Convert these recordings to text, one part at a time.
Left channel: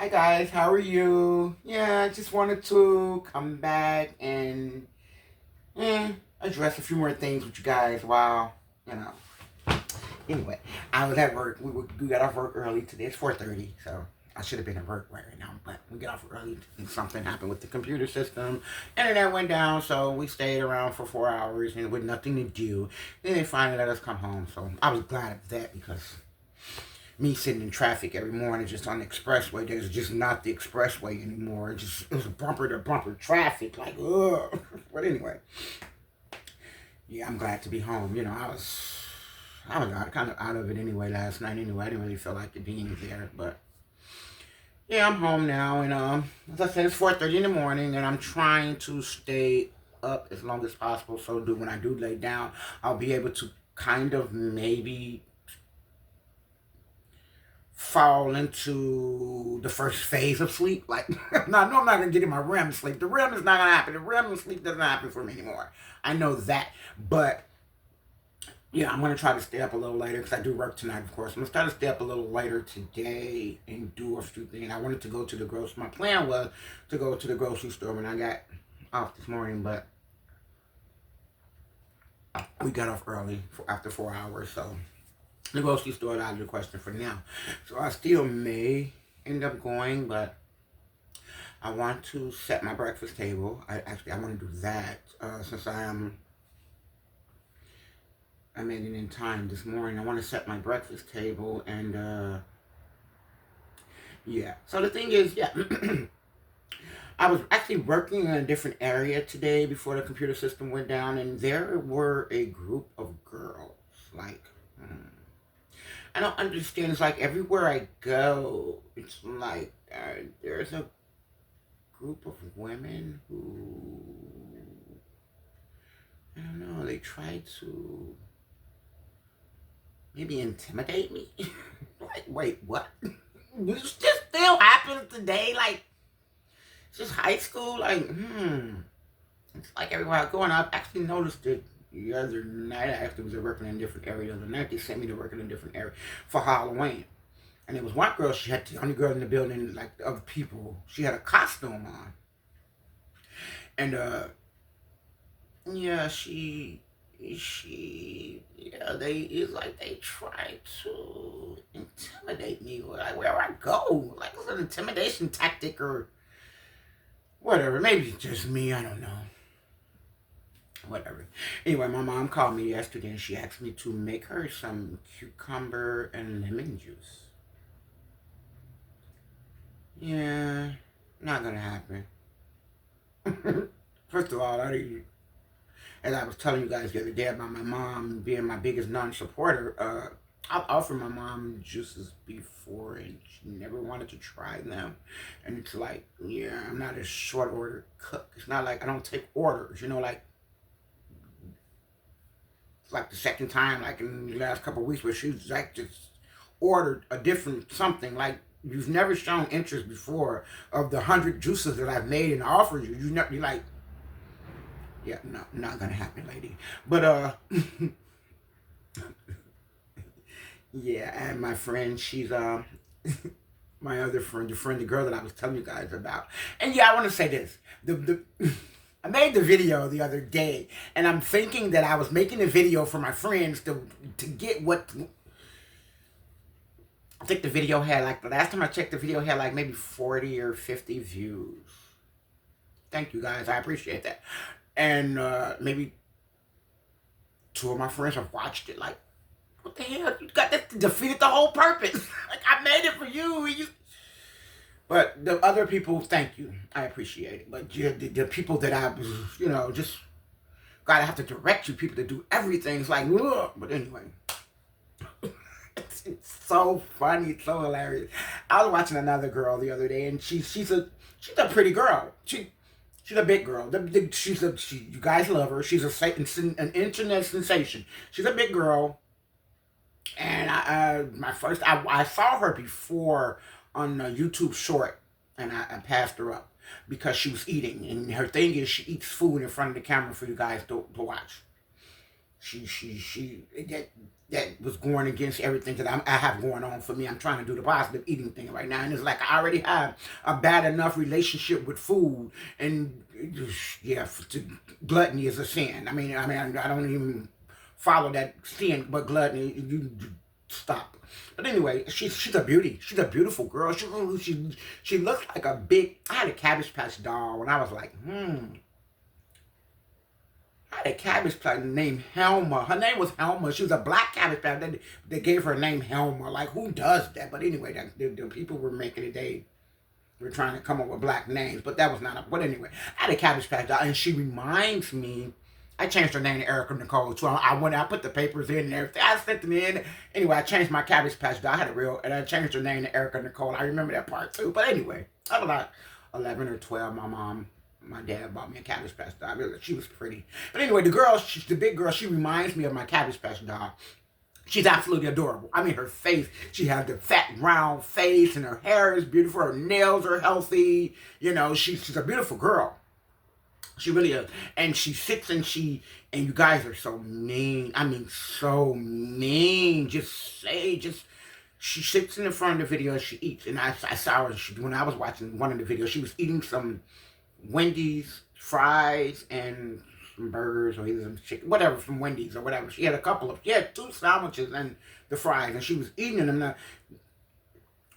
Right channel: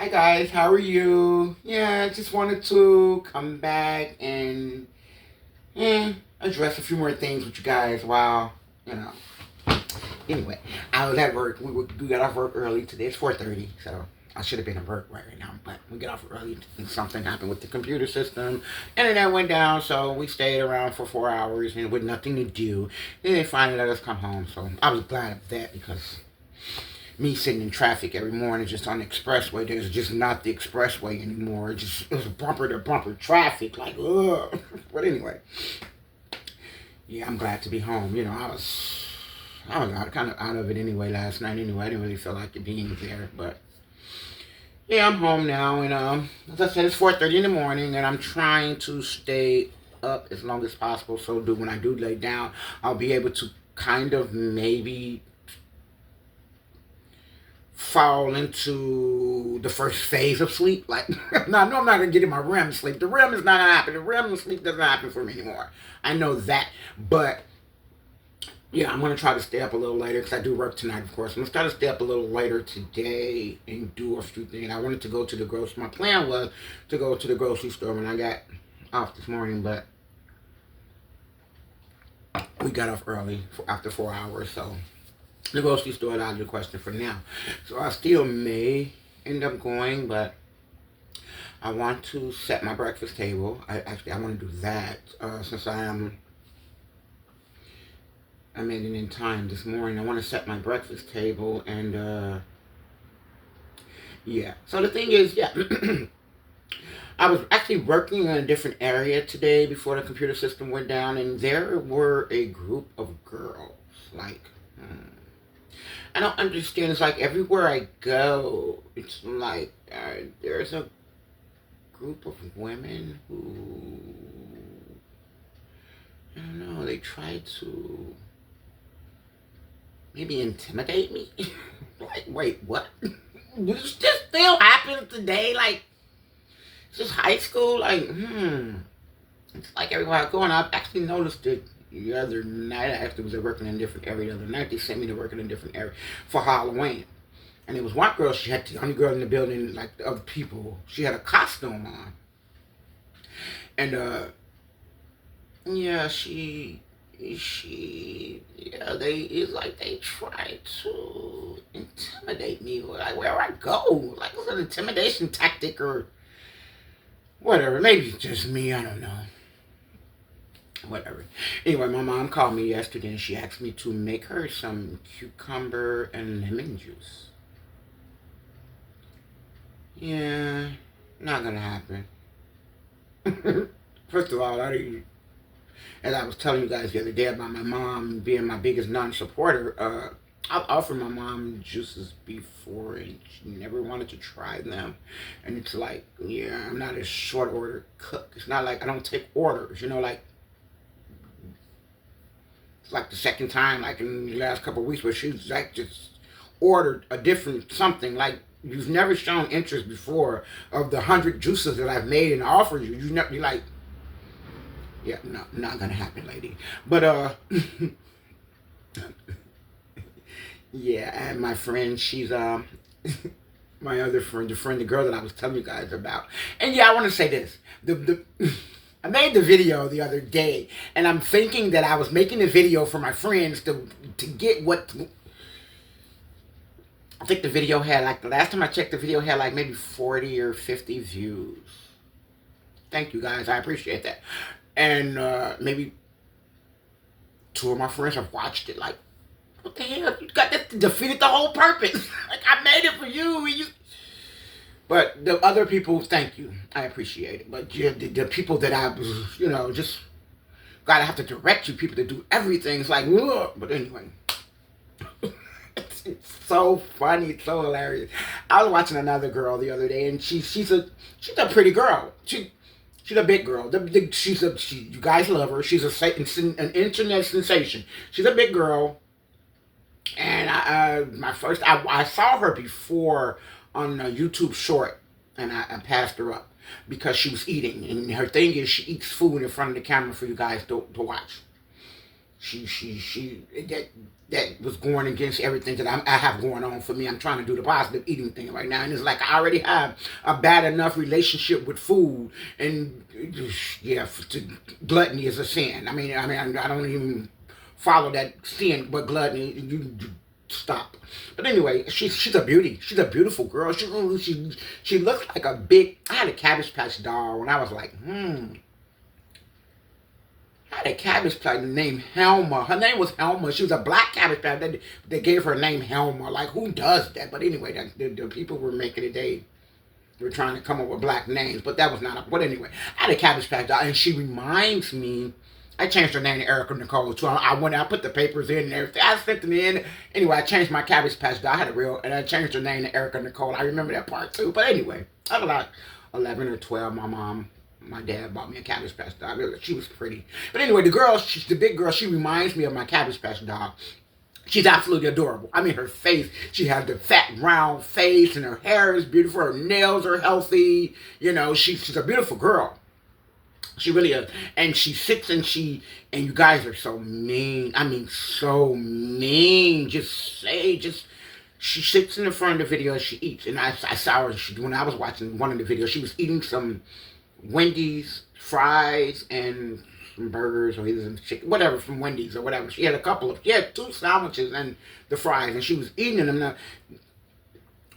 Hi guys, how are you? Yeah, I just wanted to come back and address a few more things with you guys while, you know. Anyway, I was at work. We got off work early today. It's 4:30, so I should have been at work right now, but we got off early and something happened with the computer system. Internet went down, so we stayed around for 4 hours and with nothing to do. Then they finally let us come home, so I was glad of that because me sitting in traffic every morning just on the expressway. There's just not the expressway anymore. It was bumper to bumper traffic. Like, ugh. But anyway, yeah, I'm glad to be home. I was kind of out of it anyway last night. Anyway, I didn't really feel like it being there. But yeah, I'm home now. And as I said, it's 4:30 in the morning, and I'm trying to stay up as long as possible. So when I do lay down, I'll be able to kind of maybe fall into the first phase of sleep. Like, no, I know I'm not gonna get in my REM sleep. The REM is not gonna happen. The REM sleep doesn't happen for me anymore. I know that, but yeah, I'm gonna try to stay up a little later because I do work tonight, of course. I'm gonna try to stay up a little later today and do a few things. I wanted to go to the grocery. My plan was to go to the grocery store when I got off this morning, but we got off early after 4 hours, so the grocery store is out of the question for now. So I still may end up going, but I want to set my breakfast table. I want to do that since I made it in time this morning. I want to set my breakfast table and yeah. So the thing is, yeah, I was actually working in a different area today before the computer system went down, and there were a group of girls like. I don't understand. It's like everywhere I go, it's like there's a group of women who, I don't know, they try to maybe intimidate me. Like, wait, what? This just still happens today? Like, it's just high school? Like, It's like everywhere I go, and I've actually noticed it the other night. I actually was working in a different area the other night. They sent me to work in a different area for Halloween. And there was one girl, she had the only girl in the building, like the other people. She had a costume on. And yeah, it's like they try to intimidate me, like where I go. Like it's an intimidation tactic or whatever. Maybe it's just me, I don't know. Whatever. Anyway, my mom called me yesterday and she asked me to make her some cucumber and lemon juice. Yeah, not gonna happen. First of all, as I was telling you guys the other day about my mom being my biggest non-supporter, I've offered my mom juices before and she never wanted to try them. And it's like, yeah, I'm not a short order cook. It's not like I don't take orders, like it's like the second time, like in the last couple of weeks, where she's like just ordered a different something. Like you've never shown interest before of the 100 juices that I've made and offered you. You never be like, yeah, no, not gonna happen, lady. But yeah, and my friend, she's my other friend, the girl that I was telling you guys about. And yeah, I want to say this: the I made the video the other day, and I'm thinking that I was making the video for my friends to get what. I think the video had like the last time I checked, the video had like maybe 40 or 50 views. Thank you guys, I appreciate that. And maybe two of my friends have watched it. Like, what the hell? You got this defeated the whole purpose. Like I made it for you. But the other people, thank you. I appreciate it. But the people that I was, just gotta have to direct you people to do everything. It's like, ugh. But anyway. It's so funny. It's so hilarious. I was watching another girl the other day, and she's a pretty girl. She's a big girl. You guys love her. She's an internet sensation. She's a big girl. And I saw her before on a YouTube short, and I passed her up because she was eating, and her thing is she eats food in front of the camera for you guys to watch. that was going against everything that I have going on for me. I'm trying to do the positive eating thing right now, and it's like I already have a bad enough relationship with food, and yeah, gluttony is a sin. I don't even follow that sin, but gluttony, you stop. But anyway, she's a beauty. She's a beautiful girl. She looks like a big. I had a Cabbage Patch doll when I was like, I had a Cabbage Patch named Helma. Her name was Helma. She was a black Cabbage Patch. They gave her name Helma. Like, who does that? But anyway, the people were making it. They were trying to come up with black names, but that was not a. But anyway, I had a Cabbage Patch doll, and she reminds me. I changed her name to Erica Nicole too. I put the papers in and everything. I sent them in. Anyway, I changed my Cabbage Patch doll. I had a real, and I changed her name to Erica Nicole. I remember that part too. But anyway, I was like 11 or 12. My dad bought me a Cabbage Patch doll. She was pretty. But anyway, she's the big girl. She reminds me of my Cabbage Patch doll. She's absolutely adorable. I mean, her face, she has the fat, round face, and her hair is beautiful. Her nails are healthy. You know, she's a beautiful girl. She really is. And she sits and you guys are so mean. I mean, so mean. She sits in the front of the video and she eats. And I saw her, when I was watching one of the videos, she was eating some Wendy's fries and some burgers or either some chicken, whatever, from Wendy's or whatever. She had two sandwiches and the fries, and she was eating them. Now,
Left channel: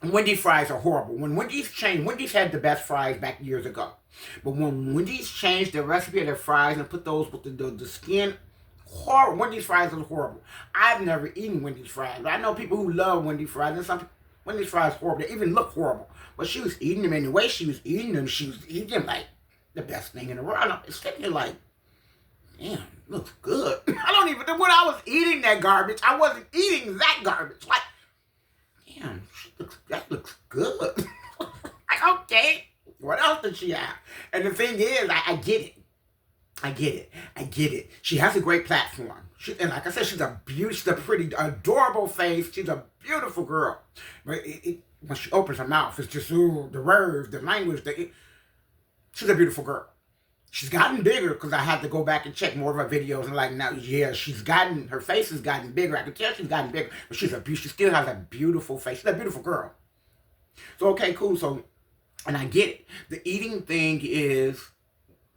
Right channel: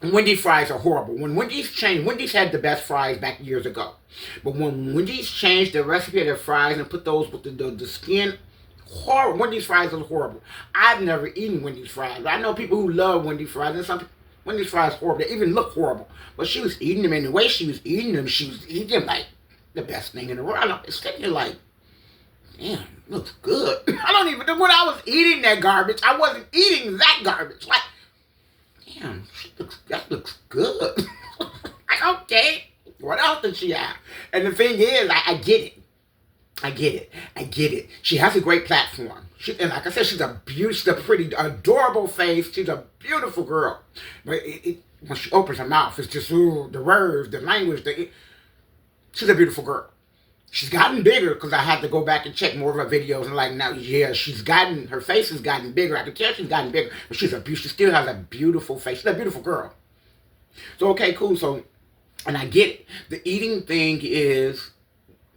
Wendy's fries are horrible. When Wendy's changed, Wendy's had the best fries back years ago. But when Wendy's changed the recipe of their fries and put those with the skin, horrible. Wendy's fries are horrible. I've never eaten Wendy's fries. I know people who love Wendy's fries, and some Wendy's fries are horrible. They even look horrible. But she was eating them, and the way she was eating them like the best thing in the world. I'm sitting here like, damn, it looks good. When I was eating that garbage, I wasn't eating that garbage. Like, damn, that looks good. Like, okay, what else does she have? And the thing is, I get it. I get it. She has a great platform. And like I said, she's a pretty, adorable face. She's a beautiful girl. But when she opens her mouth, it's just, ooh, the words, the language. She's a beautiful girl. She's gotten bigger because I had to go back and check more of her videos and like now, yeah, her face has gotten bigger. I can tell she's gotten bigger, but she still has a beautiful face. She's a beautiful girl. So, okay, cool. So, and I get it. The eating thing is,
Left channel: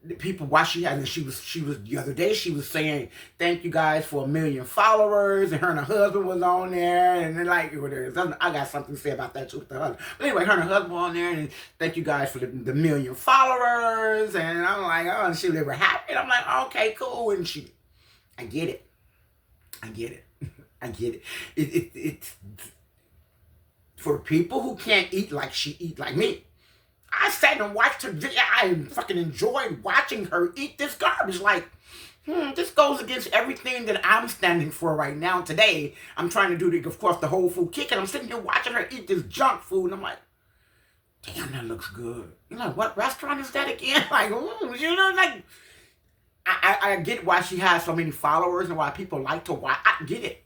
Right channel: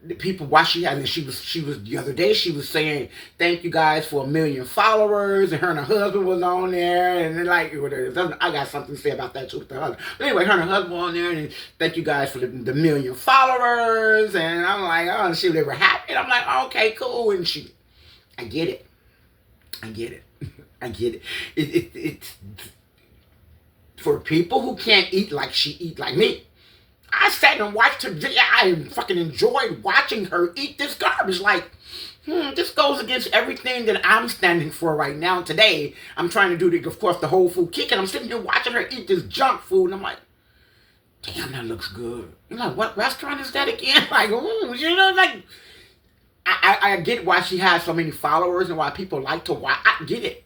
the people, why she has, and she was the other day, she was saying, thank you guys for 1 million followers, and her husband was on there, and then like, I got something to say about that too with the husband. But anyway, her and her husband were on there, and thank you guys for the 1 million followers, and I'm like, oh, and they were happy, and I'm like, okay, cool, and I get it. It's for people who can't eat like she eat like me. I sat and watched her. I fucking enjoyed watching her eat this garbage. Like, this goes against everything that I'm standing for right now. Today, I'm trying to do, of course, the whole food kick, and I'm sitting here watching her eat this junk food, and I'm like, damn, that looks good. You're like, what restaurant is that again? Like, like, I get why she has so many followers and why people like to watch. I get it.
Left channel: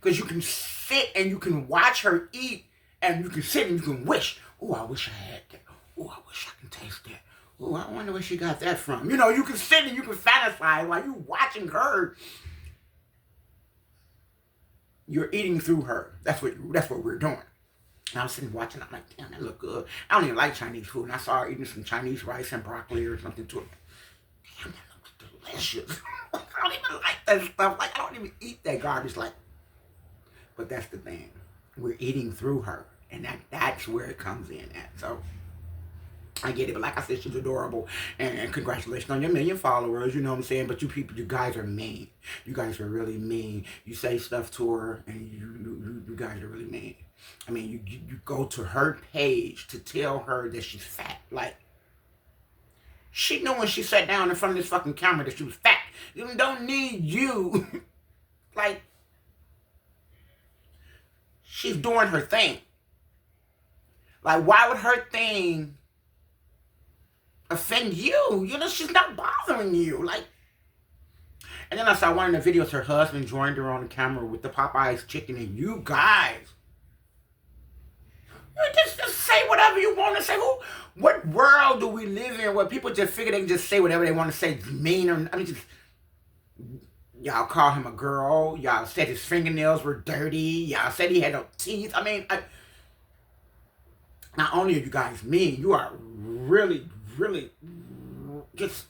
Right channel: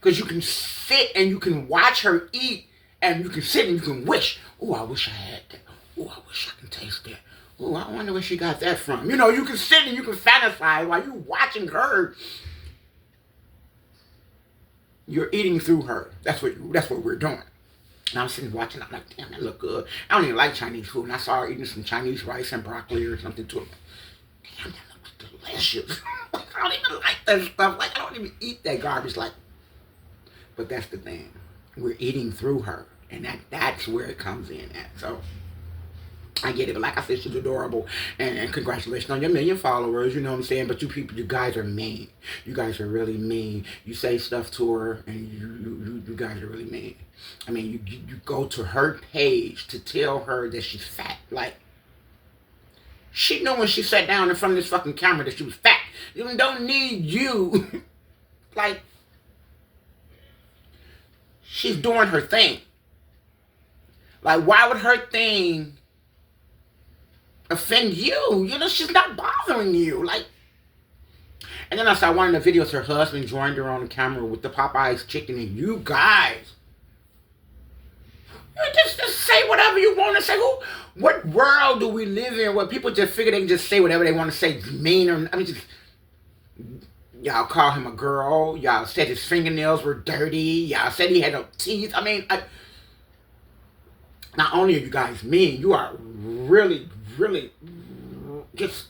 Because you can sit and you can watch her eat, and you can sit and you can wish, oh, I wish I had that. Oh, I wish I can taste that. Oh, I wonder where she got that from. You can sit and you can fantasize while you're watching her. You're eating through her. That's what we're doing. And I'm sitting watching. I'm like, damn, that look good. I don't even like Chinese food. And I saw her eating some Chinese rice and broccoli or something too. Damn, that looks delicious. I don't even like that stuff. Like, I don't even eat that garbage. Like, but that's the thing. We're eating through her. And that's where it comes in at. So, I get it, but like I said, she's adorable, and congratulations on your 1 million followers, you know what I'm saying, but you guys are mean. You guys are really mean. You say stuff to her, and you guys are really mean. I mean, you go to her page to tell her that she's fat. Like, she knew when she sat down in front of this fucking camera that she was fat. You don't need you. Like, she's doing her thing. Like, why would her thing offend you? She's not bothering you. Like, and then I saw one of the videos, her husband joined her on the camera with the Popeyes chicken, and you guys, just say whatever you want to say. What world do we live in where people just figure they can just say whatever they want to say, mean or, Y'all call him a girl. Y'all said his fingernails were dirty. Y'all said he had no teeth. I mean, not only are you guys mean, you are really, really just,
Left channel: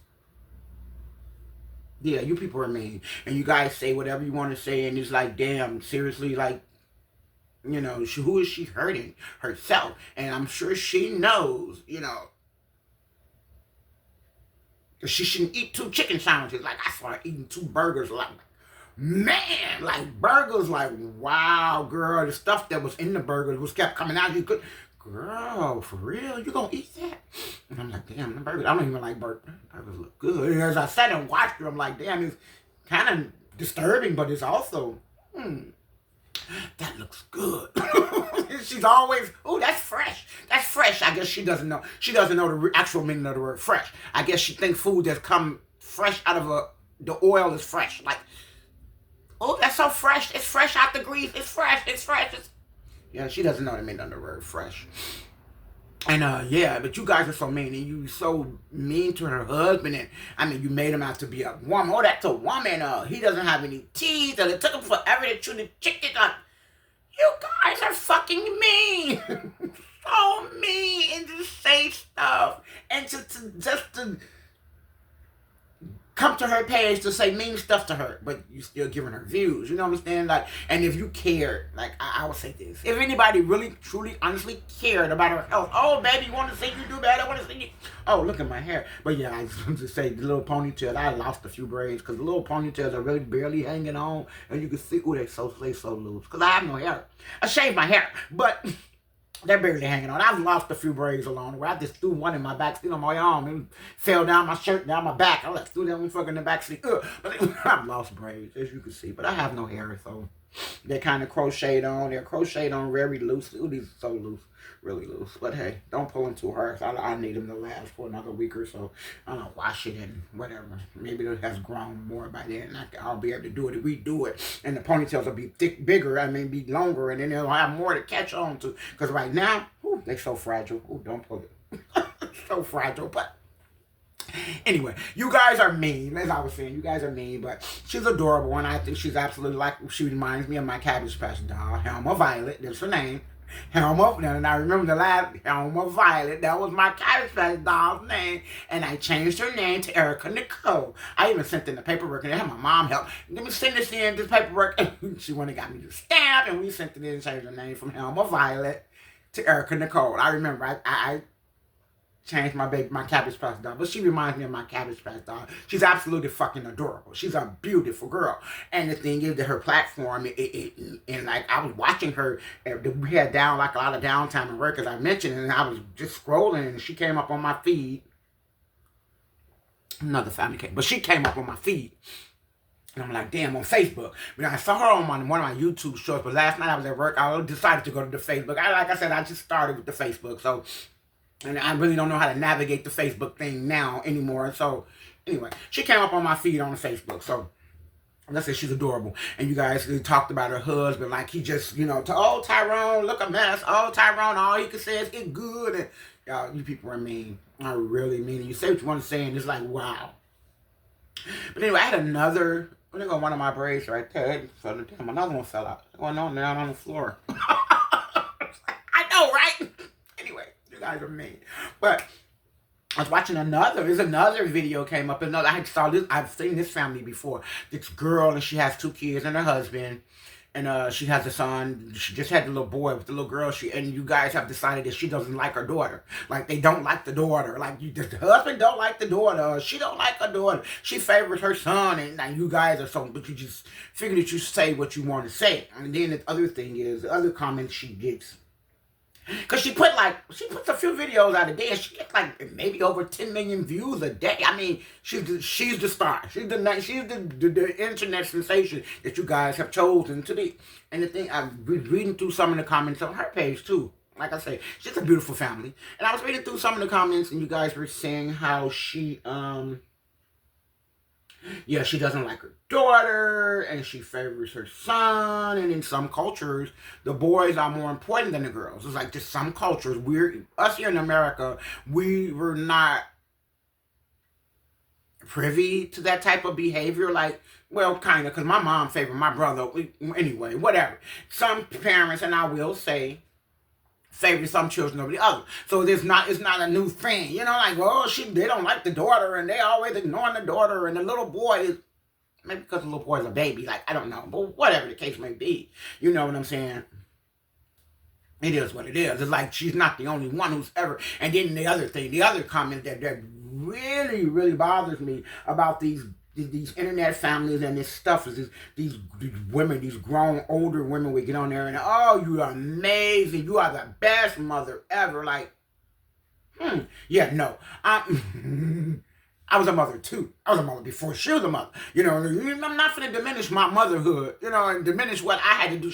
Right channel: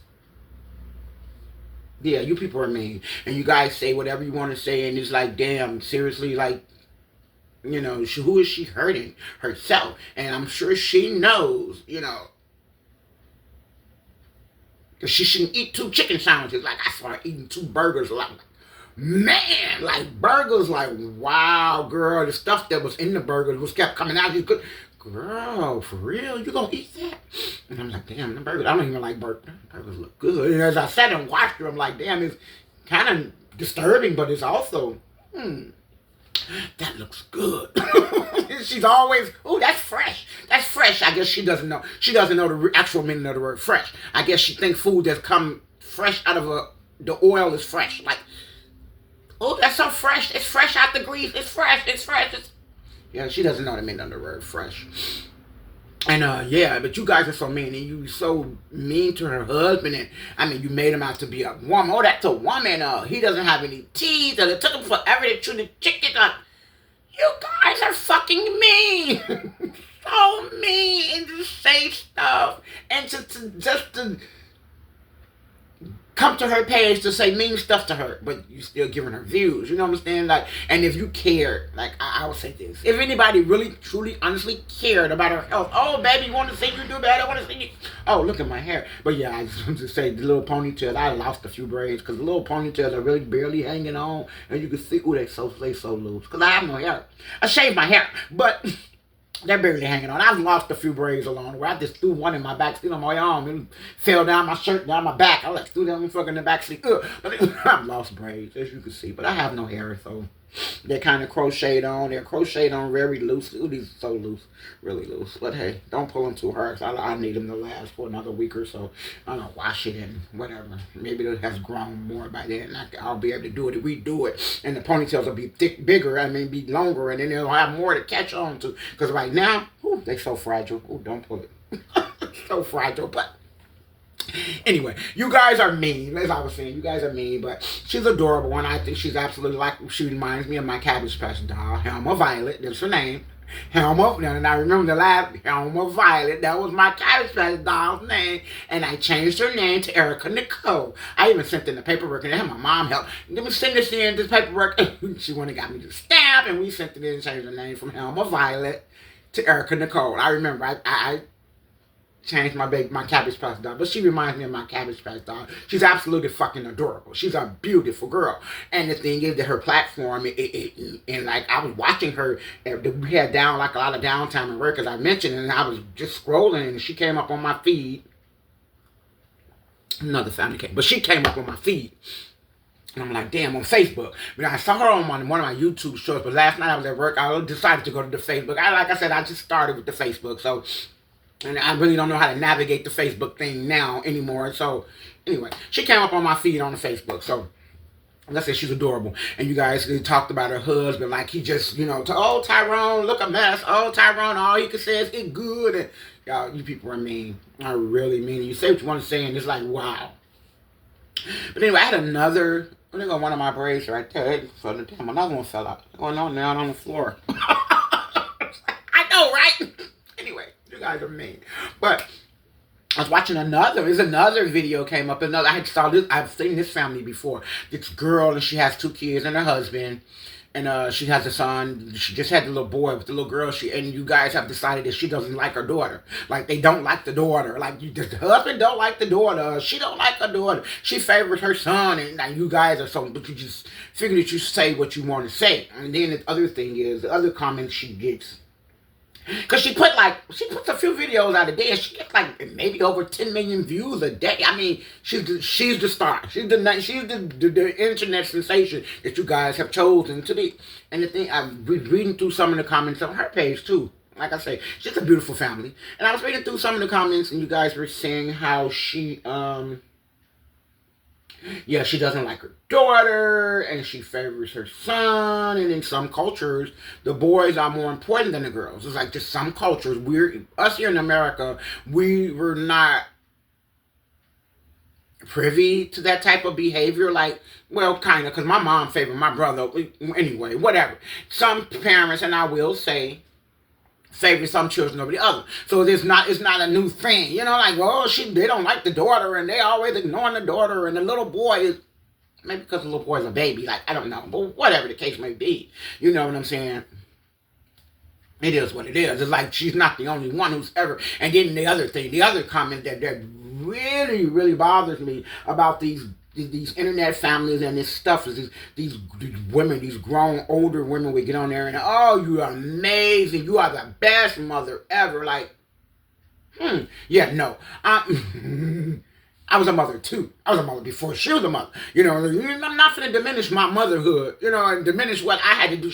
yeah, you people are mean. And you guys say whatever you want to say, and it's like, damn, seriously, like, who is she hurting? Herself. And I'm sure she knows, that she shouldn't eat 2 chicken sandwiches. Like, I started eating 2 burgers. Like, man, like, burgers, like, wow, girl, the stuff that was in the burgers was kept coming out. You could, girl, for real, you gonna eat that? And I'm like, damn, the burgers, I don't even like burgers. Burgers look good. And as I sat and watched her, I'm like, damn, it's kind of disturbing, but it's also, that looks good. She's always, oh, that's fresh. That's fresh. I guess she doesn't know. She doesn't know the actual meaning of the word fresh. I guess she thinks food that's come fresh out of the oil is fresh. Like, oh, that's so fresh. It's fresh out the grease. It's fresh. It's fresh. Yeah, she doesn't know the meaning of the word fresh. And yeah, but you guys are so mean, and you so mean to her husband, and I mean, you made him out to be a woman. Oh, that's a woman. He doesn't have any teeth, and it took him forever to chew the chicken. You guys are fucking mean, so mean, and to say stuff, and to come to her page to say mean stuff to her, but you still giving her views. You know what I'm saying? Like, and if you cared, like, I would say this: if anybody really, truly, honestly cared about her health, oh baby, you want to see you do bad? I want to see you. Oh, look at my hair. But yeah, I just want to say the little ponytail. I lost a few braids because the little ponytails are really barely hanging on, and you can see, oh, they so loose. Because I have no hair. I shaved my hair, but they're barely hanging on. I've lost a few braids along the way. I just threw one in my back seat on my arm and fell down my shirt, down my back. I threw them fucking in the back seat. But I've lost braids, as you can see. But I have no hair, so they're kind of crocheted on. They're crocheted on very loose. Ooh, these are so loose. Really loose. But hey, don't pull them too hard. I need them to last for another week or so. I don't know, wash it and whatever. Maybe it has grown more by then. I'll be able to do it, redo it. And the ponytails will be bigger. I mean, be longer. And then they'll have more to catch on to. Because right now, ooh, they're so fragile. Ooh, don't pull it. So fragile. But anyway, you guys are mean. As I was saying, you guys are mean, but she's adorable, and I think she's absolutely like, she reminds me of my Cabbage Patch doll, Helma Violet. That's her name. Helma, and I remember the last Helma Violet. That was my Cabbage Patch doll's name, and I changed her name to Erica Nicole. I even sent in the paperwork, and had my mom help. Let me send this paperwork. She went and got me the stamp, and we sent it in and changed her name from Helma Violet to Erica Nicole. I remember I changed my Cabbage Patch doll, but she reminds me of my Cabbage Patch doll. She's absolutely fucking adorable. She's a beautiful girl. And the thing is that her platform, and like I was watching her, we had like a lot of downtime at work, as I mentioned, and I was just scrolling, and she came up on my feed. Another family came, but she came up on my feed. And I'm like, damn, on Facebook. But I saw her on one of my YouTube shows, but last night I was at work, I decided to go to the Facebook. Like I said, I just started with the Facebook, so, and I really don't know how to navigate the Facebook thing now anymore. So, anyway, she came up on my feed on the Facebook. So, let's say she's adorable. And you guys talked about her husband, like he just, oh, Tyrone, look a mess. Oh, Tyrone, all he can say is get good. And y'all, you people are mean. Are really mean. You say what you want to say, and it's like, wow. But anyway, I had another, there go one of my braids right there. Damn, another one fell out. Going on down on the floor. I know, right? Anyway, you guys are mean. But I was watching another video came up. I've seen this family before. This girl, and she has 2 kids and her husband. And she has a son. She just had the little boy with the little girl. And you guys have decided that she doesn't like her daughter. Like, they don't like the daughter. Like, the husband don't like the daughter. She don't like her daughter. She favors her son. And now you guys are so, but you just figure that you say what you want to say. And then the other thing is, the other comment she gets, because she puts a few videos out a day, and she gets like maybe over 10 million views a day. I mean, she's the star. She's the internet sensation that you guys have chosen to be. And the thing, I'm reading through some of the comments on her page too. Like I say, she's a beautiful family. And I was reading through some of the comments, and you guys were saying how she she doesn't like her daughter, and she favors her son, and in some cultures, the boys are more important than the girls. It's like just some cultures, us here in America, we were not privy to that type of behavior. Like, well, kind of, because my mom favored my brother. Anyway, whatever. Some parents, and I will say, favor some children over the other. So it's not a new thing. You know, like, oh, they don't like the daughter, and they always ignoring the daughter, and the little boy is, maybe because the little boy's a baby, like, I don't know, but whatever the case may be. You know what I'm saying? It is what it is. It's like she's not the only one who's ever. And then the other comment that really, really bothers me about these internet families and this stuff is these women, these grown older women would get on there and, oh, you are amazing, you are the best mother ever. Like, yeah, no. I was a mother too. I was a mother before she was a mother. You know, I'm not going to diminish my motherhood, you know, and diminish what I had to do.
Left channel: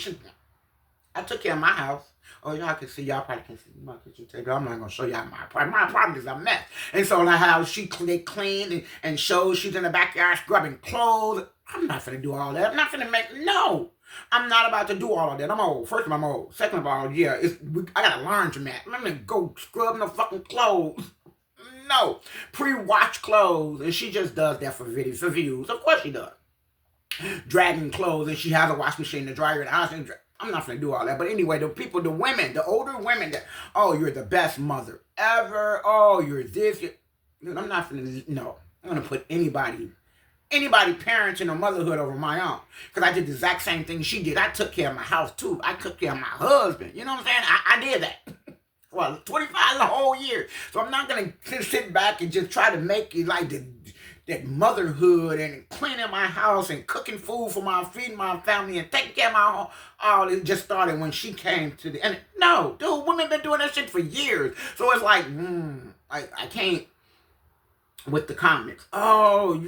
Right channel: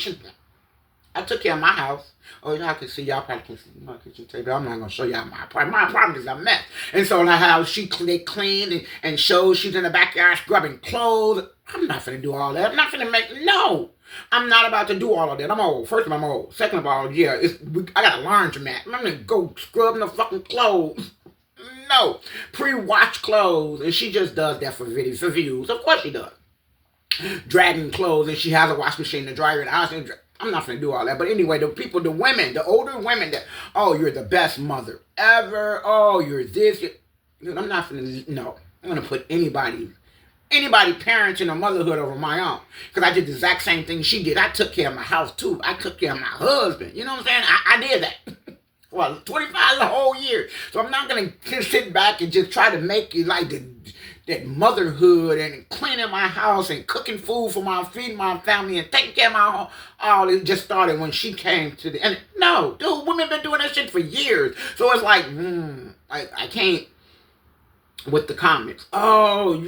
I took care of my house. Oh, y'all can see, y'all probably can see my kitchen table. I'm not going to show y'all my apartment. My apartment is a mess. And so the house, they cleaned and showed she's in the backyard scrubbing clothes. I'm not going to do all that. I'm not going to no. I'm not about to do all of that. I'm old. First of all, I'm old. Second of all, yeah, I got a laundromat. I'm going to go scrub the fucking clothes. No. Pre-wash clothes. And she just does that for videos, for views. Of course she does. Dragging clothes, and she has a wash machine to dry her in the house. I'm not going to do all that. But anyway, the women, the older women that, oh, you're the best mother ever. Oh, you're this. I'm not going to, no. I'm going to put anybody parenting or motherhood over my own. Because I did the exact same thing she did. I took care of my house too. I took care of my husband. You know what I'm saying? I did that. Well, 25 the whole year. So I'm not going to sit back and just try to make it like that motherhood and cleaning my house and cooking food for feeding my family and taking care of my home. All it just started when she came to the, and no, dude, women been doing that shit for years. So it's like, I can't with the comments. Oh,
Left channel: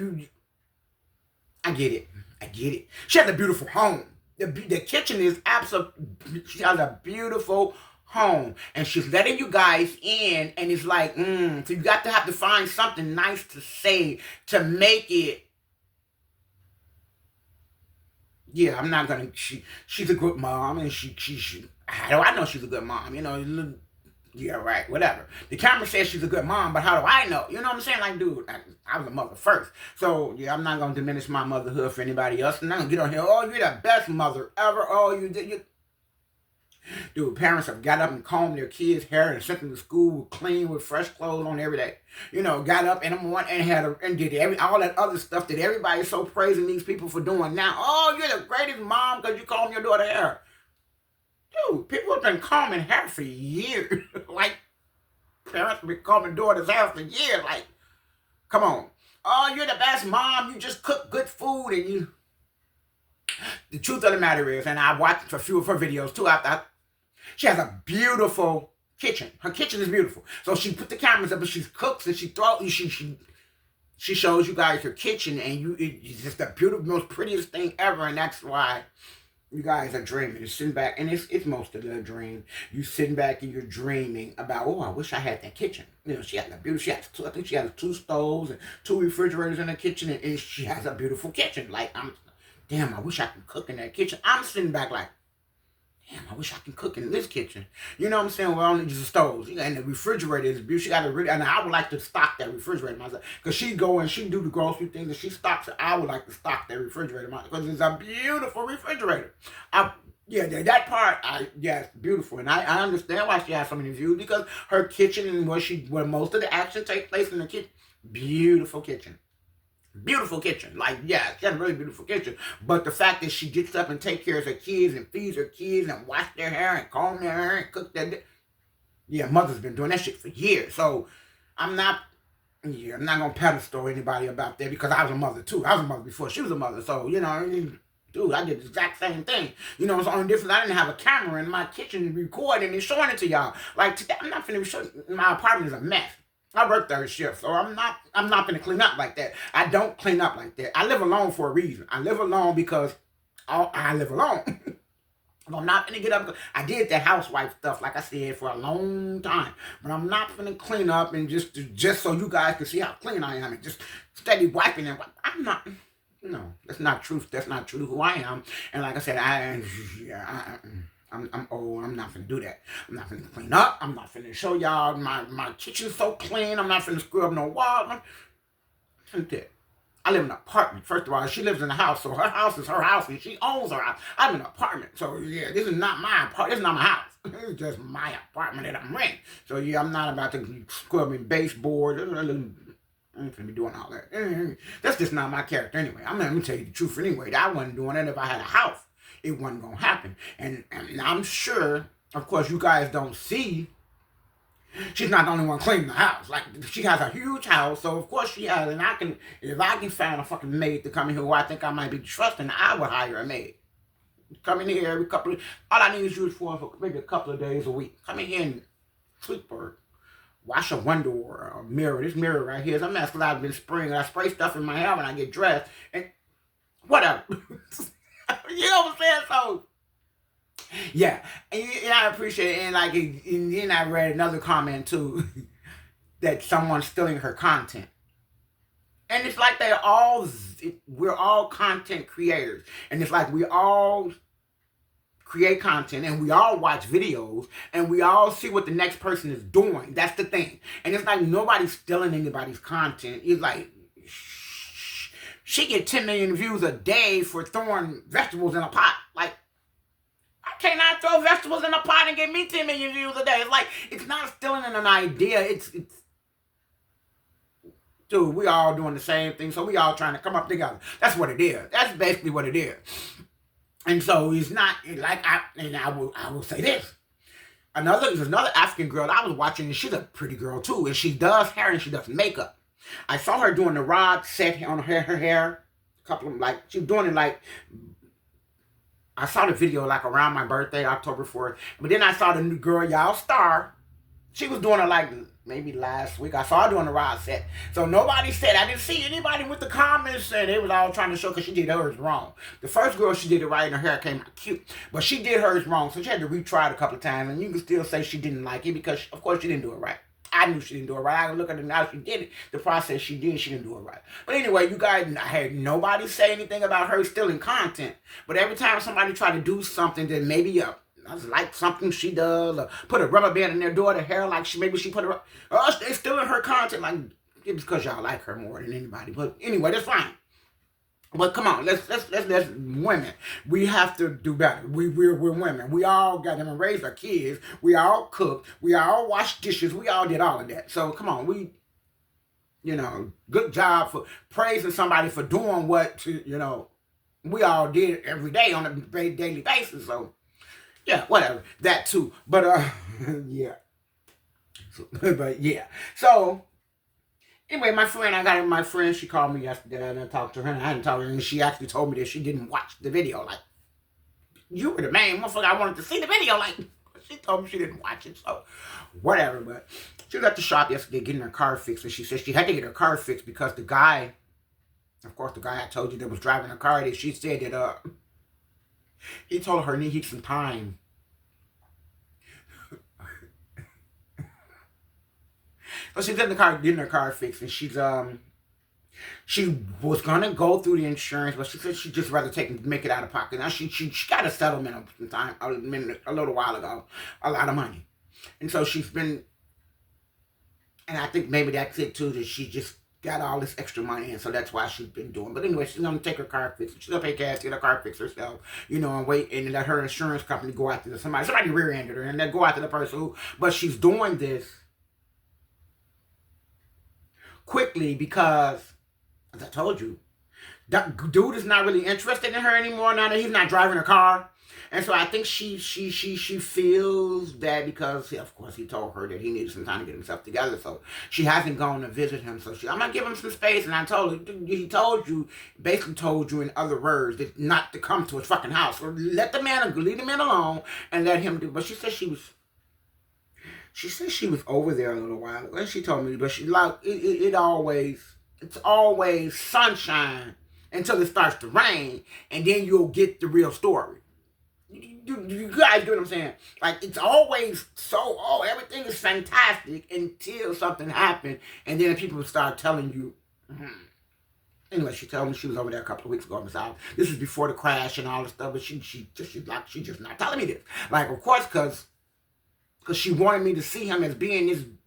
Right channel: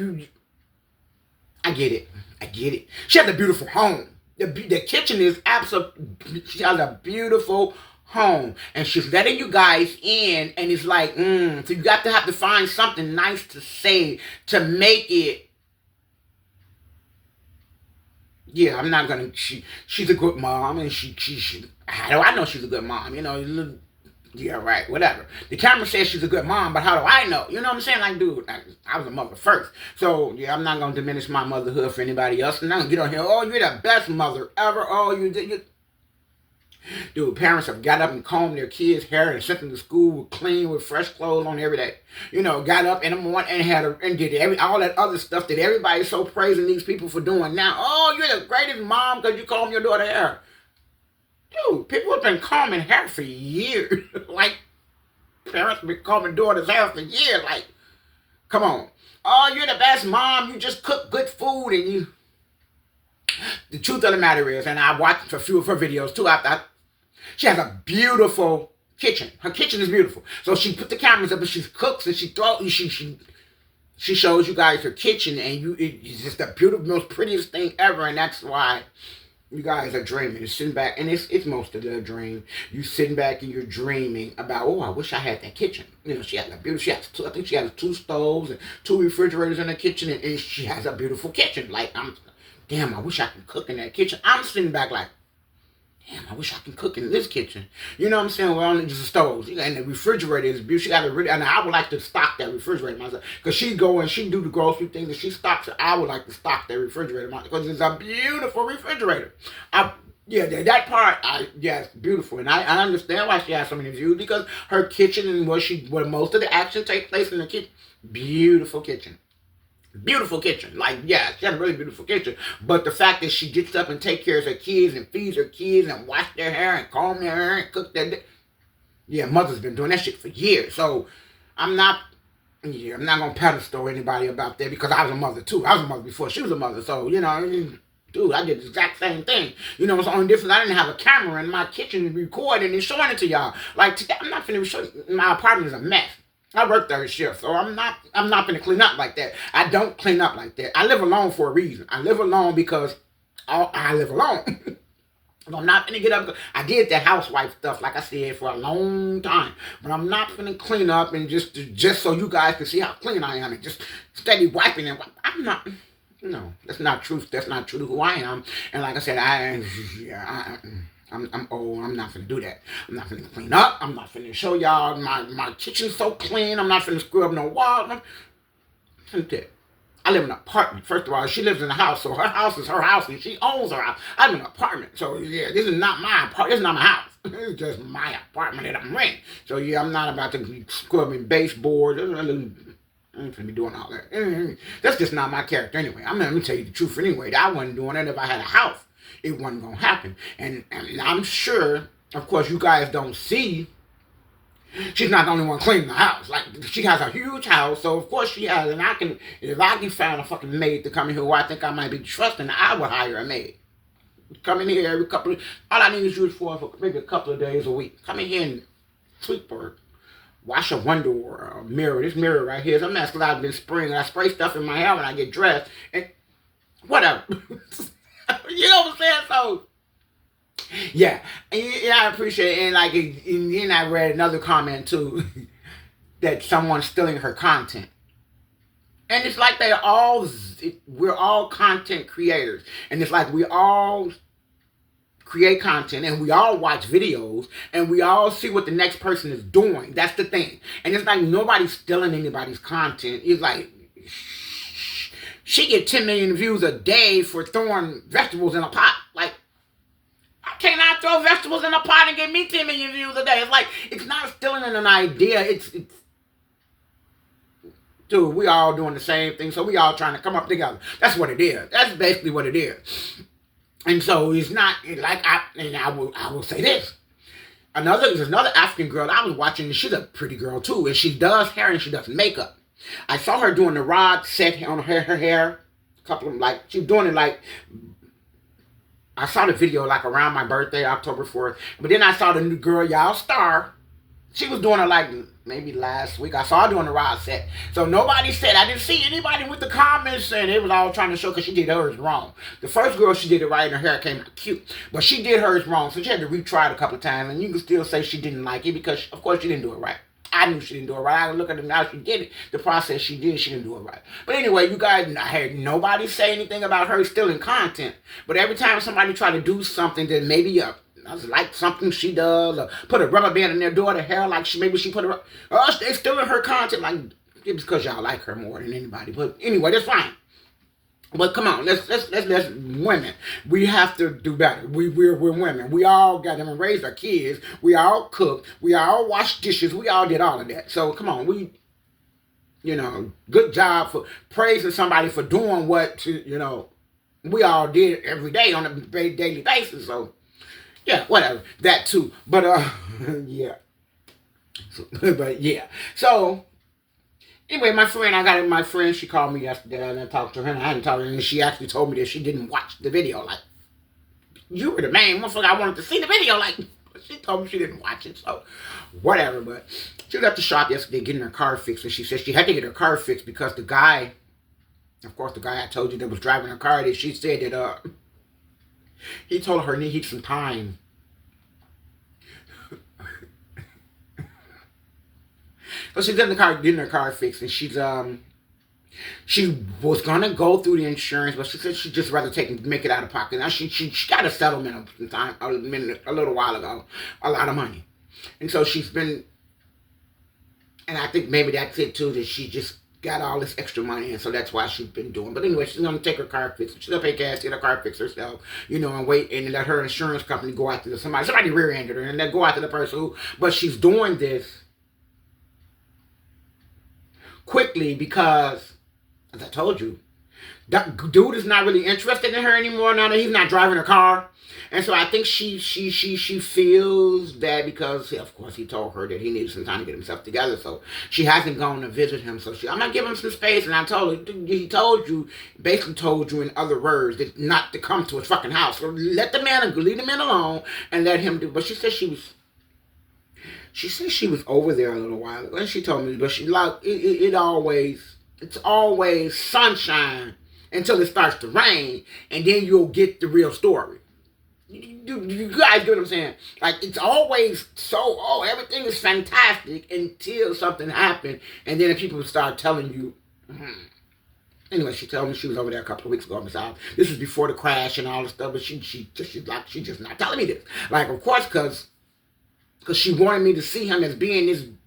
I get it. She has a beautiful home. The kitchen is absolutely, she has a beautiful home, and she's letting you guys in, and it's like, so you have to find something nice to say to make it. Yeah, I'm not gonna. She's a good mom, and she. How do I know she's a good mom? You know, yeah, right, whatever. The camera says she's a good mom, but how do I know? You know what I'm saying? Like, dude, I was a mother first, so yeah, I'm not gonna diminish my motherhood for anybody else. And I'm gonna get on here. Oh, you're the best mother ever. Oh, you. Dude, parents have got up and combed their kids' hair and sent them to school clean with fresh clothes on every day. You know, got up in the morning and did all that other stuff that everybody's so praising these people for doing now. Oh, you're the greatest mom because you comb your daughter's hair. Dude, people have been combing hair for years. Like, parents have been combing daughters' hair for years. Like, come on. Oh, you're the best mom. You just cook good food and you. The truth of the matter is, and I watched a few of her videos too. She has a beautiful kitchen. Her kitchen is beautiful. So she put the cameras up and she cooks and she shows you guys her kitchen, and it's just the beautiful, most prettiest thing ever. And that's why you guys are dreaming. You're sitting back, and it's most of the dream. You sitting back and you're dreaming about, oh, I wish I had that kitchen. You know, she has a beautiful. I think she has 2 stoves and 2 refrigerators in the kitchen, and she has a beautiful kitchen. Like, damn, I wish I could cook in that kitchen. I'm sitting back like, damn, I wish I could cook in this kitchen. You know what I'm saying? Well, only just the stoves. And the refrigerator is beautiful. She got and I would like to stock that refrigerator myself. Because she go and she do the grocery things and she stocks it. I would like to stock that refrigerator myself. Because it's a beautiful refrigerator. Yeah, that part, it's beautiful. And I understand why she has so many views. Because her kitchen and where most of the action takes place in the kitchen. Beautiful kitchen. Beautiful kitchen. Like, yeah, she has a really beautiful kitchen. But the fact that she gets up and takes care of her kids and feeds her kids and wash their hair and comb their hair and cook their... Yeah, mother's been doing that shit for years. So I'm not going to pedestal anybody about that because I was a mother too. I was a mother before she was a mother. So, you know, dude, I did the exact same thing. You know, it's the only difference. I didn't have a camera in my kitchen recording and showing it to y'all. Like, today, I'm not finna show. My apartment is a mess. I work 3rd shift, so I'm not gonna clean up like that. I don't clean up like that. I live alone for a reason. I live alone because I live alone. I'm not gonna get up. I did the housewife stuff, like I said, for a long time. But I'm not gonna clean up and just so you guys can see how clean I am and just steady wiping and I'm not. No, that's not true. That's not true to who I am. And like I said, I'm old. I'm not finna do that. I'm not finna clean up. I'm not finna show y'all my kitchen's so clean. I'm not finna screw up no wall. I'm finna do that. I live in an apartment. First of all, she lives in a house, so her house is her house, and she owns her house. I live in an apartment, so yeah, this is not my apartment. This is not my house. This is just my apartment that I'm renting. So yeah, I'm not about to be scrubbing baseboards. I'm not gonna be doing all that. That's just not my character anyway. I'm gonna tell you the truth anyway. I wasn't doing it if I had a house. It wasn't gonna happen. And I'm sure, of course, you guys don't see. She's not the only one cleaning the house. Like, she has a huge house, so of course she has. And if I can find a fucking maid to come in here who I think I might be trusting, I would hire a maid. Come in here every couple of, all I need is you for maybe a couple of days a week. Come in here and sweep her. Wash a window or a mirror. This mirror right here is a mess because I've been spraying. I spray stuff in my hair when I get dressed. And whatever. You know what I'm saying? So, yeah, and I appreciate it. And then I read another comment too that someone's stealing her content, and it's like we're all content creators, and it's like we all create content and we all watch videos and we all see what the next person is doing. That's the thing, and it's like nobody's stealing anybody's content. It's like she get 10 million views a day for throwing vegetables in a pot. Like, can I throw vegetables in a pot and get me 10 million views a day? It's like, it's not stealing an idea. It's dude, we all doing the same thing, so we all trying to come up together. That's what it is. That's basically what it is. And so it's not like I will say this. There's another African girl I was watching, and she's a pretty girl too, and she does hair and she does makeup. I saw her doing the rod set on her hair. A couple of them, she was doing it I saw the video around my birthday, October 4th. But then I saw the new girl, y'all star. She was doing it maybe last week. I saw her doing the rod set. So nobody said, I didn't see anybody with the comments saying they was all trying to show because she did hers wrong. The first girl, she did it right and her hair came out cute. But she did hers wrong. So she had to retry it a couple of times. And you can still say she didn't like it because, of course, she didn't do it right. I knew she didn't do it right. I look at her now, she did it. The process she did, she didn't do it right. But anyway, you guys, I had nobody say anything about her stealing content. But every time somebody try to do something that maybe like something she does, or put a rubber band in their daughter's hair, maybe she put they stealing her content. Like, it's because y'all like her more than anybody. But anyway, that's fine. But come on, let's women. We have to do better. We're women. We all got them and raised our kids. We all cooked. We all washed dishes. We all did all of that. So come on, good job for praising somebody for doing what we all did every day on a daily basis. So yeah, whatever. That too. But yeah. But yeah. So anyway, my friend, she called me yesterday and I talked to her and I hadn't talked to her and she actually told me that she didn't watch the video. Like, you were the main motherfucker I wanted to see the video. Like, she told me she didn't watch it, so whatever. But she was at the shop yesterday getting her car fixed and she said she had to get her car fixed because the guy, of course, the guy I told you that was driving her car, that she said that he told her he needed some time. So she's in the car getting her car fixed, and she was gonna go through the insurance, but she said she'd just rather make it out of pocket. Now she got a settlement a little while ago, a lot of money, and so she's been, and I think maybe that's it too, that she just got all this extra money, and so that's why she's been doing. But anyway, she's gonna take her car fixed. She's gonna pay cash to get her car fixed herself, and wait and let her insurance company go after somebody rear-ended her, and then go after the person who. But she's doing this quickly because, as I told you, that dude is not really interested in her anymore now that he's not driving her car. And so I think she feels bad because, of course, he told her that he needed some time to get himself together. So she hasn't gone to visit him. So I'm going to give him some space. And I told her, basically told you in other words, that not to come to his fucking house. So leave the man alone and let him do. But she said she was over there a little while ago. And she told me, but it's always sunshine until it starts to rain. And then you'll get the real story. You guys get what I'm saying? Like, it's always everything is fantastic until something happened, and then people start telling you. Anyway, she told me she was over there a couple of weeks ago. This was before the crash and all this stuff, but she's just not telling me this. Like, of course, because because she wanted me to see him as being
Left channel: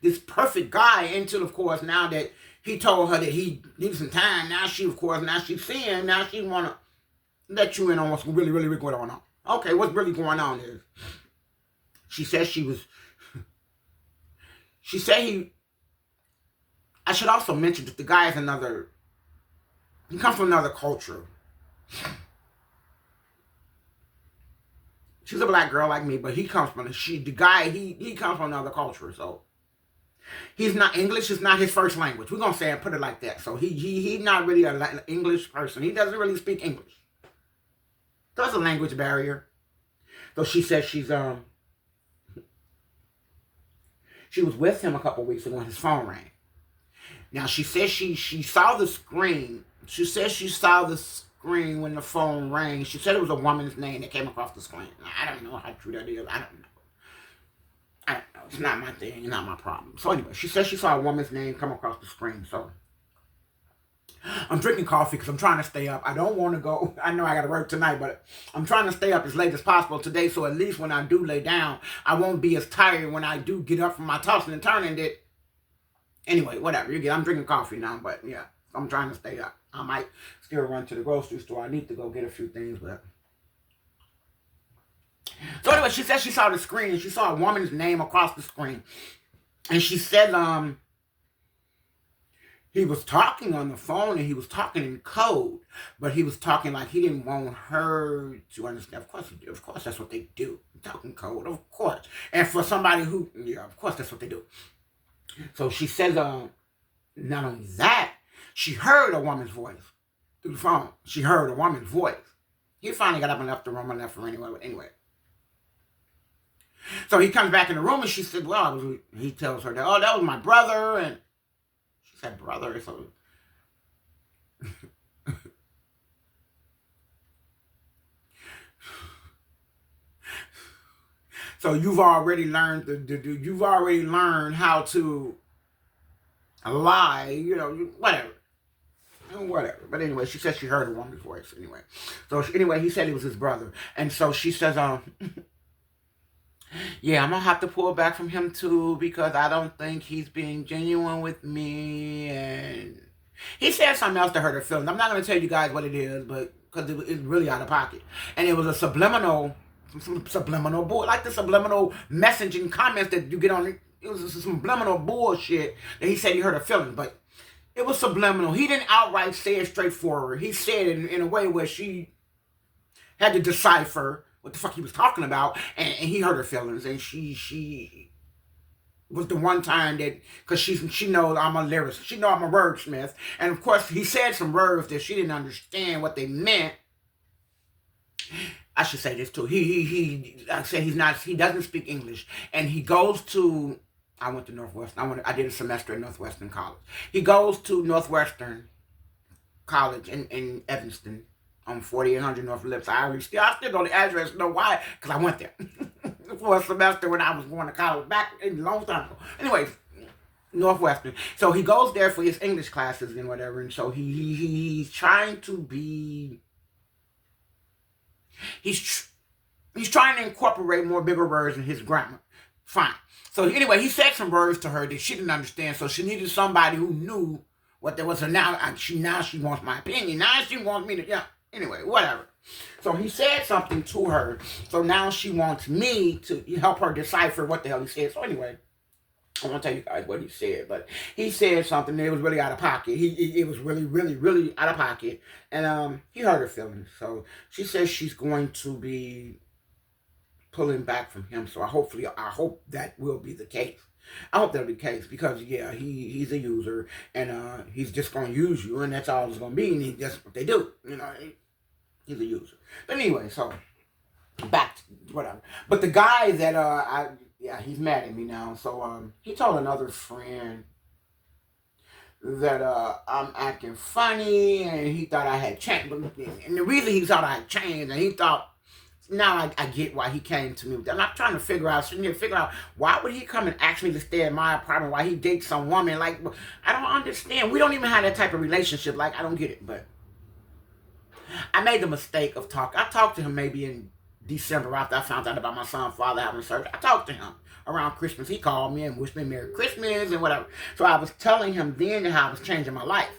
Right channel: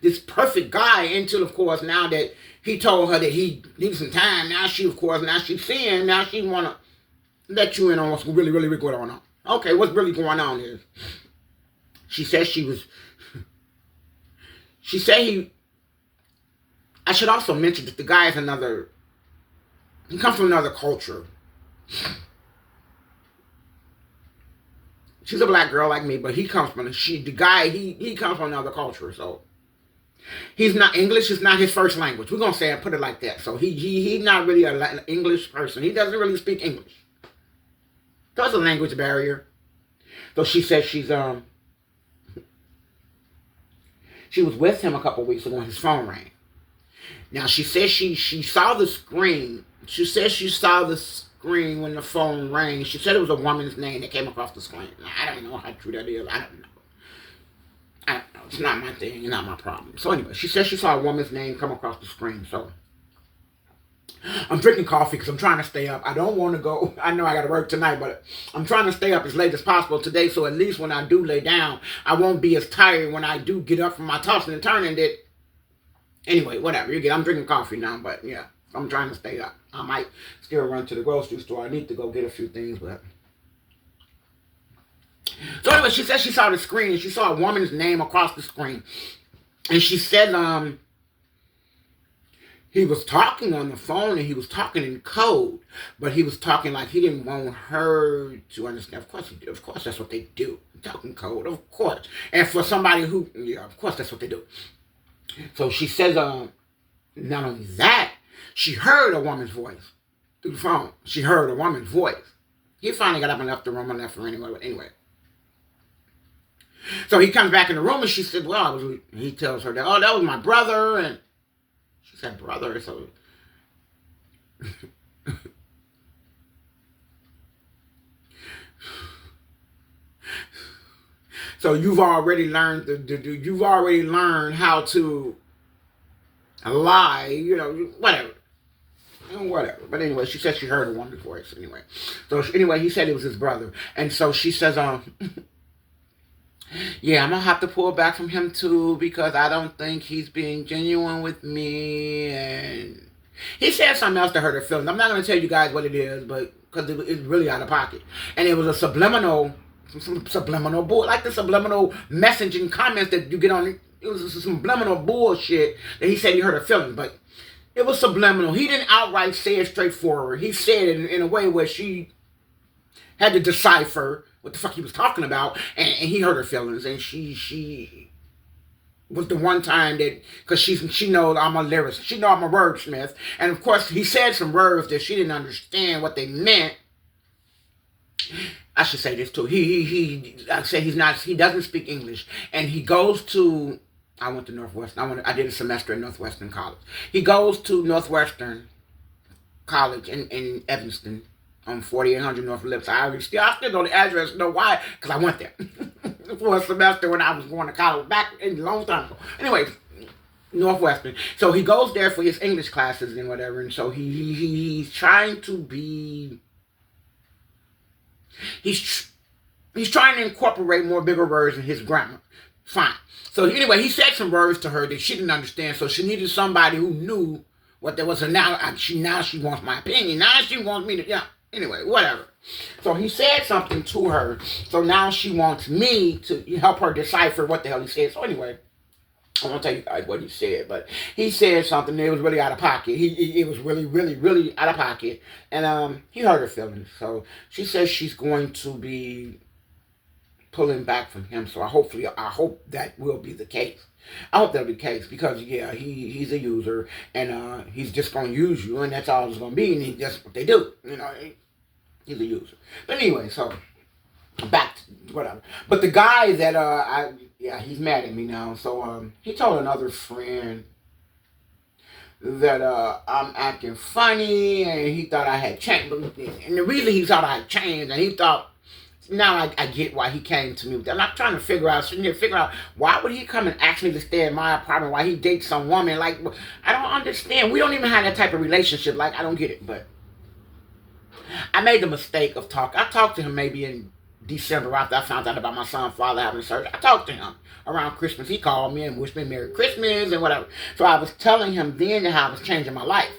this perfect guy, until, of course, now that he told her that he needs some time, now she's seeing, now she want to let you in on what's really, really going on. Okay, what's really going on is, she said I should also mention that the guy is he comes from another culture. She's a black girl like me, but he comes from, he comes from another culture, so he's not, English is not his first language. We're going to say and put it like that. So he's not really an English person. He doesn't really speak English. There's a language barrier. So she said she was with him a couple weeks ago when his phone rang. Now, she said she saw the screen. She said she saw the screen when the phone rang. She said it was a woman's name that came across the screen. Now, I don't know how true that is. I don't know. It's not my thing. It's not my problem. So anyway, she said she saw a woman's name come across the screen. So I'm drinking coffee because I'm trying to stay up. I don't want to go. I know I got to work tonight, but I'm trying to stay up as late as possible today, so at least when I do lay down, I won't be as tired when I do get up from my tossing and turning. That anyway, whatever. I'm drinking coffee now, but yeah, I'm trying to stay up. I might still run to the grocery store. I need to go get a few things, but so anyway, she said she saw the screen and she saw a woman's name across the screen, and she said he was talking on the phone and he was talking in code, but he was talking like he didn't want her to understand. Of course, that's what they do. Talking code, of course. And for somebody who, yeah, of course, that's what they do. So she says, not only that, she heard a woman's voice through the phone. She heard a woman's voice. He finally got up and left the room and left her anyway. But anyway. So he comes back in the room and she said, well, he tells her that, oh, that was my brother. And she said, brother. So so you've already learned how to lie, whatever. But anyway, she said she heard a woman's voice anyway. So anyway, he said it was his brother. And so she says, yeah, I'm going to have to pull back from him too because I don't think he's being genuine with me. And he said something else to hurt her feelings. I'm not going to tell you guys what it is, but because it's really out of pocket. And it was a subliminal bull, like the subliminal messaging comments that you get on. It was some subliminal bullshit that he said he hurt her feelings, but it was subliminal. He didn't outright say it straightforward. He said it in a way where she had to decipher what the fuck he was talking about, and he hurt her feelings, and she was the one time that, because she knows I'm a lyricist, she knows I'm a wordsmith, and of course he said some words that she didn't understand what they meant. I should say this too. I said he doesn't speak English, and he goes to, I went to Northwestern. I did a semester at Northwestern College. He goes to Northwestern College in Evanston on 4800 North Lips. I still know the address. Know why? Because I went there for a semester when I was going to college back a long time ago. Anyways, Northwestern. So he goes there for his English classes and whatever, and so he's trying to be. He's trying to incorporate more bigger words in his grammar. Fine. So anyway, he said some words to her that she didn't understand, so she needed somebody who knew what there was. And now she wants my opinion. Now she wants me to, yeah. Anyway, whatever. So he said something to her, so now she wants me to help her decipher what the hell he said. So anyway, I'm going to tell you guys what he said, but he said something that was really out of pocket. It was really, really, really out of pocket, and he hurt her feelings. So she says she's going to be pulling back from him. So I hope that will be the case. I hope that'll be the case because, yeah, he's a user, and he's just going to use you, and that's all it's going to be, and that's what they do. He's a user. But anyway, so back to whatever. But the guy that, he's mad at me now. So he told another friend that I'm acting funny, and he thought I had changed. And the reason he thought I had changed, and he thought, now I get why he came to me with that. And I'm trying to figure out why would he come and ask me to stay in my apartment while he dates some woman. Like, I don't understand. We don't even have that type of relationship. Like, I don't get it. But I made the mistake of talking. I talked to him maybe in December after I found out about my son's father having surgery. I talked to him around Christmas. He called me and wished me Merry Christmas and whatever. So I was telling him then how I was changing my life.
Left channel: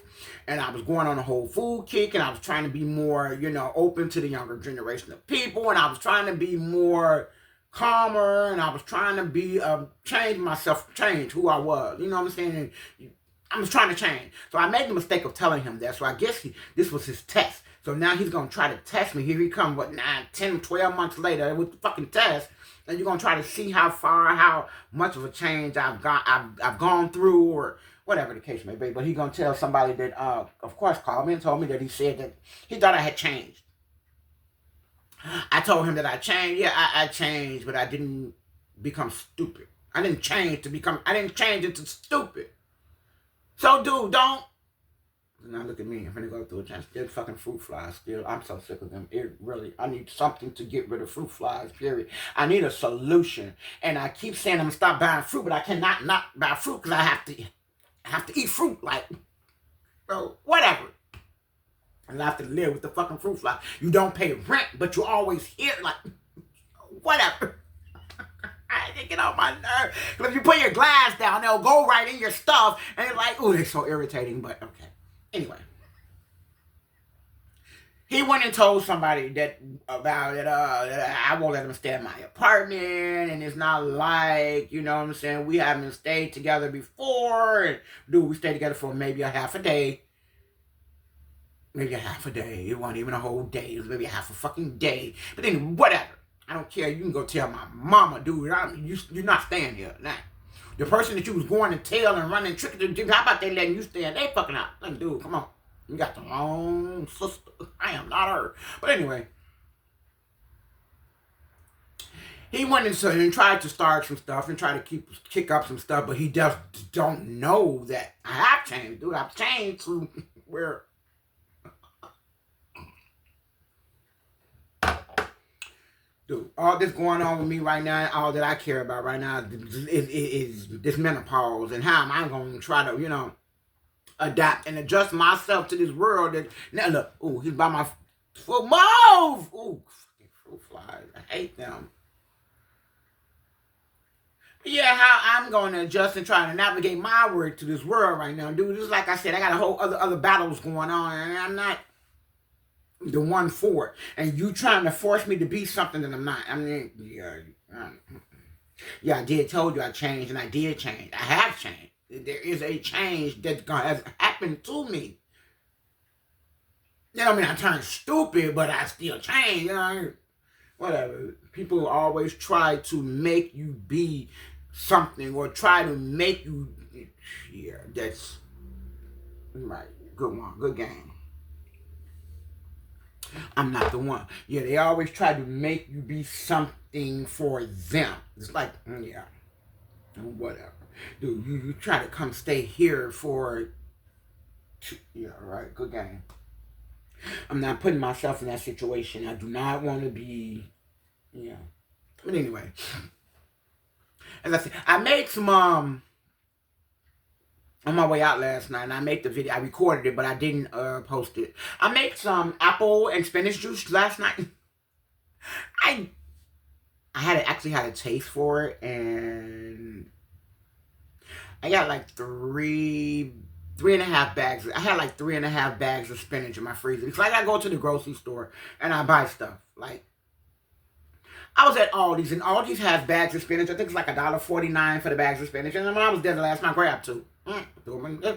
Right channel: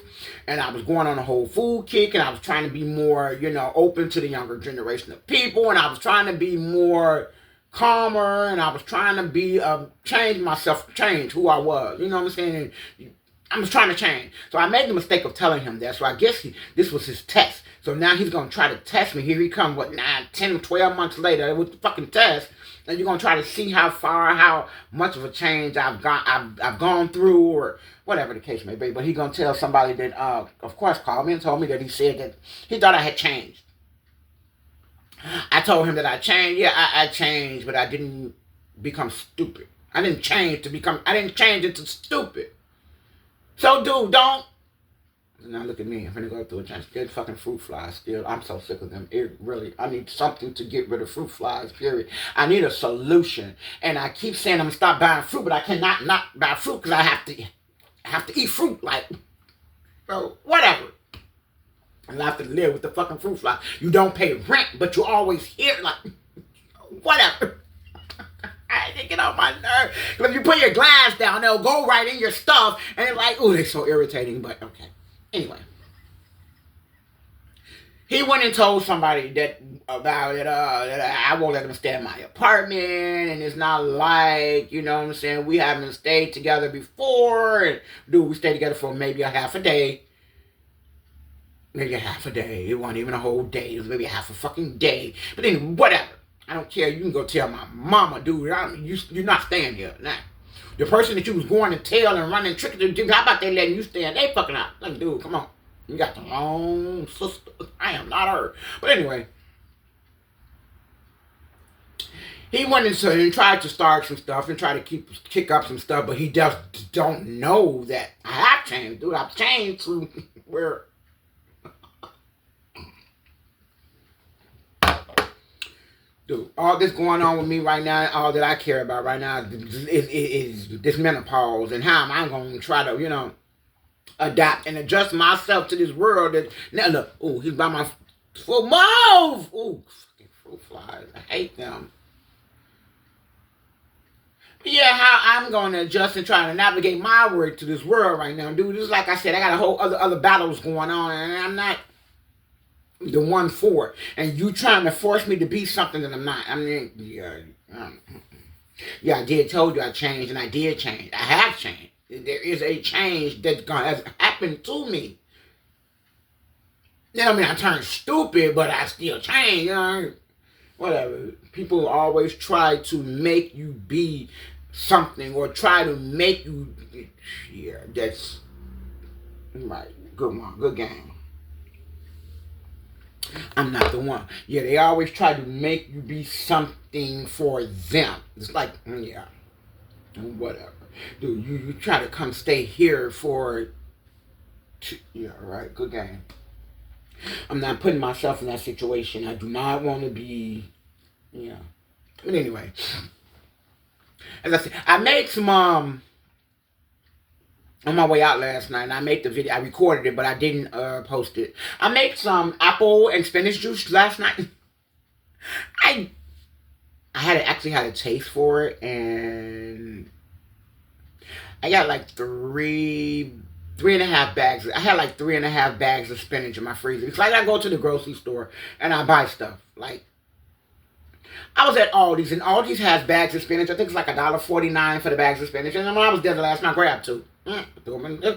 And I was going on a whole food kick, and I was trying to be more, open to the younger generation of people, and I was trying to be more calmer, and I was trying to be, change myself, change who I was. You know what I'm saying? And I was trying to change. So I made the mistake of telling him that. So I guess this was his test. So now he's going to try to test me. Here he comes, 9, 10, 12 months later with the fucking test. And you're going to try to see how much of a change I've gone through, or whatever the case may be. But he's going to tell somebody that, of course, called me and told me that he said that he thought I had changed. I told him that I changed. Yeah, I changed, but I didn't become stupid. I didn't change into stupid. So, dude, don't. Now look at me. I'm going to go through a change. Still fucking fruit flies. Still, I'm so sick of them. I need something to get rid of fruit flies, period. I need a solution. And I keep saying I'm going to stop buying fruit, but I cannot not buy fruit because I have to eat fruit. Like, bro, whatever. And I have to live with the fucking fruit fly. You don't pay rent, but you always hear, like, whatever. I get on my nerves. Because if you put your glass down, they'll go right in your stuff. And it's like, ooh, they're so irritating. But, okay. Anyway. He went and told somebody that I won't let him stay in my apartment. And it's not like, you know what I'm saying, we haven't stayed together before. And, dude, we stayed together for maybe a half a day. Maybe a half a day. It wasn't even a whole day. It was maybe a half a fucking day. But then, whatever. I don't care. You can go tell my mama, dude. You're not staying here. Nah. The person that you was going to tell and running tricking to, how about they letting you stay in they fucking house? Like, dude, come on. You got the wrong sister. I am not her. But anyway. He went and tried to start some stuff and try to kick up some stuff, but he just don't know that I have changed, dude. I've changed to where... Dude, all this going on with me right now, all that I care about right now is this menopause, and how am I going to try to, adapt and adjust myself to this world that, now look, ooh, he's by my full mouth. Ooh, fucking fruit flies. I hate them. But yeah, how I'm going to adjust and try to navigate my way to this world right now, dude. Just like I said, I got a whole other battles going on, and I'm not the one for it. And you trying to force me to be something that I'm not. I mean, yeah, I did told you I changed, and I did change. I have changed. There is a change that has happened to me. That don't mean I turned stupid, but I still changed, Whatever. People always try to make you be something, or try to make you, yeah, that's right. Good one. Good game. I'm not the one. Yeah, they always try to make you be something for them. It's like, yeah, whatever. Dude, you try to come stay here for, yeah, right, good game. I'm not putting myself in that situation. I do not want to be, yeah. But anyway, as I said, I made some, on my way out last night, and I made the video. I recorded it, but I didn't post it. I made some apple and spinach juice last night. I actually had a taste for it, and I got like three and a half bags. I had like 3.5 bags of spinach in my freezer. It's like I go to the grocery store and I buy stuff. Like, I was at Aldi's, and Aldi's has bags of spinach. I think it's like $1.49 for the bags of spinach. And when I was there the last night, I grabbed two.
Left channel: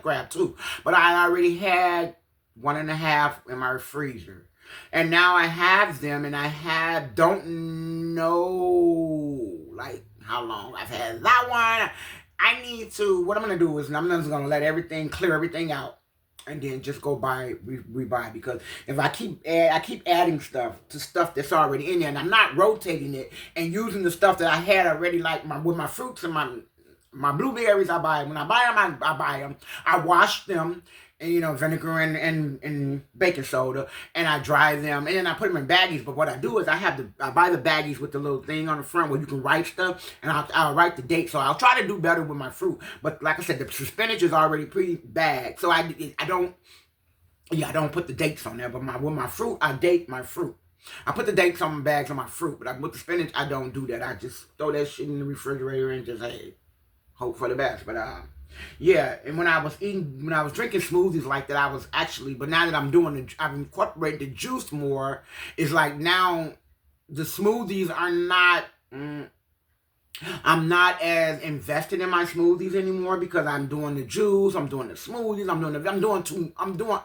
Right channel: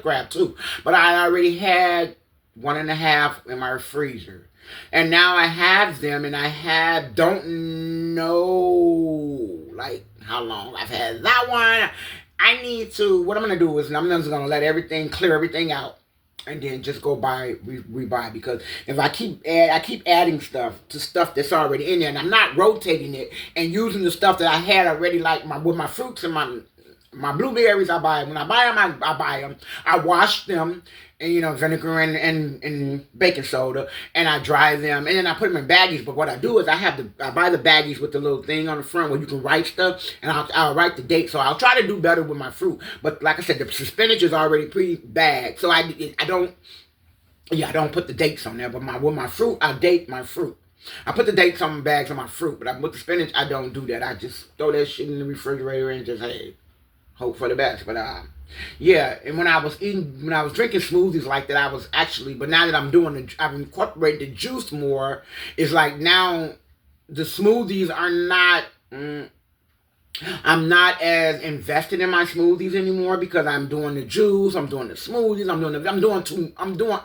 Grab two. But I already had 1.5 in my freezer. And now I have them, and I don't know, like, how long I've had that one. I need to, what I'm going to do is I'm just going to let clear everything out, and then just go rebuy, because if I keep adding stuff to stuff that's already in there, and I'm not rotating it and using the stuff that I had already, like with my fruits and my blueberries, I buy them. When I buy them, I buy them. I wash them, and vinegar and baking soda, and I dry them, and then I put them in baggies. But what I do is I buy the baggies with the little thing on the front where you can write stuff, and I'll write the date. So I'll try to do better with my fruit. But like I said, the spinach is already pre-bagged, so I don't put the dates on there. But with my fruit, I date my fruit. I put the dates on my bags on my fruit, but with the spinach, I don't do that. I just throw that shit in the refrigerator and just, hey, hope for the best. But yeah, and when I was drinking smoothies like that, I was actually, but now that I've incorporated the juice more, it's like now the smoothies are not, I'm not as invested in my smoothies anymore because I'm doing the juice, I'm doing the smoothies, I'm doing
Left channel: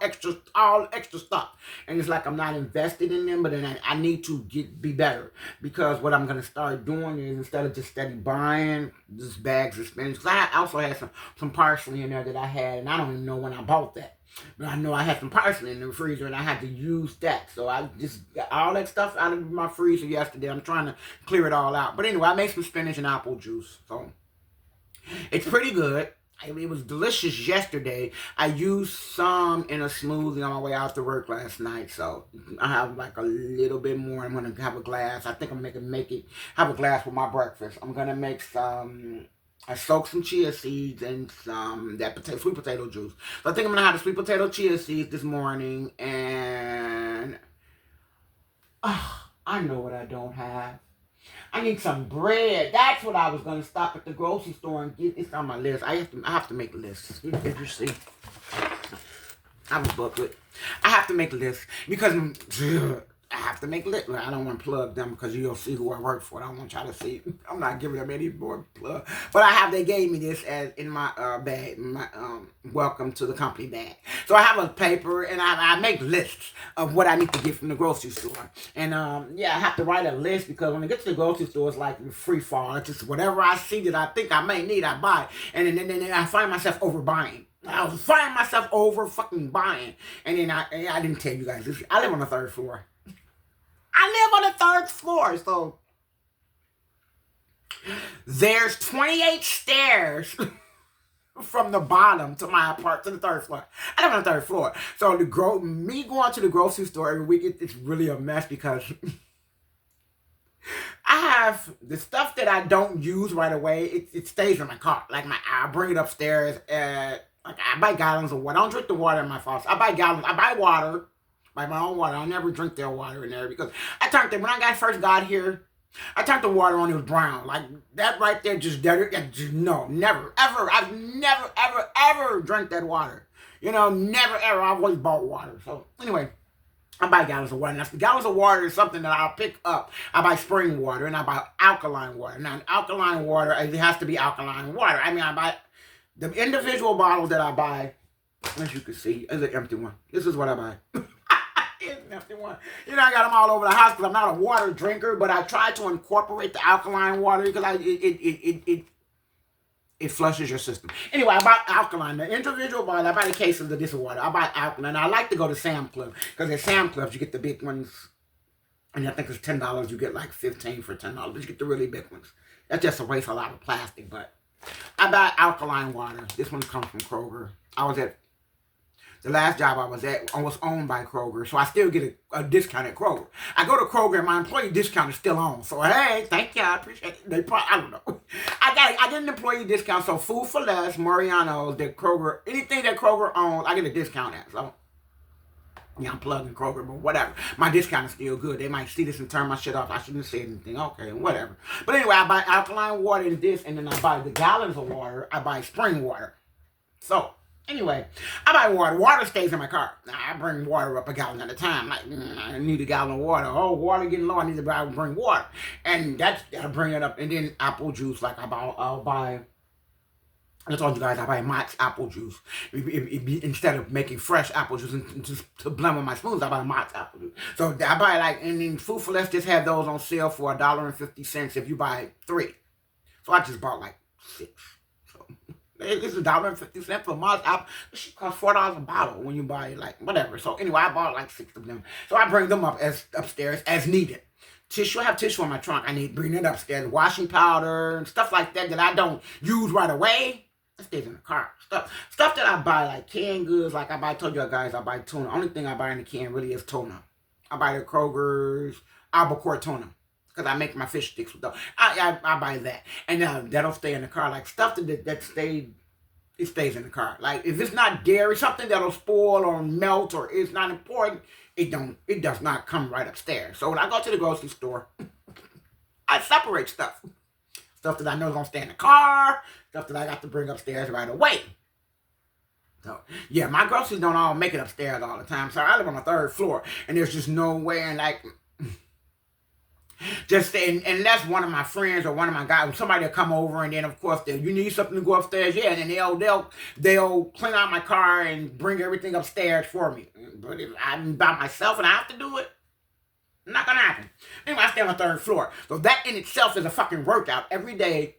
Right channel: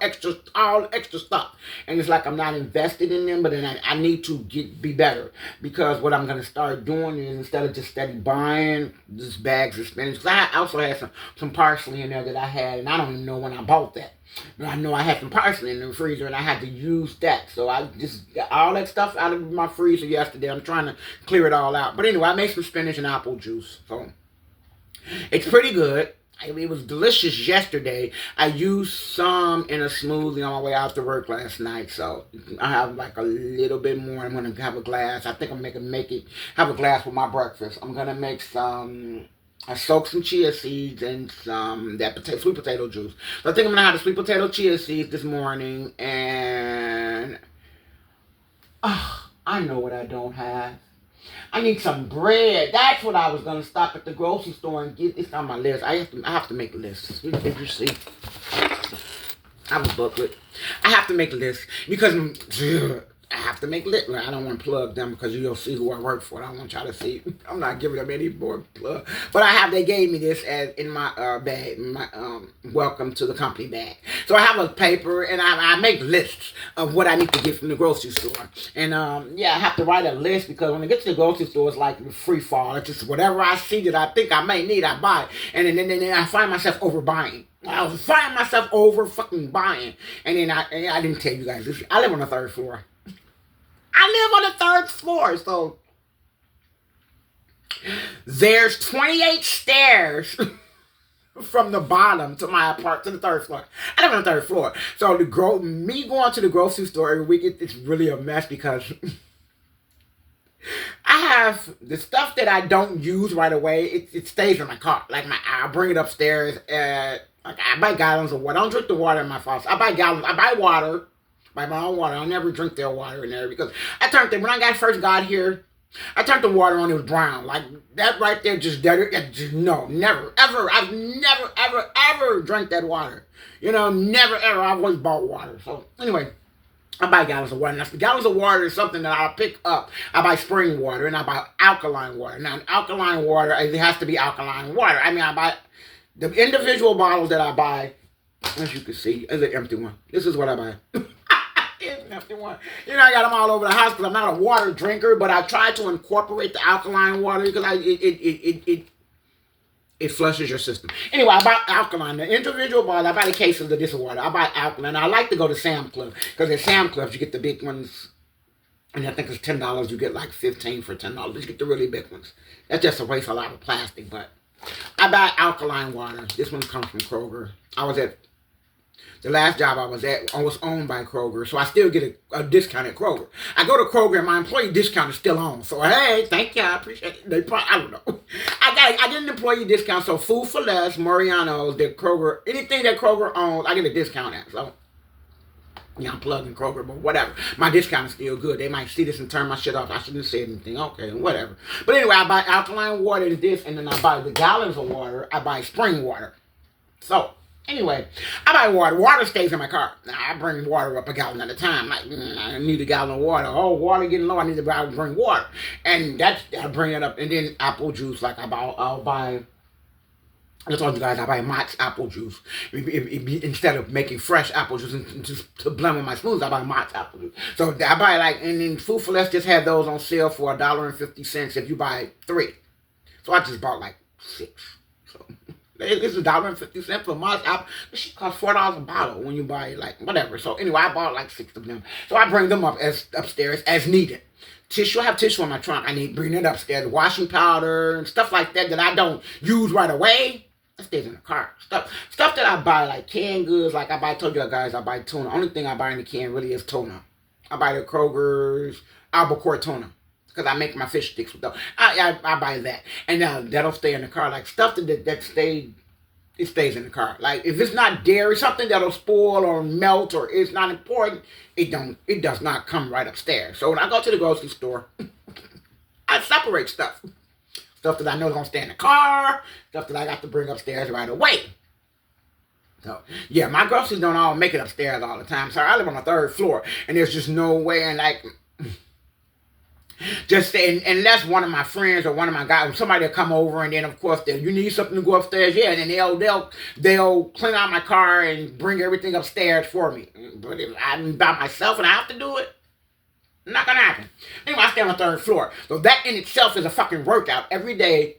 all extra stuff, and it's like I'm not invested in them. But then I need to be better, because what I'm gonna start doing is, instead of just steady buying just bags of spinach, because I also had some parsley in there that I had, and I don't even know when I bought that. But I know I had some parsley in the freezer and I had to use that. So I just got all that stuff out of my freezer yesterday. I'm trying to clear it all out. But anyway, I made some spinach and apple juice. So it's pretty good. It was delicious yesterday. I used some in a smoothie on my way out to work last night. So I have like a little bit more. I'm going to have a glass. I think I'm going to have a glass for my breakfast. I'm going to make some... I soaked some chia seeds and some sweet potato juice. So I think I'm gonna have the sweet potato chia seeds this morning. And I know what I don't have. I need some bread. That's what I was gonna stop at the grocery store and get. It's on my list. I have to make lists. As you see, I'm a booklet. I have to make lists because I have to make lists. I don't want to plug them because you'll see who I work for. I don't want y'all to see. I'm not giving them any more plug. But they gave me this as in my bag, my welcome to the company bag. So I have a paper and I make lists of what I need to get from the grocery store. And yeah, I have to write a list because when I get to the grocery store, it's like free fall. It's just whatever I see that I think I may need, I buy. And then I find myself overbuying. I was finding myself over fucking buying. And then I didn't tell you guys this. I live on the 3rd floor. I live on the 3rd floor, so there's 28 stairs from the bottom to my apartment to the 3rd floor. I live on the 3rd floor, so me going to the grocery store every week, it's really a mess because I have the stuff that I don't use right away. It stays in my car. Like I bring it upstairs. Like I buy gallons of water. I don't drink the water in my faucet. I buy gallons. I buy water. Buy my own water. I never drink their water in there because when I first got here, I turned the water on. It was brown. Like that right there, no, never, ever. I've never, ever, ever drank that water. Never, ever. I've always bought water. So anyway, I buy gallons of water. Now, gallons of water is something that I'll pick up. I buy spring water and I buy alkaline water. Now, alkaline water, it has to be alkaline water. I mean, I buy the individual bottles that I buy. As you can see, is an empty one. This is what I buy. It's an empty one. I got them all over the house because I'm not a water drinker, but I try to incorporate the alkaline water because it flushes your system. Anyway, I buy alkaline. The individual bottle, I buy the cases of this water. I buy alkaline. I like to go to Sam Club because at Sam Club you get the big ones, and I think it's $10. You get like 15 for $10. You get the really big ones. That's just a waste of a lot of plastic, but I buy alkaline water. This one comes from Kroger. The last job I was at was owned by Kroger, so I still get a discount at Kroger. I go to Kroger and my employee discount is still on. So, hey, thank you. I appreciate it. I don't know. I get an employee discount, so Food for Less, Mariano's, Kroger, anything that Kroger owns, I get a discount at. So, I'm plugging Kroger, but whatever. My discount is still good. They might see this and turn my shit off. I shouldn't say anything. Okay, whatever. But anyway, I buy alkaline water and this, and then I buy the gallons of water. I buy spring water. So, anyway, I buy water. Water stays in my car. Now, I bring water up a gallon at a time. Like, I need a gallon of water. Oh, water getting low. I need to bring water. And I bring it up. And then apple juice, like I'll buy, I told you guys, I buy Mott's apple juice. Instead of making fresh apple juice and just to blend with my smoothies, I buy Mott's apple juice. So I buy and then Food for Less just have those on sale for $1.50 if you buy 3. So I just bought like 6. So it's $1.50 for Mott's apple. It should cost $4 a bottle when you buy like whatever. So anyway, I bought like 6 of them. So I bring them up upstairs as needed. Tissue, I have tissue in my trunk. I need bring it upstairs. Washing powder and stuff like that I don't use right away. It stays in the car. Stuff that I buy, like canned goods, like I told you guys, I buy tuna. Only thing I buy in the can really is tuna. I buy the Kroger's albacore tuna because I make my fish sticks with those. I buy that. And that'll stay in the car. Like stuff that stay it stays in the car. Like if it's not dairy, something that'll spoil or melt or it's not important, it does not come right upstairs. So when I go to the grocery store, I separate stuff. Stuff that I know is gonna stay in the car, stuff that I got to bring upstairs right away. So yeah, my groceries don't all make it upstairs all the time. So I live on the 3rd floor, and there's just no way. And like, just unless one of my friends or one of my guys, somebody will come over, and then of course you need something to go upstairs, yeah, and then they'll clean out my car and bring everything upstairs for me. But if I'm by myself and I have to do it, not gonna happen. Anyway, I stay on the 3rd floor, so that in itself is a fucking workout every day.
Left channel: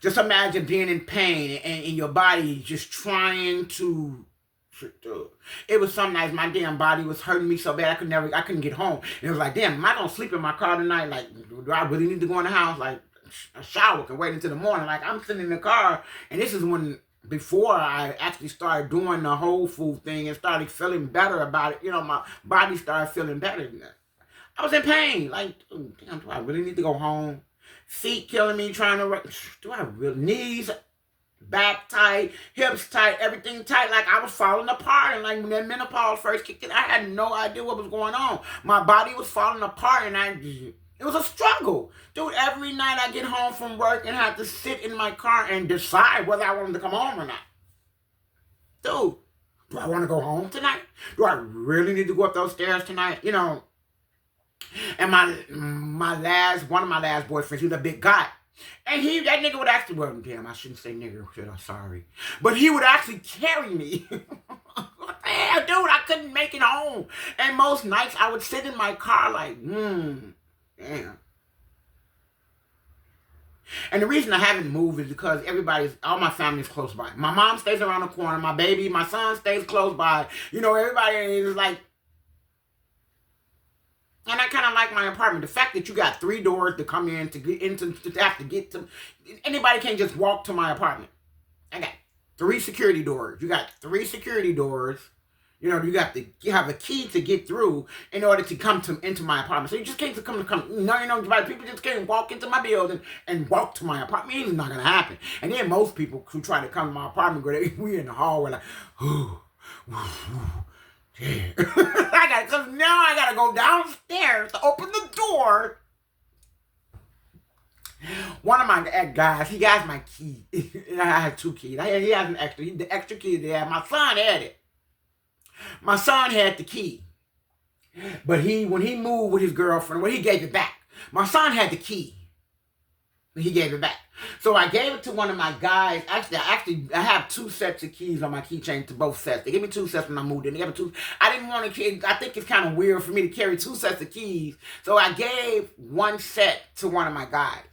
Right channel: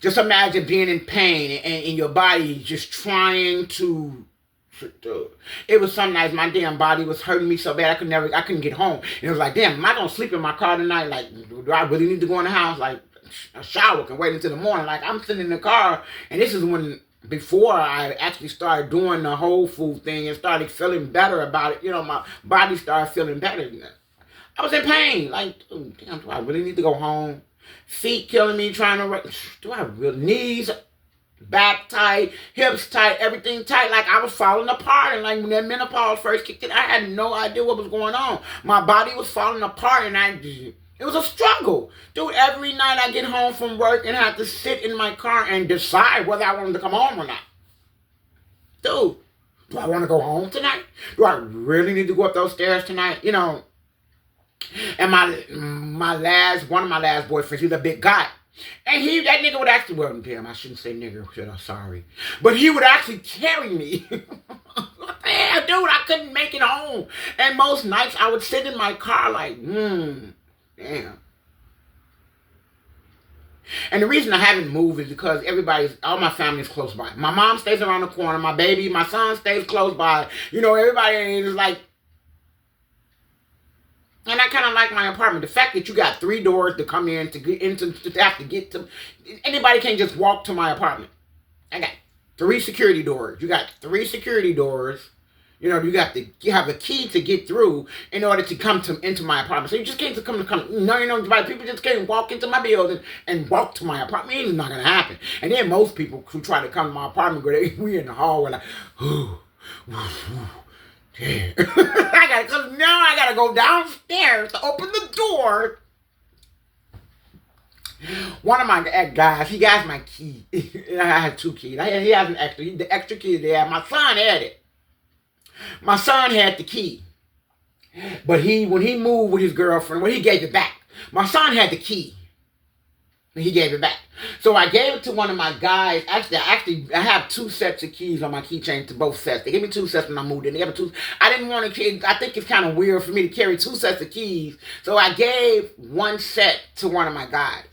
Just imagine being in pain and in your body just trying to. It was some nights my damn body was hurting me so bad I couldn't get home. And it was like, damn, am I gonna sleep in my car tonight? Like, do I really need to go in the house? Like, a shower can wait until the morning. Like, I'm sitting in the car, and this is when, before I actually started doing the whole food thing and started feeling better about it, my body started feeling better. I was in pain. Like, damn, do I really need to go home? Feet killing me, trying to, do I really, knees, back tight, hips tight, everything tight, like I was falling apart. And like when that menopause first kicked in, I had no idea what was going on. My body was falling apart, and it was a struggle. Dude, every night I get home from work and have to sit in my car and decide whether I wanted to come home or not. Dude, do I want to go home tonight? Do I really need to go up those stairs tonight? And one of my last boyfriends, he was a big guy. And that nigga would actually, well, damn, I shouldn't say nigga, I'm sorry. But he would actually carry me. What the hell, dude? I couldn't make it home. And most nights I would sit in my car like, damn. And the reason I haven't moved is because all my family is close by. My mom stays around the corner. My son stays close by. Everybody is like, and I kind of like my apartment. The fact that you got 3 doors to come in to have to get to. Anybody can't just walk to my apartment. I got 3 security doors. You got 3 security doors. You have a key to get through in order to come into my apartment. So you just can't come. No, people just can't walk into my building and walk to my apartment. It's not gonna happen. And then most people who try to come to my apartment, we in the hallway like, yeah. Because now I gotta go downstairs to open the door. One of my guys, he has my key. I have 2 keys. He has an extra. The extra key there. My son had it. My son had the key. But when he moved with his girlfriend, he gave it back. My son had the key. And he gave it back. So I gave it to one of my guys. Actually, I have 2 sets of keys on my keychain to both sets. They gave me 2 sets when I moved in. They gave me 2. I didn't want to. I think it's kind of weird for me to carry 2 sets of keys. So I gave 1 set to one of my guys.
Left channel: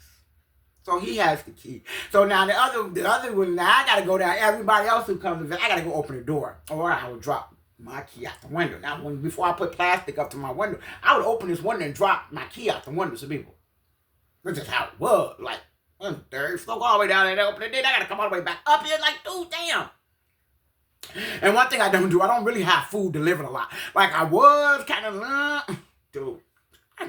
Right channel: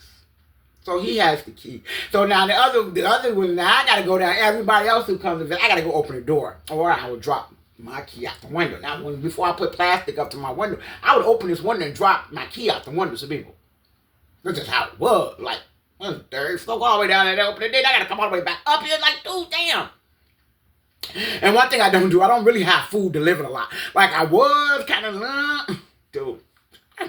So he has the key. So now the other one, now I got to go down. Everybody else who comes in, I got to go open the door, or I would drop my key out the window. Now, before I put plastic up to my window, I would open this window and drop my key out the window to people. That's just how it was. Like, 3rd floor, all the way down there, open it. Then I got to come all the way back up here. Like, dude, damn. And one thing I don't do, I don't really have food delivered a lot. Like, I was kind of, dude. I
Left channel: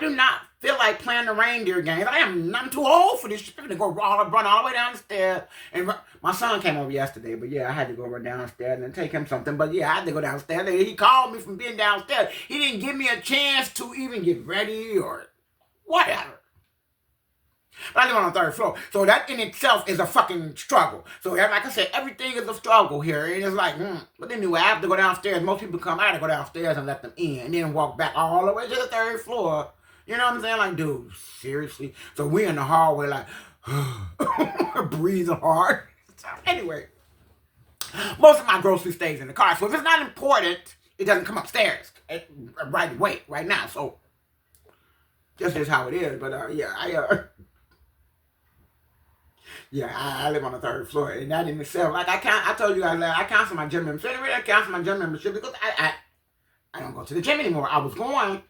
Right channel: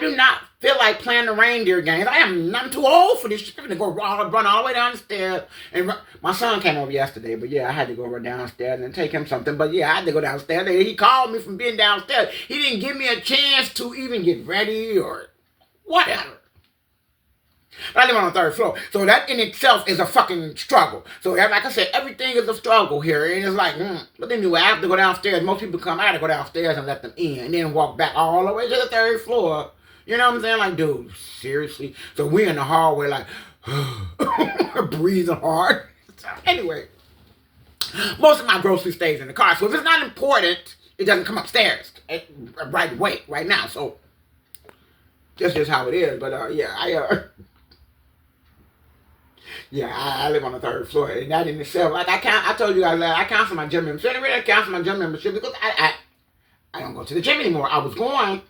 do not feel like playing the reindeer game. I'm too old for this shit. I'm going to run all the way down the stairs. And my son came over yesterday, but yeah, I had to go run downstairs and take him something. But yeah, I had to go downstairs. He called me from being downstairs. He didn't give me a chance to even get ready or whatever. But I live on the 3rd floor. So that in itself is a fucking struggle. So like I said, everything is a struggle here. And it's like, But anyway, I have to go downstairs. Most people come, I got to go downstairs and let them in. And then walk back all the way to the 3rd floor. You know what I'm saying? Like, dude, seriously? So we in the hallway like, breathing hard. So anyway, most of my grocery stays in the car. So if it's not important, it doesn't come upstairs right away, right now. So that's just how it is. But yeah, I live on the 3rd floor, and that in itself, like I told you guys, I cancel my gym membership. I cancel my gym membership because I don't go to the gym anymore. I was going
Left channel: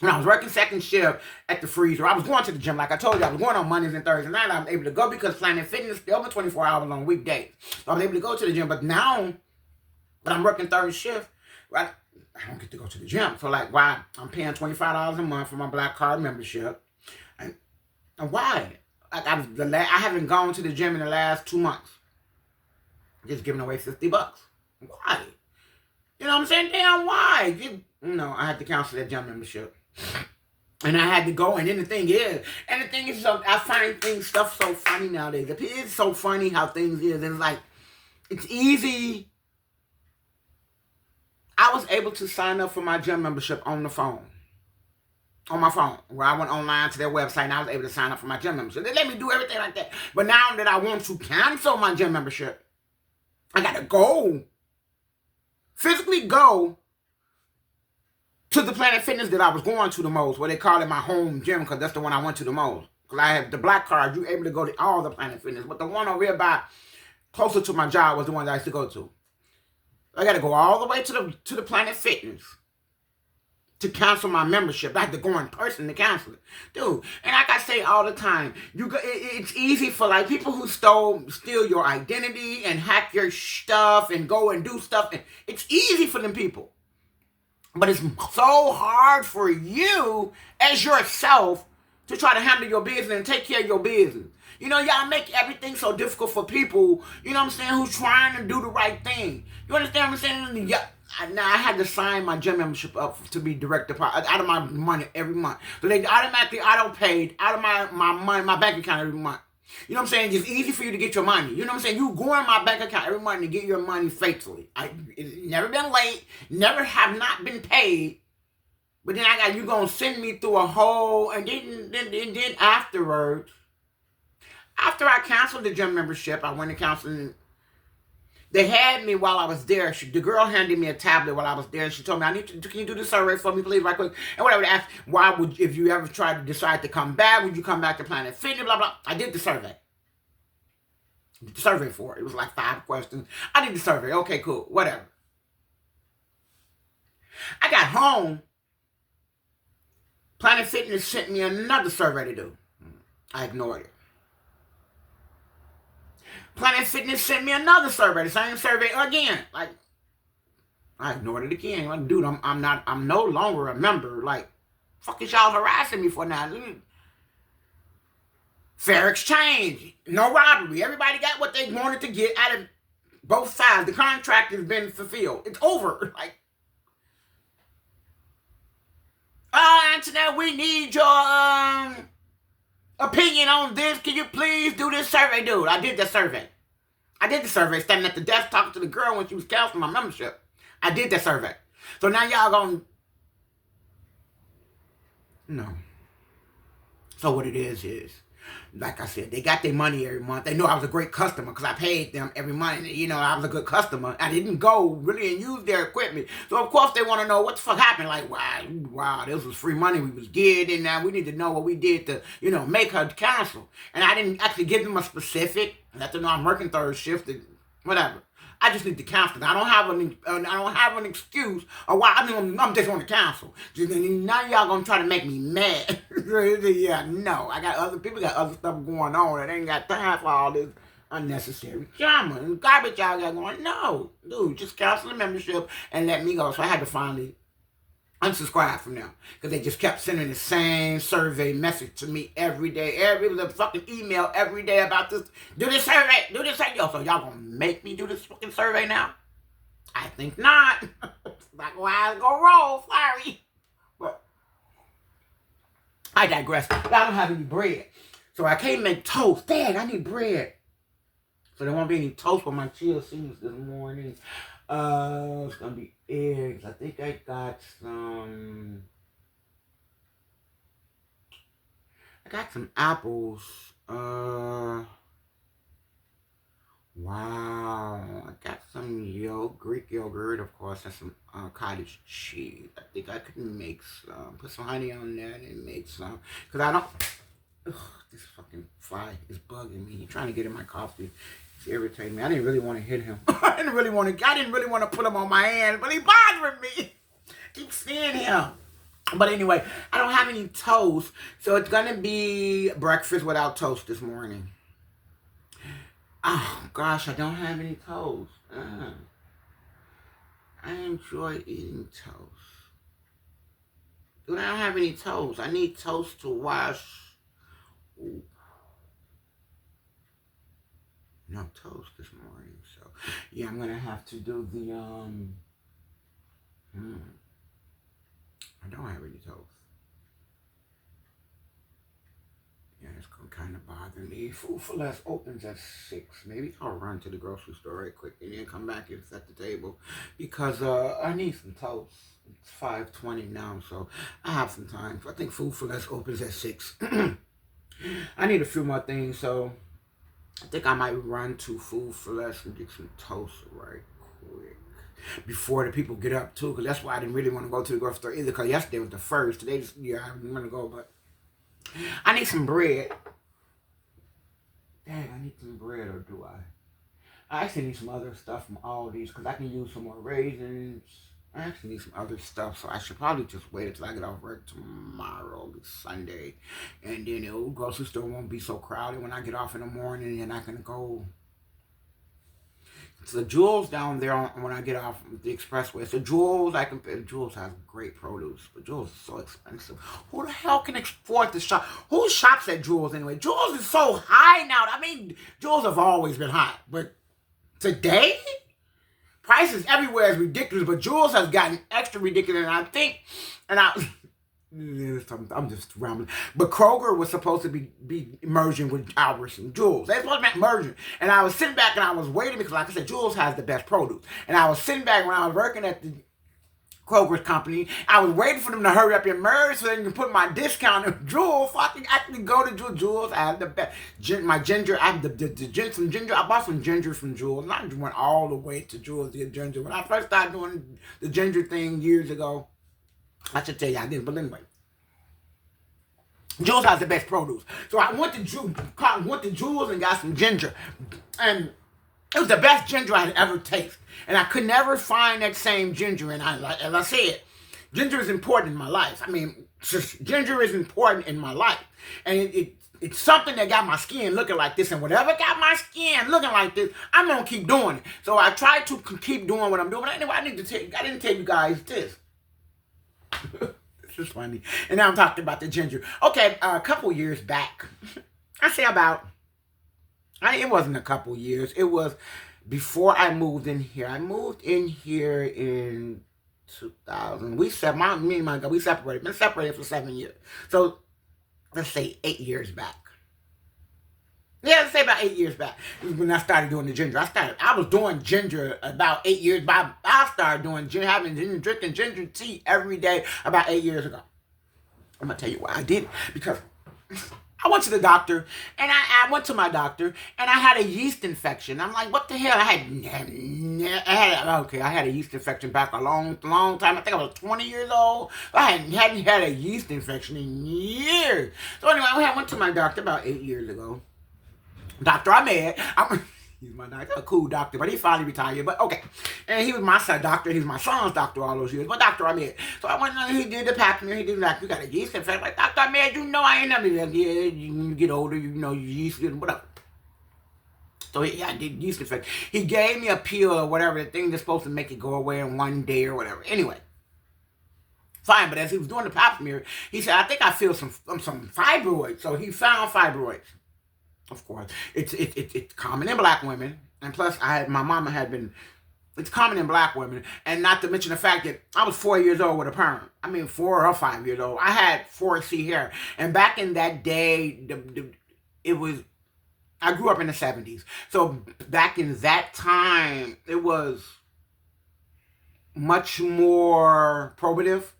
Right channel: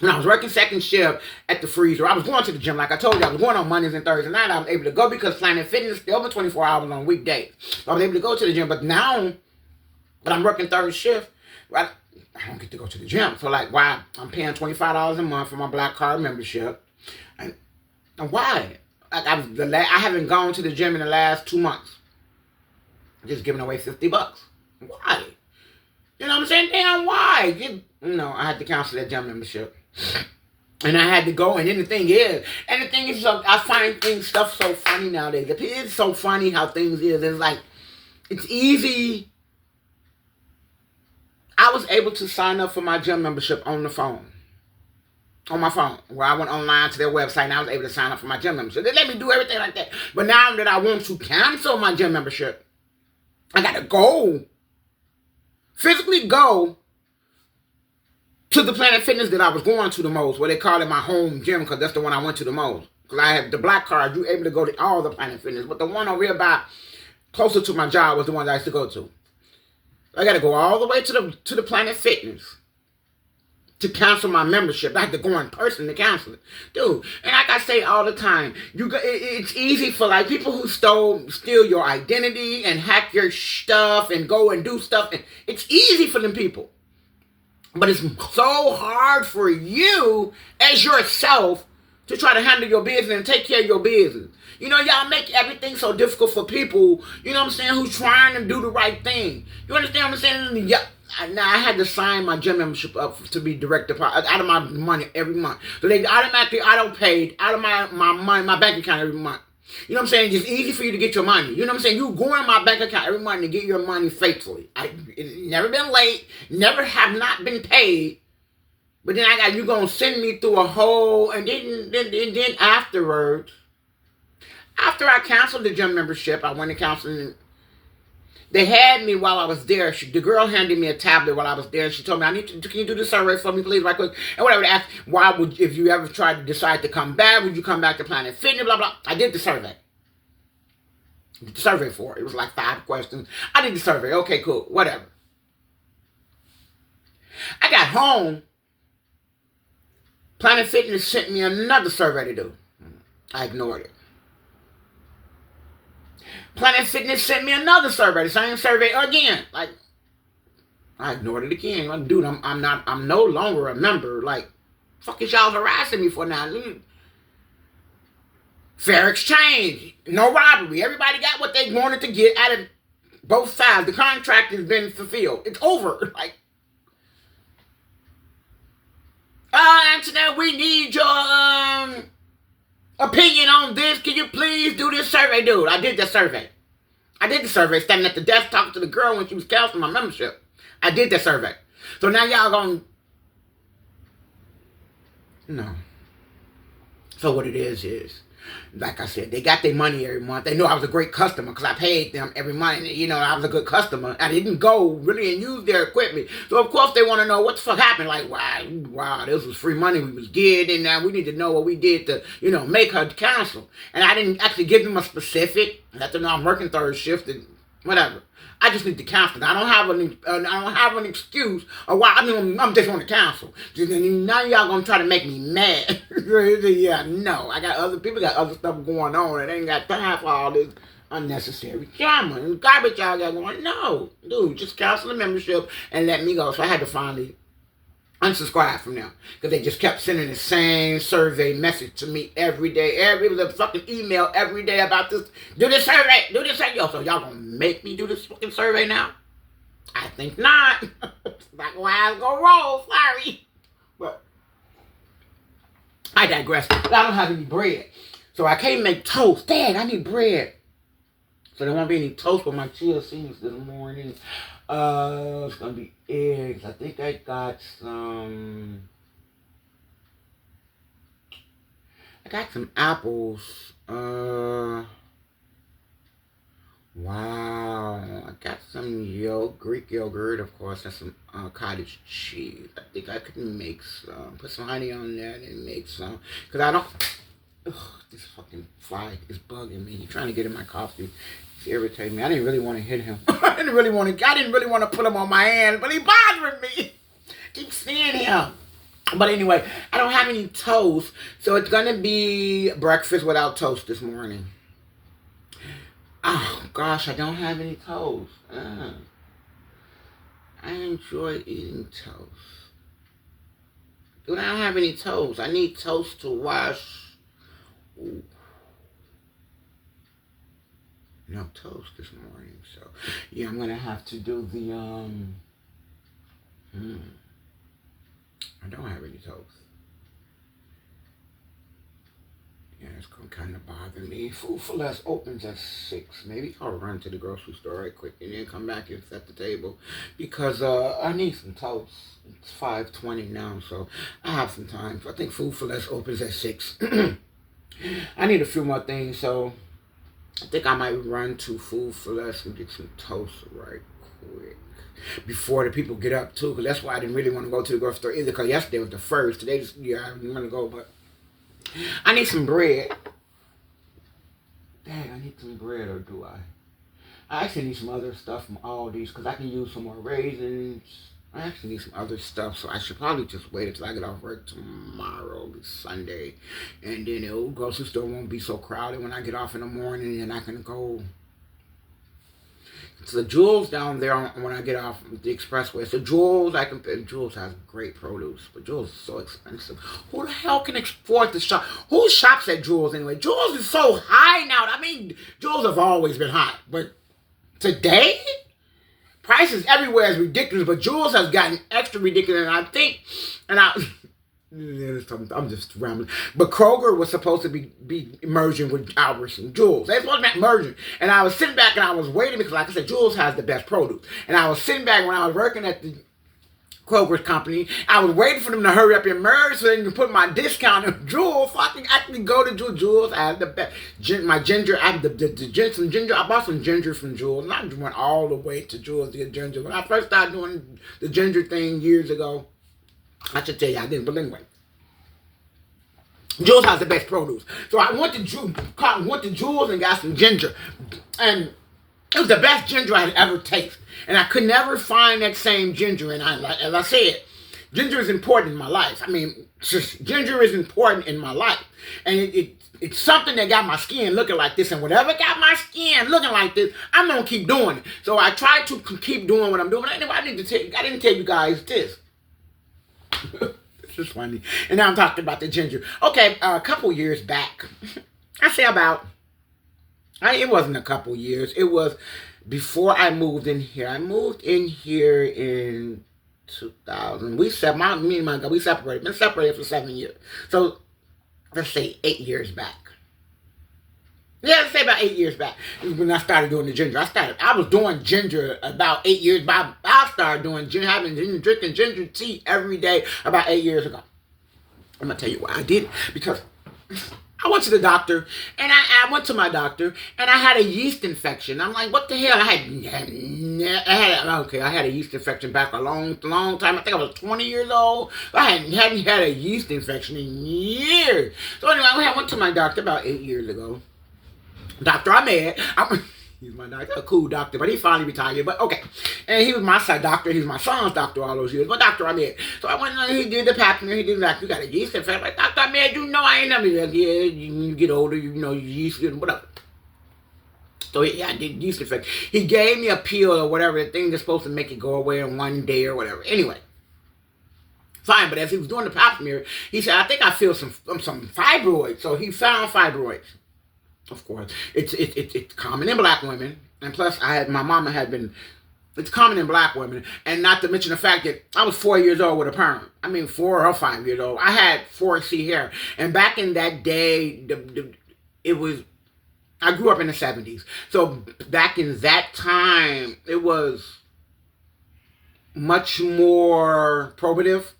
when I was working 2nd shift at the freezer. I was going to the gym, like I told you. I was going on Mondays and Thursdays night. I was able to go because Planet Fitness is open 24 hours on weekdays. So I was able to go to the gym. But now that I'm working 3rd shift, right, I don't get to go to the gym. So like, why? I'm paying $25 a month for my Black Card membership, and why? like I haven't gone to the gym in the last 2 months. Just giving away $50. Why? You know what I'm saying? Damn, why? I had to cancel that gym membership. And I had to go, and then the thing is, I find stuff so funny nowadays. It's so funny how things is. It's like, it's easy. I was able to sign up for my gym membership on the phone. On my phone, where I went online to their website, and I was able to sign up for my gym membership. They let me do everything like that. But now that I want to cancel my gym membership, I got to go. Physically go to the Planet Fitness that I was going to the most, where they call it my home gym, because that's the one I went to the most. Because I have the black card, you're able to go to all the Planet Fitness. But the one over here by, closer to my job, was the one that I used to go to. I got to go all the way to the Planet Fitness to cancel my membership. I had to go in person to cancel it. Dude, and like I say all the time, it's easy for like people who steal your identity and hack your stuff and go and do stuff. And it's easy for them people. But it's so hard for you as yourself to try to handle your business and take care of your business. You know, y'all make everything so difficult for people, you know what I'm saying, who's trying to do the right thing. You understand what I'm saying? Yeah. Now, I had to sign my gym membership up to be direct deposit out of my money every month. So they automatically auto-paid out of my money, my bank account every month. You know what I'm saying? It's easy for you to get your money. You know what I'm saying? You go in my bank account every month to get your money faithfully. It's never been late, never have not been paid. But then you gonna send me through a whole, and then afterwards, after I canceled the gym membership, I went and canceled. They had me while I was there. The girl handed me a tablet while I was there. She told me, can you do the survey for me, please, right quick? And whatever, they asked, if you ever tried to decide to come back, would you come back to Planet Fitness, blah, blah. I did the survey. The survey for it. It was like 5 questions. I did the survey. Okay, cool, whatever. I got home. Planet Fitness sent me another survey to do. I ignored it. Planet Fitness sent me another survey, the same survey again. Like, I ignored it again. Like, dude, I'm no longer a member. Like, fuck is y'all harassing me for now? Fair exchange, no robbery. Everybody got what they wanted to get out of both sides. The contract has been fulfilled. It's over. Like, Antonette, we need your opinion on this. Can you please do this survey? Dude, I did the survey. Standing at the desk talking to the girl when she was canceling my membership. I did that survey. So now y'all gonna... No. So what it is, like I said, they got their money every month. They know I was a great customer because I paid them every month. You know, I was a good customer. I didn't go really and use their equipment. So, of course, they want to know what the fuck happened. Like, wow, this was free money we was getting. And now we need to know what we did to, make her cancel. And I didn't actually give them a specific. I let them know I'm working third shift and whatever. I just need to cancel. I don't have an excuse or why. I'm just going to cancel. Now y'all gonna try to make me mad. Yeah, no. I got other people got other stuff going on, and they ain't got time for all this unnecessary drama and garbage y'all got going. No, dude, just cancel the membership and let me go. So I had to finally unsubscribe from them because they just kept sending the same survey message to me every day. It was a fucking email every day about this. Do this survey. Yo, so y'all gonna make me do this fucking survey now? I think not. That's why I go roll. Sorry. But I digress. But I don't have any bread. So I can't make toast. Dad, I need bread. So there won't be any toast for my chia seeds this morning. It's gonna be eggs. I think I got some. I got some apples. Wow. I got some Greek yogurt, of course, and some cottage cheese. I think I could make some. Put some honey on that and make some. Because I don't. Ugh, this fucking fly is bugging me. He's trying to get in my coffee. Irritate me. I didn't really want to hit him. I didn't really want to put him on my hand, but he bothering me. Keep seeing him. But anyway, I don't have any toast, so it's gonna be breakfast without toast this morning. Oh gosh, I don't have any toast. I enjoy eating toast. Dude, I don't have any toast. I need toast to wash. Ooh. no toast this morning. So, yeah, I'm going to have to do the, I don't have any toast. Yeah, it's going to kind of bother me. Food for Less opens at 6. Maybe I'll run to the grocery store right quick and then come back and set the table. Because I need some toast. It's 5:20 now, so I have some time. I think Food for Less opens at 6. I need a few more things, so I think I might run to Food for Less and get some toast right quick. Before the people get up, too. Because that's why I didn't really want to go to the grocery store either. Because yesterday was the first. Today, just, yeah, I didn't want to go, but I need some bread. Dang, I need some bread, or do I? I actually need some other stuff from Aldi's because I can use some more raisins. I actually need some other stuff, so I should probably just wait until I get off work tomorrow. It'll be Sunday. And then the grocery store won't be so crowded when I get off in the morning, and I can go. So the Jewels down there when I get off the expressway. So Jewels, Jewels has great produce, but Jewels is so expensive. Who the hell can afford to shop? Who shops at Jewels anyway? Jewels is so high now. I mean, Jewels have always been high, but today, prices everywhere is ridiculous, but Jewels has gotten extra ridiculous, I'm just rambling. But Kroger was supposed to be merging with Albertsons, Jewels. They supposed to be merging. And I was sitting back and I was waiting because, like I said, Jewels has the best produce. And I was sitting back when I was working at the Kroger's company. I was waiting for them to hurry up and merge so they can put my discount in Jewels so I can actually go to Jewels. Jewels, I have the best. My ginger, I have some ginger. I bought some ginger from Jewels. And I went all the way to Jewels to get ginger. When I first started doing the ginger thing years ago, I should tell you I didn't, but anyway. Jewels has the best produce. So I went to Jewels and got some ginger. And it was the best ginger I had ever tasted. And I could never find that same ginger. And as I said, ginger is important in my life. I mean, ginger is important in my life. And it's something that got my skin looking like this. And whatever got my skin looking like this, I'm going to keep doing it. So I try to keep doing what I'm doing. But anyway, I didn't tell you guys this. This is funny. And now I'm talking about the ginger. Okay, a couple years back. I say it wasn't a couple years. It was before I moved in here. I moved in here in 2000. Me and my guy, we separated. Been separated for 7 years. So, let's say 8 years back. Yeah, let's say about 8 years back when I started doing the ginger. I was doing ginger about 8 years back. I started doing ginger, drinking ginger tea every day about 8 years ago. I'm going to tell you why I did it. Because I went to the doctor, and I went to my doctor, and I had a yeast infection. I'm like, what the hell? I had a yeast infection back a long time. I think I was 20 years old. I hadn't had a yeast infection in years. So anyway, I went to my doctor about 8 years ago. Dr. Ahmed, he's my doctor, a cool doctor, but he finally retired, but okay. And he was my doctor, he was my son's doctor all those years, but Dr. Ahmed. So I went and he did the pap smear, he did like, you got a yeast infection. Like, Dr. Ahmed, you know I ain't never, like, yeah, you get older, you know, yeast, whatever. So I did yeast infection. He gave me a pill or whatever, the thing that's supposed to make it go away in 1 day or whatever. Anyway. Fine, but as he was doing the pap smear, he said, I think I feel some fibroids. So he found fibroids. Of course, it's common in black women, and plus my mama had been. It's common in black women, and not to mention the fact that I was 4 years old with a perm. I mean, 4 or 5 years old. I had 4C hair, and back in that day, it was. I grew up in the 70s, so back in that time, it was much more probative,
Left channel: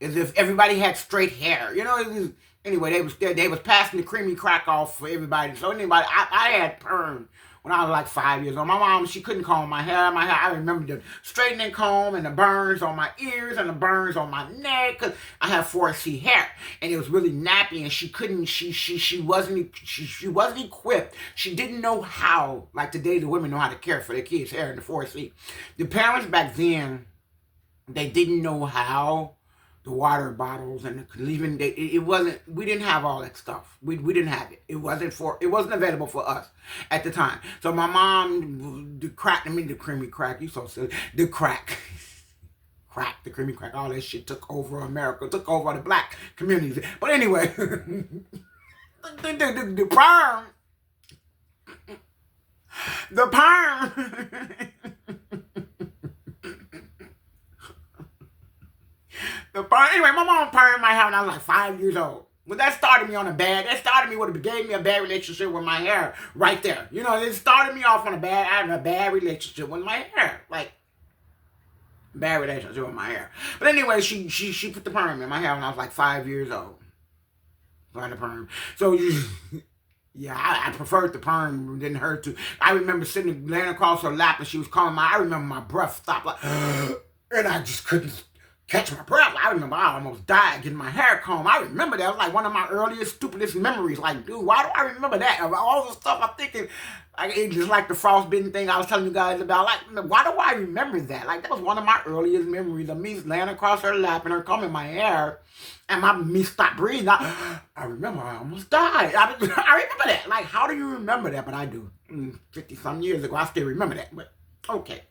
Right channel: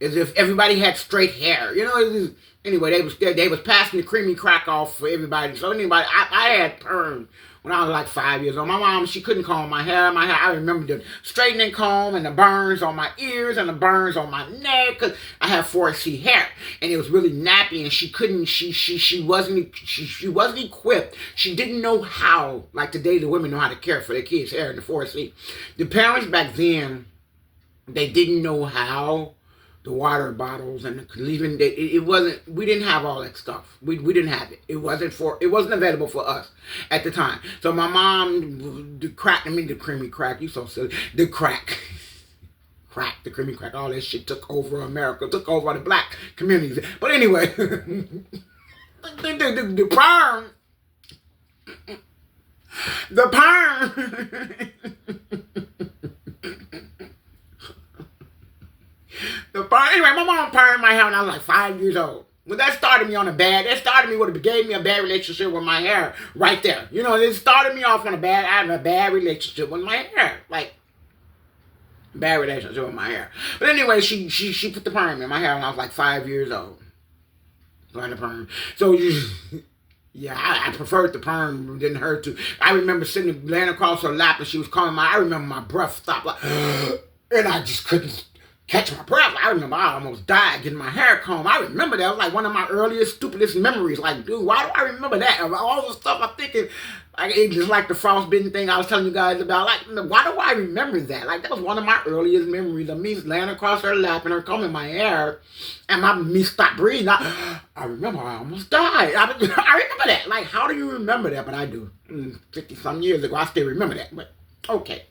as if everybody had straight hair. You know. Anyway, they was passing the creamy crack off for everybody. So anybody, I had perm when I was like 5 years old. My mom, she couldn't comb my hair. I remember the straightening comb and the burns on my ears and the burns on my neck because I have 4C hair and it was really nappy and she wasn't equipped. She didn't know how. Like today, the women know how to care for their kids' hair and the 4C. The parents back then, they didn't know how. The water bottles and leaving it wasn't. We didn't have all that stuff. We didn't have it. It wasn't available for us at the time. So my mom, the creamy crack. You so silly. The creamy crack. All that shit took over America. Took over the black communities. But anyway, the perm. The perm. The perm. Anyway, my mom permed my hair when I was like 5 years old. Well, that started me on a bad. That started me with it gave me a bad relationship with my hair right there. You know, it started me off on a bad relationship with my hair. Like bad relationship with my hair. But anyway, she put the perm in my hair when I was like 5 years old. Like the perm. So yeah, I preferred the perm. It didn't hurt to. I remember sitting laying across her lap and she was calling I remember my breath stopped like, and I just couldn't catch my breath. I remember I almost died getting my hair combed. I remember that. It was like one of my earliest, stupidest memories. Like, dude, why do I remember that? Of all the stuff I'm thinking, like, it's just like the frostbitten thing I was telling you guys about. Like, why do I remember that? Like, that was one of my earliest memories of me laying across her lap and her combing my hair and me stop breathing. I remember I almost died. I remember that. Like, how do you remember that? But I do. 50-some years ago, I still remember that. But, okay.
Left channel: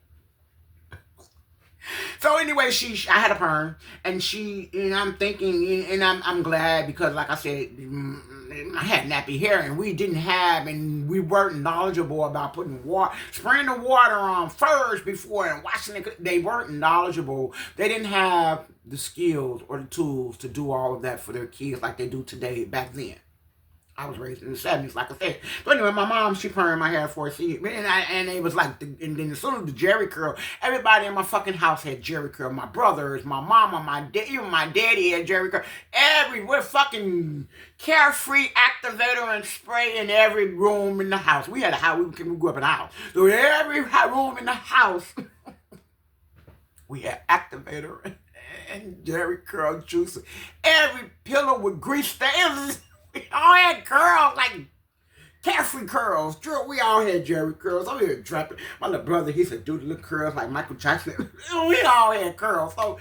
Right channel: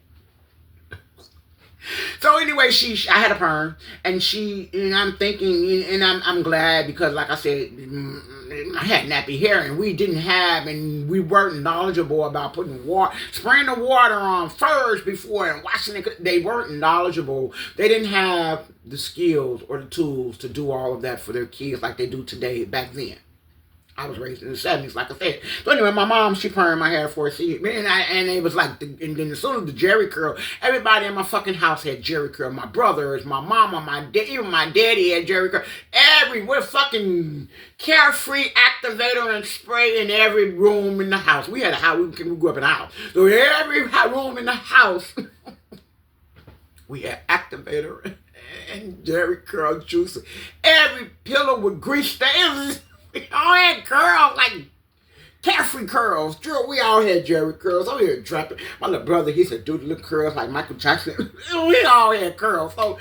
So anyway, I had a perm, and I'm thinking, and I'm glad because, like I said, I had nappy hair, and we weren't knowledgeable about spraying the water on first before and washing it. They weren't knowledgeable. They didn't have the skills or the tools to do all of that for their kids like they do today back then. I was raised in the 70s, like I said. So anyway, my mom, she permed my hair for a seat. And it was like, and then as soon as the Jerry curl, everybody in my fucking house had Jerry curl. My brothers, my mama, my dad, even my daddy had Jerry curl. We're fucking carefree activator and spray in every room in the house. We had a house, we grew up in a house. So every room in the house, we had activator and Jerry curl juice. Every pillow with grease stains. We all had curls, like carefree curls. We all had Jerry curls. I'm here dropping. My little brother, he said, do the little curls like Michael Jackson. We all had curls. So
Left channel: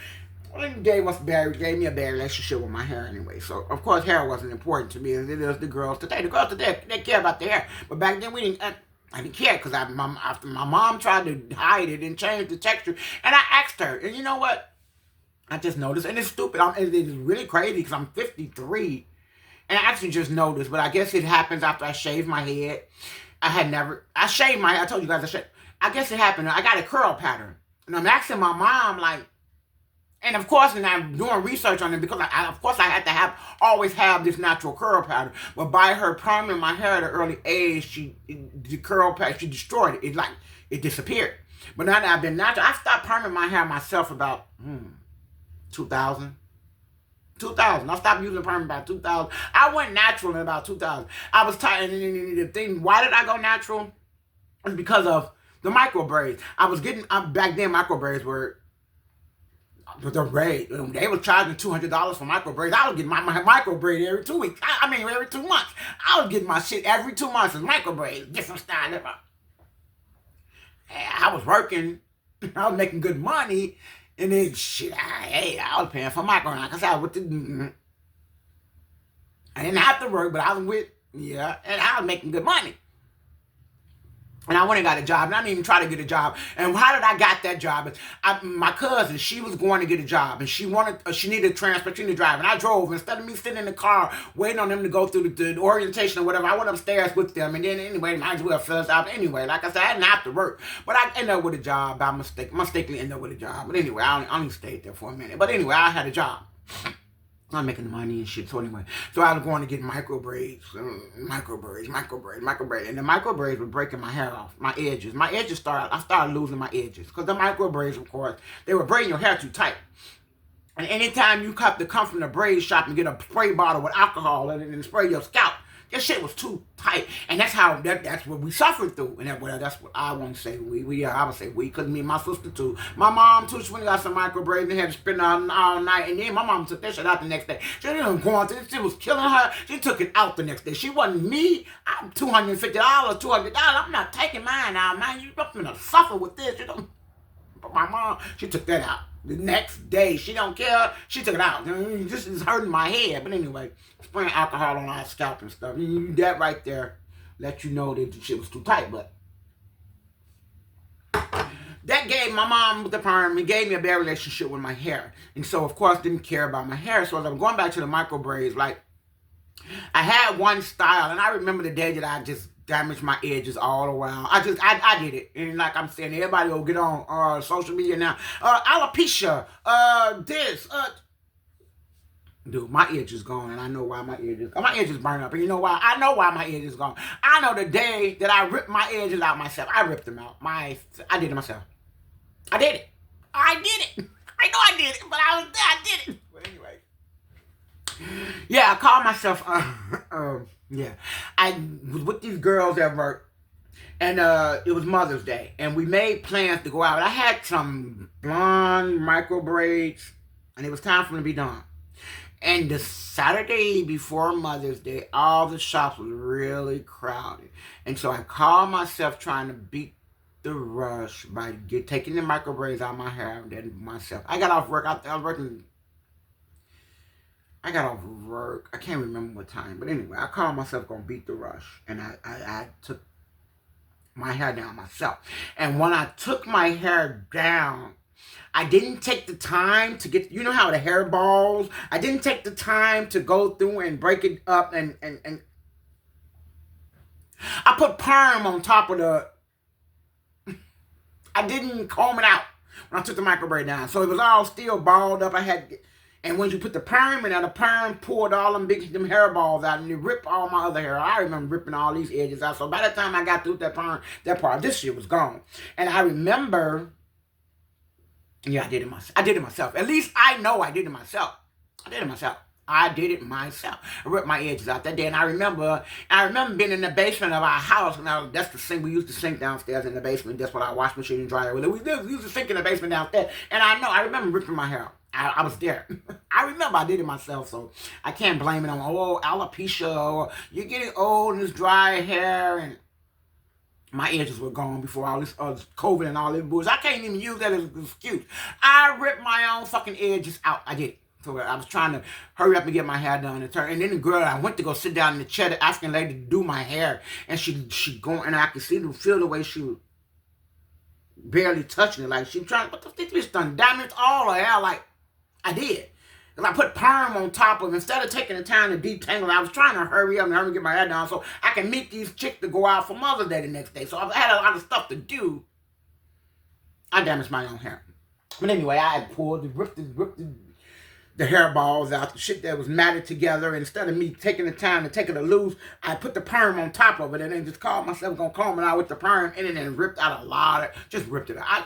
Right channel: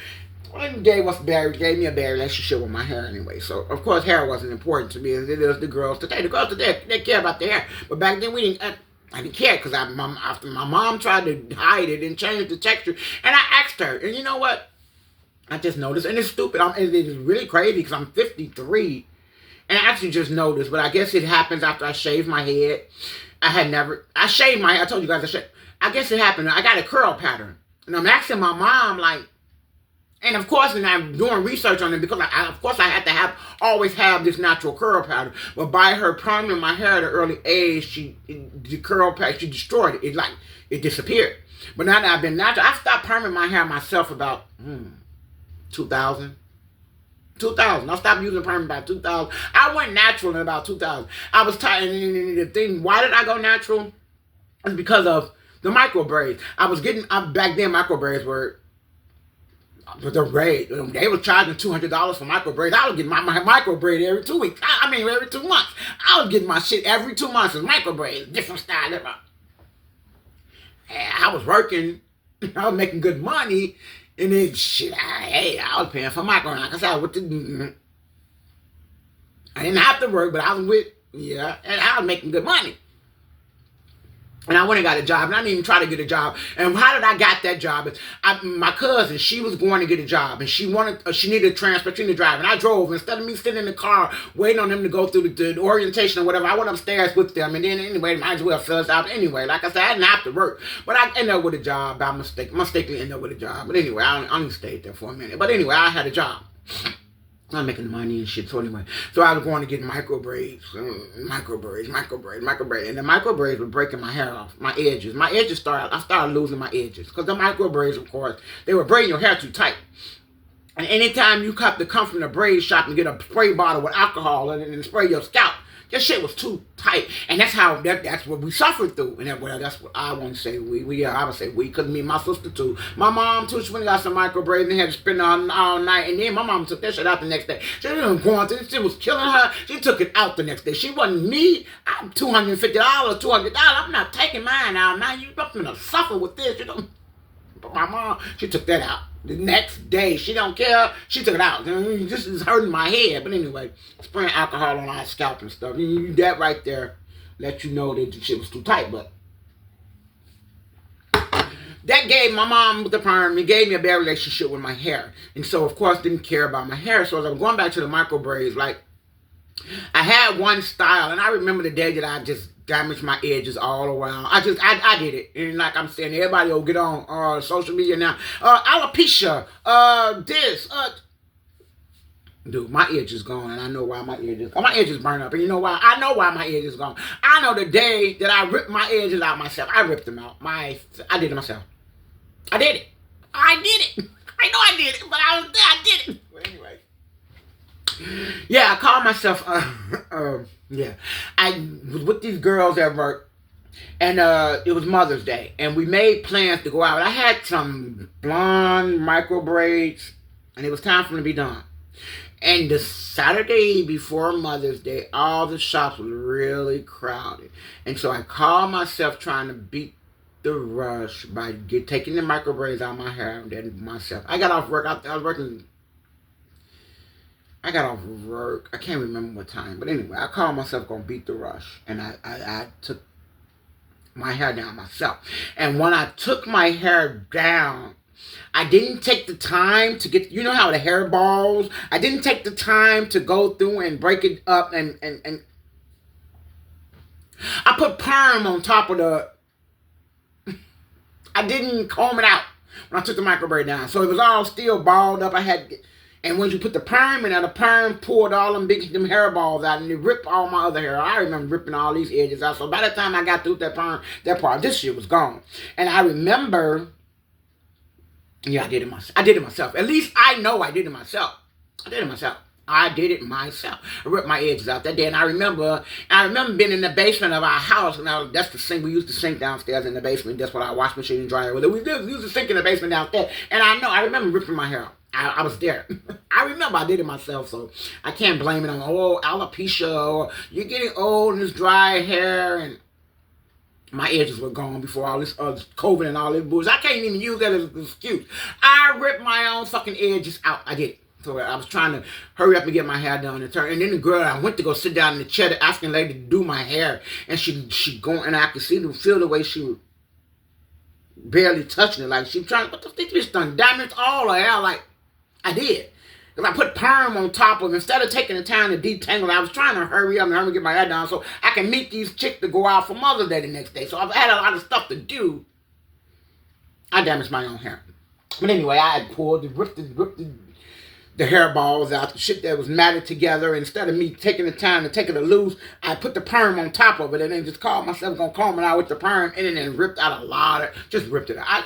it gave me a bad relationship with my hair anyway. So, of course, hair wasn't important to me as it is the girls today. The girls today, they care about their hair. But back then, I didn't care because after my mom tried to hide it and change the texture. And I asked her, and you know what? I just noticed, and it's stupid. It's really crazy because I'm 53. And I actually just noticed, but I guess it happens after I shave my head. I shaved my hair. I told you guys I guess it happened. I got a curl pattern. And I'm asking my mom, like, and of course, and I'm doing research on it because of course I had to always have this natural curl pattern. But by her perming my hair at an early age, the curl pattern, she destroyed it. It disappeared. But now that I've been natural, I stopped perming my hair myself about 2000. I stopped using perm about 2000. I went natural in about 2000. I was tired. The thing, why did I go natural? It's because of the micro braids. Back then micro braids were the braid. They were charging $200 for micro braids. I was getting my micro braid every 2 weeks. Every 2 months. I was getting my shit every 2 months. It's micro braids, different style. I was working. I was making good money. And then, I was paying for micro. Like I said, I didn't have to work, but I was and I was making good money. And I went and got a job, and I didn't even try to get a job. And how did I get that job? My cousin, she was going to get a job, and she needed transportation to drive. And I drove. Instead of me sitting in the car waiting on them to go through the orientation or whatever, I went upstairs with them. And then anyway, might as well fill us out anyway. Like I said, I didn't have to work. But I ended up with a job by mistake. Mistakenly ended up with a job. But anyway, I only stayed there for a minute. But anyway, I had a job. I'm making money and shit. So anyway, I was going to get micro braids. And the micro braids were breaking my hair off, my edges. I started losing my edges. Because the micro braids, of course, they were braiding your hair too tight. And anytime you come from the braid shop and get a spray bottle with alcohol and spray your scalp, that shit was too tight. And that's what we suffered through. And that's what I want to say. I would say we, because me and my sister too. My mom too, she went and got some micro braids and had to spend all night. And then my mom took that shit out the next day. She wasn't going through it. Shit was killing her. She took it out the next day. She wasn't me. I'm $250, $200. I'm not taking mine out, man. You're going to suffer with this. But my mom, she took that out. The next day, she don't care. She took it out. This is hurting my head. But anyway, spraying alcohol on our scalp and stuff. That right there let you know that the shit was too tight. But that gave my mom with the perm, it gave me a bad relationship with my hair. And so, of course, didn't care about my hair. So as I'm going back to the micro braids, like, I had one style. And I remember the day that I just damaged my edges all around. I did it. And like I'm saying, everybody will get on social media now. Alopecia, this, dude, my edge is gone, and I know why my edge is gone. My edge is burned up, and you know why? I know why my edge is gone. I know the day that I ripped my edges out myself. I ripped them out. I did it myself. I did it. I did it. I know I did it, but I was there. I did it. But anyway. Yeah, I called myself, yeah. I was with these girls at work, and it was Mother's Day, and we made plans to go out. I had some blonde micro braids, and it was time for them to be done. And the Saturday before Mother's Day, all the shops were really crowded. And so I called myself trying to beat the rush by taking the micro braids out of my hair and then myself. I got off work. I was working. I got off work. I can't remember what time. But anyway, I called myself going to beat the rush. And I took my hair down myself. And when I took my hair down, I didn't take the time to get, you know how the hair balls, I didn't take the time to go through and break it up and I put perm on top of I didn't comb it out when I took the micro braid down. So it was all still balled up. And when you put the perm in there, the perm pulled all them hair balls out and it ripped all my other hair. I remember ripping all these edges out. So by the time I got through that part, this shit was gone. And I remember, yeah, I did it myself. At least I know I did it myself. I did it myself. I ripped my edges out that day. And I remember being in the basement of our house. And that's the sink. We used to sink downstairs in the basement. That's what our washing machine and dryer was. We used to sink in the basement downstairs. And I remember ripping my hair out. I was there. I remember I did it myself. So I can't blame it on, alopecia. Or you're getting old and it's dry hair. And my edges were gone before all this COVID and all this bullshit. I can't even use that as an excuse. I ripped my own fucking edges out. I did it. So I was trying to hurry up and get my hair done and turn. And then the girl, I went to go sit down in the chair asking the lady to do my hair. And she going, and I could feel the way she was barely touching it. Like she was trying, what the fuck, this done damaged all her hair. Like I did. Because I put perm on top of it. Instead of taking the time to detangle, I was trying to hurry up and get my hair done so I can meet these chicks to go out for Mother's Day the next day. So I had a lot of stuff to do. I damaged my own hair. But anyway, I had ripped the hair balls out, the shit that was matted together. And instead of me taking the time to take it loose, I put the perm on top of it and then just called myself going to comb it out with the perm and then ripped out a lot just ripped it out.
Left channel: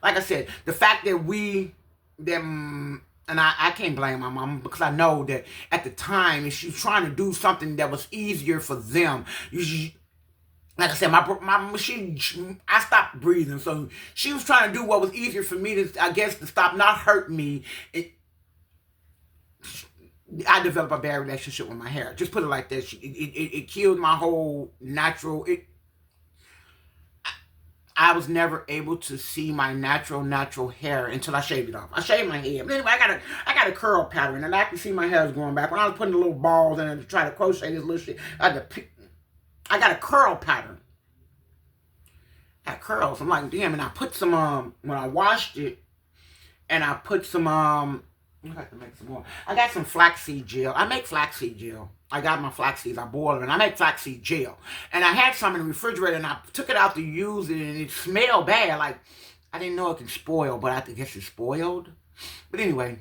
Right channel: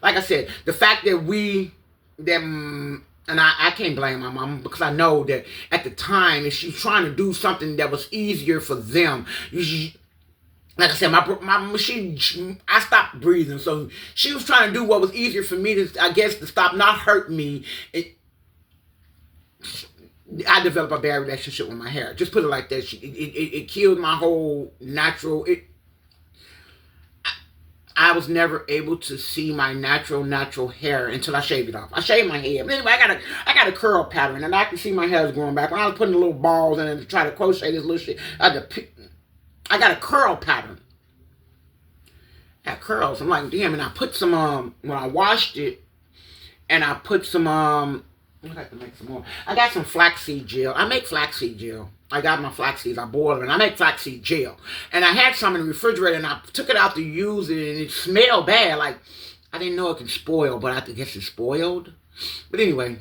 Like I said, the fact that and I can't blame my mom because I know that at the time, if she's trying to do something that was easier for them, like I said, my machine, I stopped breathing. So she was trying to do what was easier for me to stop not hurt me. I developed a bad relationship with my hair. Just put it like that. It killed my whole natural. I was never able to see my natural hair until I shaved it off. I shaved my hair. But anyway, I got a curl pattern, and I can see my hair is growing back. When I was putting the little balls in it to try to crochet this little shit, I got a curl pattern. I had curls. I'm like, damn, and I put some, when I washed it, and I put some, I'd like to make some more. I got some flaxseed gel. I make flaxseed gel. I got my flaxseeds. I boil them, and I make flaxseed gel. And I had some in the refrigerator, and I took it out to use it, and it smelled bad. Like, I didn't know it could spoil, but I guess it spoiled. But anyway,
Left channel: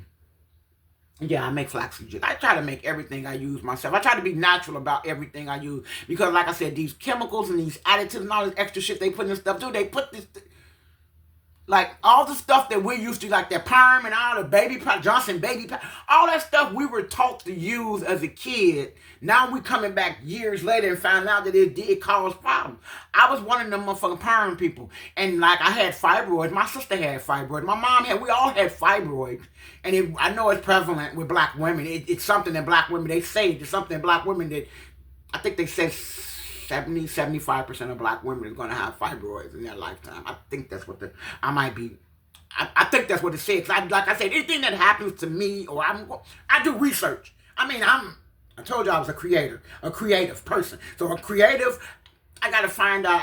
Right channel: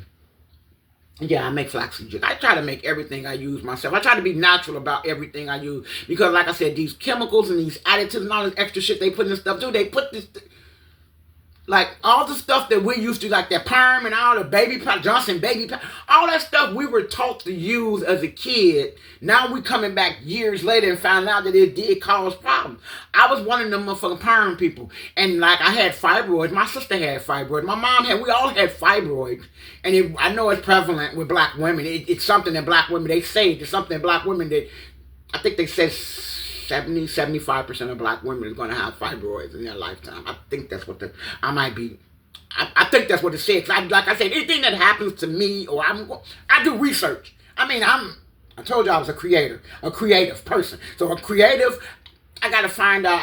yeah, I make flaxseed gel. I try to make everything I use myself. I try to be natural about everything I use. Because, like I said, these chemicals and these additives and all this extra shit they put in this stuff, too, they put this... Like, all the stuff that we used to, like that perm and all the baby powder, Johnson baby powder, all that stuff we were taught to use as a kid. Now we coming back years later and found out that it did cause problems. I was one of them motherfucking perm people. And, like, I had fibroids. My sister had fibroids. My mom had, we all had fibroids. And I know it's prevalent with black women. It's something that black women, they say, it's something that black women that, I think they said 75% of black women are going to have fibroids in their lifetime. I think that's what I think that's what it says. Like I said, anything that happens to me, or I do research. I mean, I told you I was a creative person. So a creative, I got to find out,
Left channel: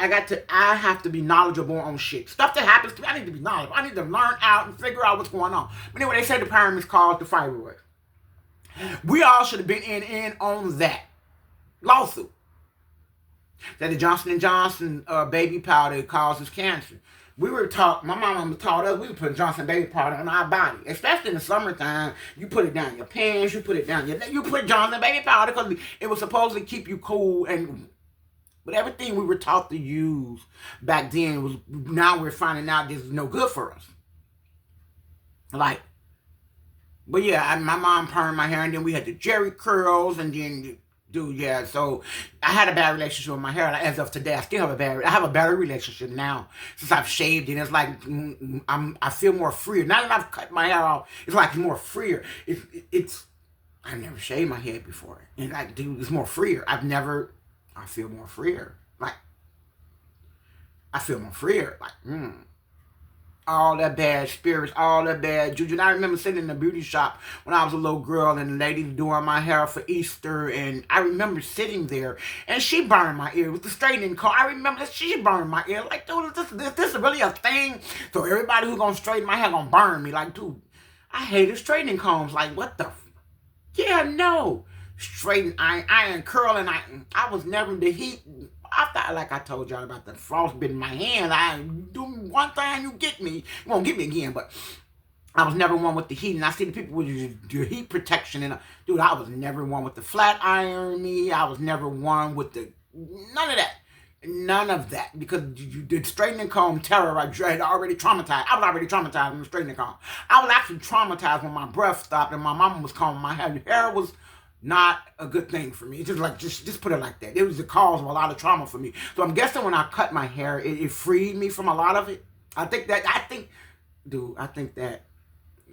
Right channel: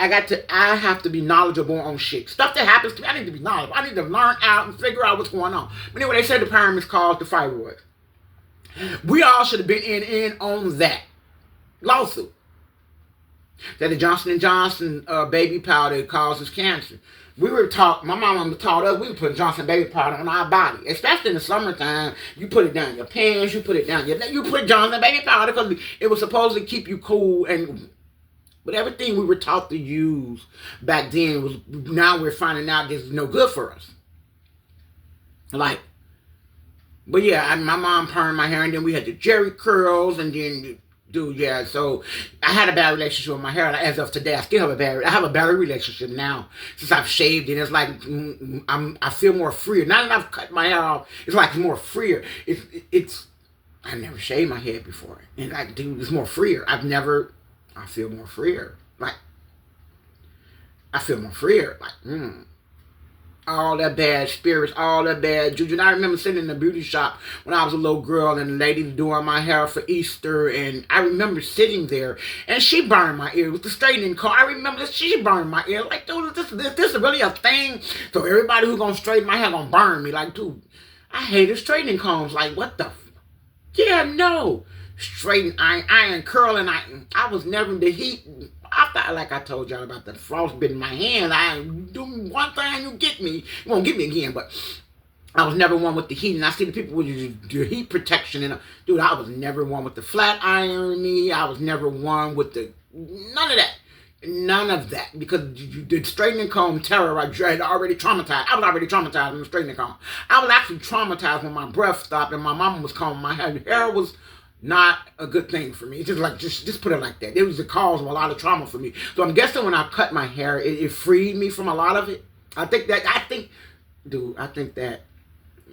I have to be knowledgeable on shit. Stuff that happens to me, I need to be knowledgeable. I need to learn out and figure out what's going on. But anyway, they said the perm is caused the fibroids. We all should have been in on that lawsuit. that the Johnson & Johnson baby powder causes cancer. We were taught, my mama taught us, we would put Johnson baby powder on our body. Especially in the summertime, you put it down your pants, you put it down your, you put Johnson baby powder because it was supposed to keep you cool. And but everything we were taught to use back then was, now we're finding out this is no good for us. Like, but yeah, my mom permed my hair, and then we had the Jerry curls, and then, dude, yeah. So I had a bad relationship with my hair. As of today, I still have I have a better relationship now since I've shaved it. It's like I feel more freer. Now that I've cut my hair off, it's like more freer. It's I've never shaved my head before, and like, dude, it's more freer. I feel more freer. Like, I feel more freer. Like, all that bad spirits, all that bad juju. And I remember sitting in the beauty shop when I was a little girl, and the lady doing my hair for Easter, and I remember sitting there, and she burned my ear with the straightening comb. I remember she burned my ear. Like, dude, this is really a thing? So everybody who's gonna straighten my hair gonna burn me. Like, dude, I hated straightening combs. Like, what the? Yeah, no. Straighten, iron, curling. I was never in the heat. I thought, like I told y'all about the frostbite in my hand. I do one thing, you get me. You won't get me again, but I was never one with the heat. And I see the people with the heat protection. And dude, I was never one with the flat iron me. I was never one with the, none of that. None of that. Because the straightening comb terror, I had already traumatized. I was already traumatized from the straightening comb. I was actually traumatized when my breath stopped and my mama was combing my hair. The hair was not a good thing for me. Just put it like that. It was the cause of a lot of trauma for me. So I'm guessing when I cut my hair, it freed me from a lot of it. I think that.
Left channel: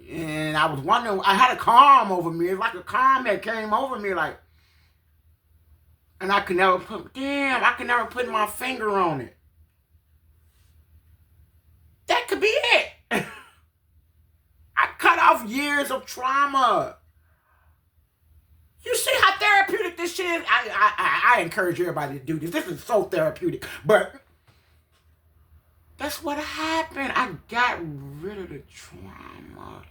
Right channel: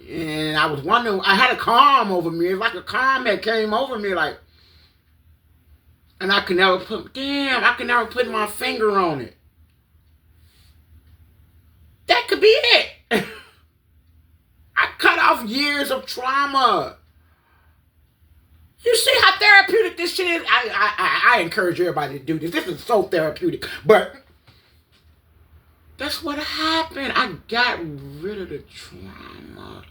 And I was wondering, I had a calm over me. It's like a calm that came over me, like, and I could never put my finger on it. That could be it. I cut off years of trauma. You see how therapeutic this shit is? I encourage everybody to do this. This is so therapeutic. But that's what happened. I got rid of the trauma.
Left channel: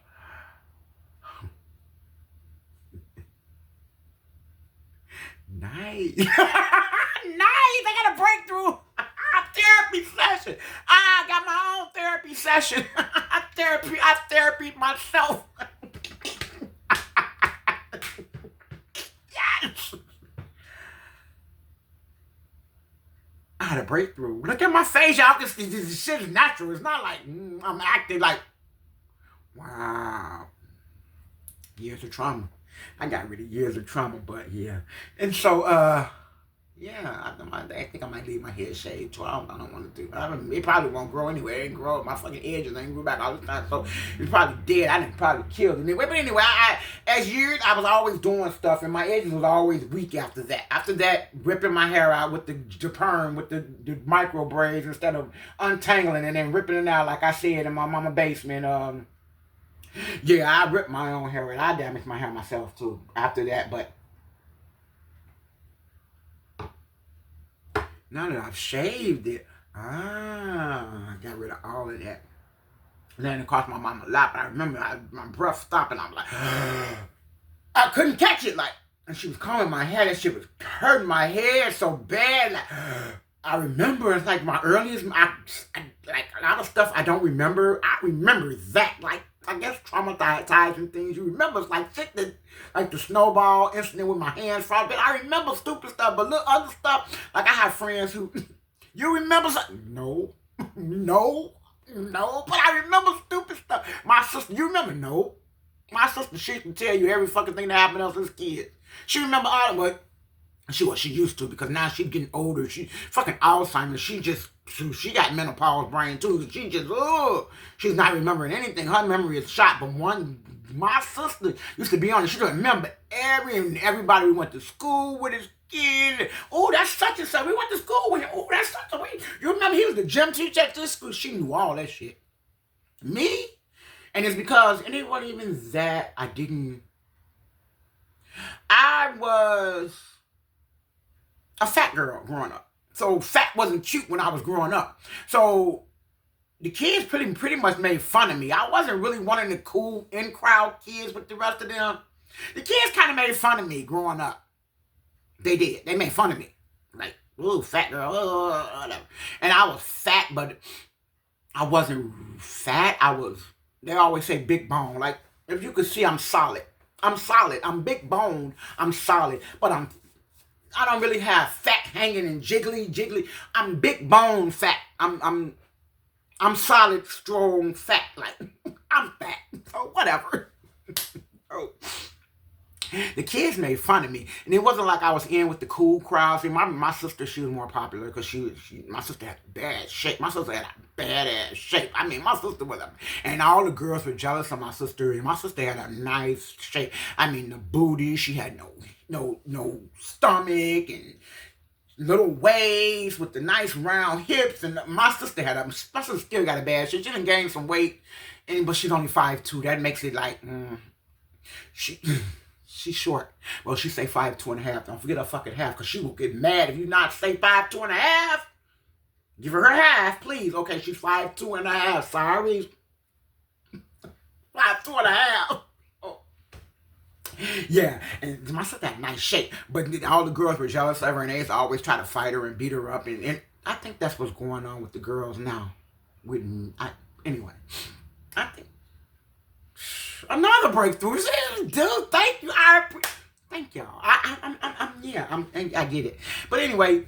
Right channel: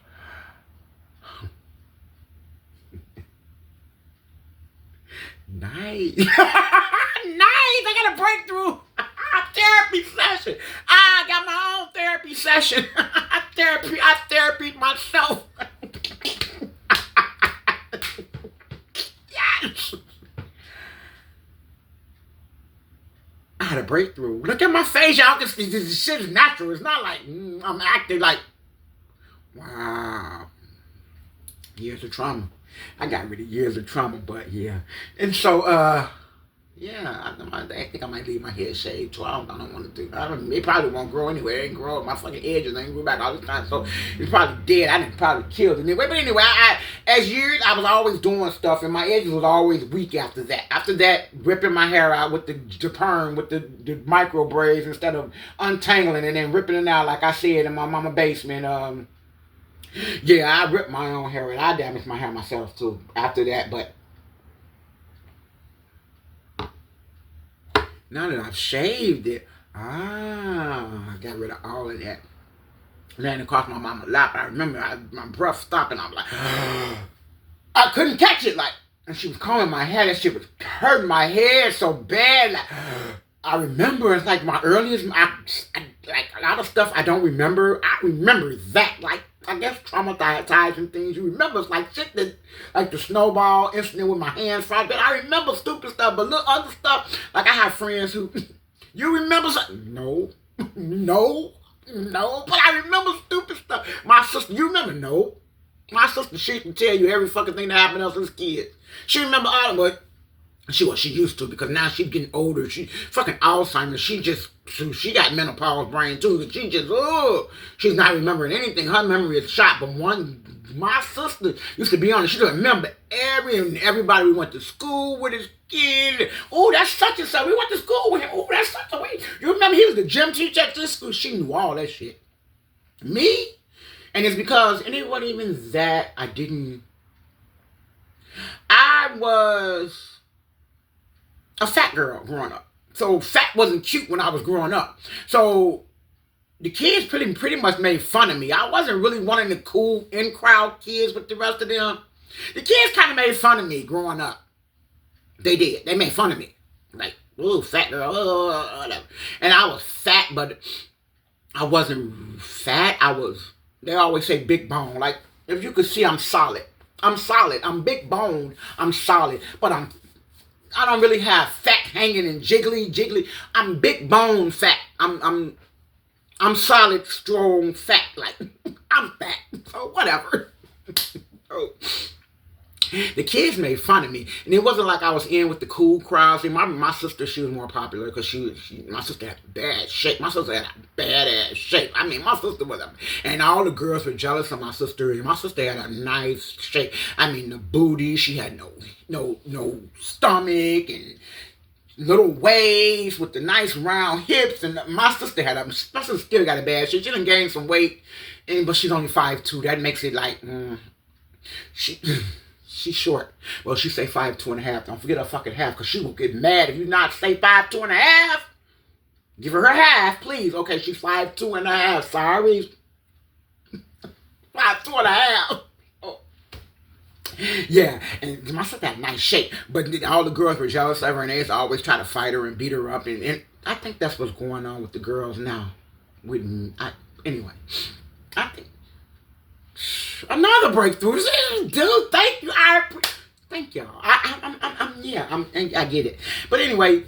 Nice. Nice. I got a breakthrough. Therapy session. I got my own therapy session. I therapy myself. I had a breakthrough. Look at my face, y'all. This shit is natural. It's not like I'm acting like, wow. Years of trauma. I got rid of years of trauma, but yeah. And so, yeah, I think I might leave my head shaved too. I don't want to do. It probably won't grow anyway. It ain't grow. My fucking edges ain't grew back all this time, so it's probably dead. I didn't probably killed it anyway. But anyway, as years I was always doing stuff, and my edges was always weak after that. After that, ripping my hair out with the perm, with the micro braids instead of untangling and then ripping it out like I said in my mama basement. Yeah, I ripped my own hair and I damaged my hair myself too after that, but now that I've shaved it, I got rid of all of that. Then it cost my mama a lot. I remember my breath stopped and I was like, I couldn't catch it. Like, and she was combing my hair. That shit was hurting my hair so bad. Like, I remember it's like my earliest, like a lot of stuff I don't remember. I remember that. Like, I guess traumatizing things you remember. It's like shit that, like the snowball incident with my hands fried. But I remember stupid stuff, but look, other stuff. Like I have friends who, you remember something? No. But I remember stupid stuff. My sister, you remember? No. My sister, she can tell you every fucking thing that happened to us as kids. She remember all of it. She used to, because now she's getting older. She fucking Alzheimer's. She got menopause brain too. She just, she's not remembering anything. Her memory is shot. But my sister used to be on it. She doesn't remember everybody we went to school with his kid. Oh, that's such and such. We went to school with him. Oh, that's such a way. You remember he was the gym teacher at this school. She knew all that shit. Me? And it's because, and it wasn't even that I was a fat girl growing up. So fat wasn't cute when I was growing up. So the kids pretty much made fun of me. I wasn't really one of the cool in-crowd kids with the rest of them. The kids kind of made fun of me growing up. They did. They made fun of me. Like, ooh, fat girl, whatever. And I was fat, but I wasn't fat. They always say big bone. Like, if you could see, I'm solid. I'm solid. I'm big boned. I'm solid. But I don't really have fat hanging and jiggly. I'm big bone fat. I'm solid, strong, fat. Like, I'm fat. So whatever. So, the kids made fun of me, and it wasn't like I was in with the cool crowds. And my sister, she was more popular because my sister had bad shape. My sister had a badass shape. I mean, my sister was and all the girls were jealous of my sister. And my sister had a nice shape. I mean, the booty, she had no stomach and little waist with the nice round hips. And my sister still got a bad shape. She didn't gain some weight, but she's only 5'2". That makes it like She's short. Well, she say 5'2.5". Don't forget her fucking half, because she will get mad if you not say 5'2.5". Give her half, please. Okay, she's 5'2.5". Sorry. 5'2.5". Oh. Yeah, and my sister had nice shape, but all the girls were jealous of her, and they always try to fight her and beat her up, and I think that's what's going on with the girls now. Anyway, I think another breakthrough. Dude, thank you. Thank y'all. I get it. But anyway,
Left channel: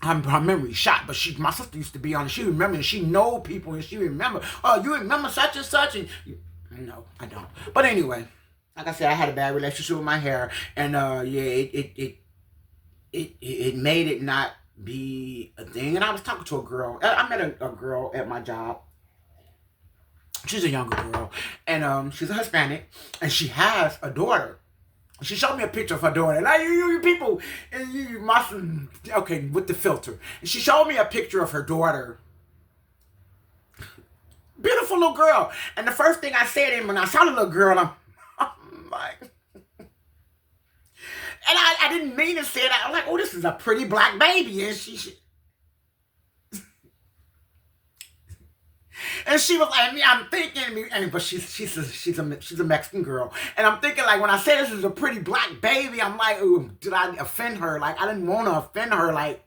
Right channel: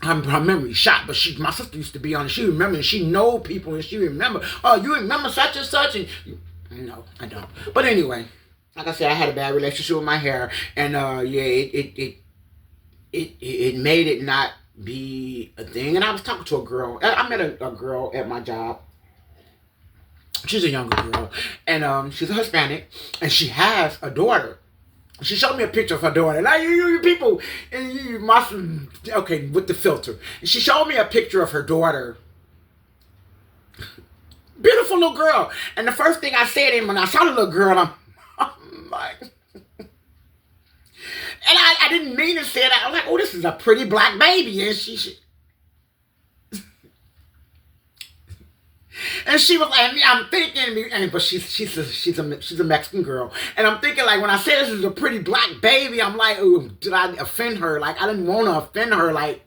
her memory shot. But my sister used to be on it. She remember, and she know people, and she remember. Oh, you remember such and such? And no, I don't. But anyway, like I said, I had a bad relationship with my hair, and it made it not be a thing. And I was talking to a girl. I met a girl at my job. She's a younger girl, and she's a Hispanic, and she has a daughter. She showed me a picture of her daughter. Like, you people, you must, okay, with the filter. And she showed me a picture of her daughter. Beautiful little girl. And the first thing I said when I saw the little girl, I'm like, and I didn't mean to say that. I'm like, oh, this is a pretty black baby. And and she was like, I'm thinking, but she's a Mexican girl, and I'm thinking, like, when I say this is a pretty black baby, I'm like, ooh, did I offend her? Like, I didn't want to offend her. Like,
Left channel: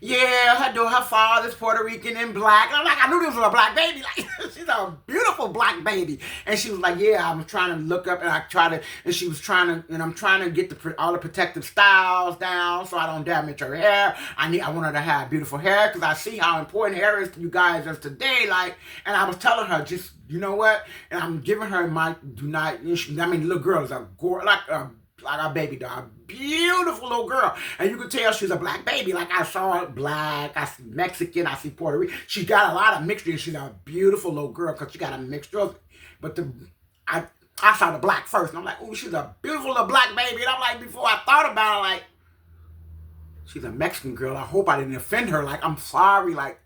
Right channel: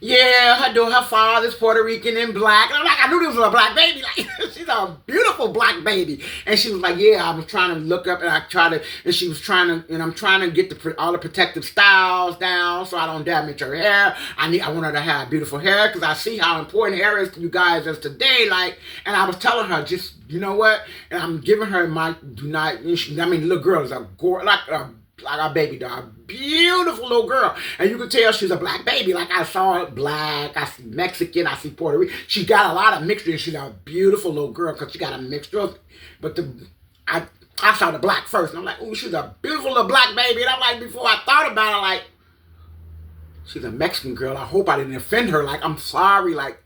yeah, her father's Puerto Rican and black. And I'm like, I knew this was a black baby. Like, she's a beautiful black baby. And she was like, yeah, I was trying to look up, and I'm trying to get all the protective styles down so I don't damage her hair. I want her to have beautiful hair, because I see how important hair is to you guys as today. Like, and I was telling her, just, you know what? And I'm giving her little girl is like a baby doll. Beautiful little girl. And you can tell she's a black baby. Like, I saw her black, I see Mexican, I see Puerto Rican. She got a lot of mixture. She's a beautiful little girl because she got a mixture. But I saw the black first. And I'm like, oh, she's a beautiful little black baby. And I'm like, before I thought about it, like, she's a Mexican girl. I hope I didn't offend her. Like, I'm sorry. Like,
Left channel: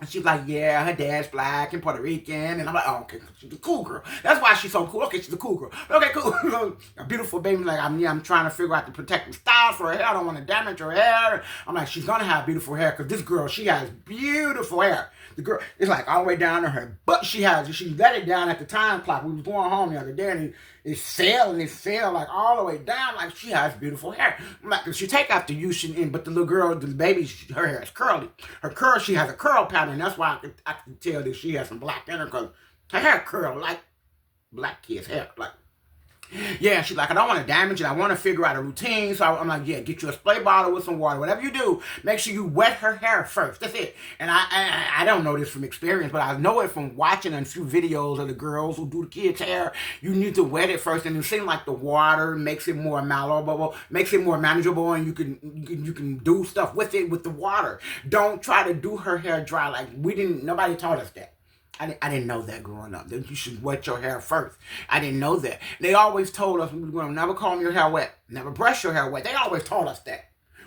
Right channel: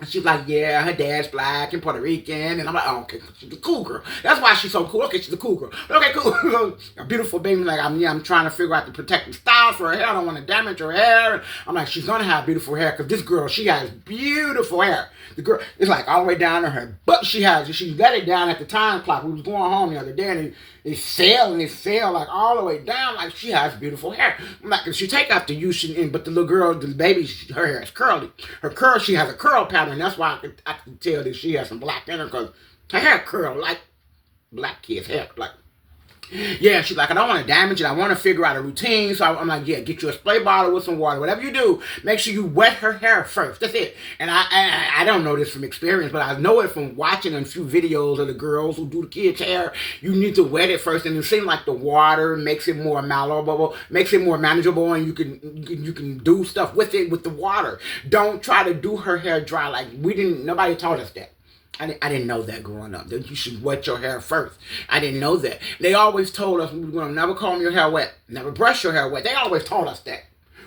and she's like, yeah, her dad's black and Puerto Rican. And I'm like, oh, okay, she's a cool girl. That's why she's so cool. Okay, she's a cool girl. Okay, cool. A beautiful baby. Like, I'm trying to figure out the protective styles for her hair. I don't want to damage her hair. I'm like, she's going to have beautiful hair, because this girl, she has beautiful hair. The girl, it's like all the way down to her butt. She let it down at the time clock. We was going home the other day, and it fell like all the way down. Like, she has beautiful hair. I'm like, if she take out the use, but the little girl, the baby, her hair is curly. She has a curl pattern. That's why I can tell that she has some black in her, because her hair curl like black kids' hair. Like, yeah, she's like, I don't want to damage it. I want to figure out a routine. So I'm like, yeah, get you a spray bottle with some water. Whatever you do, make sure you wet her hair first. That's it. And I don't know this from experience, but I know it from watching a few videos of the girls who do the kids' hair. You need to wet it first, and it seems like the water makes it more malleable, makes it more manageable, and you can do stuff with it with the water. Don't try to do her hair dry. Like, nobody taught us that. I didn't know that growing up, that you should wet your hair first. I didn't know that. They always told us we were going to never comb your hair wet, never brush your hair wet. They always taught us that.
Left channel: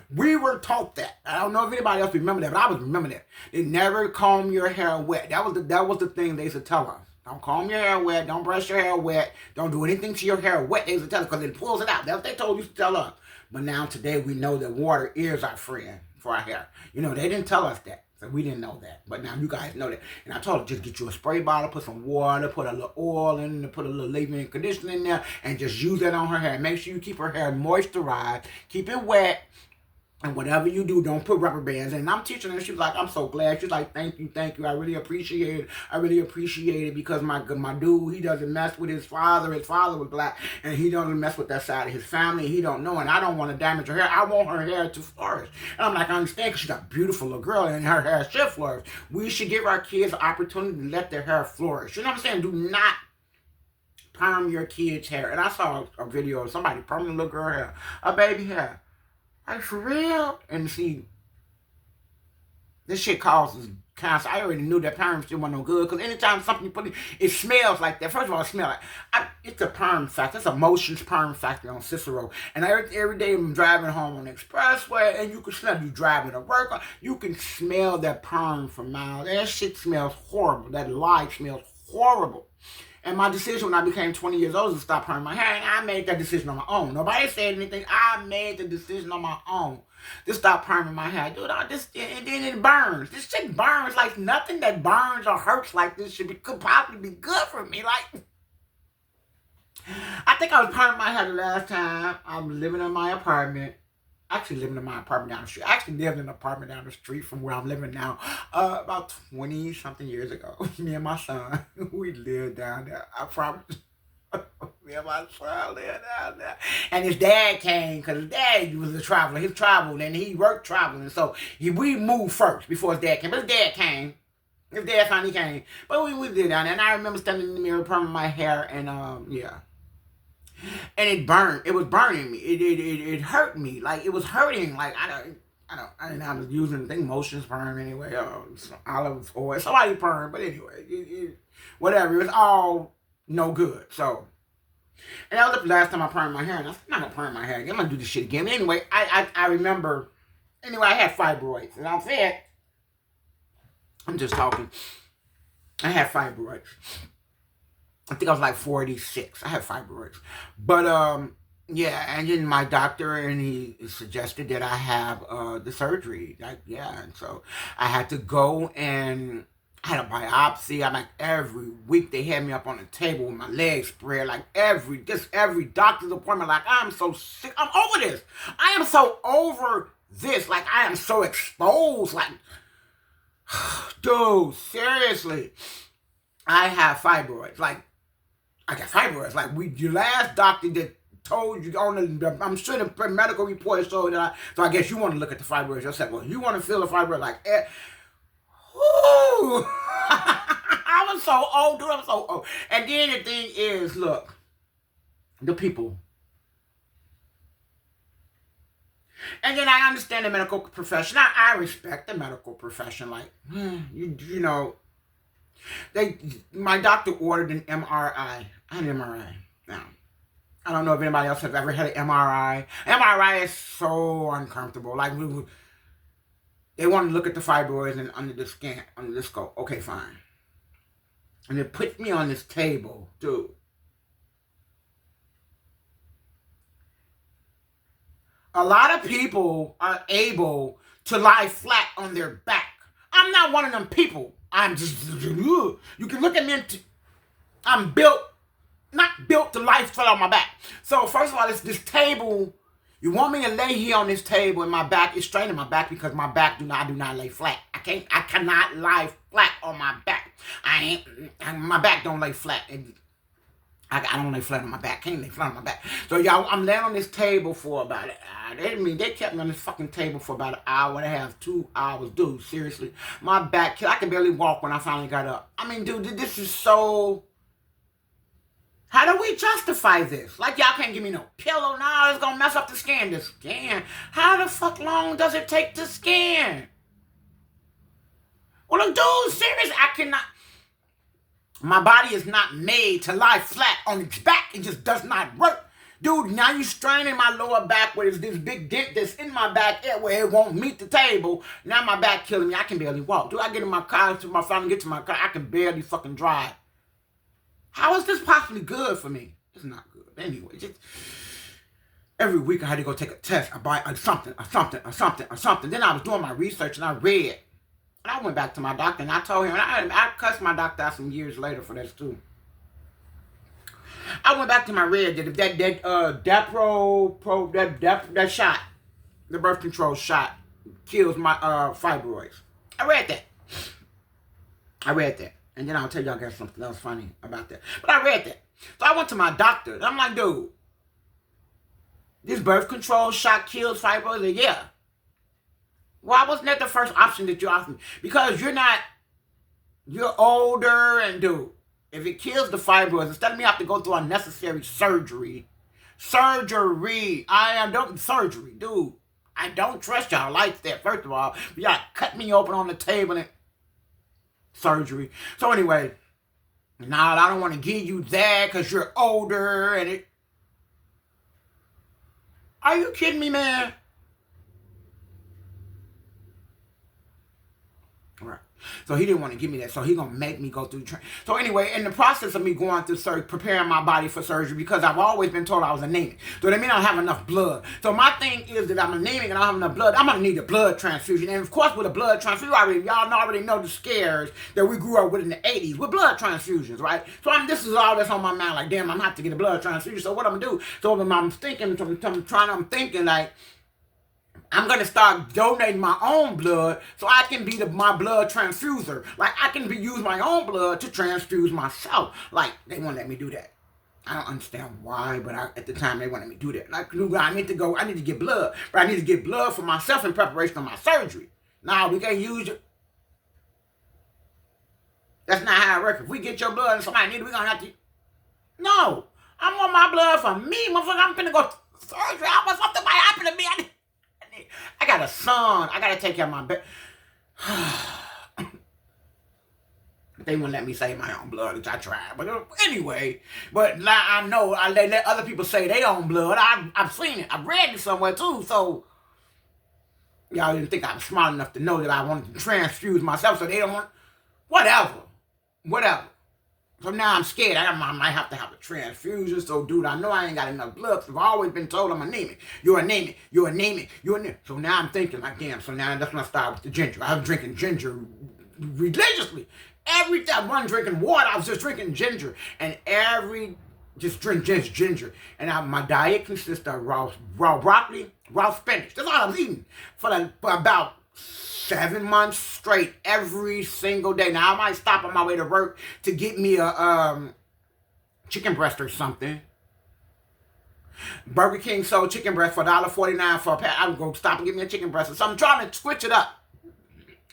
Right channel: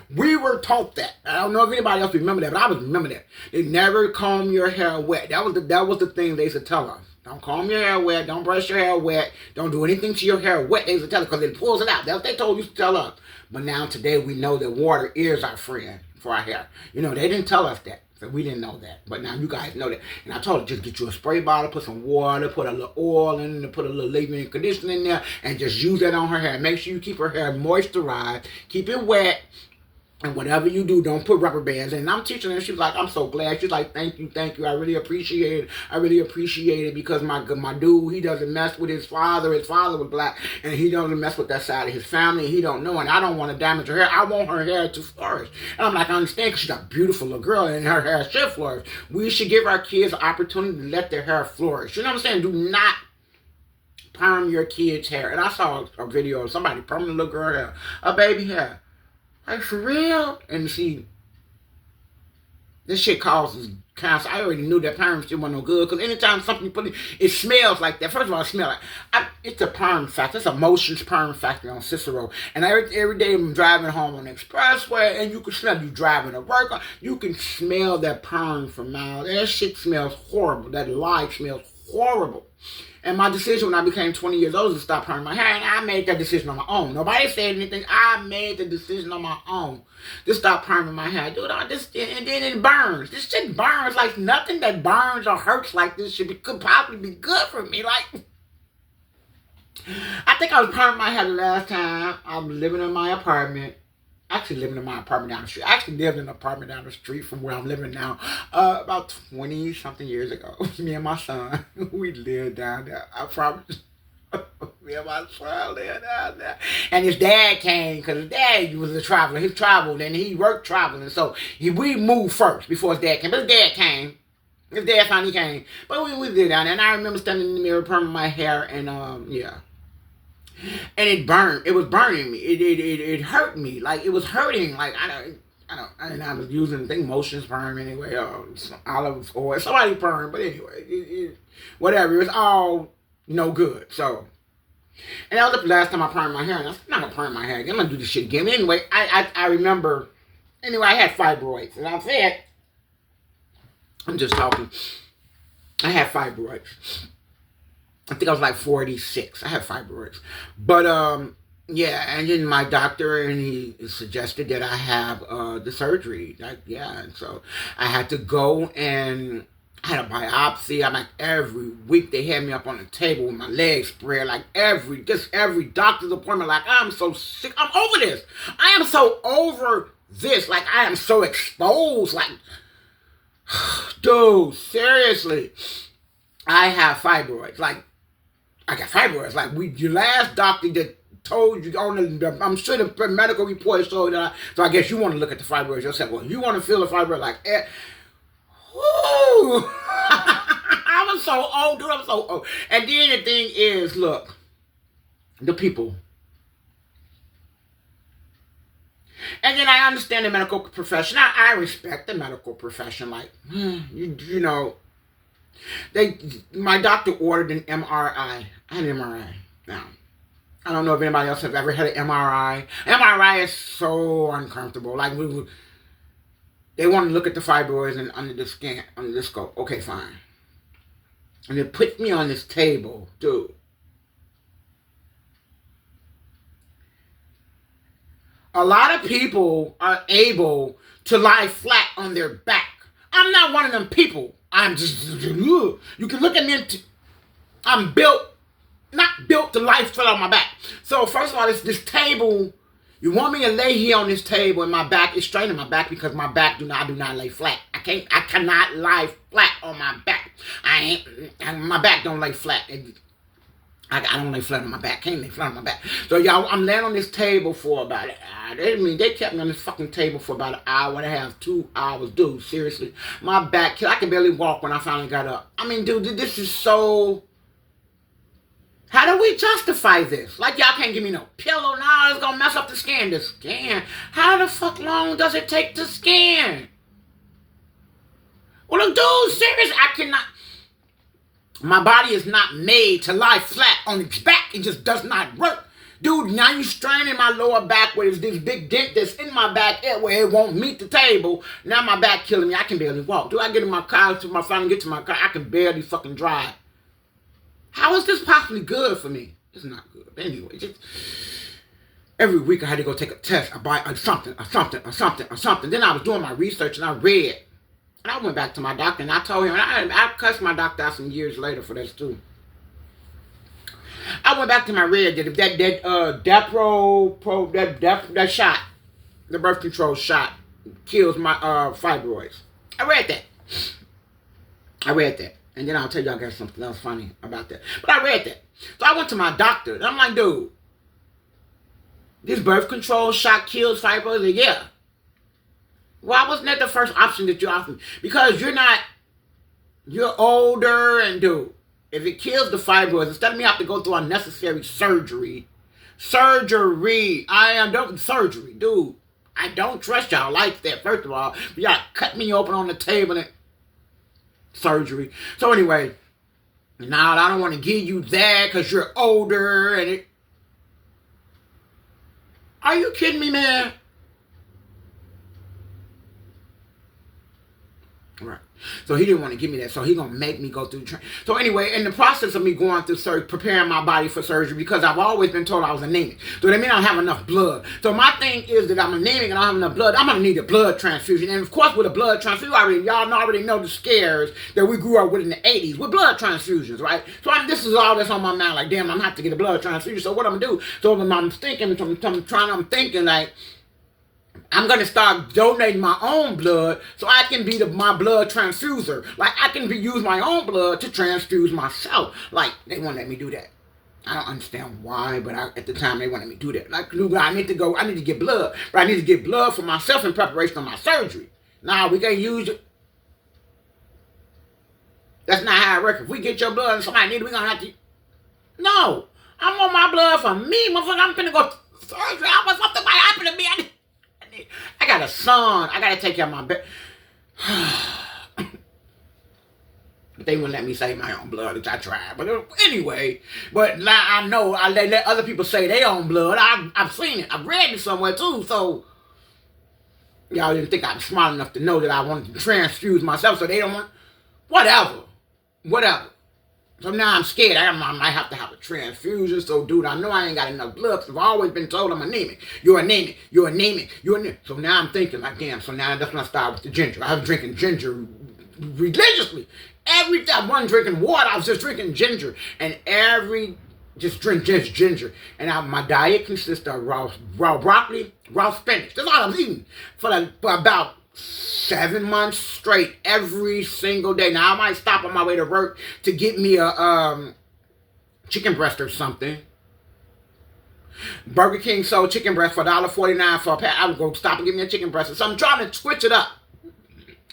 We were taught that. I don't know if anybody else remember that, but I was remember that. They never comb your hair wet. That was the thing they used to tell us. Don't comb your hair wet. Don't brush your hair wet. Don't do anything to your hair wet. They used to tell us, because it pulls it out. That's what they told you to tell us. But now today we know that water is our friend for our hair. They didn't tell us that. So we didn't know that. But now you guys know that. And I told her, just get you a spray bottle, put some water, put a little oil in it, put a little leave-in conditioner in there, and just use that on her hair. Make sure you keep her hair moisturized. Keep it wet. And whatever you do, don't put rubber bands in. And I'm teaching her. She was like, I'm so glad. She's like, thank you. I really appreciate it. I really appreciate it because my dude, he doesn't mess with his father. His father was black. And he doesn't mess with that side of his family. He don't know. And I don't want to damage her hair. I want her hair to flourish. And I'm like, I understand because she's a beautiful little girl and her hair should flourish. We should give our kids an opportunity to let their hair flourish. You know what I'm saying? Do not perm your kids' hair. And I saw a video of somebody perming a little girl hair. A baby hair. Like, for real? And see, this shit causes cancer. I already knew that perm shit wasn't no good. Because anytime something you put in, it smells like that. First of all, it smells like, it's a perm factory. It's a Motion's perm factory on Cicero. And every day I'm driving home on the expressway, and you can smell, you driving to work, you can smell that perm from miles. That shit smells horrible. That lye smells horrible. And my decision when I became 20 years old was to stop perming my hair. And I made that decision on my own. Nobody said anything. I made the decision on my own to stop perming my hair. Dude, and then it burns. This shit burns like nothing that burns or hurts like this could probably be good for me. Like, I think I was perming my hair the last time. I'm living in my apartment. Actually living in my apartment down the street. I actually lived in an apartment down the street from where I'm living now about 20-something years ago. Me and my son, we lived down there. I promise. Me and my son lived down there. And his dad came because his dad was a traveler. He traveled and he worked traveling. So we moved first before his dad came. But his dad came. His dad finally came. But we lived down there. And I remember standing in the mirror, perming my hair. And yeah. And it burned. It was burning me. It hurt me. Like, it was hurting. Like, I was using, I think, Motion's perm anyway. Olive oil. Somebody perm. But anyway, whatever. It was all no good. So, and that was the last time I permed my hair. And I'm not going to perm my hair again. I'm going to do this shit again. Anyway, I remember, anyway, I had fibroids. And I said, I'm just talking. I had fibroids. I think I was like 46. I had fibroids. But, yeah, and then my doctor, and he suggested that I have the surgery. Like, yeah, and so I had to go, and I had a biopsy. I'm like, every week they had me up on the table with my legs spread. Like, every doctor's appointment. Like, I'm so sick. I'm over this. I am so over this. Like, I am so exposed. Like, dude, seriously. I have fibroids. Like, I got fibroids. Like, your last doctor that told you on the, I'm sure the medical report showed that. So I guess you want to look at the fibroids yourself. Well, you want to feel the fibroid like, whoo! I was so old, dude. I'm so old. And then the thing is, look, the people. And then I understand the medical profession. I respect the medical profession. Like, you know. My doctor ordered an MRI. I had an MRI. Now, I don't know if anybody else has ever had an MRI. MRI is so uncomfortable. Like, they want to look at the fibroids and under the scan, under the scope. Okay, fine. And they put me on this table, dude. A lot of people are able to lie flat on their back. I'm not one of them people. I'm just, you can look at me, I'm not built to lie flat on my back. So first of all, this table, you want me to lay here on this table and my back is straight in my back because my back I do not lay flat. I cannot lie flat on my back. My back don't lay flat. I don't lay flat on my back. Can't lay flat on my back. So y'all, I'm laying on this table for about they kept me on this fucking table for about an hour and a half, 2 hours. Dude, seriously. My back, I can barely walk when I finally got up. I mean, dude, this is so... How do we justify this? Like, y'all can't give me no pillow now. It's gonna mess up the scan. The scan? How the fuck long does it take to scan? Well, dude, seriously, I cannot... My body is not made to lie flat on its back. It just does not work. Dude, now you straining my lower back where there's this big dent that's in my back where it won't meet the table. Now my back killing me. I can barely walk. Dude, I get in my car, finally get to my car, I can barely fucking drive. How is this possibly good for me? It's not good. But anyway, just every week I had to go take a test. I buy something. Then I was doing my research and I read And I went back to my doctor and I told him, and I cussed my doctor out some years later for this too. I went back to my red that that shot, the birth control shot, kills my fibroids. I read that. And then I'll tell y'all guys something else funny about that. But I read that. So I went to my doctor and I'm like, dude, this birth control shot kills fibroids? Like, yeah. Why wasn't that the first option that you offered me? Because you're older, and dude, if it kills the fibroids, instead of me have to go through unnecessary surgery, surgery, dude, I don't trust y'all like that, first of all. Y'all cut me open on the table and surgery. So anyway, now I don't want to give you that because you're older and it. Are you kidding me, man? Right. So he didn't want to give me that. So he's going to make me go through training. So anyway, in the process of me going through surgery, preparing my body for surgery, because I've always been told I was anemic. So that means I don't have enough blood. So my thing is that I'm anemic and I don't have enough blood. I'm going to need a blood transfusion. And of course, with a blood transfusion, y'all already know the scares that we grew up with in the 80s with blood transfusions, right? So this is all that's on my mind. Like, damn, I'm going to have to get a blood transfusion. So what I'm going to do? So I'm thinking like, I'm going to start donating my own blood so I can be my blood transfuser. Like, I can use my own blood to transfuse myself. Like, they won't let me do that. I don't understand why, but at the time, they wanted me to do that. Like, I need to get blood. But I need to get blood for myself in preparation for my surgery. Nah, we can't use it. That's not how it works. If we get your blood and somebody needs it, we're going to have to. No. I want my blood for me. Motherfucker, I'm finna go to surgery. I want something might happen to me. I got a son. I got to take care of my baby. They wouldn't let me save my own blood, which I tried. But anyway, but now I know they let other people say their own blood. I've seen it. I've read it somewhere too. So y'all didn't think I was smart enough to know that I wanted to transfuse myself. So they don't want whatever. So now I'm scared. I might have to have a transfusion. So, dude, I know I ain't got enough blood. Because I've always been told I'm anemic. You're anemic. So now I'm thinking like, damn. So now that's when I started with the ginger. I was drinking ginger religiously. Every time I wasn't drinking water, I was just drinking ginger. And just drink ginger. And my diet consists of raw broccoli, raw spinach. That's all I was eating for about 7 months straight, every single day. Now I might stop on my way to work to get me a chicken breast or something. Burger King sold chicken breast for $1.49 for a pack. I would go stop and get me a chicken breast. So I'm trying to switch it up.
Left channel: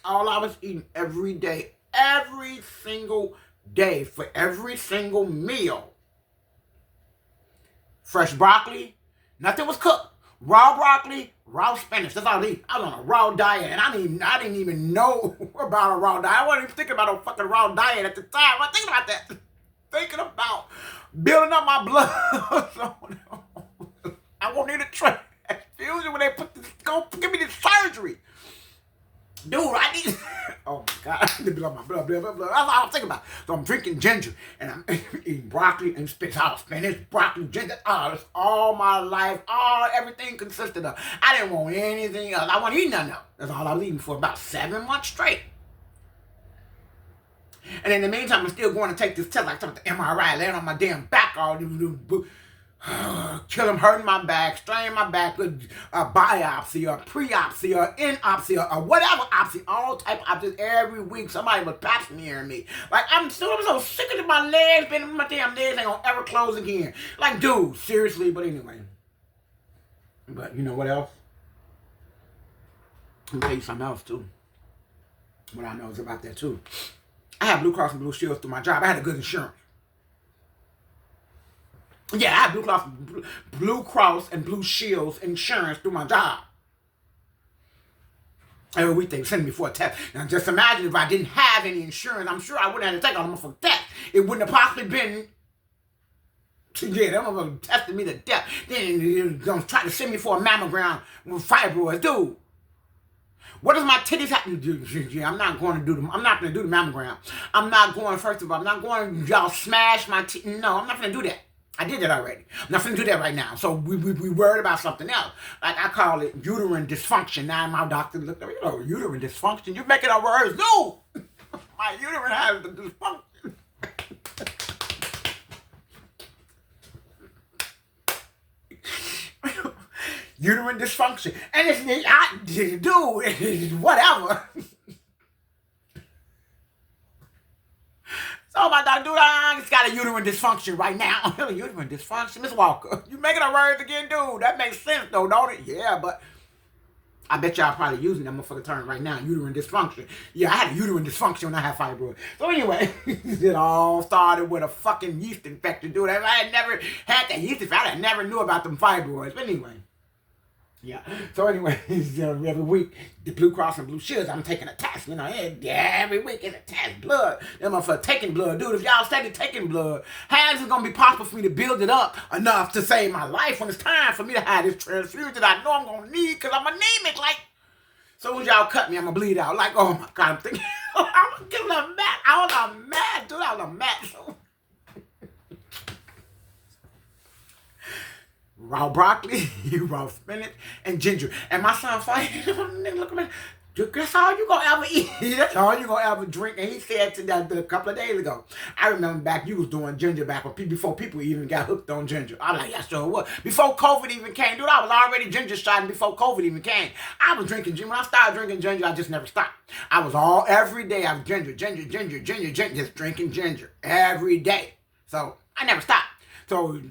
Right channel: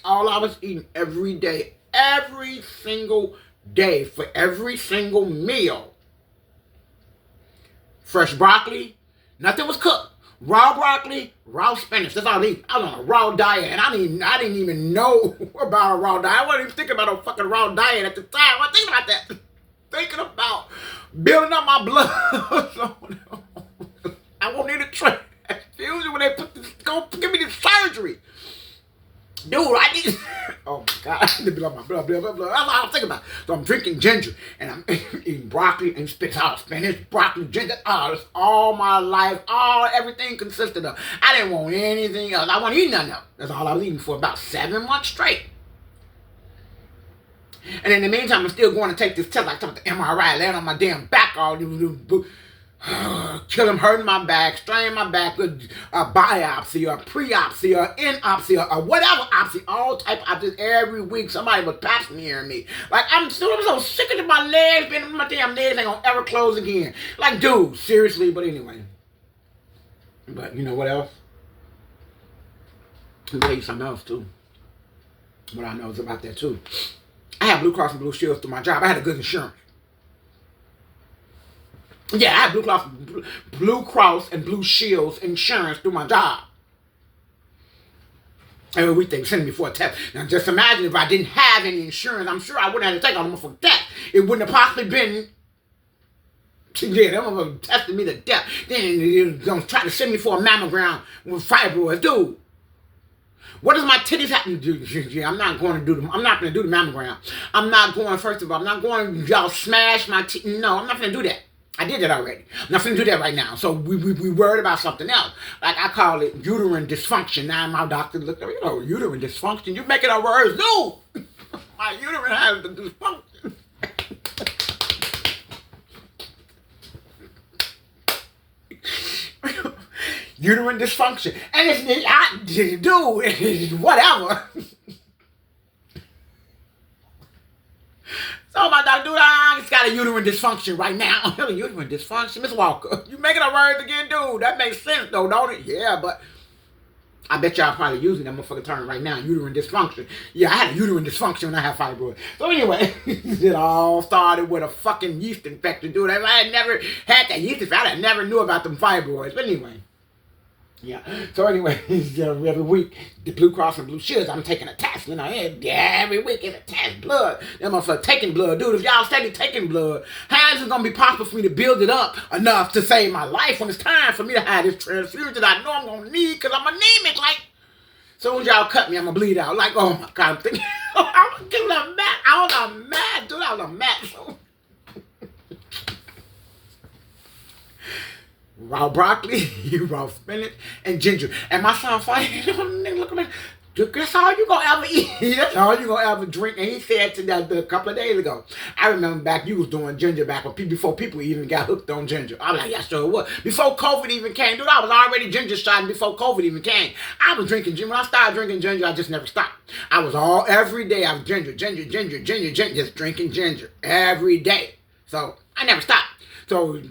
All I was eating every day, every single day, for every single meal. Fresh broccoli, nothing was cooked. Raw broccoli, raw spinach. That's all I eat. I was on a raw diet, and I didn't even know about a raw diet. I wasn't even thinking about a fucking raw diet at the time. I wasn't thinking about that. Thinking about building up my blood. I won't need a transfusion when they go give me this surgery. Dude, I need. Oh my God, I need to build up my blood. That's all I'm thinking about. So I'm drinking ginger, and I'm eating broccoli and spinach, broccoli, ginger. Oh, that's all my life. Everything consisted of. I didn't want anything else. I wasn't eating nothing else. That's all I was eating for about 7 months straight. And in the meantime, I'm still going to take this test, like something MRI, laying on my damn back, all kill him, hurting my back, straining my back, a biopsy, or pre-opsy, or in-opsy, or whatever opsy, all type of opsies. Every week, somebody was pap smearing me. Like, I'm so sick of my legs, my damn legs ain't gonna ever close again. Like, dude, seriously, but anyway. But you know what else? I'll tell you something else, too. What I know is about that, too. I had Blue Cross and Blue Shields through my job. I had a good insurance. Yeah, I had Blue Cross and Blue Shields insurance through my job. Every week they send me for a test. Now just imagine if I didn't have any insurance, I'm sure I wouldn't have to take all them for that. It wouldn't have possibly been. Yeah, they're gonna test me to death. Then they're gonna try to send me for a mammogram with fibroids, dude. What does my titties have to do? I'm not going to do the mammogram. I'm not going. First of all, I'm not going to y'all smash my titties. No, I'm not going to do that. I did that already. I'm not finna do that right now. So we worried about something else. Like I call it uterine dysfunction. Now my doctor looked at me, uterine dysfunction? You're making up words. No! My uterine has the dysfunction. Uterine dysfunction. And it's whatever. So my doctor, he's got a uterine dysfunction right now. Uterine dysfunction? Miss Walker, you making up words again, dude. That makes sense though, don't it? Yeah, but I bet y'all probably using that motherfucking term right now, uterine dysfunction. Yeah, I had a uterine dysfunction when I had fibroids. So anyway, it all started with a fucking yeast infection, dude. If I had never had that yeast infection, I never knew about them fibroids. But anyway. Yeah. So anyway, every week, the Blue Cross and Blue Shields, I'm taking a test. Every week it's a test. Blood. Them motherfuckers taking blood. Dude, if y'all steady taking blood, how is it going to be possible for me to build it up enough to save my life when it's time for me to have this transfusion that I know I'm going to need because I'm anemic? Like, as soon as y'all cut me, I'm going to bleed out. Like, oh my God, I'm thinking, I'm getting a mat. I was mad, dude. I was a mat. So. Raw broccoli, raw spinach, and ginger. And my son fighting, look at me. That's all you gonna ever eat. That's all you gonna ever drink. And he said to that a couple of days ago. I remember back you was doing ginger back before people even got hooked on ginger. I'm like, yeah, sure was. Before COVID even came, dude, I was already ginger shotting before COVID even came. I was drinking ginger. When I started drinking ginger, I just never stopped. I was every day I was ginger, just drinking ginger every day. So I never stopped. So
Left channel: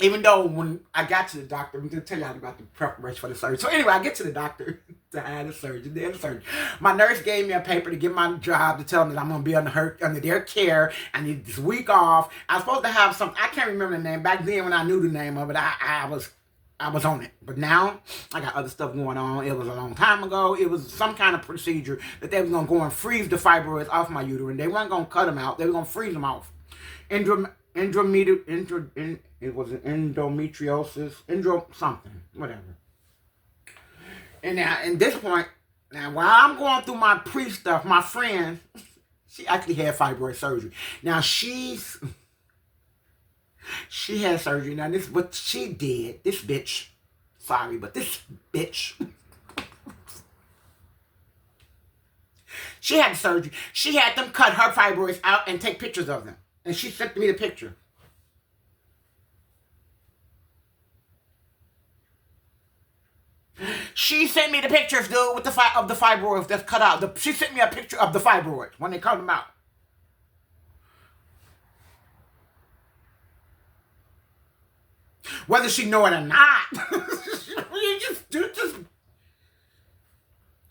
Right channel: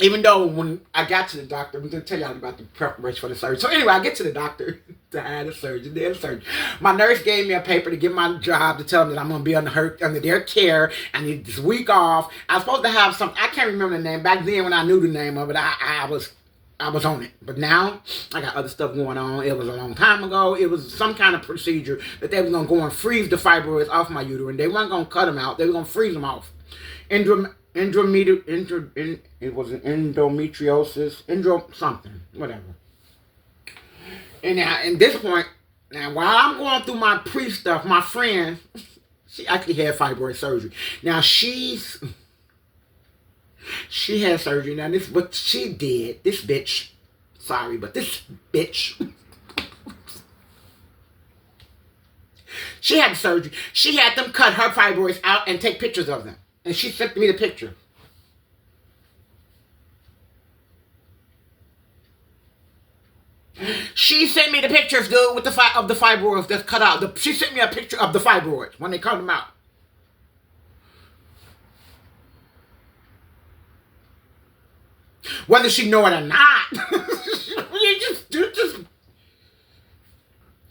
even though when I got to the doctor, I'm going to tell y'all about the preparation for the surgery. So anyway, I get to the doctor to have the surgery. My nurse gave me a paper to get my job to tell me that I'm going to be under their care. I need this week off. I was supposed to have some, I can't remember the name. Back then when I knew the name of it, I was on it. But now, I got other stuff going on. It was a long time ago. It was some kind of procedure that they were going to go and freeze the fibroids off my uterine. They weren't going to cut them out. They were going to freeze them off. It was an endometriosis, something, whatever. And now, at this point, now while I'm going through my pre-stuff, my friend, she actually had fibroid surgery. Now she had surgery. Now this, what she did, this bitch, sorry, but this bitch, she had surgery. She had them cut her fibroids out and take pictures of them. And she sent me the picture. She sent me the pictures, dude, with of the fibroids that's cut out. She sent me a picture of the fibroids when they cut them out. Whether she know it or not,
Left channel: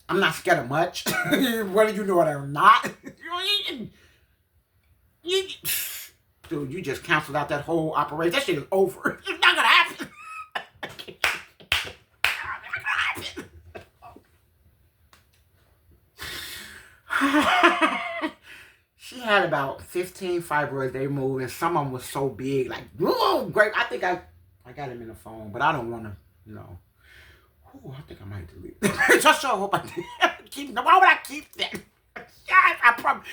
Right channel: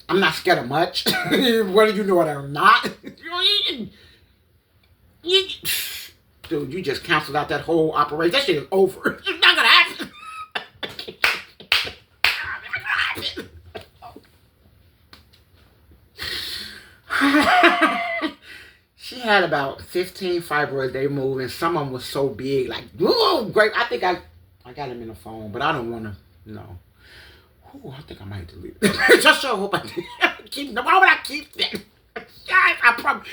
I'm not scared of much. Whether you know it or not. Dude, you just canceled out that whole operation. That shit is over. It's not gonna happen. She had about 15 fibroids they moved, and some of them was so big, like, whoa, great. I think I got them in the phone, but I don't want to, no. Ooh, I think I might delete it. Just so I hope I did. Why would I keep that? I probably.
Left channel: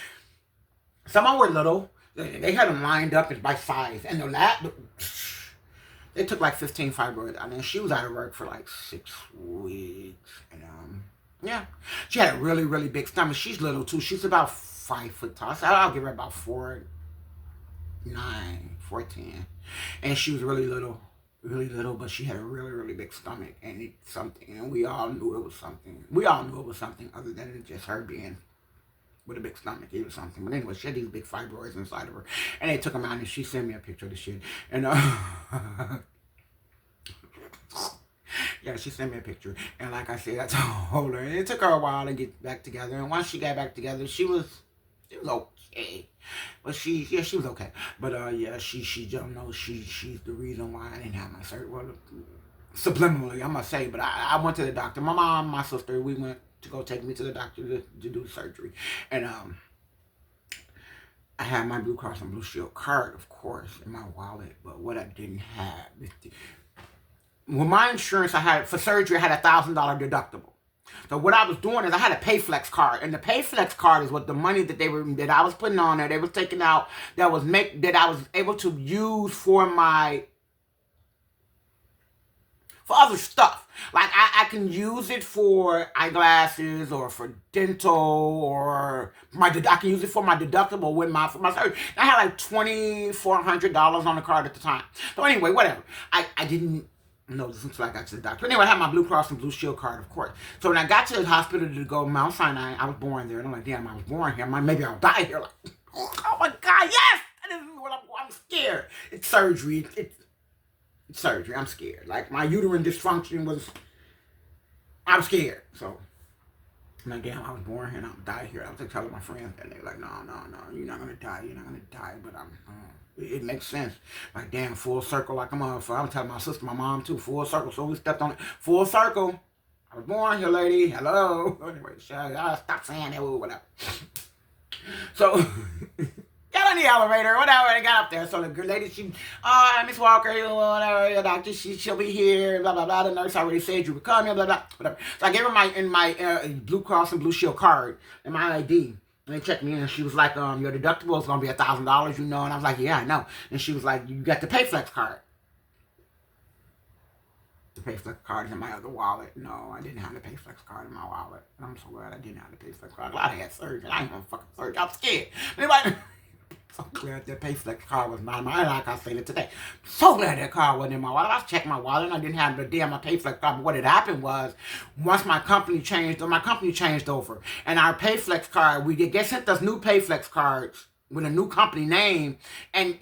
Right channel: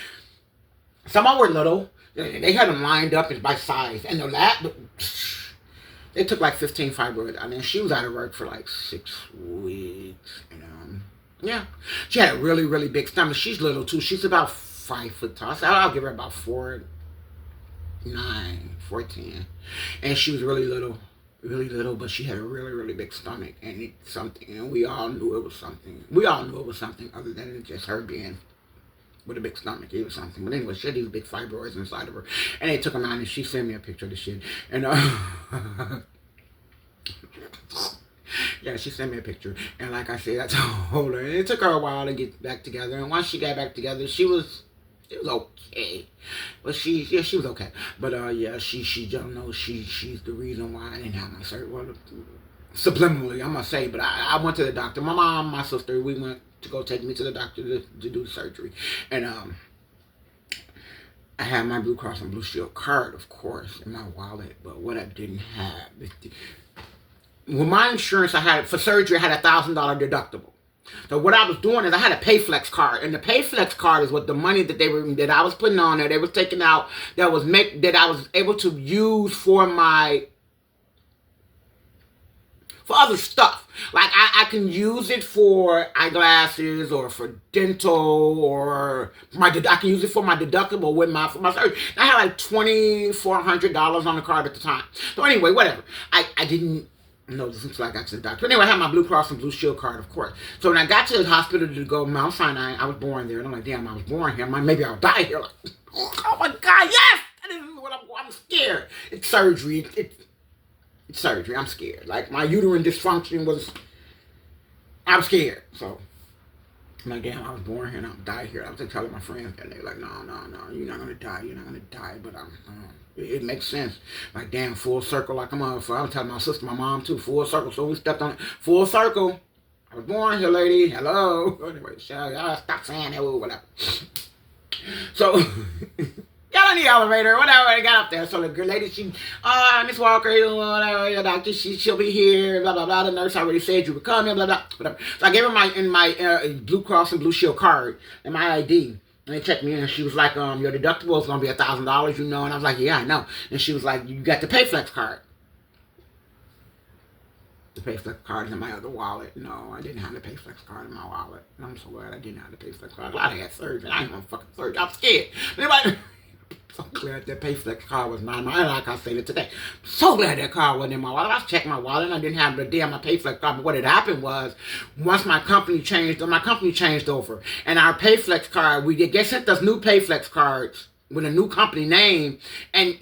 Some of them were little. They had them lined up by size. And the lab, they took like 15 fibroids. I mean, she was out of work for like 6 weeks. And yeah. She had a really, really big stomach. She's little too. She's about 5 foot tall. So I'll give her about 4'9", 4'10". And she was really little, but she had a really, really big stomach. And it's something. And we all knew it was something. We all knew it was something other than just her being with a big stomach. It was something. But anyway, she had these big fibroids inside of her. And they took them out and she sent me a picture of the shit. And yeah, she sent me a picture. And like I said, I told her. And it took her a while to get back together. And once she got back together, it was okay. But she was okay. But yeah, she don't know she's the reason why I didn't have my surgery. Well, subliminally, I must say. But I went to the doctor. My mom, my sister, we went to go take me to the doctor to do the surgery. And I had my Blue Cross and Blue Shield card, of course, in my wallet. But what I didn't have, with my insurance, I had for surgery, I had $1,000 deductible. So what I was doing is I had a PayFlex card, and the PayFlex card is what the money that I was putting on there, they was taking out, that I was able to use for other stuff. Like I can use it for eyeglasses or for dental, or I can use it for my deductible for my surgery. I had like $2,400 on the card at the time. So anyway, whatever. I didn't know this until I got to the doctor. Anyway, I had my Blue Cross and Blue Shield card, of course. So when I got to the hospital to go to Mount Sinai, I was born there, and I'm like, damn, I was born here. Maybe I'll die here. Like, oh my God, yes! This is what I'm scared. It's surgery. It's surgery. I'm scared. Like, my uterine dysfunction I'm scared. So, I'm like, damn, I was born here and I'll die here. I was just telling my friends, and they're like, no, you're not going to die. You're not going to die. But it makes sense. Like, damn, full circle like a motherfucker. I was telling my sister, my mom too, full circle. So we stepped on it. Full circle. I was born here, lady. Hello. Anyway, stop saying that, whatever. So... got on the elevator, whatever, I got up there. So the lady, Miss Walker, whatever, your doctor, she'll be here, blah, blah, blah. The nurse already said you were coming, blah, blah, whatever. So I gave her my Blue Cross and Blue Shield card and my ID. And they checked me in, and she was like, your deductible is going to be $1,000, And I was like, yeah, I know. And she was like, you got the PayFlex card. The PayFlex card is in my other wallet. No, I didn't have the PayFlex card in my wallet. And I'm so glad I didn't have the PayFlex card. I had surgery. I ain't gonna fucking surgery. I'm scared. Anybody... So glad that PayFlex card was not in my, like I said it today. So glad that card wasn't in my wallet. I checked my wallet and I didn't have the damn my PayFlex card. But what had happened was, once my company changed over, and our PayFlex card, they sent us new PayFlex cards with a new company name, and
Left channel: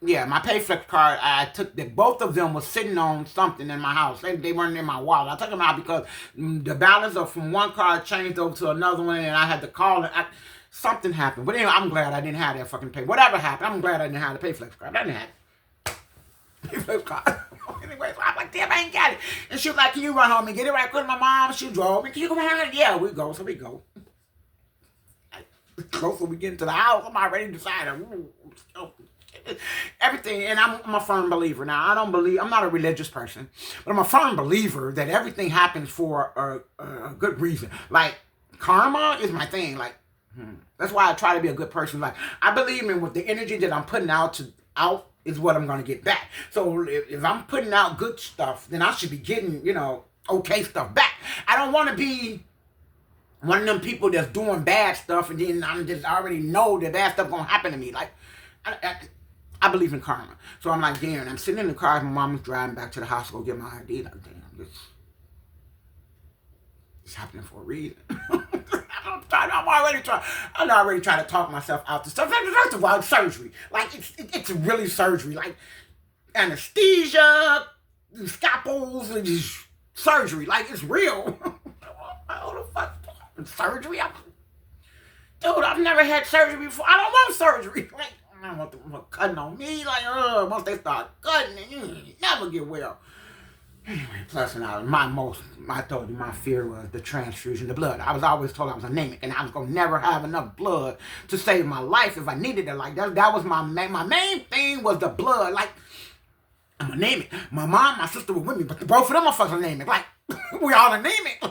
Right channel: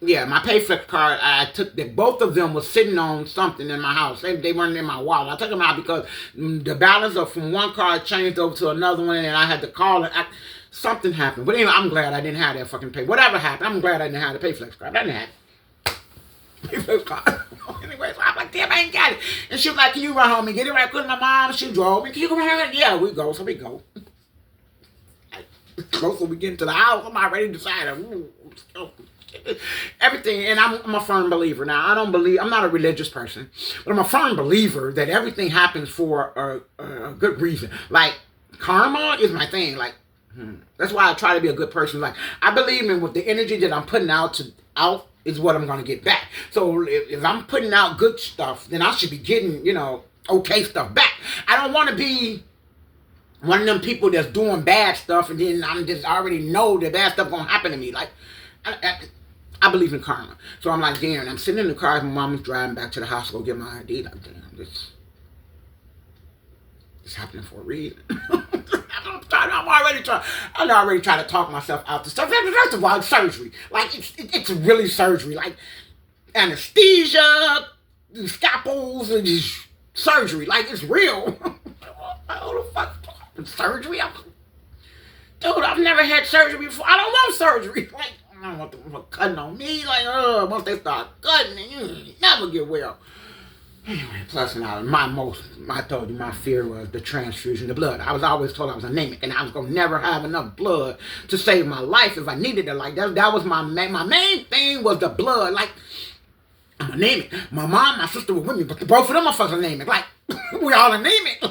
yeah, my PayFlex card, I took both of them was sitting on something in my house. They weren't in my wallet. I took them out because the balance from one card changed over to another one, and I had to call it. Something happened. But anyway, I'm glad I didn't have that fucking whatever happened, I'm glad I didn't have the PayFlex card. I didn't have PayFlex card. Anyway, so I'm like, damn, I ain't got it. And she was like, can you run home and get it right quick? My mom, she drove me. Can you come here? Yeah, we go. So we go. Closer we get into the house, I'm already decided. Everything, and I'm a firm believer. Now, I'm not a religious person, but I'm a firm believer that everything happens for a good reason. Like, karma is my thing. Like, that's why I try to be a good person. Like, I believe in with the energy that I'm putting out is what I'm going to get back. So if I'm putting out good stuff, then I should be getting, okay stuff back. I don't want to be one of them people that's doing bad stuff and then I already know that bad stuff going to happen to me. Like, I believe in karma. So I'm like, damn, I'm sitting in the car, my mom was driving back to the house to go get my ID. Like, damn, it's happening for a reason. I'm already trying to talk myself out to stuff. First of all, it's surgery. Like, it's really surgery. Like, anesthesia, scalpels, and surgery. Like, it's real. What the fuck? Surgery? Dude, I've never had surgery before. I don't want surgery. Like, I don't want them cutting on me. Like, once they start cutting, you never get well. Anyway, plus I told you my fear was the transfusion of blood. I was always told I was anemic and I was going to never have enough blood to save my life if I needed it. Like, that was my main thing was the blood. Like, I'm anemic. My mom, my sister were with me, but both of them are fucking anemic. Like, we all anemic.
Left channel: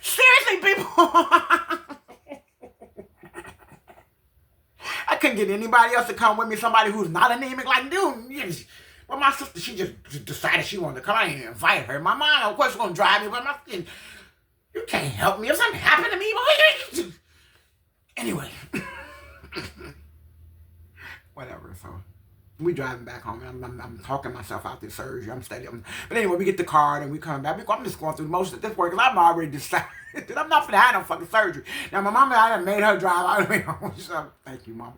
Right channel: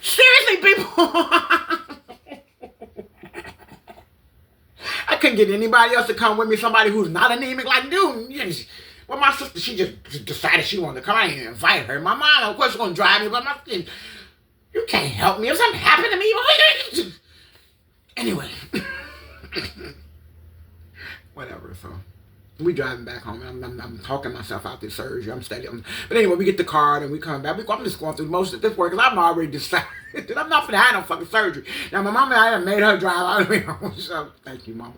Seriously, people. I couldn't get anybody else to come with me, somebody who's not anemic. Like, dude, well, my sister, she just decided she wanted to come. I didn't invite her. My mom, of course, she's going to drive me, but you can't help me if something happened to me. Anyway. Whatever, so we driving back home, and I'm talking myself out this surgery. I'm steady. But anyway, we get the card, and we come back. I'm just going through most of this work, because I'm already decided. I'm not finna have no fucking surgery. Now, my mama, I done made her drive out of me. So, thank you, mama.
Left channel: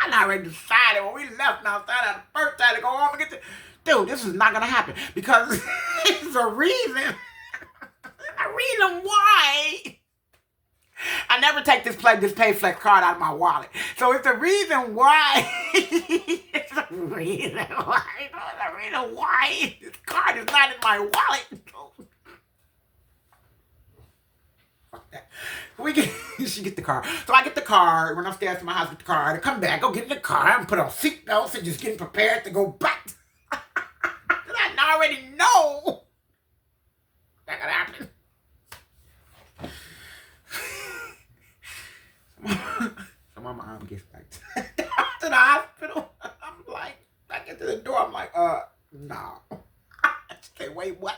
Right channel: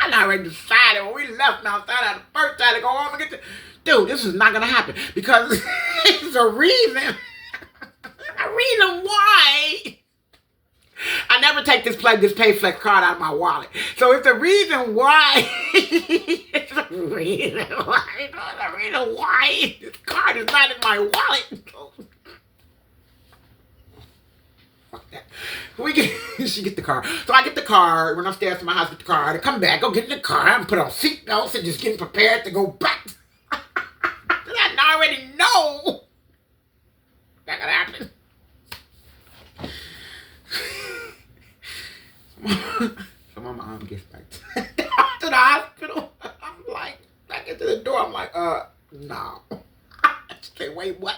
I already decided when we left Mount Sinai the first time to go home and get to... Dude, this is not going to happen. Because there's a reason. A reason why I never take this PayFlex card out of my wallet. So it's the reason why. It's the reason why this card is not in my wallet. We get, she get the car. So I get the car, run upstairs to my house, get the car, and come back, go get in the car, and put on seatbelts and just getting prepared to go back. I already know that could happen. So my mom gets back to the hospital. I'm like, I get to the door, I'm like, no. She say, wait, what?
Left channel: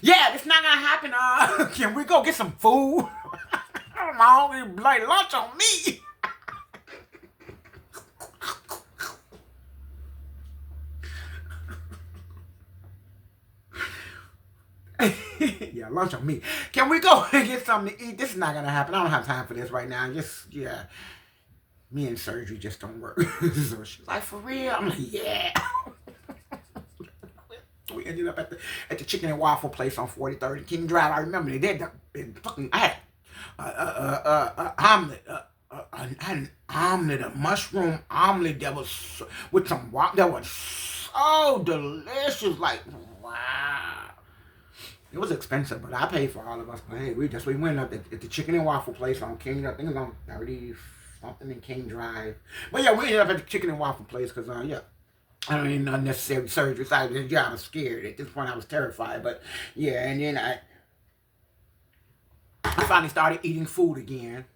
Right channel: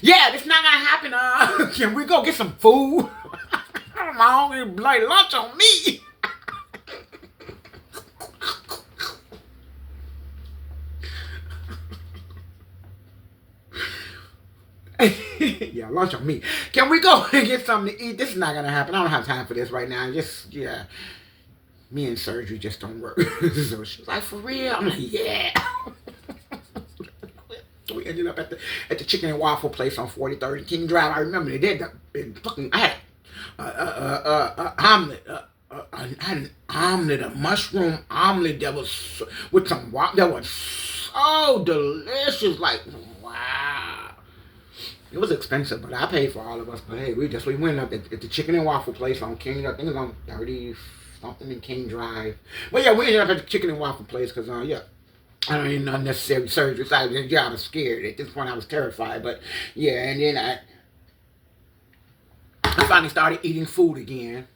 Yeah, this not gonna happen. Can we go get some food? I'm hungry, like lunch on me. Yeah, lunch on me. Can we go and get something to eat? This is not gonna happen. I don't have time for this right now. Just, yeah. Me and surgery just don't work. So she's like, for real? I'm like, yeah. We ended up at the chicken and waffle place on 43rd and King Drive. I remember they did fucking. I had omelet. I had an omelet, a mushroom omelet that was with some waffle. That was so delicious. Like, wow. It was expensive, but I paid for all of us. But hey, we went up at the chicken and waffle place on King. I think it was on 30 something in King Drive. But yeah, we ended up at the chicken and waffle place because yeah. I don't need unnecessary surgery. So I was scared. At this point, I was terrified. But yeah, and then I finally started eating food again.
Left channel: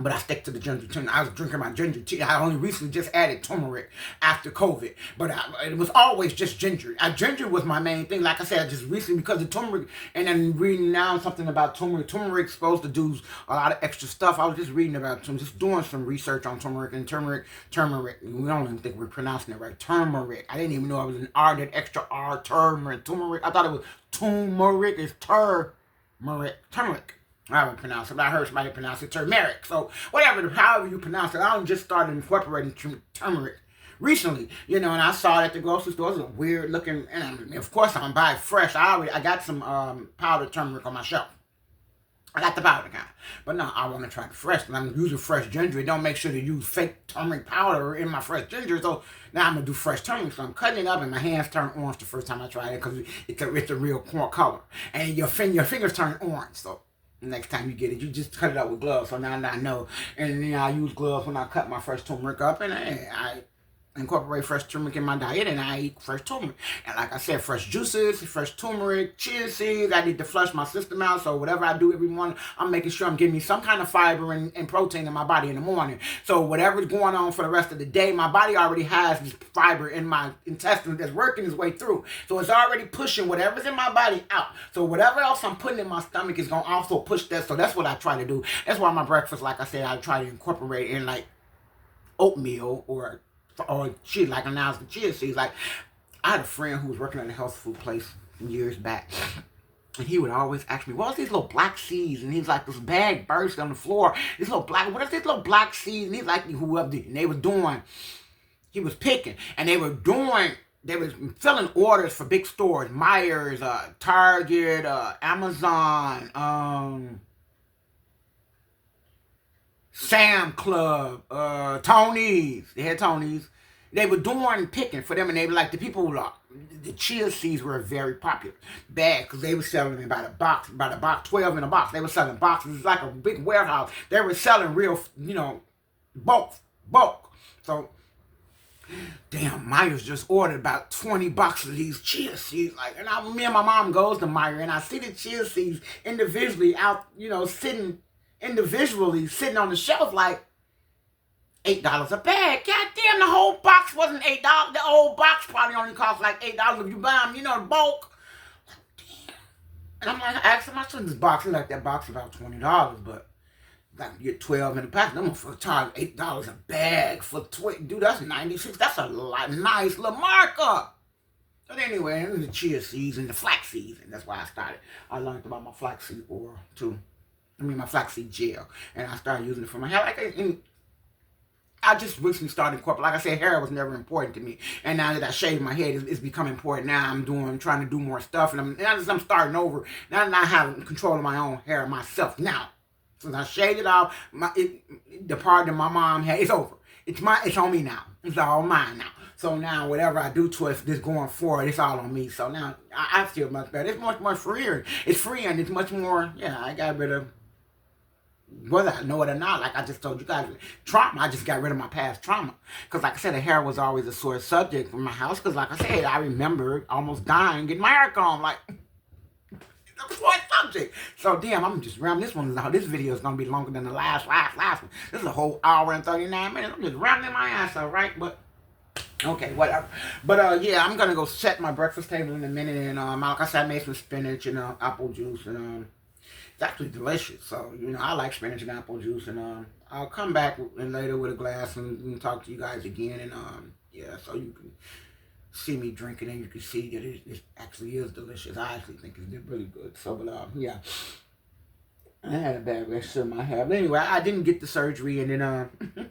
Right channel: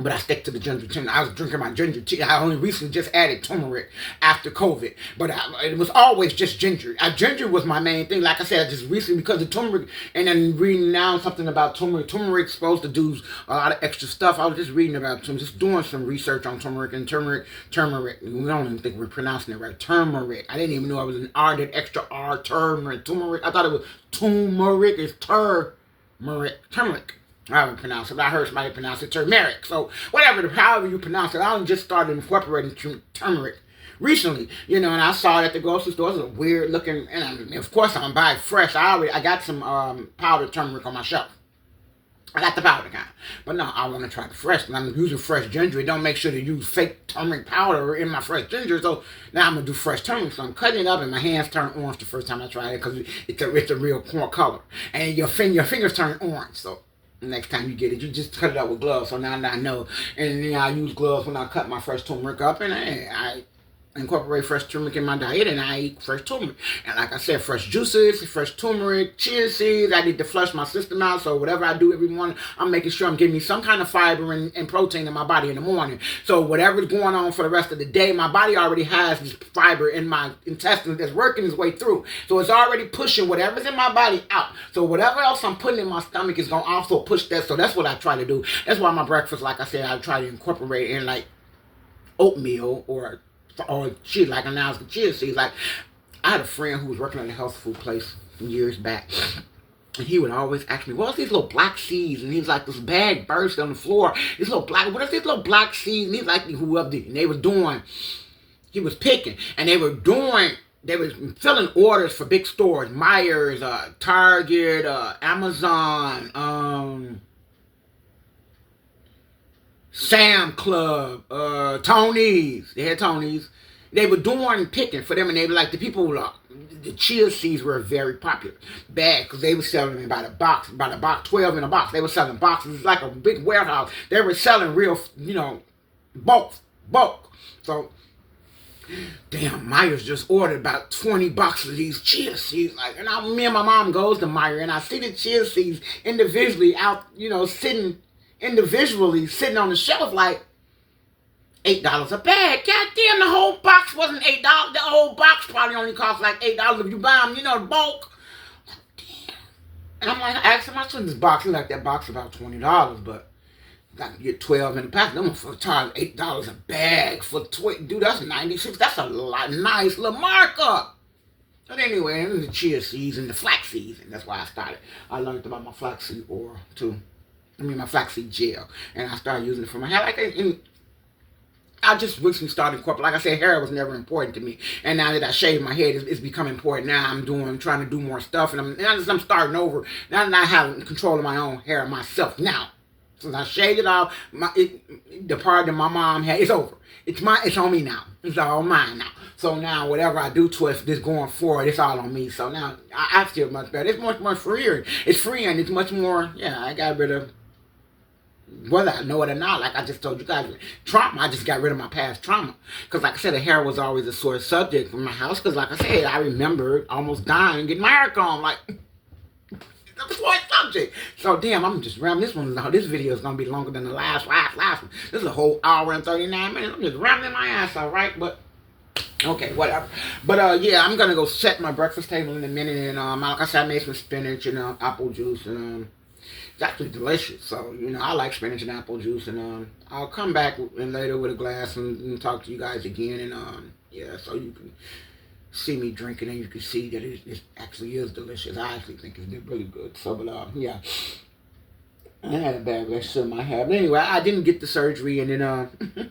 But I stick to the ginger tea. I was drinking my ginger tea. I only recently just added turmeric after COVID. But it was always just ginger. Ginger was my main thing. Like I said, just recently because of turmeric. And then reading now something about turmeric. Turmeric's supposed to do a lot of extra stuff. I was just reading about some, just doing some research on turmeric. And turmeric. We don't even think we're pronouncing it right. Turmeric. I didn't even know I was an R, that extra R, turmeric. I thought it was turmeric. It's turmeric. I haven't pronounced it, but I heard somebody pronounce it turmeric. So however you pronounce it, I just started incorporating turmeric recently, and I saw it at the grocery store. It was a weird looking, and of course I'm buying fresh. I got some powdered turmeric on my shelf. I got the powder kind, but no, I want to try the fresh. And I'm using fresh ginger. It don't make sure to use fake turmeric powder in my fresh ginger. So now I'm gonna do fresh turmeric. So I'm cutting it up, and my hands turn orange the first time I tried it because it's a real color, and your fingers turn orange. So next time you get it, you just cut it up with gloves. So now I know. And then I use gloves when I cut my fresh turmeric up. And I incorporate fresh turmeric in my diet. And I eat fresh turmeric. And like I said, fresh juices, fresh turmeric, chia seeds. I need to flush my system out. So whatever I do every morning, I'm making sure I'm getting me some kind of fiber and protein in my body in the morning. So whatever's going on for the rest of the day, my body already has this fiber in my intestines that's working its way through. So it's already pushing whatever's in my body out. So whatever else I'm putting in my stomach is going to also push that. So that's what I try to do. That's why my breakfast, like I said, I try to incorporate in like oatmeal or shit, like announced the chia seeds. Like, I had a friend who was working at a health food place some years back, and he would always ask me, what's these little black seeds? And he's like, this bag burst on the floor. What is these little black seeds? And he's like, whoever did. And he was picking, and they were filling orders for big stores, Myers, Target, Amazon, Sam Club, Tony's. They had Tony's. They were doing picking for them, and they were like, the chia seeds were very popular. Bad, because they were selling them by the box, 12 in a box. They were selling boxes. It's like a big warehouse. They were selling real, bulk. So, damn, Myers just ordered about 20 boxes of these chia seeds. Like, and me and my mom goes to Myers, and I see the chia seeds individually out, sitting on the shelf like $8 a bag. God damn, the whole box wasn't $8. The whole box probably only cost like $8 if you buy them, the bulk. Damn. And I'm like, I asked him, I said, this box, like that box about $20, but I can get 12 in the pack. Them for charge $8 a bag for dude, that's 96. That's a nice little markup. But anyway, and the chia seeds and the flax seeds, and that's why I started. I learned about my flaxseed oil too. My flaxseed gel, and I started using it for my hair. I just recently started incorporating. Like I said, hair was never important to me, and now that I shaved my head, it's become important. Now I'm trying to do more stuff, and I'm starting over. Now that I have control of my own hair myself. Now, since I shaved it off, the part that my mom had, it's over. It's on me now. It's all mine now. So now whatever I do to it, this going forward, it's all on me. So now I feel much better. It's much freer. It's free and it's much more. Yeah, I got rid of, whether I know it or not, like I just told you guys, trauma. I just got rid of my past trauma. Because like I said, the hair was always a sore subject for my house. Because like I said, I remember almost dying, getting my hair combed. Like, it's a sore subject. So damn, I'm just rambling. This video is going to be longer than the last one. This is a whole hour and 39 minutes. I'm just rambling my ass out, right? But okay, whatever. But yeah, I'm gonna go set my breakfast table in a minute, and like I said, I made some spinach and apple juice, and it's actually delicious. So I like spinach and apple juice, and I'll come back later with a glass and talk to you guys again, and yeah, so you can see me drinking, and you can see that it actually is delicious. I actually think it's really good. So, but yeah. I had a bad relationship in my hair. But anyway, I didn't get the surgery, and then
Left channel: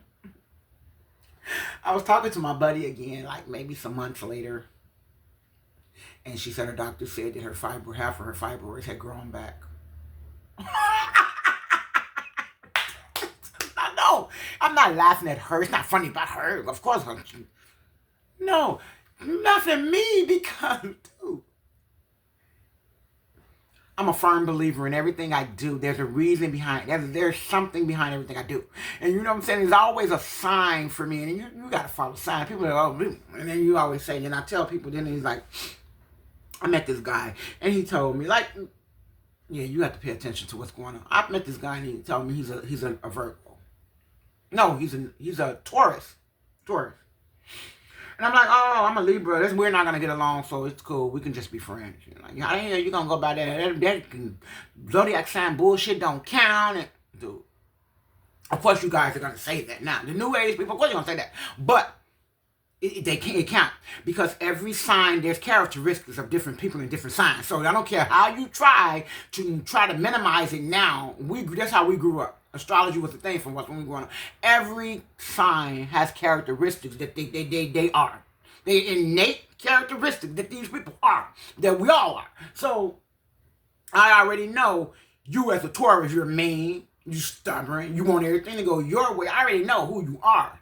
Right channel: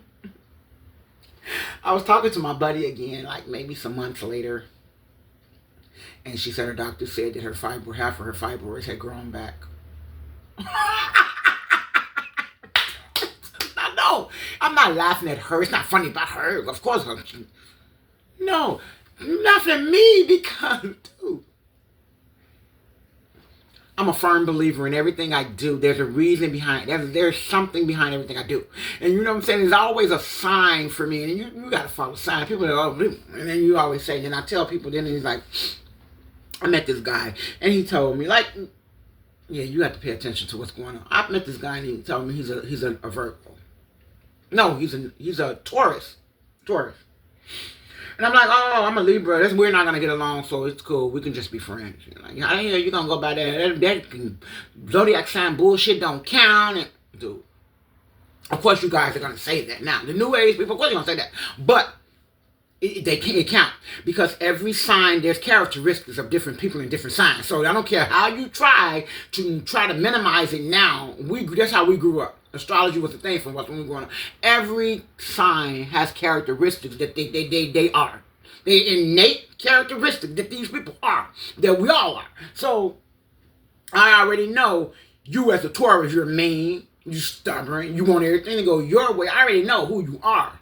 I was talking to my buddy again, like maybe some months later, and she said her doctor said that half of her fibroids had grown back. No, I'm not laughing at her. It's not funny about her. Of course, no, nothing me, because, dude, I'm a firm believer in everything I do. There's a reason behind it. There's something behind everything I do. And you know what I'm saying? There's always a sign for me. And you got to follow signs. People are, oh, and then you always say, and I tell people, then he's like, I met this guy. And he told me, like, yeah, you have to pay attention to what's going on. I met this guy and he told me he's a Virgo. No, he's a Taurus. And I'm like, oh, I'm a Libra. We're not going to get along, so it's cool. We can just be friends. Like, you're going to go by that zodiac sign bullshit don't count. And, dude, of course you guys are going to say that. Now, the New Age people, of course you're going to say that. But it count. Because every sign, there's characteristics of different people in different signs. So I don't care how you try to minimize it now. That's how we grew up. Astrology was a thing from us when we were growing up. Every sign has characteristics that they are. They innate characteristics that these people are. That we all are. So, I already know you as a Taurus, you're mean, you're stubborn, you want everything to go your way. I already know who you are.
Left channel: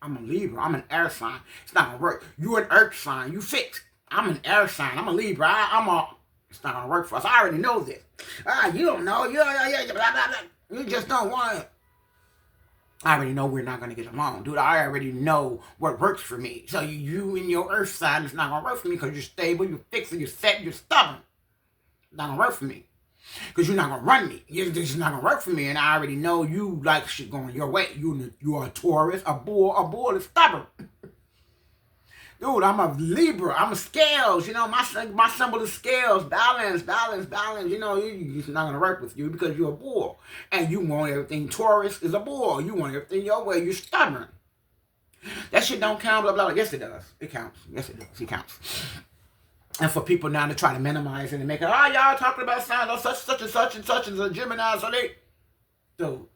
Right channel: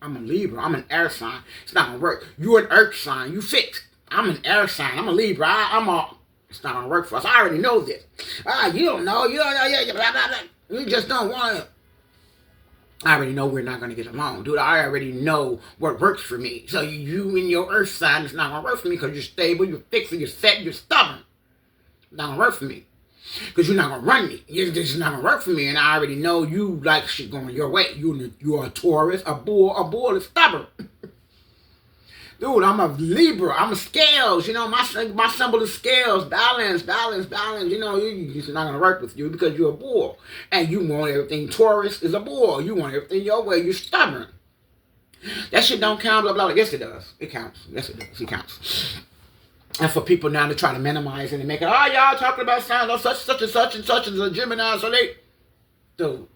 I'm a Libra. I'm an air sign. It's not going to work. You're an earth sign. You fixed. I'm an air sign. I'm a Libra. It's not going to work for us. I already know this. You don't know. You don't know. Blah, blah, blah. You just don't want to. I already know we're not going to get along. Dude, I already know what works for me. So you and your earth sign, it's not going to work for me because you're stable, you're fixed, you're set, you're stubborn. It's not going to work for me. Because you're not going to run me. This is not going to work for me. And I already know you like shit going your way. You're a Taurus, a bull is stubborn. Dude, I'm a Libra. I'm a scales. My symbol is scales. Balance. It's not going to work with you because you're a bull. And you want everything. Taurus is a bull. You want everything your way. You're stubborn. That shit don't count, blah, blah, blah. Yes, it does. It counts. Yes, it does. It counts. And for people now to try to minimize it and make it, y'all talking about signs, such and such is a Gemini, so they, dude,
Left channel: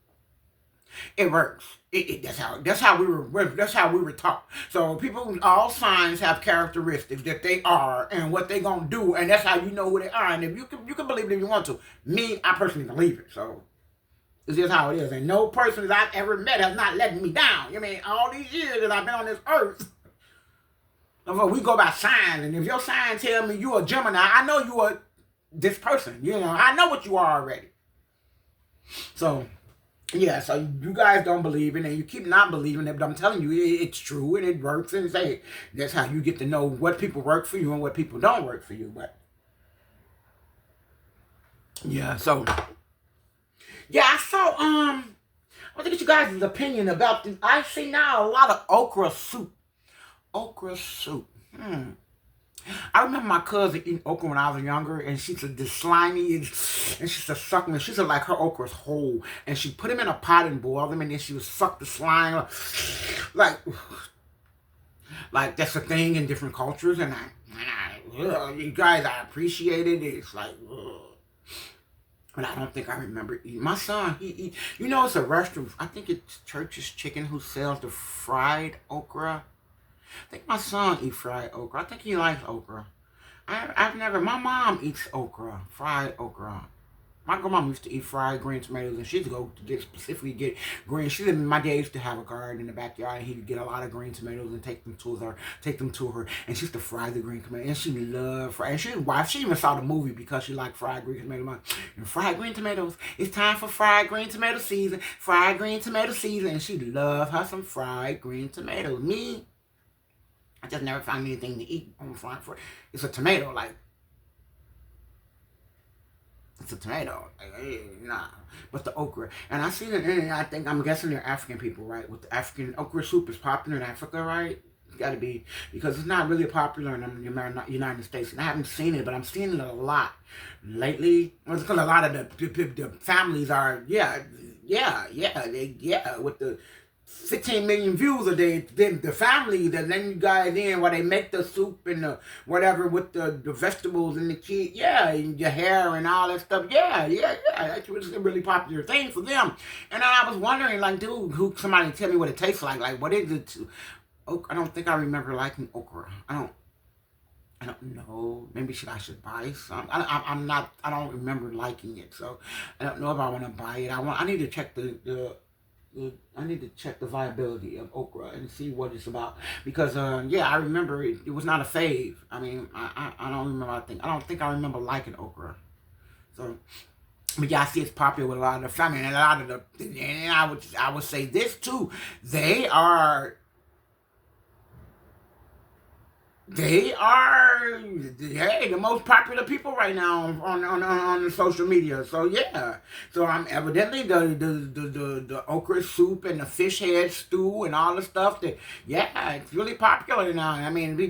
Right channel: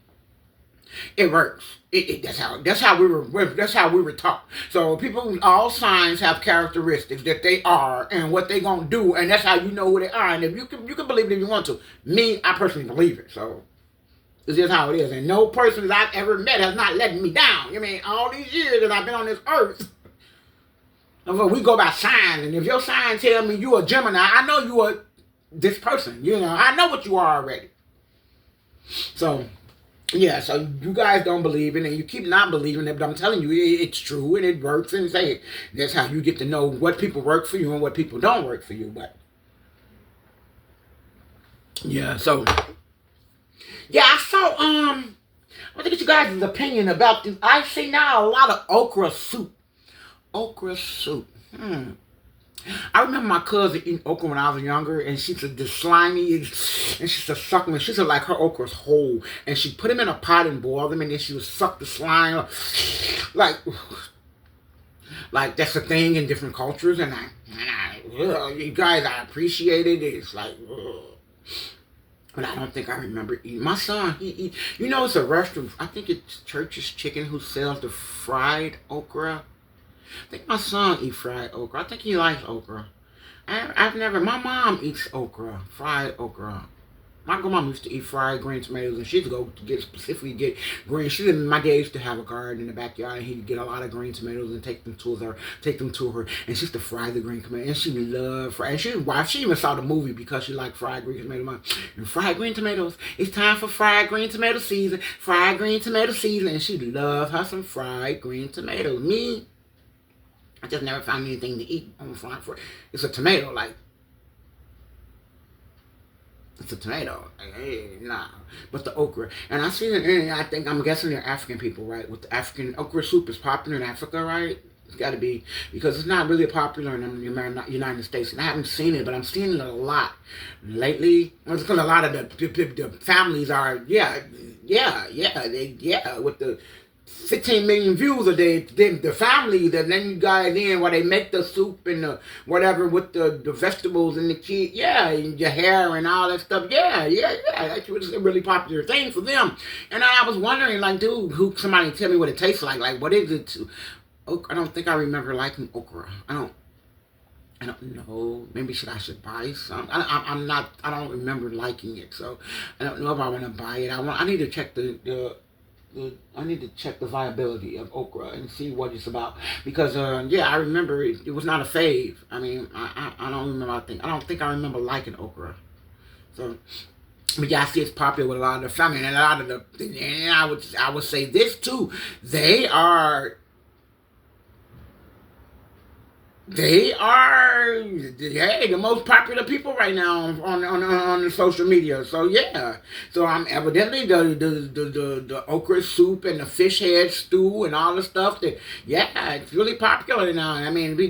it works. That's how we were taught. So people, all signs have characteristics that they are and what they gonna do, and that's how you know who they are. And if you can believe it if you want to. Me, I personally believe it. So it's just how it is. And no person that I've ever met has not let me down. I mean, all these years that I've been on this earth. We go by signs, and if your sign tell me you a Gemini, I know you are this person. I know what you are already. So, yeah, so you guys don't believe it, and you keep not believing it, but I'm telling you, it's true, and it works, and that's how you get to know what people work for you and what people don't work for you. But, yeah, so, yeah, I saw, I want to get you guys' opinion about this. I see now a lot of okra soup. Okra soup. I remember my cousin eating okra when I was younger, and she said this slimy, and she said suck them. She said like her okra's whole, and she put them in a pot and boiled them, and then she would suck the slime. Like that's a thing in different cultures, and you guys, I appreciate it. It's like, but I don't think I remember eating. My son, he eat. It's a restaurant. I think it's Church's Chicken who sells the fried okra. I think my son eats fried okra. I think he likes okra. My mom eats okra, fried okra. My grandma used to eat fried green tomatoes, and she'd go to specifically get green. She didn't. My dad used to have a garden in the backyard, and he'd get a lot of green tomatoes and take them to her, and she used to fry the green tomatoes, and she loved fried. And she even saw the movie because she liked fried green tomatoes. And fried green tomatoes, it's time for fried green tomato season. Fried green tomato season, and she loved her some fried green tomatoes. Me, I just never found anything to eat on fried. It's a tomato, like. It's a tomato. Nah. But the okra. And I see it, and I'm guessing they're African people, right? With the African, okra soup is popular in Africa, right? It's got to be, because it's not really popular in the United States. And I haven't seen it, but I'm seeing it a lot lately. Well, because a lot of the families are, with the 15 million views of the family, then you guys in where they make the soup and the whatever with the vegetables and the kid, and your hair and all that stuff. That's a really popular thing for them. And I was wondering, like, dude, somebody tell me what it tastes like. Like, what is it? I don't think I remember liking okra. I don't know. Maybe I should buy some. I don't remember liking it, so I don't know if I want to buy it. I need to check I need to check the viability of okra and see what it's about, because I remember it was not a fave. I mean, I don't remember. I don't think I remember liking okra. So, but I see it's popular with a lot of the family, and a lot of and I would say this too. They are, the most popular people right now on the social media. So so I'm evidently the okra soup and the fish head stew and all the stuff that it's really popular now. I mean, they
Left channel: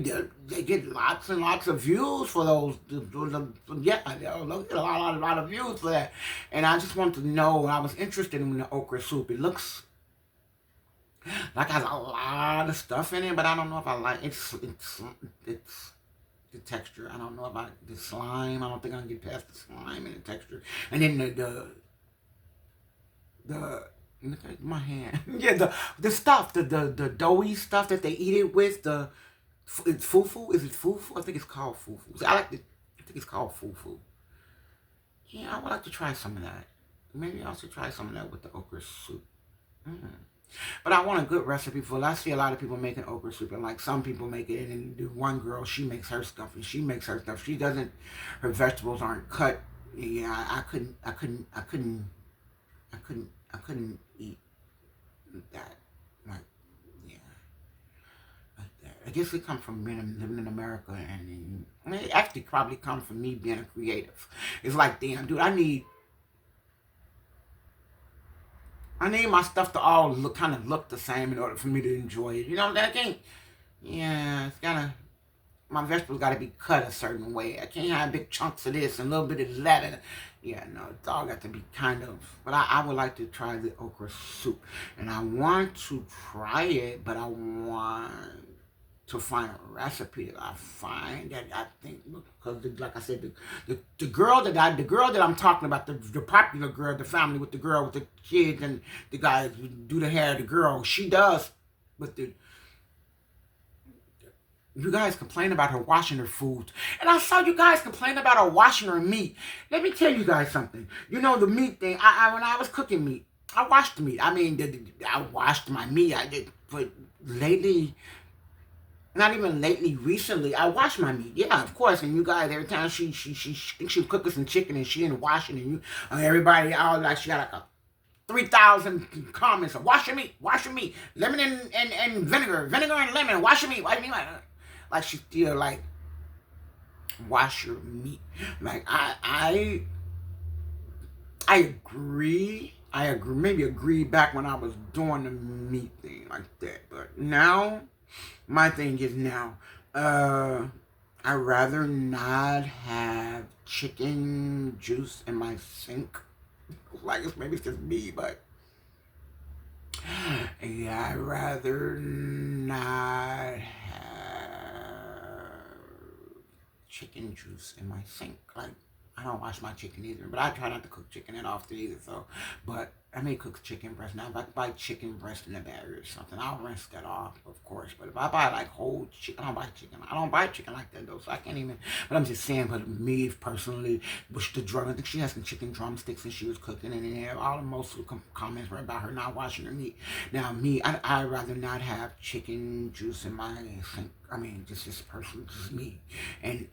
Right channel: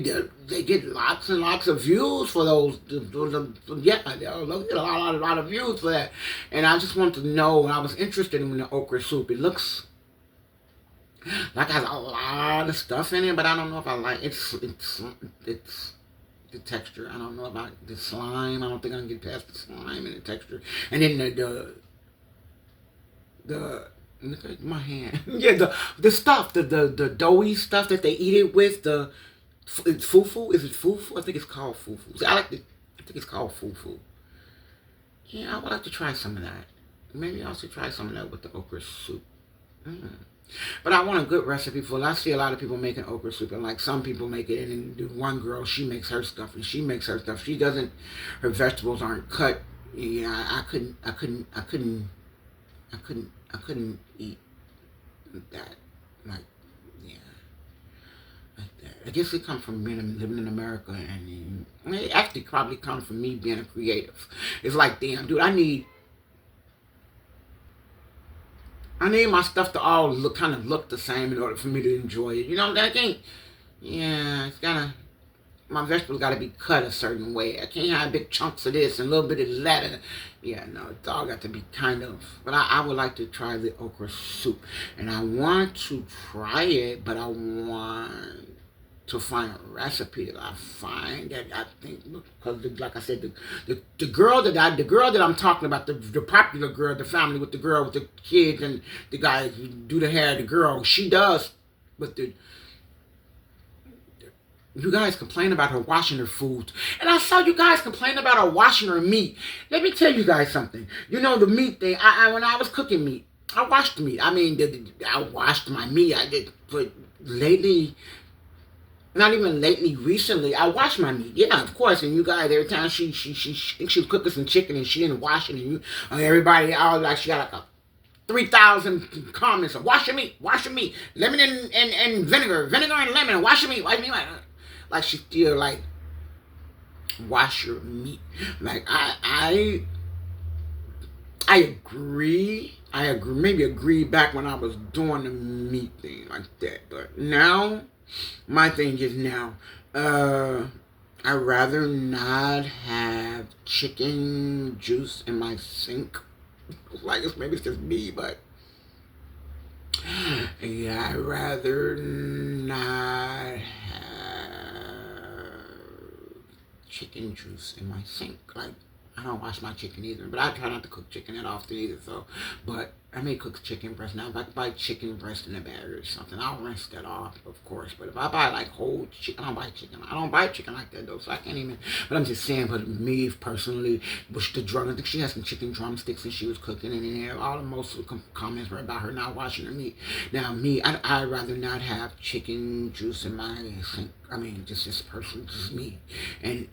get lots and lots of views for those. They get a lot of views for that. And I just want to know. I was interested in the okra soup. It looks like, has a lot of stuff in it, but I don't know if I like it's the texture. I don't know about the slime. I don't think I can get past the slime and the texture. And then the look at my hand. The stuff, the doughy stuff that they eat it with. It's fufu. Is it fufu? I think it's called fufu. I think it's called fufu. Yeah, I would like to try some of that. Maybe I should try some of that with the okra soup. But I want a good recipe for it. I see a lot of people making okra soup, and like some people make it, and then one girl, she makes her stuff, and she makes her stuff. She doesn't, her vegetables aren't cut. I couldn't eat that. Like, like that. I guess it comes from living in America, and it actually probably comes from me being a creative. It's like, damn, dude, I need my stuff to all kind of look the same in order for me to enjoy it. You know, that can't. It's gotta. My vegetables gotta be cut a certain way. I can't have big chunks of this and a little bit of that. No, it's all got to be kind of. But I would like to try the okra soup, and I want to try it, but I want to find a recipe that I find that I think, because like I said, the girl that I'm talking about, the popular girl, the family with the girl with the kids and the guys who do the hair, the girl, she does, but you guys complain about her washing her food, and I saw you guys complain about her washing her meat. Let me tell you guys something. You know, the meat thing. When I was cooking meat, I washed meat. I mean, I washed my meat. I did, but lately. Not even lately, recently, I wash my meat. Yeah, of course. And you guys, every time she thinks she's cooking some chicken and she didn't wash it, and you, everybody, all like, she got like 3,000 comments of wash your meat, lemon and vinegar and lemon, wash your meat, like she still like wash your meat. Like I agree. Maybe agree back when I was doing the meat thing like that, but now. My thing is now, I'd rather not have chicken juice in my sink. Like, maybe it's just me, but I'd rather not have chicken juice in my sink. Like, I don't wash my chicken either, but I try not to cook chicken that often either, so, but I may cook chicken breast. Now, if I buy chicken breast in a bag or something, I'll rinse that off, of course. But if I buy like whole chicken, I don't buy chicken. I don't buy chicken like that though, so I can't even. But I'm just saying, but me personally, which the drum, I think she had some chicken drumsticks and she was cooking, and in there, all the most of the comments were about her not washing her meat. Now, me, I'd rather not have chicken juice in my sink. I mean, just personally, just me, and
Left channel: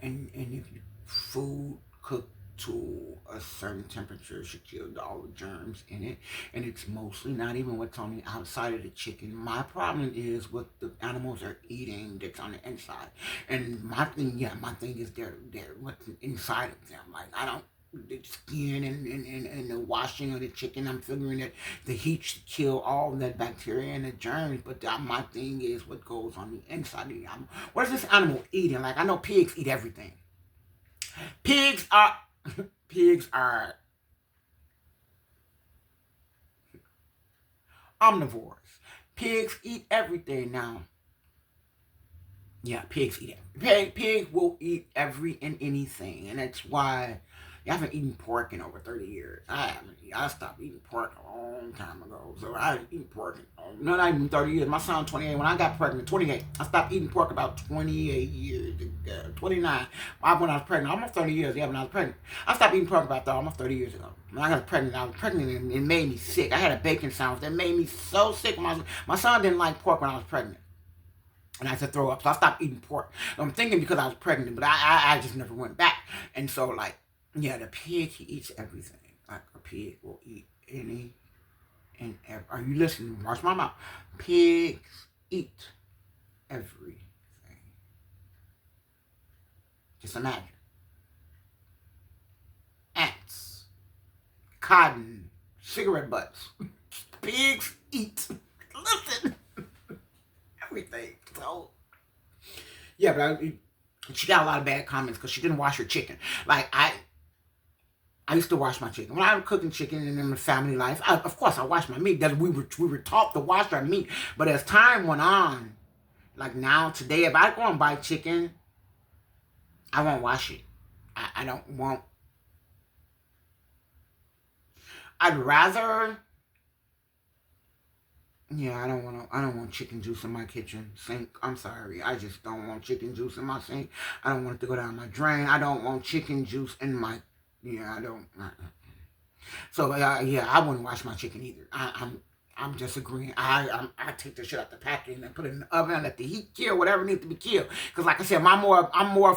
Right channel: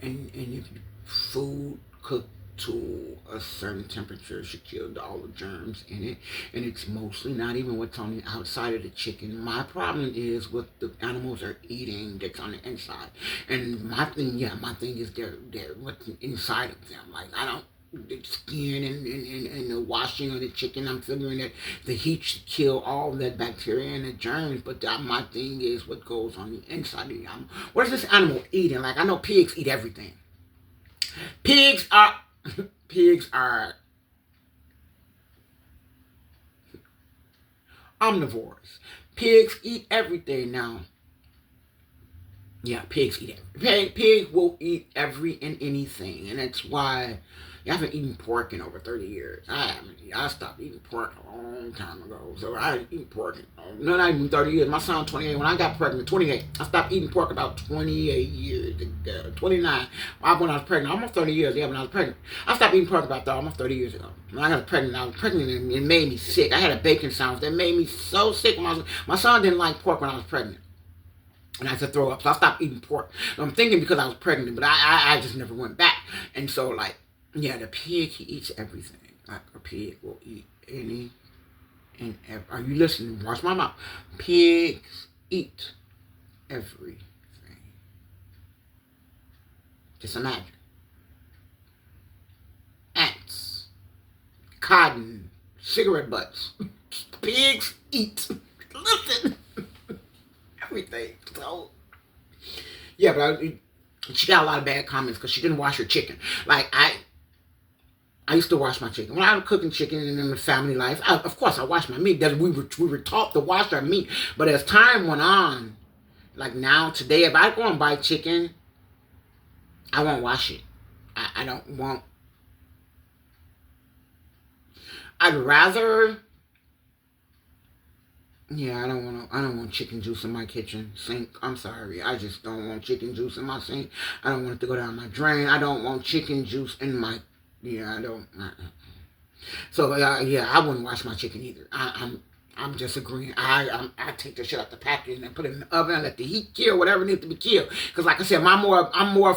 if food cooked to a certain temperature should kill all the germs in it, and it's mostly not even what's on the outside of the chicken. My problem is what the animals are eating that's on the inside, and my thing is they're what's inside of them. Like I don't. The skin and the washing of the chicken, I'm figuring that the heat should kill all that bacteria and the germs, but my thing is what goes on the inside of the animal. What is this animal eating? Like I know pigs eat everything. Pigs are pigs are omnivores. Pigs eat everything now. Yeah, pigs eat it. Pig will eat every and anything, and that's why I haven't eaten pork in over 30 years. I haven't. I stopped eating pork a long time ago. So I didn't eat pork in not even 30 years. My son 28. When I got pregnant, 28. I stopped eating pork about 28 years ago. 29. When I was pregnant, almost 30 years. Yeah, when I was pregnant, I stopped eating pork about almost 30 years ago. When I was pregnant and it made me sick. I had a bacon sandwich that made me so sick. My son didn't like pork when I was pregnant. And I had to throw up. So I stopped eating pork. I'm thinking because I was pregnant, but I just never went back. And so, like, yeah, the pig, he eats everything. Like, a pig will eat any and every. Are you listening? Watch my mouth. Pigs eat everything. Just imagine. Ants, cotton, cigarette butts. Pigs eat. Listen. Everything. So, yeah, but she got a lot of bad comments because she didn't wash her chicken. Like, I used to wash my chicken. When I was cooking chicken in the family life, of course, I washed my meat. That we were taught to wash our meat. But as time went on, like now, today, if I go and buy chicken, I won't wash it. I don't want. I'd rather. Yeah, I don't want chicken juice in my kitchen sink. I'm sorry. I just don't want chicken juice in my sink. I don't want it to go down my drain. I don't want chicken juice in my. Yeah, I don't. So yeah, I wouldn't wash my chicken either. I'm just agreeing. I take the shit out the package and put it in the oven and let the heat kill whatever needs to be killed. Because like I said, I'm more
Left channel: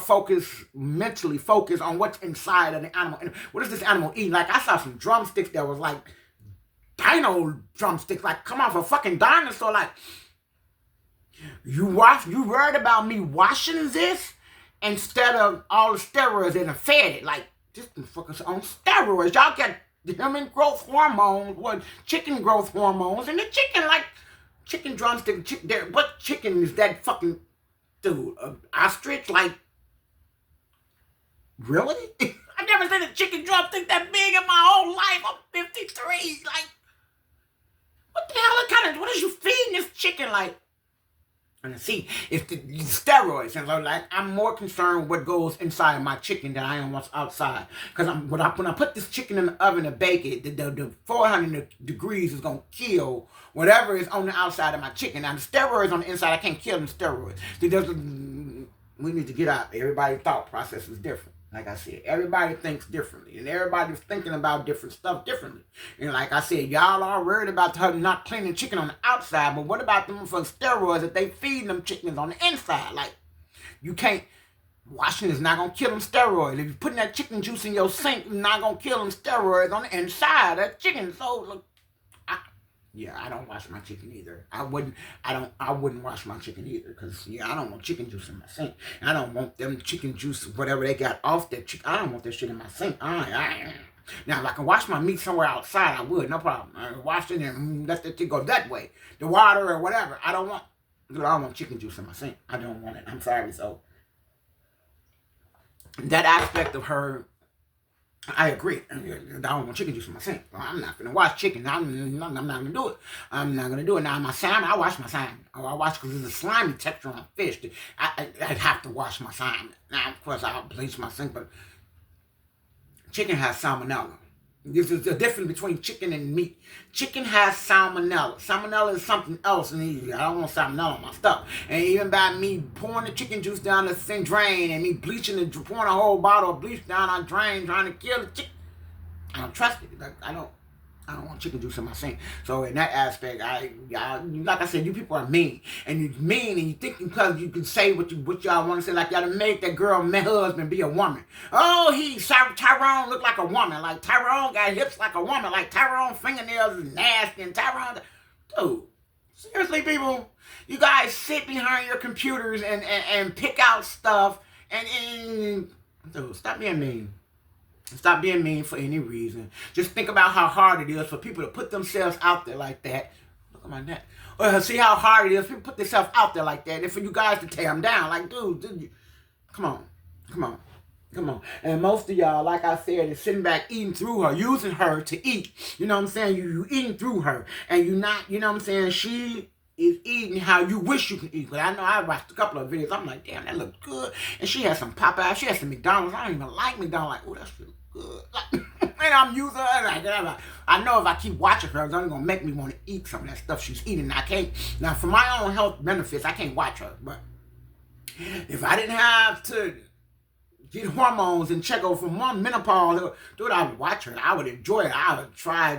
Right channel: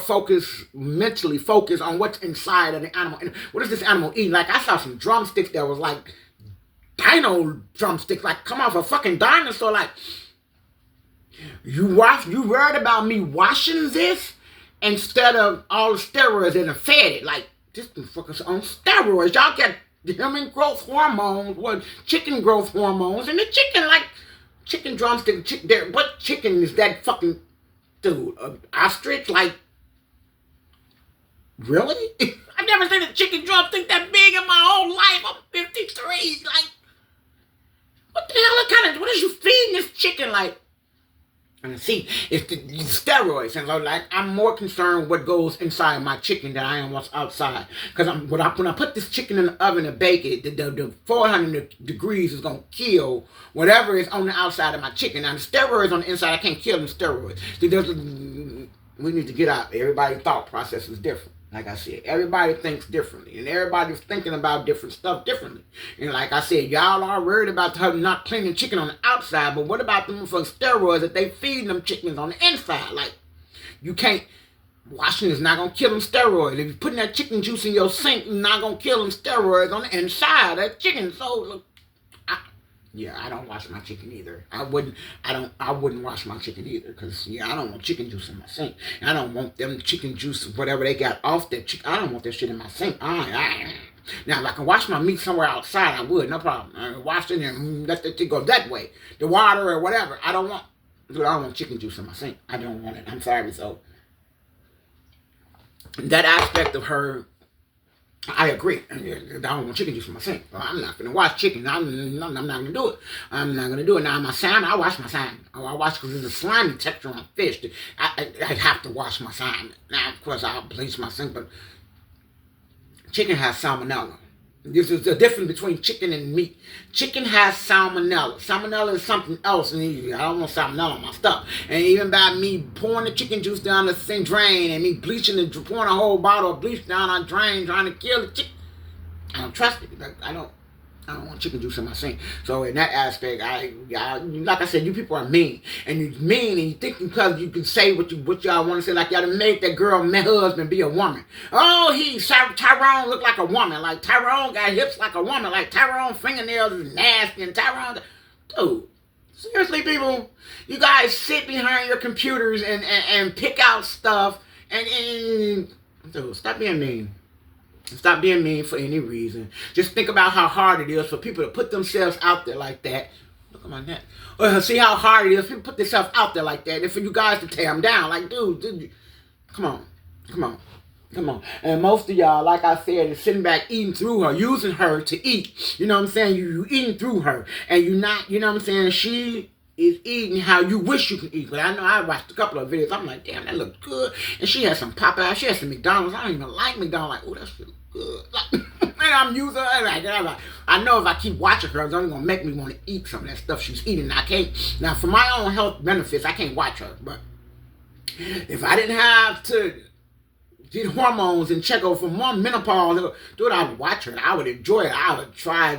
mentally focused on what's inside of the animal. And what is this animal eating? Like I saw some drumsticks that was like dino drumsticks, like come off a fucking dinosaur. Like you worried about me washing this instead of all the steroids in the fed it. Like this motherfucker's on steroids. Y'all get human growth hormones, chicken growth hormones, and the chicken like chicken drumstick. What chicken is that fucking dude? Ostrich? Like really? I've never seen a chicken drumstick that big in my whole life. I'm 53. Like. What the hell? What is you feeding this chicken? Like, and see, it's the steroids, and so like I'm more concerned with what goes inside my chicken than I am what's outside. Because when I put this chicken in the oven to bake it, the 400 degrees is gonna kill whatever is on the outside of my chicken. Now the steroids on the inside, I can't kill them steroids. See, we need to get out. Everybody's thought process is different. Like I said, everybody thinks differently, and everybody's thinking about different stuff differently. And like I said, y'all are worried about her not cleaning chicken on the outside, but what about them for steroids that they feed them chickens on the inside? Like, you can't, washing is not going to kill them steroids. If you're putting that chicken juice in your sink, you're not going to kill them steroids on the inside of that chicken. So, look, I don't wash my chicken either. I wouldn't wash my chicken either because, I don't want chicken juice in my sink. I don't want them chicken juice, whatever they got off that chicken. I don't want that shit in my sink. Now, if I can wash my meat somewhere outside, I would, no problem. I wash it and let it go that way. The water or whatever. I don't want chicken juice in my sink. I don't want it. I'm sorry. So, that aspect of her, I agree. I don't want chicken juice in my sink. Well, I'm not going to wash chicken. I'm not going to do it. I'm not going to do it. Now, my salmon, I wash my salmon. I wash because there's a slimy texture on fish. I have to wash my salmon. Now, of course, I'll bleach my sink, but chicken has salmonella. This is the difference between chicken and meat. Chicken has salmonella. Salmonella is something else, and I don't want salmonella on my stuff. And even by me pouring the chicken juice down the sink drain and me bleaching it, pouring a whole bottle of bleach down our drain, trying to kill the chicken, I don't trust it. Like, I don't want chicken juice in my sink. So in that aspect, like I said, you people are mean, and you mean, and you think because you can say what y'all want to say, like y'all done made that girl, my husband, be a woman. Oh, Tyrone look like a woman, like Tyrone got hips like a woman, like Tyrone fingernails is nasty, and Tyrone, dude, seriously, people, you guys sit behind your computers and pick out stuff, and dude, stop being mean. Stop being mean for any reason. Just think about how hard it is for people to put themselves out there like that. Look at my neck. See how hard it is. People put themselves out there like that. And for you guys to tear them down. Like, dude, come on. And most of y'all, like I said, is sitting back eating through her, using her to eat. You know what I'm saying? You eating through her. And you not, you know what I'm saying? She is eating how you wish you could eat. But I know I watched a couple of videos. I'm like, damn, that looked good. And she had some Popeyes. She had some McDonald's. I don't even like McDonald's. Like, oh, that's good. And I'm using her. I know if I keep watching her, it's only going to make me want to eat some of that stuff she's eating. I can't. Now, for my own health benefits, I can't watch her. But if I didn't have to get hormones and check over for more menopause, dude, I would watch her. I would enjoy it. I would try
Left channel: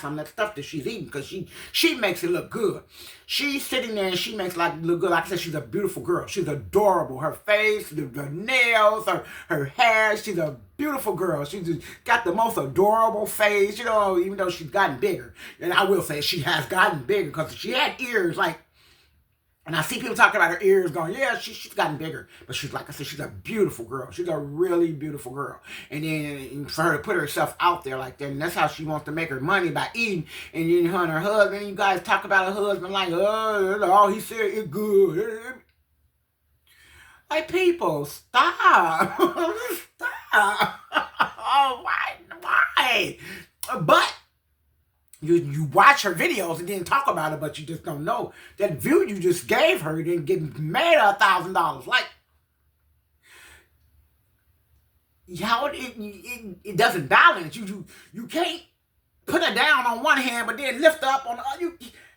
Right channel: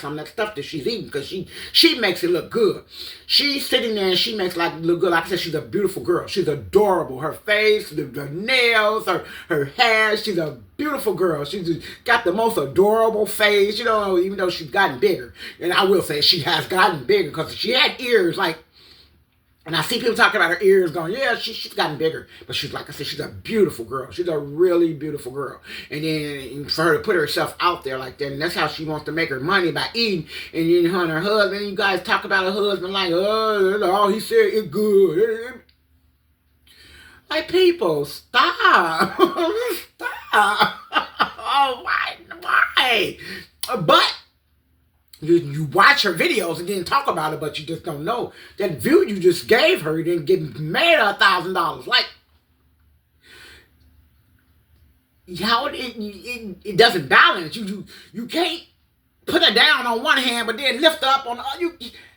some of that stuff that she's eating because she makes it look good. She's sitting there and she makes like look good. Like I said, she's a beautiful girl. She's adorable. Her face, the nails, her hair. She's a beautiful girl. She's got the most adorable face, you know, even though she's gotten bigger. And I will say she has gotten bigger because she had ears like. And I see people talking about her ears going, yeah, she's gotten bigger. But she's, like I said, she's a beautiful girl. She's a really beautiful girl. And then for her to put herself out there like that, and that's how she wants to make her money, by eating. And then her and her husband, and you guys talk about her husband like, oh, he said it's good. Like, people, stop. Stop. Oh, why? But you watch her videos and then talk about it, but you just don't know that view you just gave her, you didn't get made $1,000. Like, how it doesn't balance. You can't put her down on one hand, but then lift her up on the other.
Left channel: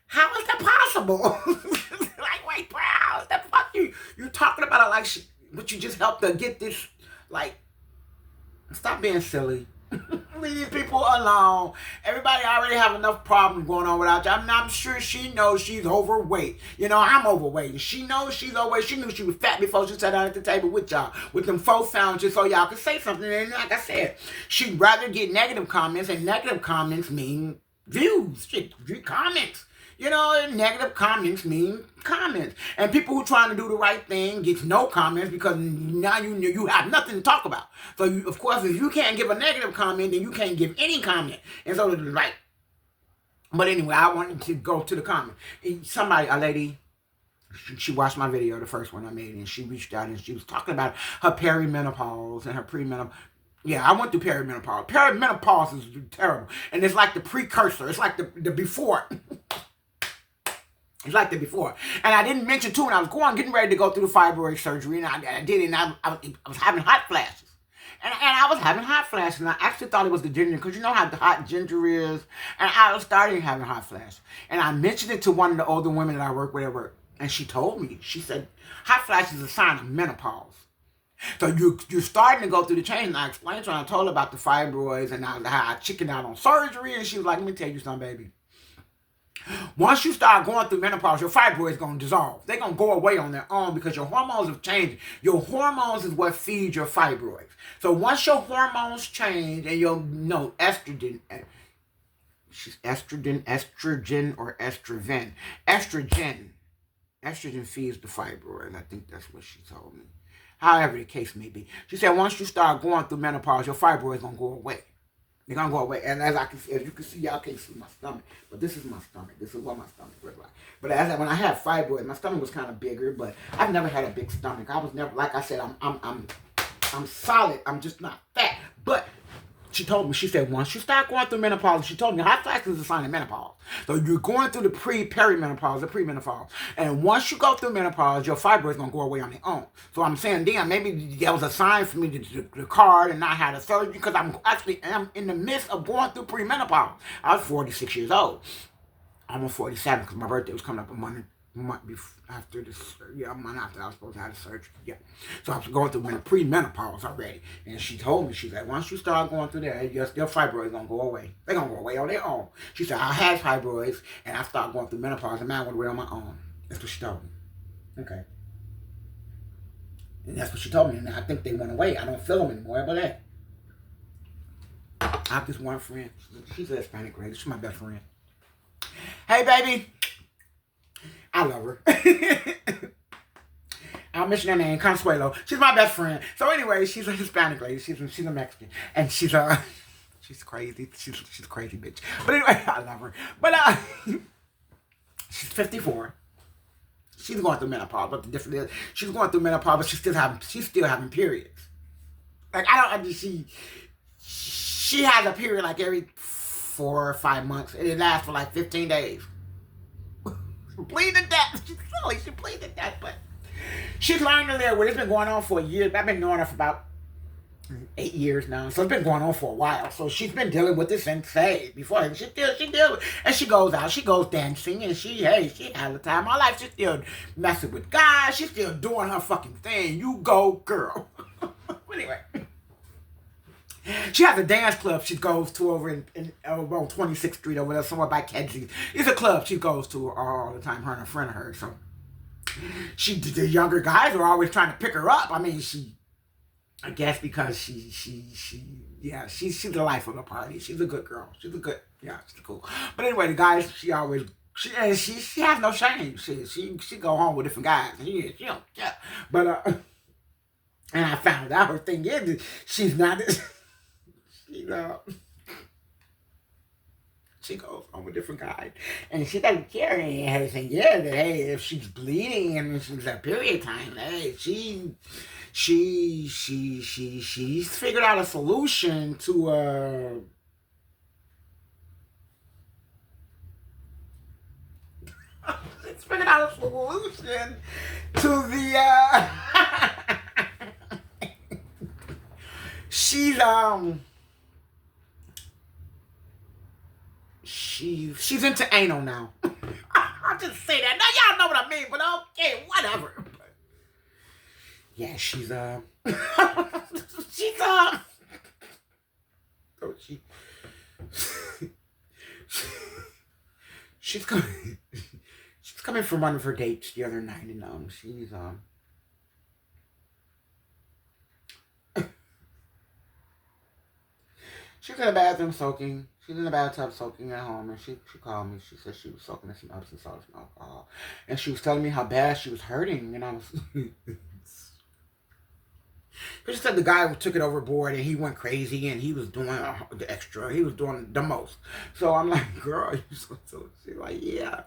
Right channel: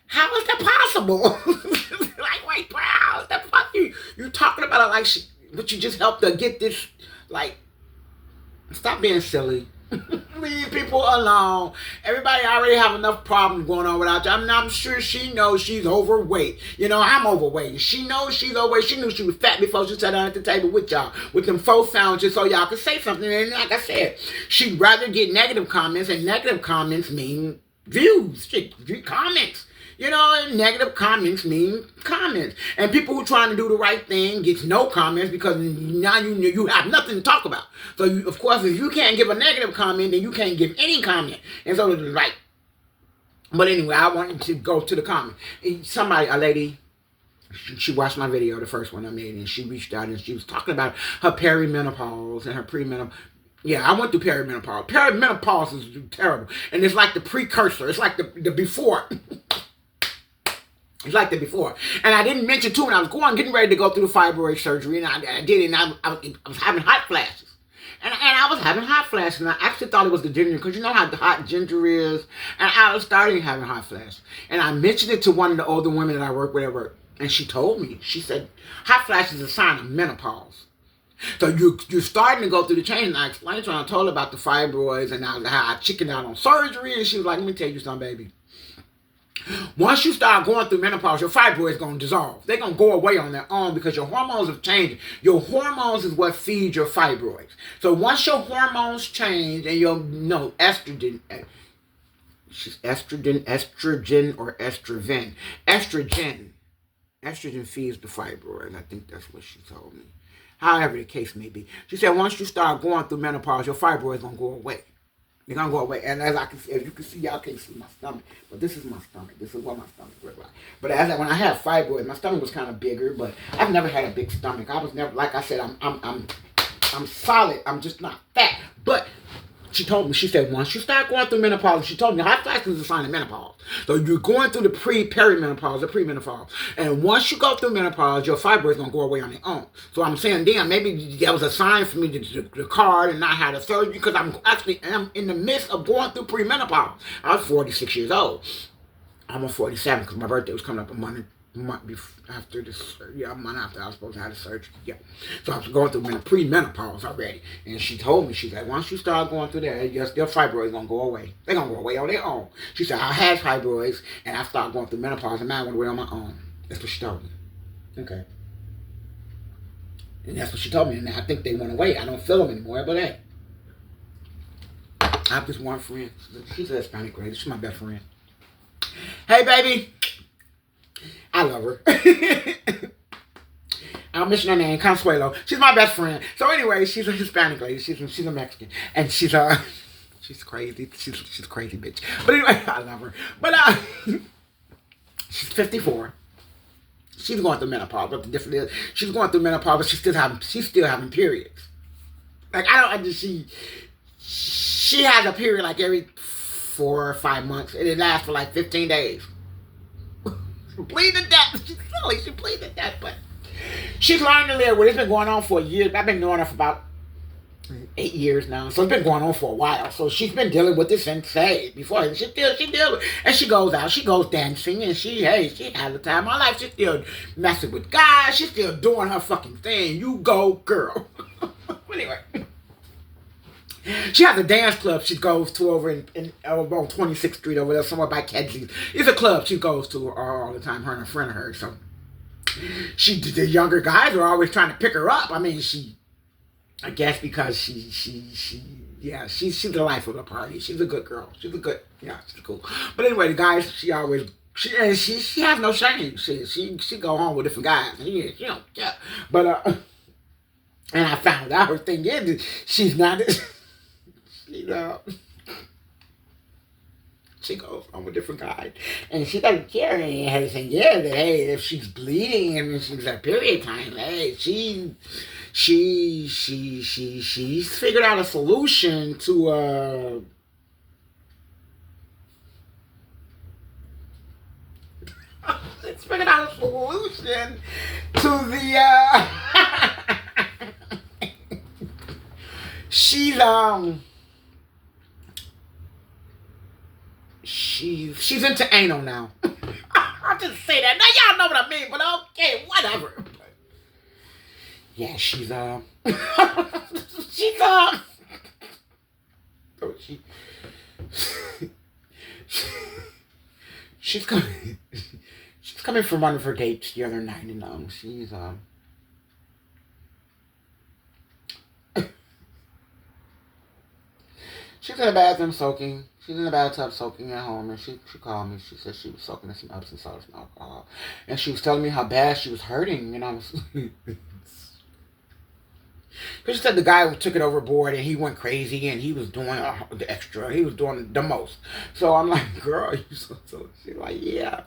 How is that possible? Like, wait, how is that fuck you talking about it like but you just helped her get this. Like, stop being silly. Leave people alone. Everybody already have enough problems going on without you. I'm sure she knows she's overweight. You know, I'm overweight. She knows she's overweight. She knew she was fat before she sat down at the table with y'all, with them faux sandwiches, so y'all could say something. And like I said, she'd rather get negative comments, and negative comments mean views. Comments. You know, negative comments mean comments. And people who are trying to do the right thing gets no comments because now you have nothing to talk about. So, of course, if you can't give a negative comment, then you can't give any comment. And so, right. But anyway, I wanted to go to the comment. A lady, she watched my video, the first one I made, and she reached out and she was talking about her perimenopause and her premenopause. Yeah, I went through perimenopause. Perimenopause is terrible. And it's like the precursor. It's like the before. It's like that before. And I didn't mention, too, when I was getting ready to go through the fibroid surgery, and I did it, and I was having hot flashes. And I was having hot flashes, and I actually thought it was the ginger, because you know how hot ginger is. And I was starting having hot flashes. And I mentioned it to one of the older women that I work with at work. And she told me, she said, hot flashes is a sign of menopause. So you're starting to go through the change. And I explained to her, I told her about the fibroids and how I chickened out on surgery. And she was like, let me tell you something, baby. Once you start going through menopause, your fibroids going to dissolve. They're going to go away on their own because your hormones have changed. Your hormones is what feeds your fibroids. So once your hormones change and estrogen or estrogen. Estrogen feeds the fibroid. I think that's what she told me. However the case may be. She said once you start going through menopause, your fibroids going to go away. They're going to go away. And as you can see, y'all can't see my stomach. But this is my stomach. This is what my stomach looks like. But when I had fibroids, my stomach was kind of bigger. But I've never had a big stomach. I was never, like I said, I'm solid. I'm just not fat. But She told me, she said, once you start going through menopause, she told me hot flashes is a sign of menopause. So you're going through the perimenopause, the premenopause. And once you go through menopause, your fibroids going to go away on their own. So I'm saying, damn, maybe that was a sign for me to card and not have the surgery, because I'm in the midst of going through premenopause. I was 46 years old. I'm 47 because my birthday was coming up a month after this. Yeah, a month after I was supposed to have the surgery. Yeah, so I was going through pre-menopause already, and she told me, she's like, once you start going through there, your fibroids gonna go away. They're gonna go away on their own. She said, I had fibroids and I started going through menopause, and mine went away on my own. That's what she told me. Okay, and that's what she told me, and I think they went away. I don't feel them anymore, but hey, I have this one friend. She's a Hispanic lady. She's my best friend. Hey, baby. I love her. I'll mention her name, Consuelo. She's my best friend. So anyway, she's a Hispanic lady. She's a Mexican. And she's crazy. She's a crazy bitch. But anyway, I love her. But she's 54. She's going through menopause. But the difference is, she's going through menopause, but she's still having periods. Like, she has a period like every 4 or 5 months, and it lasts for like 15 days. Bleeding to death. She's silly. She bleeds to death, but she's learning to live with it. It's been going on for a year. I've been knowing her for about 8 years now, so it's been going on for a while. So she's been dealing with this since before. She deals with it, and she goes out. She goes dancing, and she has the time of my life. She's still messing with guys. She's still doing her fucking thing. You go, girl. Anyway. She has a dance club she goes to over on 26th Street over there, somewhere by Kedzie. It's a club she goes to all the time, her and a friend of hers. So the younger guys are always trying to pick her up. I mean, I guess because she's the life of the party. She's a good girl. She's cool. But anyway, the guys, she has no shame. She go home with different guys. She don't care. But and I found out her thing is she's not. She goes on with different guys, and she doesn't care anything. Yeah, that hey, if she's bleeding and she's at period time, hey, she's figured out a solution to it's figured out a solution to the she's into anal now. I'll just say that. Now y'all know what I mean, but okay, whatever. But yeah, she's oh, she's coming from one of her dates the other night, and she's in the bathroom soaking. She's in the bathtub soaking at home, and she called me. She said she was soaking in some Epsom salts and alcohol, and she was telling me how bad she was hurting, and I was. Because she said the guy took it overboard and he went crazy and he was doing the extra. He was doing the most. So I'm like, girl, you so. She's like, yeah.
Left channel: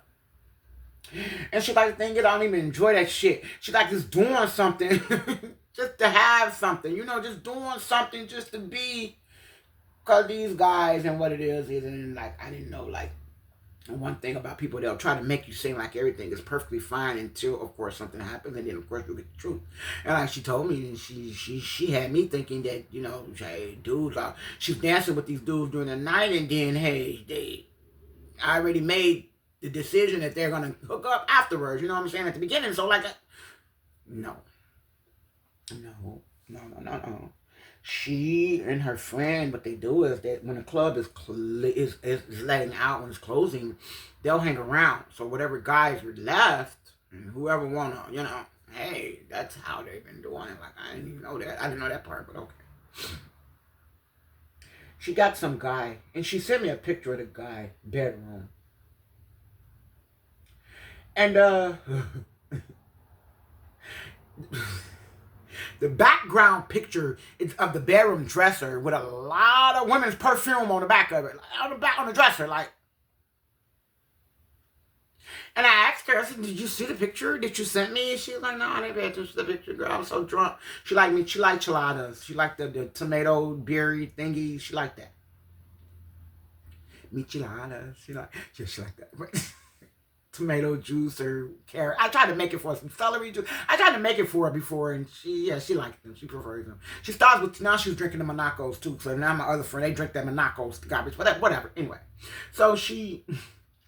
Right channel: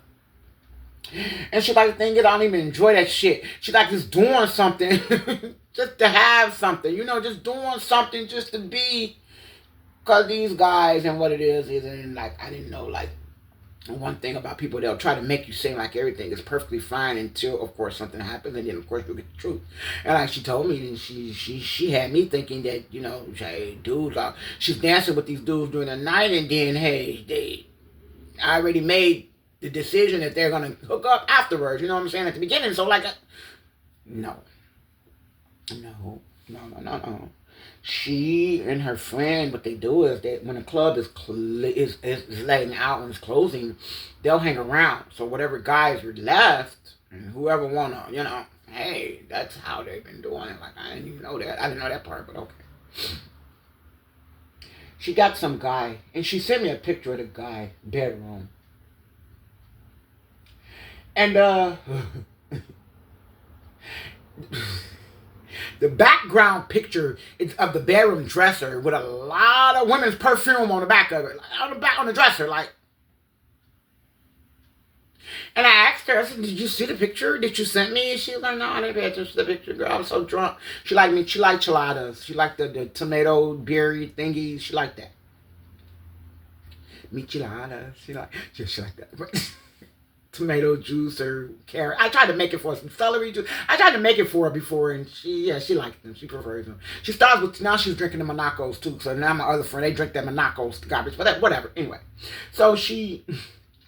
And she's like, the thing is, I don't even enjoy that shit. She's like, just doing something, just to have something, just doing something just to be. Because these guys and what it is, and like, I didn't know, like, one thing about people, they'll try to make you seem like everything is perfectly fine until, of course, something happens, and then, of course, you'll get the truth. And like she told me, and she had me thinking that, hey, dudes, she's dancing with these dudes during the night, and then, hey, they already made the decision that they're going to hook up afterwards, you know what I'm saying, at the beginning. So, like, no. She and her friend, what they do is that when the club is letting out, when it's closing, they'll hang around. So whatever guys are left, and whoever wanna, hey, that's how they've been doing it. Like, I didn't even know that. I didn't know that part, but okay. She got some guy, and she sent me a picture of the guy bedroom. And the background picture is of the bedroom dresser with a lot of women's perfume on the back of it, on the dresser, like. And I asked her, I said, did you see the picture that you sent me? And she was like, no, I didn't pay attention to the picture, girl. I was so drunk. She liked me. She liked chiladas. She liked the tomato berry thingies. She liked that. Micheladas. She liked that. Tomato juice or carrot. I tried to make it for her, some celery juice. I tried to make it for her before, and she liked them. She prefers them. She starts with, now she's drinking the Monacos too. So now my other friend, they drink that Monacos garbage, whatever. Anyway, so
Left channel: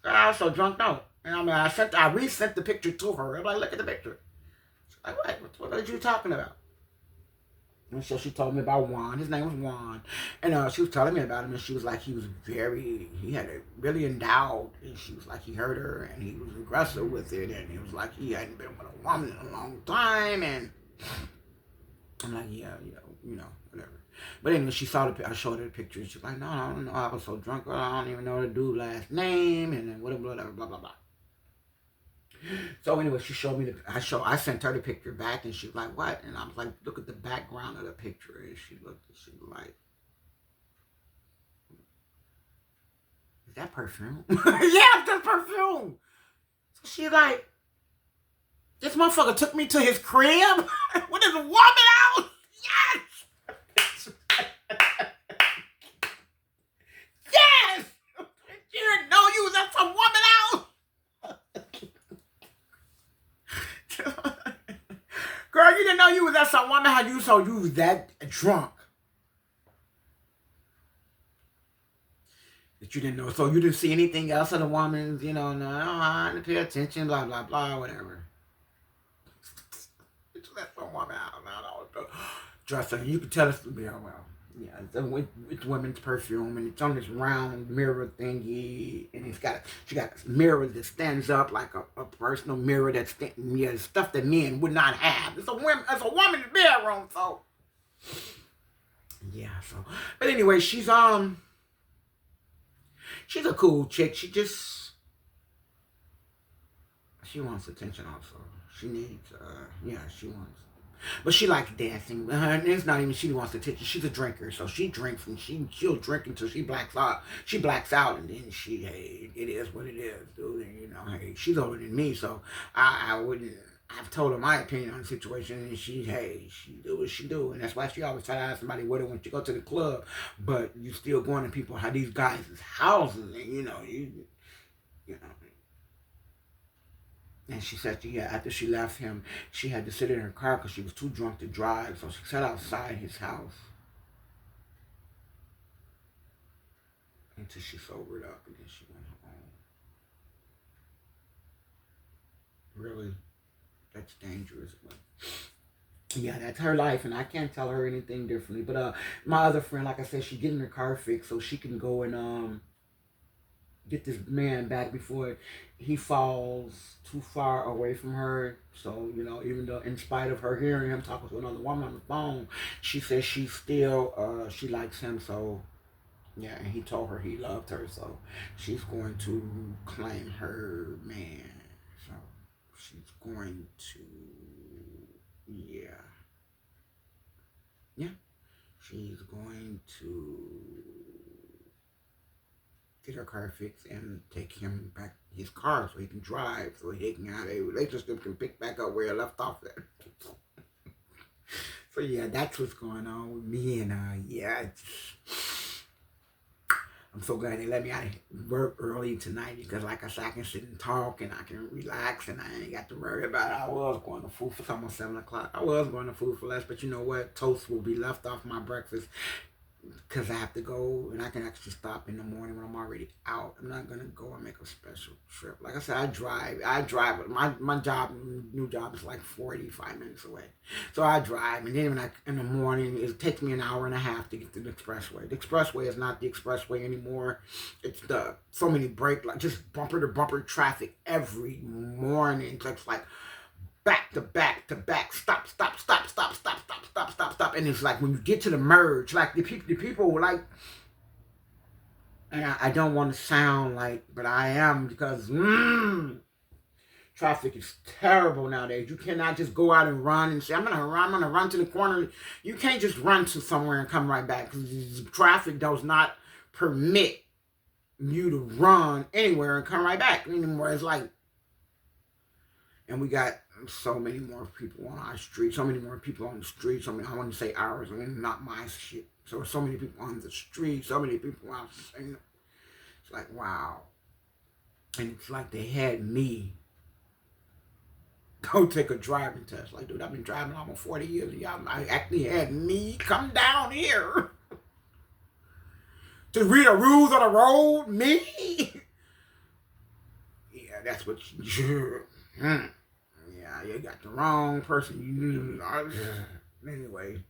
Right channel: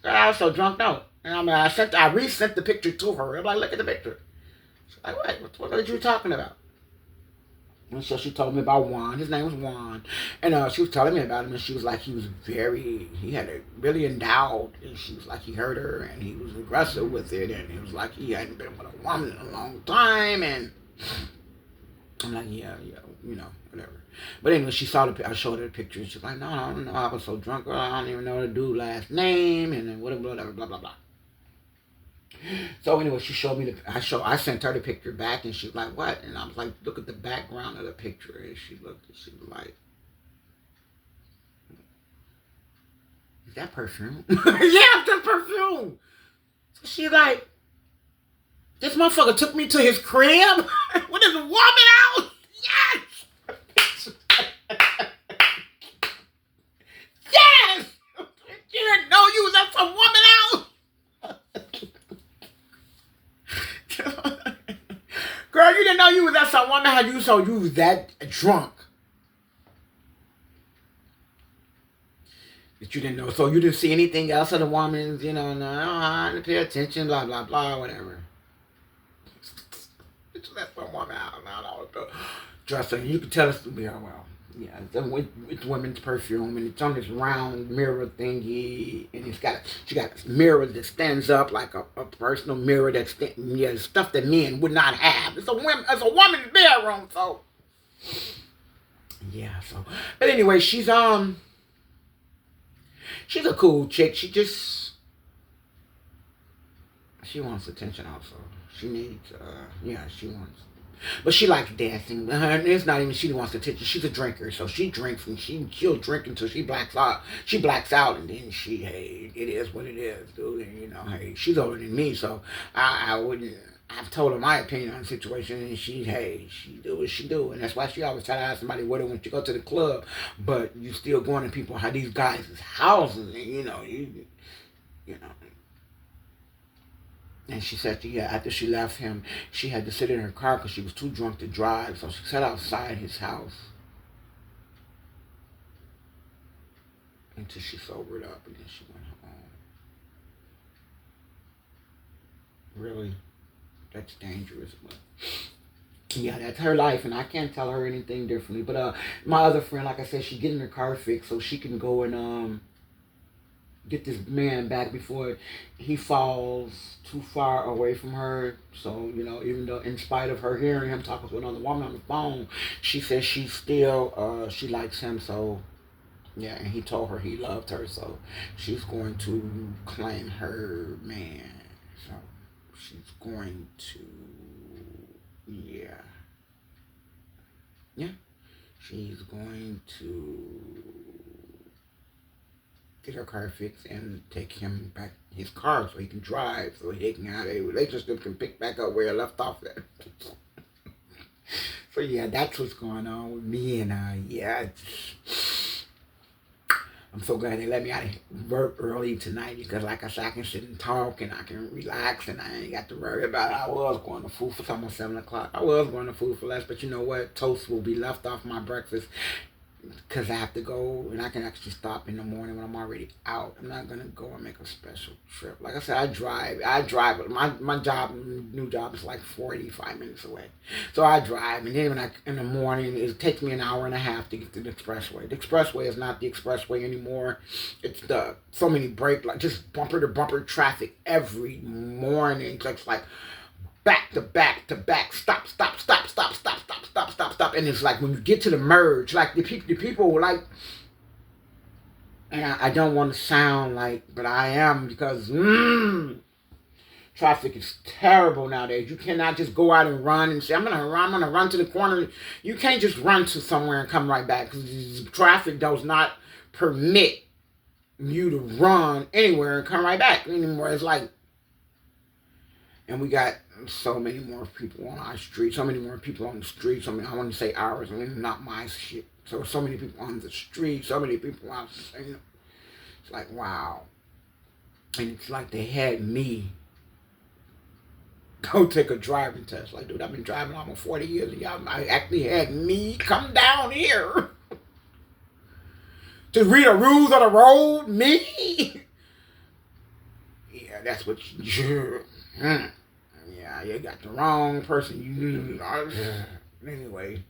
I was so drunk, no. And I resent the picture to her. I'm like, look at the picture. She's like, what are you talking about? And so she told me about Juan. His name was Juan. And she was telling me about him. And she was like, he had a really endowed. And she was like, he hurt her. And he was aggressive with it. And he was like, he hadn't been with a woman in a long time. And I'm like, yeah, whatever. But anyway, I showed her the picture. And she's like, no, I was so drunk. I don't even know the dude's last name. And then whatever, blah, blah, blah. So anyway, she showed me I sent her the picture back, and she was like, what? And I was like, look at the background of the picture. And she looked, and she was like, is that perfume? Yeah, that's perfume. So she's like, this motherfucker took me to his crib with his woman out. Yes! Yes! You didn't know you was at some woman out. Girl, you didn't know you was at some woman how you so you was that drunk. That you didn't know. So you didn't see anything else of the woman's, no, I didn't pay attention, blah, blah, blah, whatever. It's that some woman out now, dressing. You could tell it's, yeah, it's women's perfume, and it's on this round mirror thingy, and she got a mirror that stands up like a personal mirror that's stuff that men would not have. It's a woman's bedroom, so yeah. So, but anyway, she's a cool chick. She wants attention also. She needs she wants. But she likes dancing. It's not even she wants attention. She's a drinker, so she drinks and she'll drink until she blacks out. She blacks out, and then hey, it is what it is, dude. And hey, she's older than me, so I wouldn't. I've told her my opinion on the situation, and she do what she do, and that's why she always try to ask somebody where when she go to the club, but you still going to people how these guys' houses, and you know. And she said, after she left him, she had to sit in her car because she was too drunk to drive. So she sat outside his house until she sobered up, and then she went home. Really? That's dangerous. But yeah, that's her life, and I can't tell her anything differently. But my other friend, like I said, she's getting her car fixed so she can go and get this man back before he falls too far away from her. So, even though in spite of her hearing him talking to another woman on the phone, she says she still, she likes him. So, yeah, and he told her he loved her. So, she's going to claim her man. So, she's going to, she's going to get her car fixed and take him back his car so he can drive, so he can have a relationship, can pick back up where I left off at. So yeah, that's what's going on with me, and I'm so glad they let me out of work early tonight because, like I said, I can sit and talk and I can relax and I ain't got to worry about it. I was going to food for it's almost 7 o'clock. I was going to food for less, but you know what? Toast will be left off my breakfast because I have to go, and I can actually stop in the morning when I'm already out. I'm not going to go and make a special trip. Like I said, I drive. My new job is like 45 minutes away. So I drive, and then in the morning, it takes me an hour and a half to get to the expressway. The expressway is not the expressway anymore. It's so many just bumper to bumper traffic every morning. It's like back to back to back, stop. And it's like when you get to the merge, like the people like, and I don't want to sound like, but I am, because traffic is terrible nowadays. You cannot just go out and run and say, I'm gonna run to the corner. You can't just run to somewhere and come right back, because traffic does not permit you to run anywhere and come right back anymore. It's like And we got so many more people on our street, so many more people on the street. So many, I want to say ours, I mean, not my shit. So many people on the street, so many people out. It's like, wow. And it's like they had me go take a driving test. Like, dude, I've been driving almost 40 years. And y'all actually had me come down here to read the rules of the road. Me? Yeah, that's what you... Yeah, you got the wrong person. Anyway,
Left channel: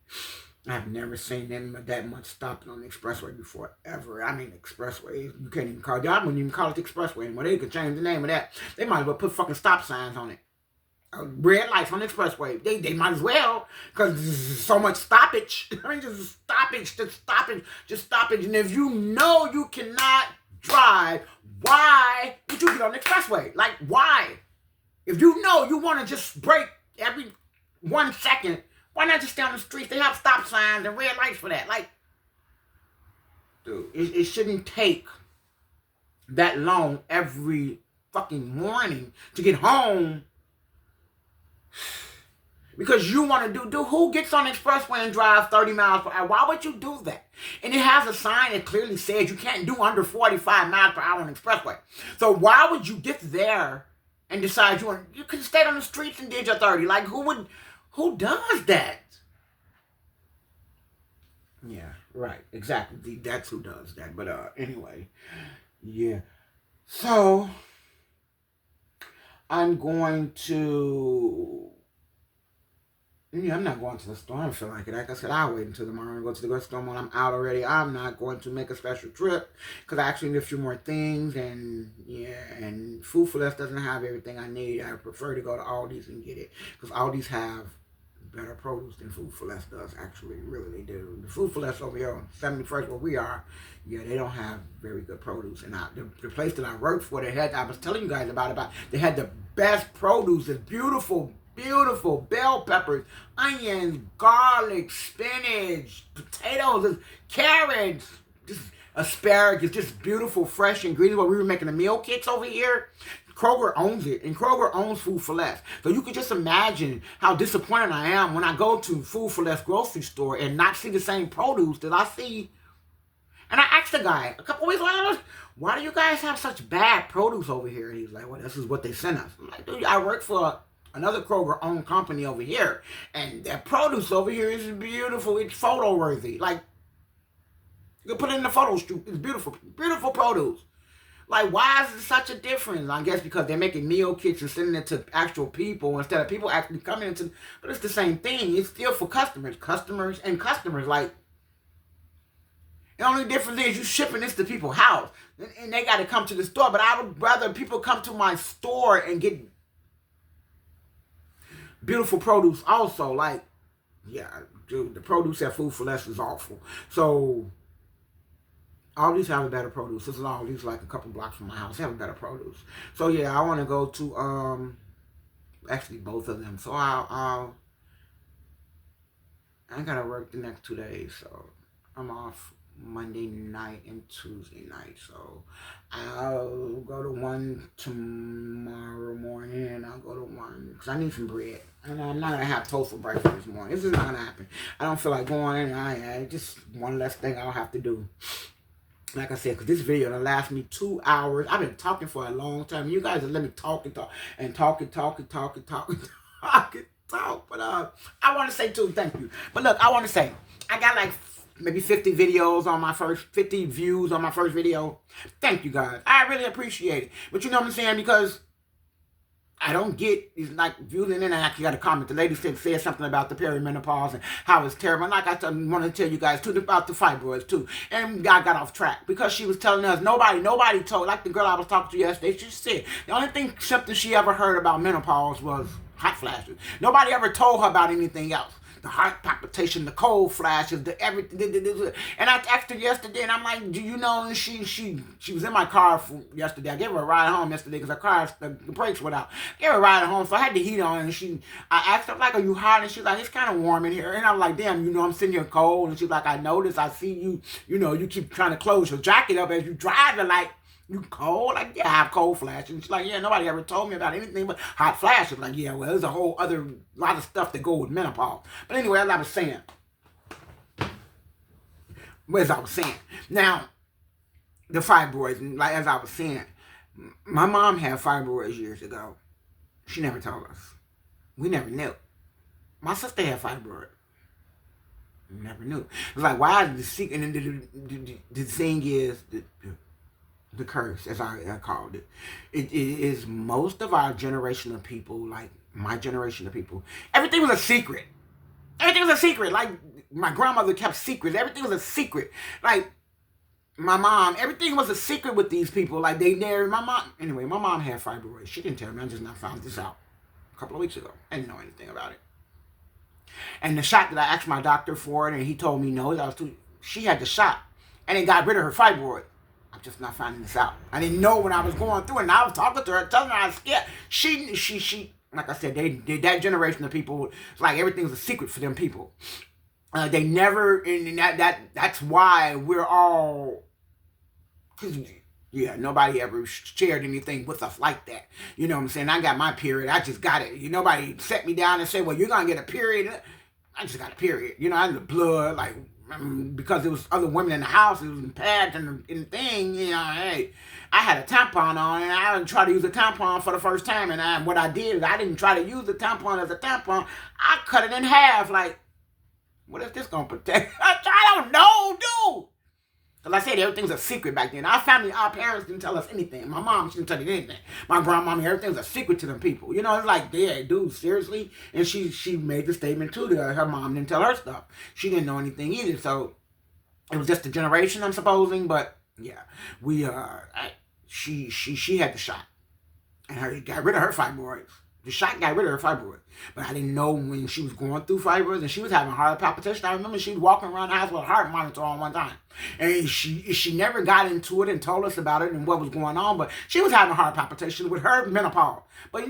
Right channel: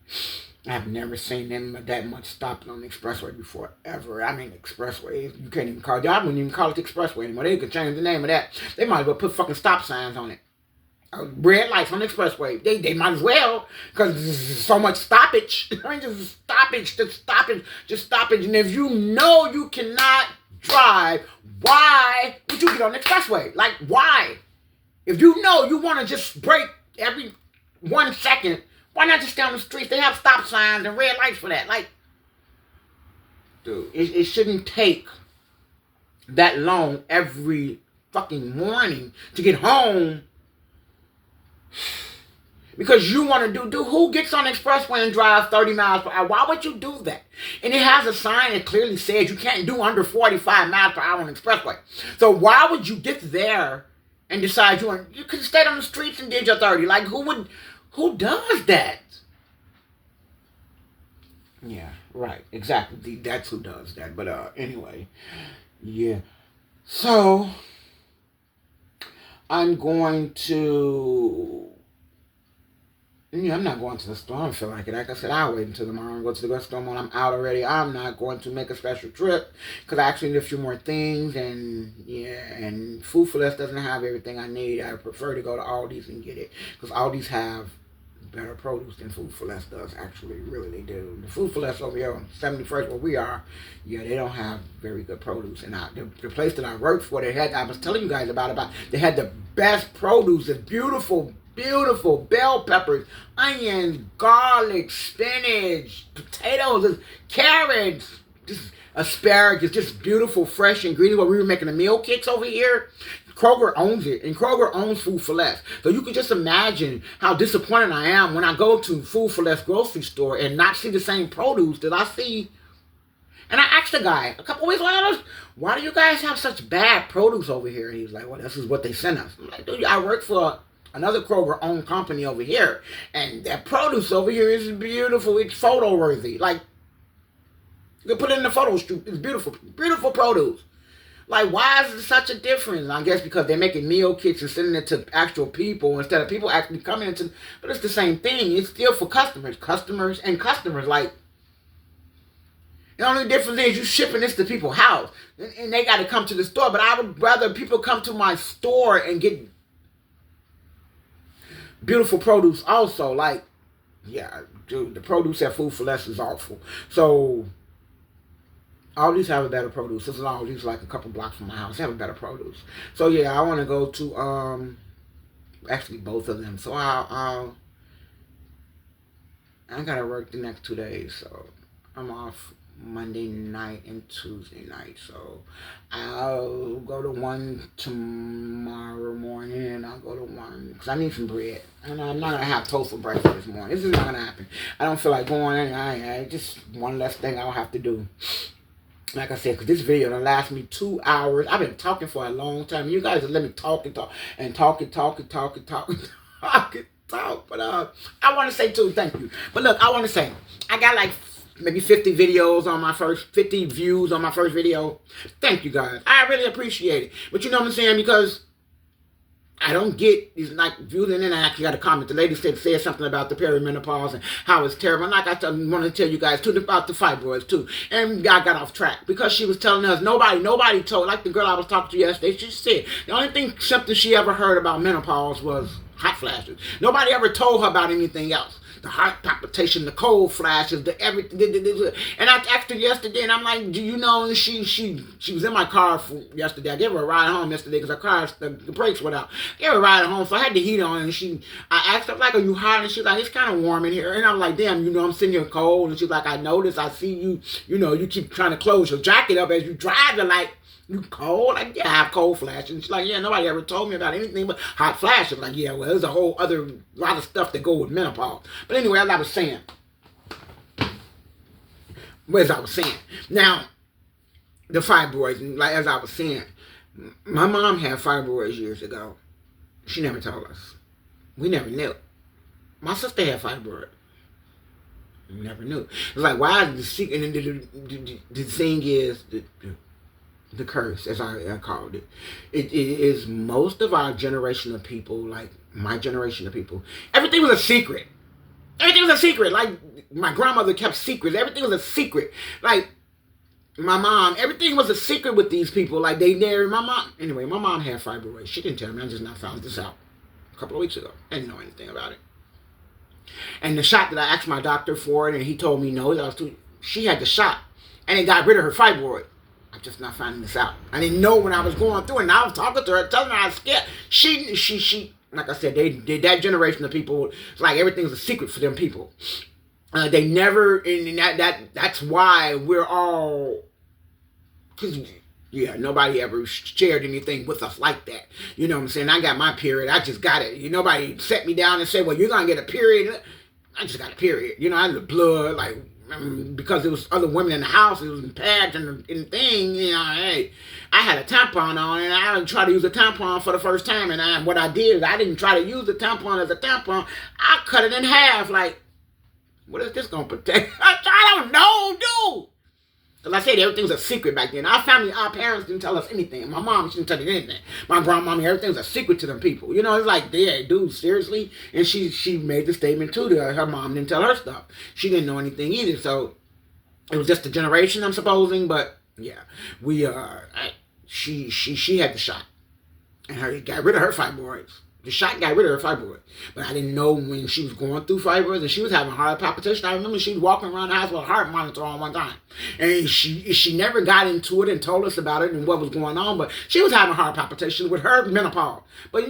I've never seen them that much stopping on the expressway before, ever. I mean, expressways, you can't even call it. I wouldn't even call it the expressway anymore. They could change the name of that. They might as well put fucking stop signs on it. Red lights on the expressway. They might as well, because there's so much stoppage. I mean, just stoppage. And if you know you cannot drive, why would you get on the expressway? Like, why? If you know you want to just brake every 1 second, why not just stay on the streets? They have stop signs and red lights for that. Like, dude, it shouldn't take that long every fucking morning to get home because you want to do who gets on the expressway and drives 30 miles per hour? Why would you do that? And it has a sign that clearly says you can't do under 45 miles per hour on the expressway. So why would you get there and decide you could have stayed on the streets and did your 30? Like, who does that? Yeah, right, exactly. That's who does that. But anyway, yeah. So I'm going to... Yeah, I'm not going to the store. I don't feel like it. Like I said, I'll wait until tomorrow and go to the grocery store when I'm out already. I'm not going to make a special trip because I actually need a few more things. And yeah, and Food for Less doesn't have everything I need. I prefer to go to Aldi's and get it because Aldi's have better produce than Food for Less does. Actually, really, they do. The Food for Less over here on 71st where we are, yeah, they don't have very good produce. And the place that I worked for, I was telling you guys about they had the best produce. It's beautiful bell peppers, onions, garlic, spinach, potatoes, carrots, just asparagus, just beautiful, fresh ingredients. Where we were making the meal kits over here, Kroger owns it, and Kroger owns Food for Less. So you could just imagine how disappointed I am when I go to Food for Less grocery store and not see the same produce that I see. And I asked the guy a couple weeks later, why do you guys have such bad produce over here? And he was like, well, this is what they sent us. I'm like, dude, I work for another Kroger-owned company over here, and that produce over here is beautiful. It's photo-worthy. Like, you can put it in the photo shoot. It's beautiful. Beautiful produce. Like, why is it such a difference? I guess because they're making meal kits and sending it to actual people instead of people actually coming into... But it's the same thing. It's still for customers. Customers. Like, the only difference is you shipping this to people's house. And they got to come to the store. But I would rather people come to my store and get beautiful produce also. Like, yeah, dude, the produce at Food for Less is awful. So, all these have a better produce. This is all these like a couple blocks from my house. They have a better produce. So, yeah, I want to go to, actually both of them. So, I got to work the next 2 days. So, I'm off Monday night and Tuesday night. So I'll go to one tomorrow morning and I'll go to one because I need some bread. And I'm not going to have toast for breakfast this morning. This is not going to happen. I don't feel like going in. I just one less thing I'll have to do. Like I said, because this video will last me 2 hours. I've been talking for a long time. You guys let me talk. But I want to say too, thank you. But look, I want to say, I got like maybe 50 views on my first video. Thank you guys. I really appreciate it. But you know what I'm saying? Because I don't get these like views, and then I actually got a comment. The lady said something about the perimenopause and how it's terrible. And like I wanted to tell you guys too about the fibroids too. And I got off track because she was telling us nobody told, like the girl I was talking to yesterday, she said the only symptom she ever heard about menopause was hot flashes. Nobody ever told her about anything else. The heart palpitation, the cold flashes, the everything. And I asked her yesterday, and I'm like, do you know? And she was in my car yesterday. I gave her a ride home yesterday because her car, the brakes went out. I gave her a ride home, so I had the heat on. And I asked her, like, are you hot? And she's like, it's kind of warm in here. And I'm like, damn, I'm sitting here cold. And she's like, I noticed. I see you. You keep trying to close your jacket up as you drive. And like, You cold? Like, yeah, I have cold flashes. She's like, yeah, nobody ever told me about anything but hot flashes. Like, yeah, well, there's a whole other lot of stuff that go with menopause. But anyway, as I was saying, now, the fibroids, like as I was saying, my mom had fibroids years ago. She never told us. We never knew. My sister had fibroids. We never knew. It's like, why is the secret? And the thing is, the curse, as I called it. It is most of our generation of people, like my generation of people, everything was a secret. Everything was a secret. Like, my grandmother kept secrets. Everything was a secret. Like, my mom, everything was a secret with these people. Like, they married my mom. Anyway, my mom had fibroids. She didn't tell me. I just now found this out a couple of weeks ago. I didn't know anything about it. And the shot that I asked my doctor for it, and he told me no, that was too, she had the shot, and it got rid of her fibroid. I'm just not finding this out. I didn't know when I was going through it, and I was talking to her, telling her I was scared. She, like I said, that generation of people, it's like everything's a secret for them people. They never, and that's why we're all, because, yeah, nobody ever shared anything with us like that. You know what I'm saying? I got my period. I just got it. Nobody set me down and said, well, you're going to get a period. I just got a period. I had the blood, like, because there was other women in the house, it was in pads and thing, hey, I had a tampon on, and I didn't try to use a tampon for the first time, and what I did is I didn't try to use the tampon as a tampon. I cut it in half, like, what is this going to protect? I don't know, dude. Because I said everything was a secret back then. Our family, our parents didn't tell us anything. My mom, she didn't tell me anything. My grandmama, everything was a secret to them people. It's like, yeah, dude, seriously? And she made the statement too that her mom didn't tell her stuff. She didn't know anything either. So it was just a generation, I'm supposing. But yeah, she had the shot. And it got rid of her fibroids. The shot got rid of her fibroid. But I didn't know when she was going through fibroids and she was having heart palpitation. I remember she was walking around the house with a heart monitor on one time. And she never got into it and told us about it and what was going on. But she was having heart palpitation with her menopause. But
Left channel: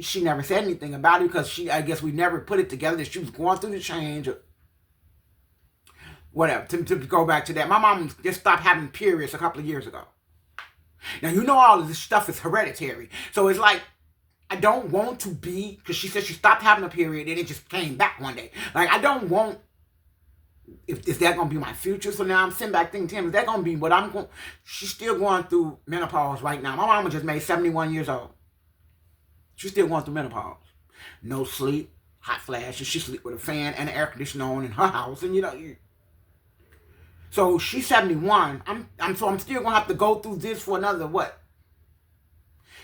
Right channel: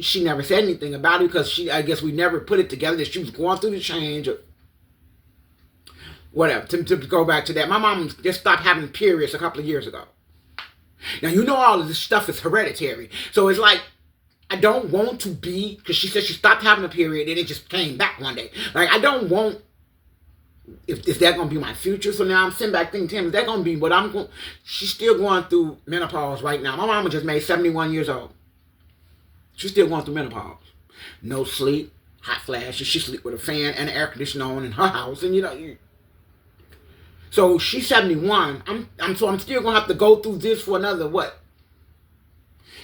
she never said anything about it because I guess we never put it together that she was going through the change or whatever. To go back to that, my mom just stopped having periods a couple of years ago. Now, all of this stuff is hereditary. So it's like, I don't want to be, because she said she stopped having a period and it just came back one day. Like, I don't want, is that going to be my future? So now I'm sitting back thinking, Tim, is that going to be what I'm going, she's still going through menopause right now. My mama just made 71 years old. She's still going through menopause. No sleep, hot flashes. She sleep with a fan and an air conditioner on in her house. And so she's 71. I'm still going to have to go through this for another, what?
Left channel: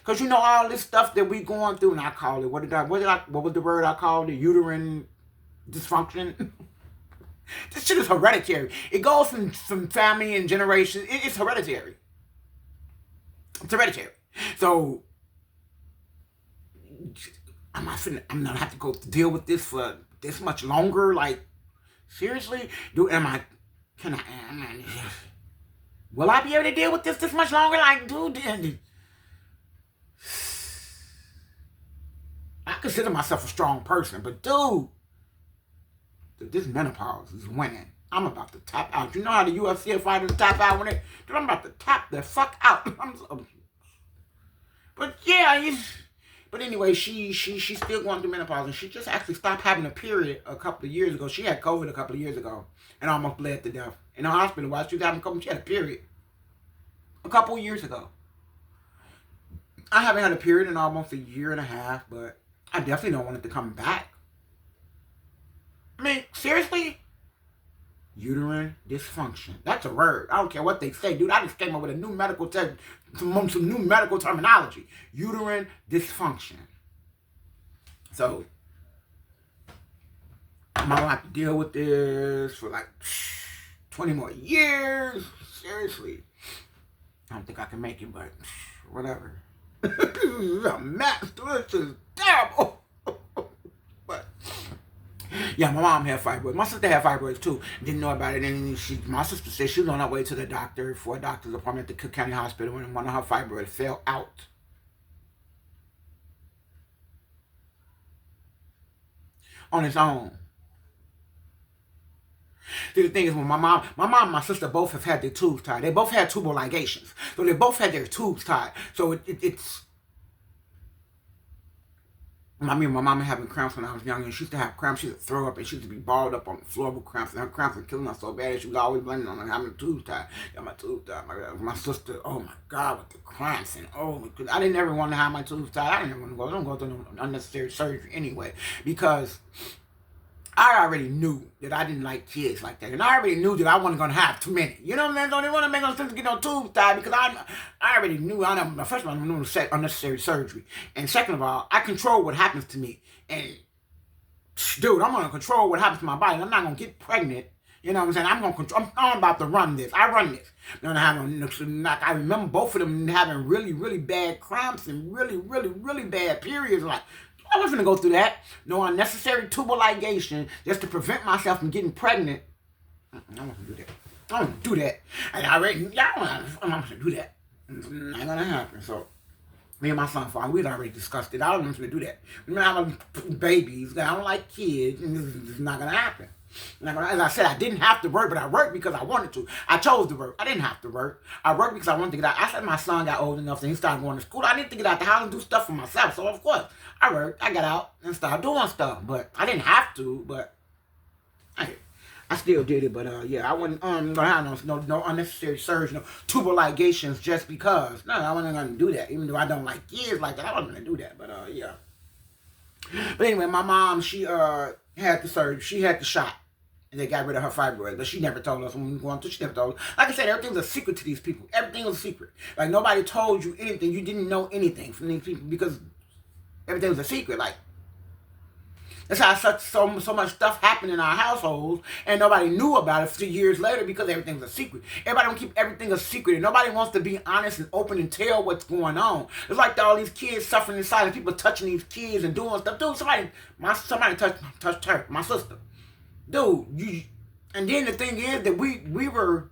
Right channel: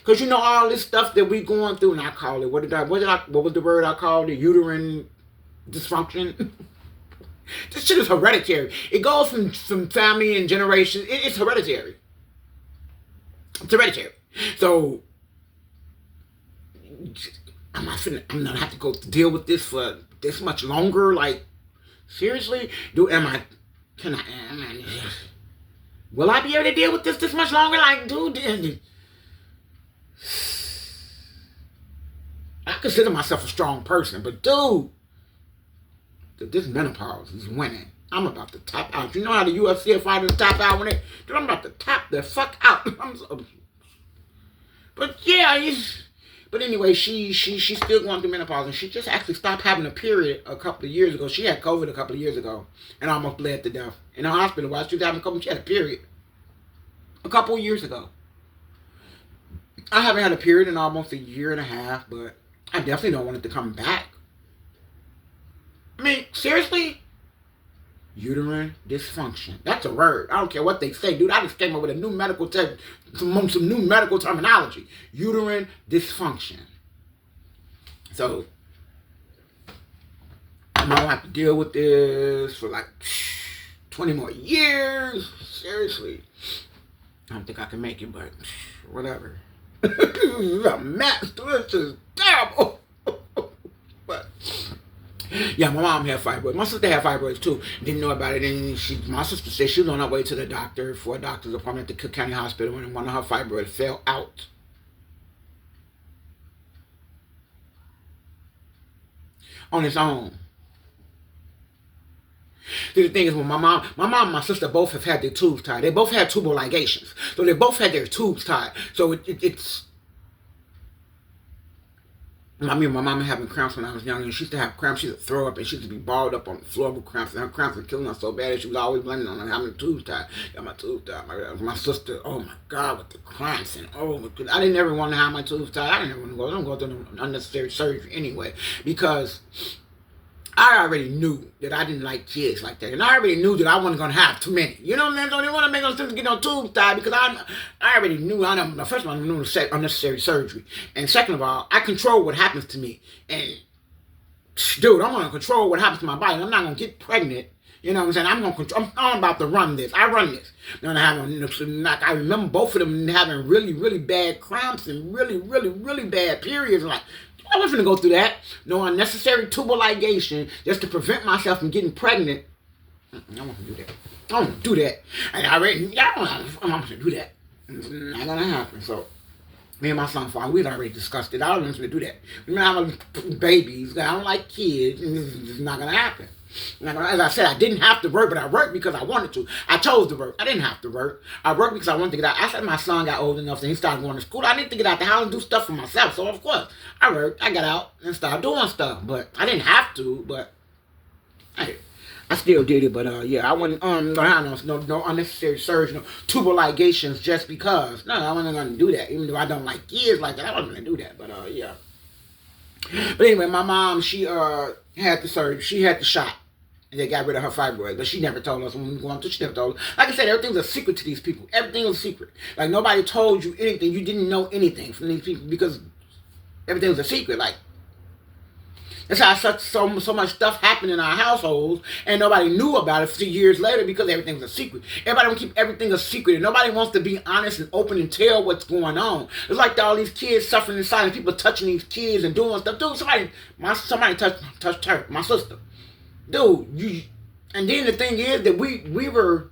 Because all this stuff that we going through, and I call it, what was the word I called it? Uterine dysfunction. This shit is hereditary. It goes from family and generations. It's hereditary. It's hereditary. So I'm not gonna have to go deal with this for this much longer. Like, seriously, will I be able to deal with this much longer? Like, dude. I consider myself a strong person, but dude, this menopause is winning. I'm about to tap out. You know how the UFC fighters tap out when dude, I'm about to tap the fuck out. But yeah, but anyway, she's still going through menopause, and she just actually stopped having a period a couple of years ago. She had COVID a couple of years ago and almost bled to death in the hospital while she was having COVID. She had a period a couple of years ago. I haven't had a period in almost a year and a half, but I definitely don't want it to come back. I mean, seriously? Uterine dysfunction. That's a word. I don't care what they say, dude. I just came up with a new medical some new medical terminology. Uterine dysfunction. So, I'm going to have to deal with this for like 20 more years. Seriously. I don't think I can make it, but whatever. This is a mess. This is terrible. But yeah, my mom had fibroids. My sister had fibroids too. Didn't know about it. And my sister said she was on her way to the doctor for a doctor's appointment at the Cook County Hospital, and one of her fibroids fell out. On its own. See, the thing is, when my mom and my sister both have had their tubes tied. They both had tubal ligations. So they both had their tubes tied. So it's... I mean, my mama having cramps when I was young, and she used to have cramps. She used to throw up, and she used to be balled up on the floor with cramps. And her cramps were killing her so bad, and she was always blaming on having the tubes tied. Got my tubes tied. My sister, oh my God, with the cramps, and I didn't ever want to have my tubes tied. I didn't ever want to go. I don't go through no unnecessary surgery anyway, because I already knew that I didn't like kids like that. And I already knew that I wasn't going to have too many. You know what I'm saying? So I didn't want to make no sense to get no tubes tied, because I already knew. First of all, I knew unnecessary surgery. And second of all, I control what happens to me. And, dude, I'm going to control what happens to my body. I'm not going to get pregnant. You know what I'm saying? I'm going to control. I'm about to run this. I run this. I remember both of them having really, really bad cramps and really, really, really bad periods. Like, I wasn't going to go through that. No unnecessary tubal ligation just to prevent myself from getting pregnant. I don't want to do that. I don't want to do that. And I don't want to do that. It's not going to happen. So, me and my son, we'd already discussed it. I don't want to do that. I have babies. I don't like kids. And it's not going to happen. As I said, I didn't have to work, but I worked because I wanted to. I chose to work. I didn't have to work. I worked because I wanted to get out. I said my son got old enough and he started going to school. I needed to get out the house and do stuff for myself. So, of course, I worked. I got out and started doing stuff. But I didn't have to, but I still did it. But, yeah, I wasn't going to have no unnecessary surgery, no tubal ligations just because. No, I wasn't going to do that. Even though I don't like kids like that, I wasn't going to do that. But, yeah. But anyway, my mom, she had the surgery. She had the shot. And they got rid of her fibroids, but she never told us when we were going through. She never told us. Like I said, everything's a secret to these people. Everything was a secret. Like, nobody told you anything. You didn't know anything from these people because everything was a secret. Like, that's how so much stuff happened in our households, and nobody knew about it 3 years later because everything was a secret. Everybody want to keep everything a secret, and nobody wants to be honest and open and tell what's going on. It's like all these kids suffering in silence, people touching these kids and doing stuff. Dude, somebody touched her, my sister. Dude, and then the thing is that we were,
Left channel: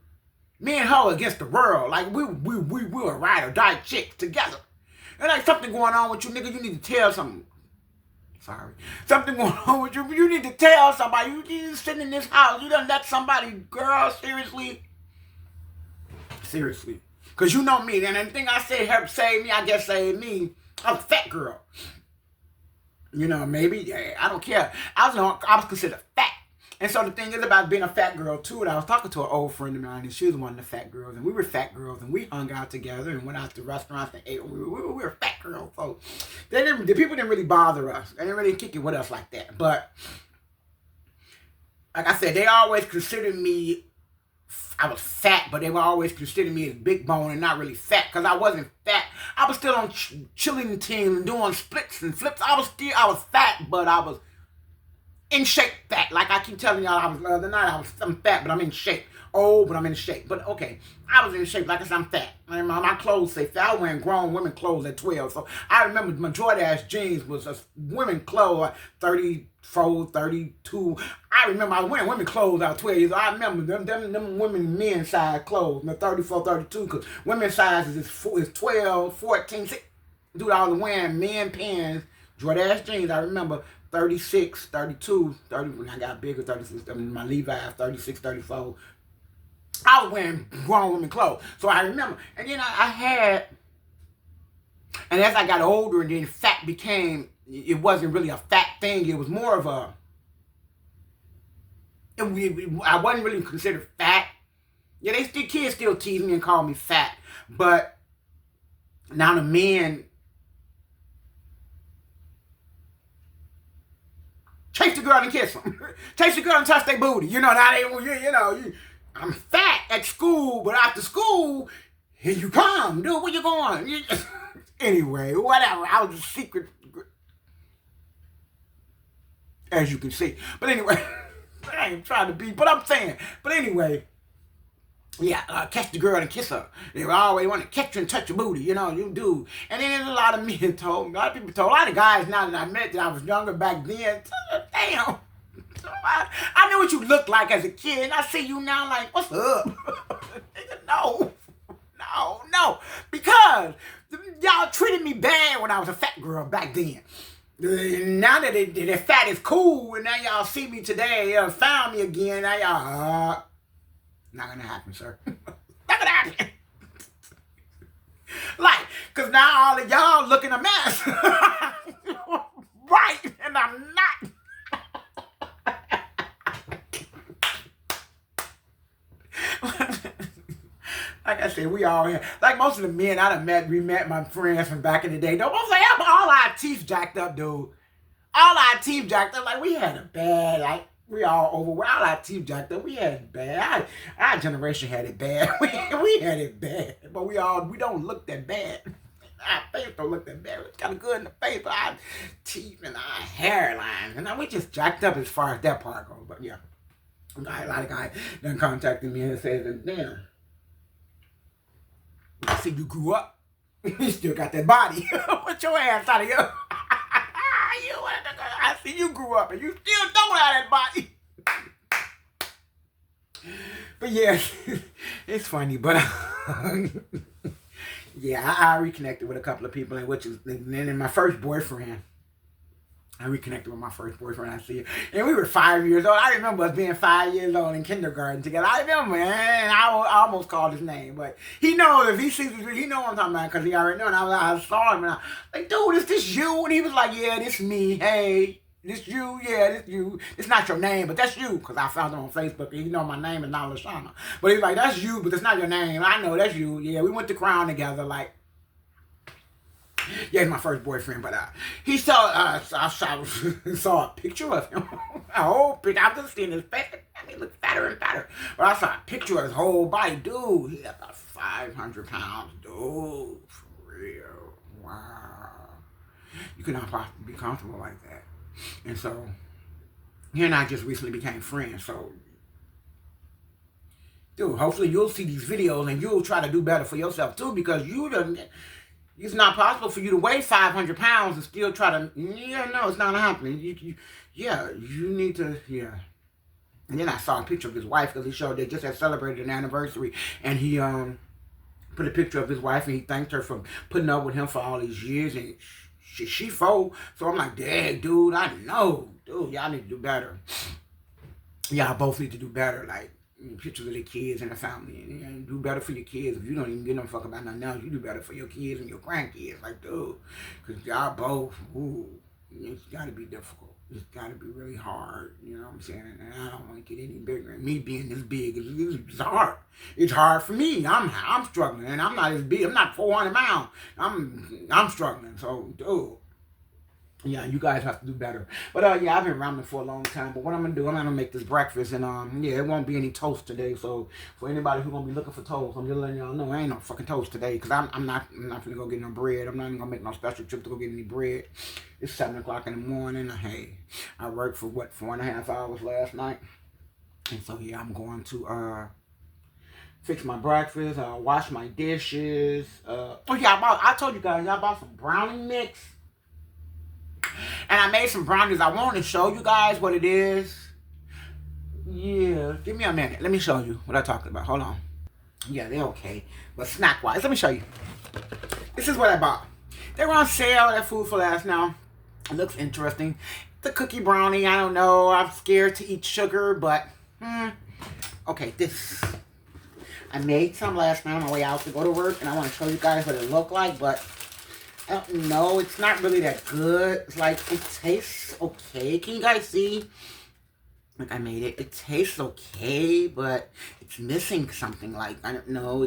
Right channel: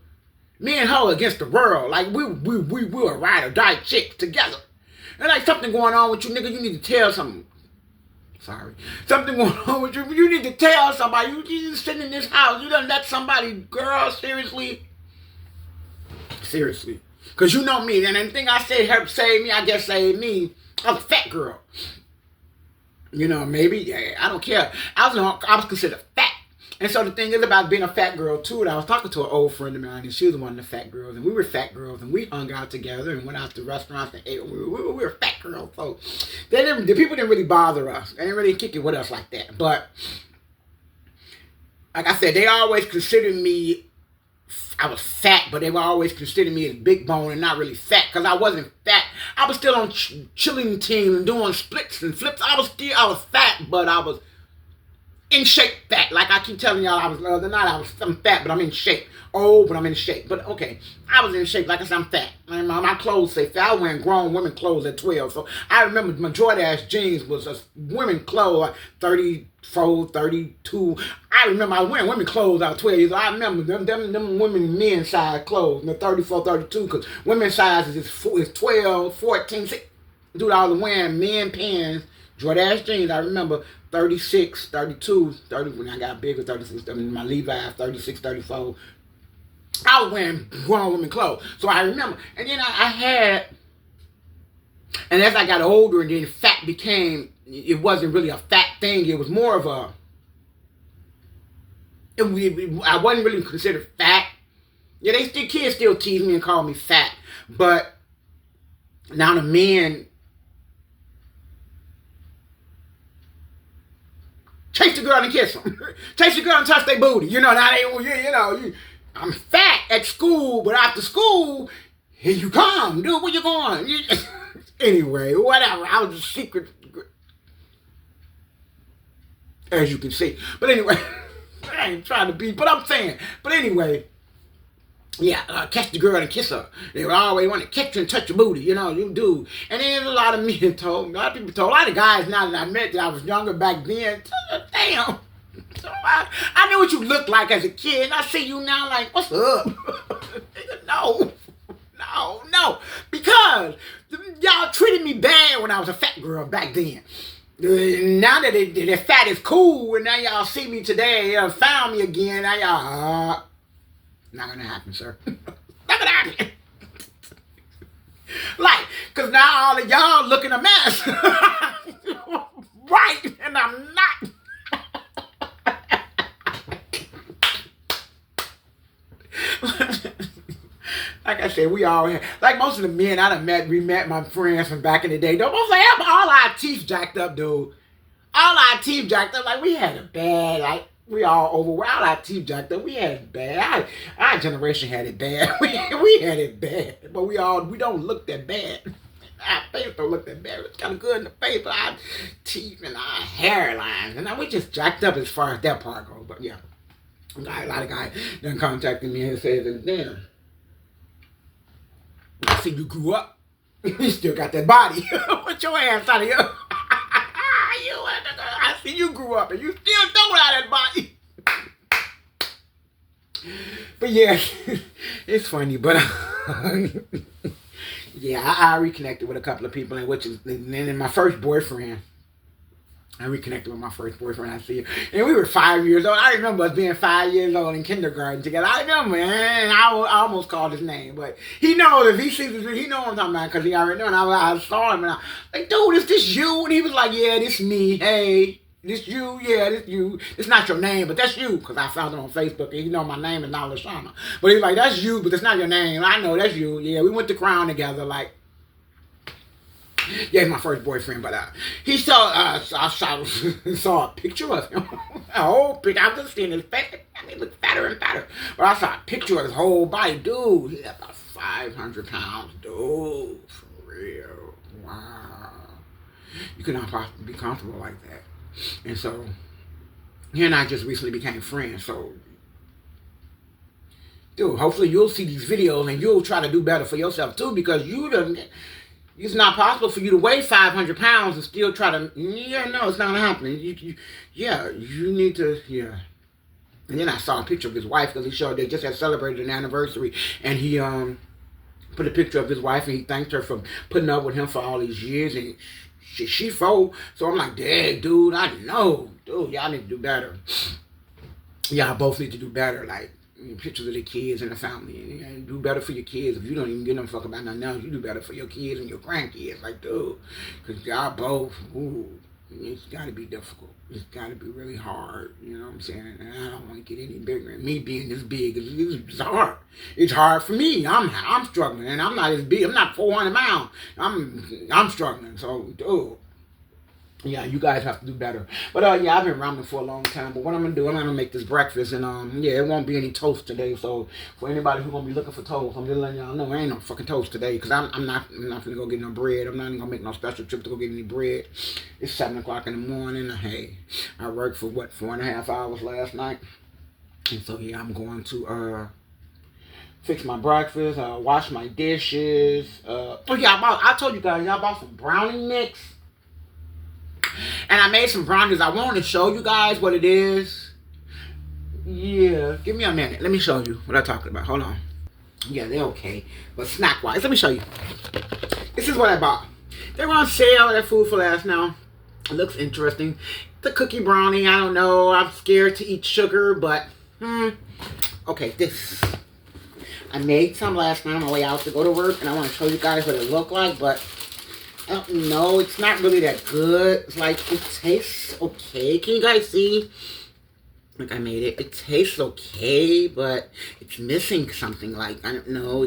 me and her against the world. Like, we were ride or die chicks together. And like, something going on with you, nigga, you need to tell something. Sorry. Something going on with you. You need to tell somebody. You just sitting in this house. You done let somebody, girl, seriously? Seriously. Because you know me. And the thing I said helped save me, I guess saved me. I was a fat girl. You know, maybe. Yeah, I don't care. I was considered fat. And so the thing is about being a fat girl, too, and I was talking to an old friend of mine, and she was one of the fat girls, and we were fat girls, and we hung out together and went out to restaurants and ate. We were fat girls, so the people didn't really bother us. They didn't really kick it with us like that. But, like I said, they always considered me, I was fat, but they were always considering me as big bone and not really fat, because I wasn't fat. I was still on chilling teams and doing splits and flips. I was fat, but I was in shape fat. Like I keep telling y'all, the other night, I'm fat, but I'm in shape. Old, but I'm in shape. But okay, I was in shape. Like I said, I'm fat. And my clothes say fat. I was wearing grown women clothes at 12. So I remember my Jordache jeans was women clothes, like 34, 32. I remember I was wearing women clothes at 12 years old. I remember them women men size clothes, 34, 32, because women sizes is 12, 14. Dude, I was wearing men pants, Jordache jeans. I remember 36, 32, 30, when I got bigger, 36, my Levi's, 36, 34. I was wearing grown women clothes. So I remember. And then I had, and as I got older and then fat became, it wasn't really a fat thing. It was more of I wasn't really considered fat. Yeah, kids still tease me and call me fat. But now the men chase the girl and kiss them. Chase the girl and touch their booty. You know, I'm fat at school, but after school, here you come. Dude, where you going? Anyway, whatever. I was a secret, as you can see. But anyway, I ain't trying to be, but I'm saying. But anyway, yeah, catch the girl and kiss her. They always want to catch you and touch your booty, you do. And then there's a lot of men told me, a lot of people told, a lot of guys now that I met that I was younger back then, damn. So I knew what you looked like as a kid, and I see you now like, what's up? No. Because y'all treated me bad when I was a fat girl back then. Now that the fat is cool, and now y'all see me today, found me again, now y'all, not gonna happen, sir. Not gonna happen. Like, cause now all of y'all looking a mess. Right, and I'm not. Like I said, we all here. Like most of the men I done met, we met my friends from back in the day. Don't say all our teeth jacked up, dude. All our teeth jacked up. Like we had it bad. Like we all overweight. All our teeth jacked up. We had it bad. Our generation had it bad. We had it bad. But we don't look that bad. Our face don't look that bad. It's kind of good in the face, but our teeth and our hairlines. And now we just jacked up as far as that part goes. But yeah. A lot of guys done contacted me and said, damn, I see you grew up. You still got that body. Put your ass out of here. I see you grew up and you still don't have that body. But yeah, it's funny. But yeah, I reconnected with a couple of people, and then my first boyfriend. I reconnected with my first boyfriend. I see it. And we were 5 years old. I remember us being 5 years old in kindergarten together. I remember, and I almost called his name. But he knows, if he sees this, he knows what I'm talking about, because he already knows. And I saw him, and I was like, dude, is this you? And he was like, yeah, this me. Hey, this you? Yeah, this you. It's not your name, but that's you. Because I found him on Facebook, and he know my name is not Lashana. But he's like, that's you, but it's not your name. I know, that's you. Yeah, we went to Crown together, like. Yeah, he's my first boyfriend, but he saw, I saw a picture of him. A whole picture. I was just seeing his face. I mean, he looked fatter and fatter. But I saw a picture of his whole body. Dude, he's about 500 pounds. Dude, for real. Wow. You cannot possibly be comfortable like that. And so, he and I just recently became friends. So, dude, hopefully you'll see these videos and you'll try to do better for yourself, too, because it's not possible for you to weigh 500 pounds and still try to, yeah, no, it's not happening. You need to, yeah. And then I saw a picture of his wife, because he showed they just had celebrated an anniversary, and he put a picture of his wife, and he thanked her for putting up with him for all these years, and she fold. So I'm like, dang, dude, I know. Dude, y'all need to do better. Y'all both need to do better, like, pictures of the kids and the family, and do better for your kids. If you don't even give no fuck about nothing else, you do better for your kids and your grandkids, like, dude, because y'all both, it's got to be difficult. It's got to be really hard, you know what I'm saying? And I don't want to get any bigger. And me being this big, it's hard. It's hard for me. I'm struggling, and I'm not as big. I'm not 400 pounds. I'm struggling. So, dude. Yeah, you guys have to do better. But yeah, I've been rambling for a long time. But what I'm gonna do, I'm gonna make this breakfast, and yeah, it won't be any toast today. So for anybody who's gonna be looking for toast, I'm just letting y'all know, there ain't no fucking toast today, because I'm not gonna go get no bread. I'm not even gonna make no special trip to go get any bread. It's 7 o'clock in the morning. Hey, I worked for 4.5 hours last night, and so yeah, I'm going to fix my breakfast, wash my dishes. Oh yeah, I told you guys, y'all bought some brownie mix. And I made some brownies. I wanted to show you guys what it is. Yeah, give me a minute. Let me show you what I'm talking about. Hold on. Yeah, they're okay. But snack-wise, let me show you. This is what I bought. They were on sale at Food for Less now. It looks interesting. The cookie brownie, I don't know. I'm scared to eat sugar, but, okay, this. I made some last night on my way out to go to work, and I want to show you guys what it looked like, but I don't know, it's not really that good. It's like, it tastes okay. Can you guys see? Like, I made it. It tastes okay, but it's missing something. Like, I don't know.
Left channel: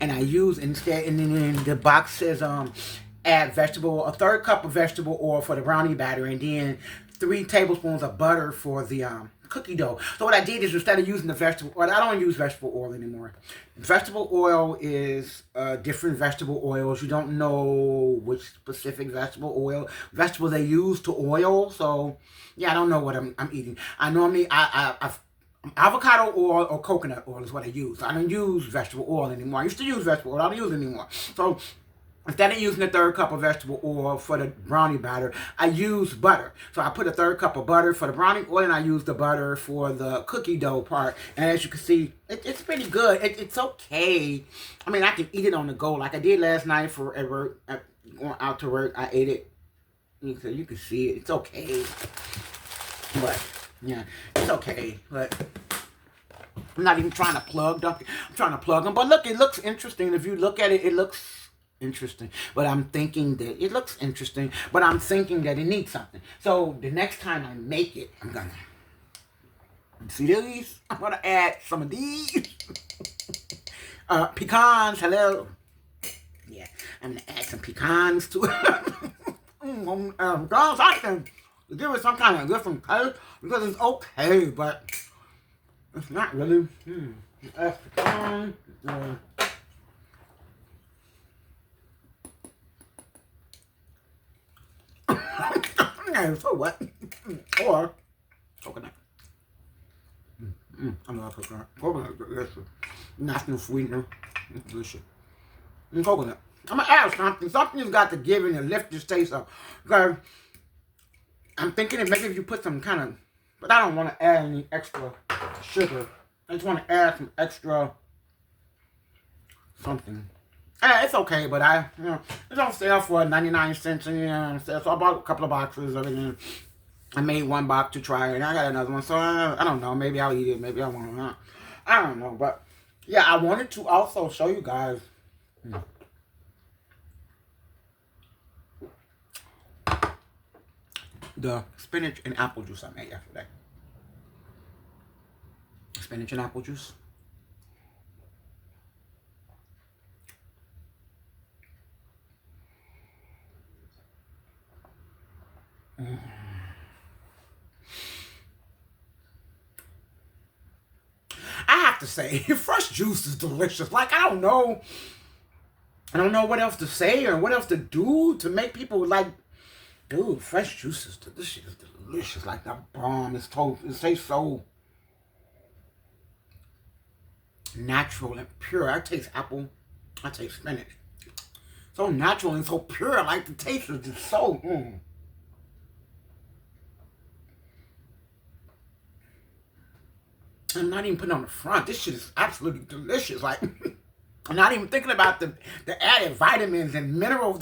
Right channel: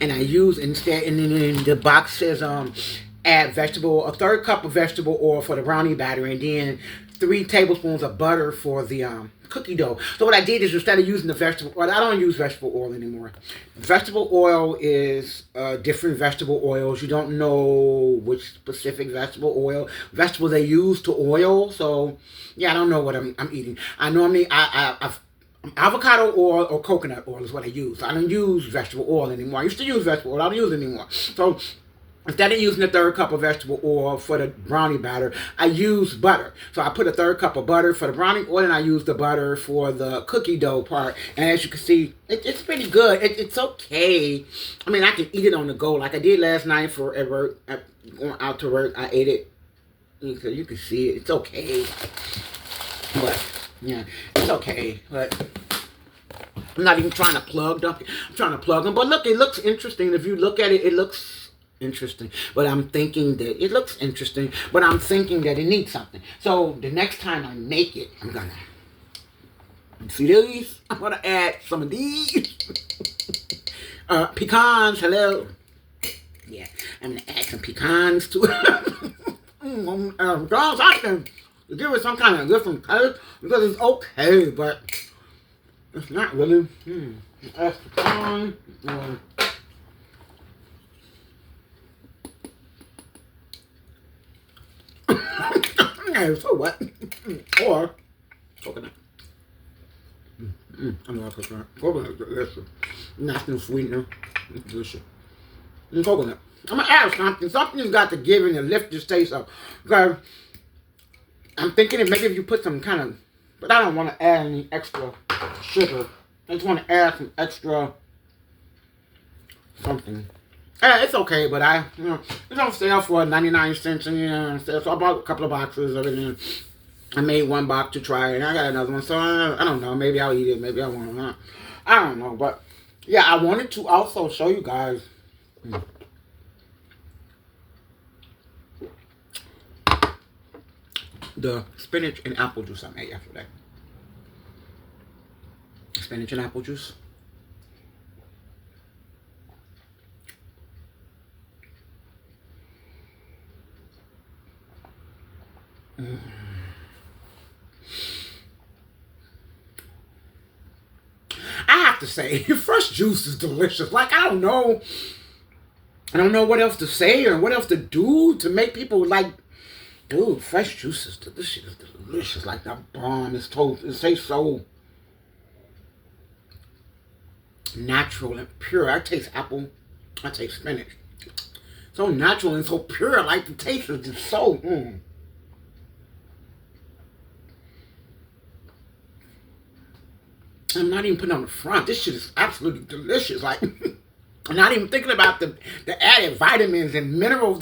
And I use instead, and then the box says, add a third cup of vegetable oil for the brownie batter, and then 3 tablespoons of butter for the cookie dough. So what I did is, instead of using the vegetable oil, I don't use vegetable oil anymore. Vegetable oil is different vegetable oils. You don't know which specific vegetables they use to oil. So yeah, I don't know what I'm eating. I normally avocado oil or coconut oil is what I use. I don't use vegetable oil anymore. I used to use vegetable oil. I don't use it anymore. So instead of using the 3rd cup of vegetable oil for the brownie batter, I use butter. So I put a 3rd cup of butter for the brownie oil, and I use the butter for the cookie dough part. And as you can see, it's pretty good. It's okay. I mean, I can eat it on the go like I did last night at work. Going out to work, I ate it. You can see it. It's okay. But, yeah, it's okay. But I'm not even trying to plug them. I'm trying to plug them. But look, it looks interesting. If you look at it, it looks interesting. But I'm thinking that it looks interesting. But I'm thinking that it needs something. So the next time I make it, I'm going to see these. I'm going to add some of these. Pecans, hello. Yeah, I'm going to add some pecans to it. Girls, I can give it some kind of different color because it's okay, but it's not really. That's pecan. Yeah, so what? Or coconut. I love coconut. Coconut is delicious. National sweetener. It's delicious. And coconut. I'm gonna add something. Something's got to give and to lift this taste up. Because I'm thinking that maybe if you put some kind of, but I don't want to add any extra sugar. I just want to add some extra something. It's okay, but it's on sale for 99 cents, and so I bought a couple of boxes of it, and I made one box to try it, and I got another one, so I don't know, maybe I'll eat it, maybe I won't, I don't know, but yeah, I wanted to also show you guys the spinach and apple juice I made yesterday. Spinach and apple juice. I have to say, fresh juice is delicious. Like, I don't know what else to say or what else to do to make people like, dude, fresh juice is delicious. It's delicious. Like that bomb. It tastes so natural and pure. I taste apple. I taste spinach. So natural and so pure. Like the taste is just so. I'm not even putting on the front. This shit is absolutely delicious. Like, I'm not even thinking about the added vitamins and minerals.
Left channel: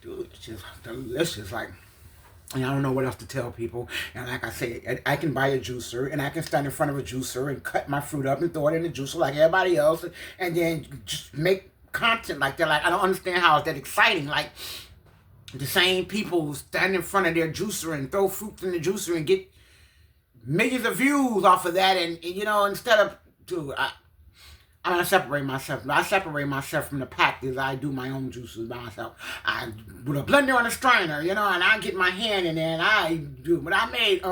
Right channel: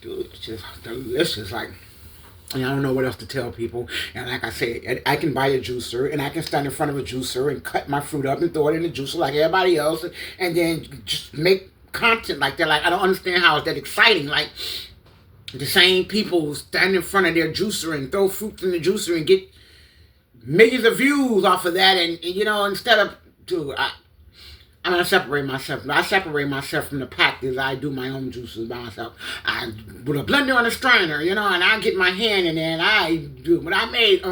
Dude, it's just delicious. Like, I don't know what else to tell people. And like I said, I can buy a juicer and I can stand in front of a juicer and cut my fruit up and throw it in the juicer like everybody else, and then just make content like that. Like, I don't understand how it's that exciting. Like, the same people stand in front of their juicer and throw fruits in the juicer and get millions of views off of that, and instead of, dude, I'm gonna separate myself. I separate myself from the pack because I do my own juices by myself. I put a blender on a strainer, and I get my hand in there and I do. But I made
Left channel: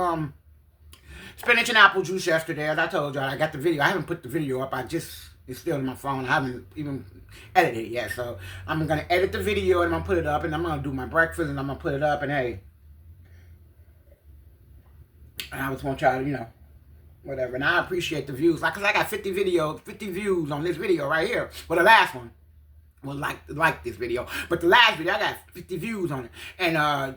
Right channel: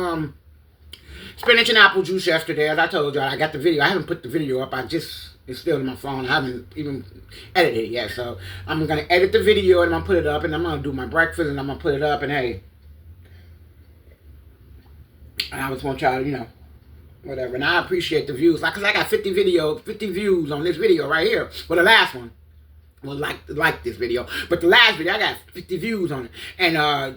spinach and apple juice yesterday, as I told y'all. I got the video. I haven't put the video up. It's still in my phone. I haven't even edited it yet. So I'm gonna edit the video and I'm gonna put it up, and I'm gonna do my breakfast and I'm gonna put it up, and hey. I just want y'all to, whatever. And I appreciate the views. Like, cause I got 50 views on this video right here. Well, the last one. Well, like this video. But the last video, I got 50 views on it. And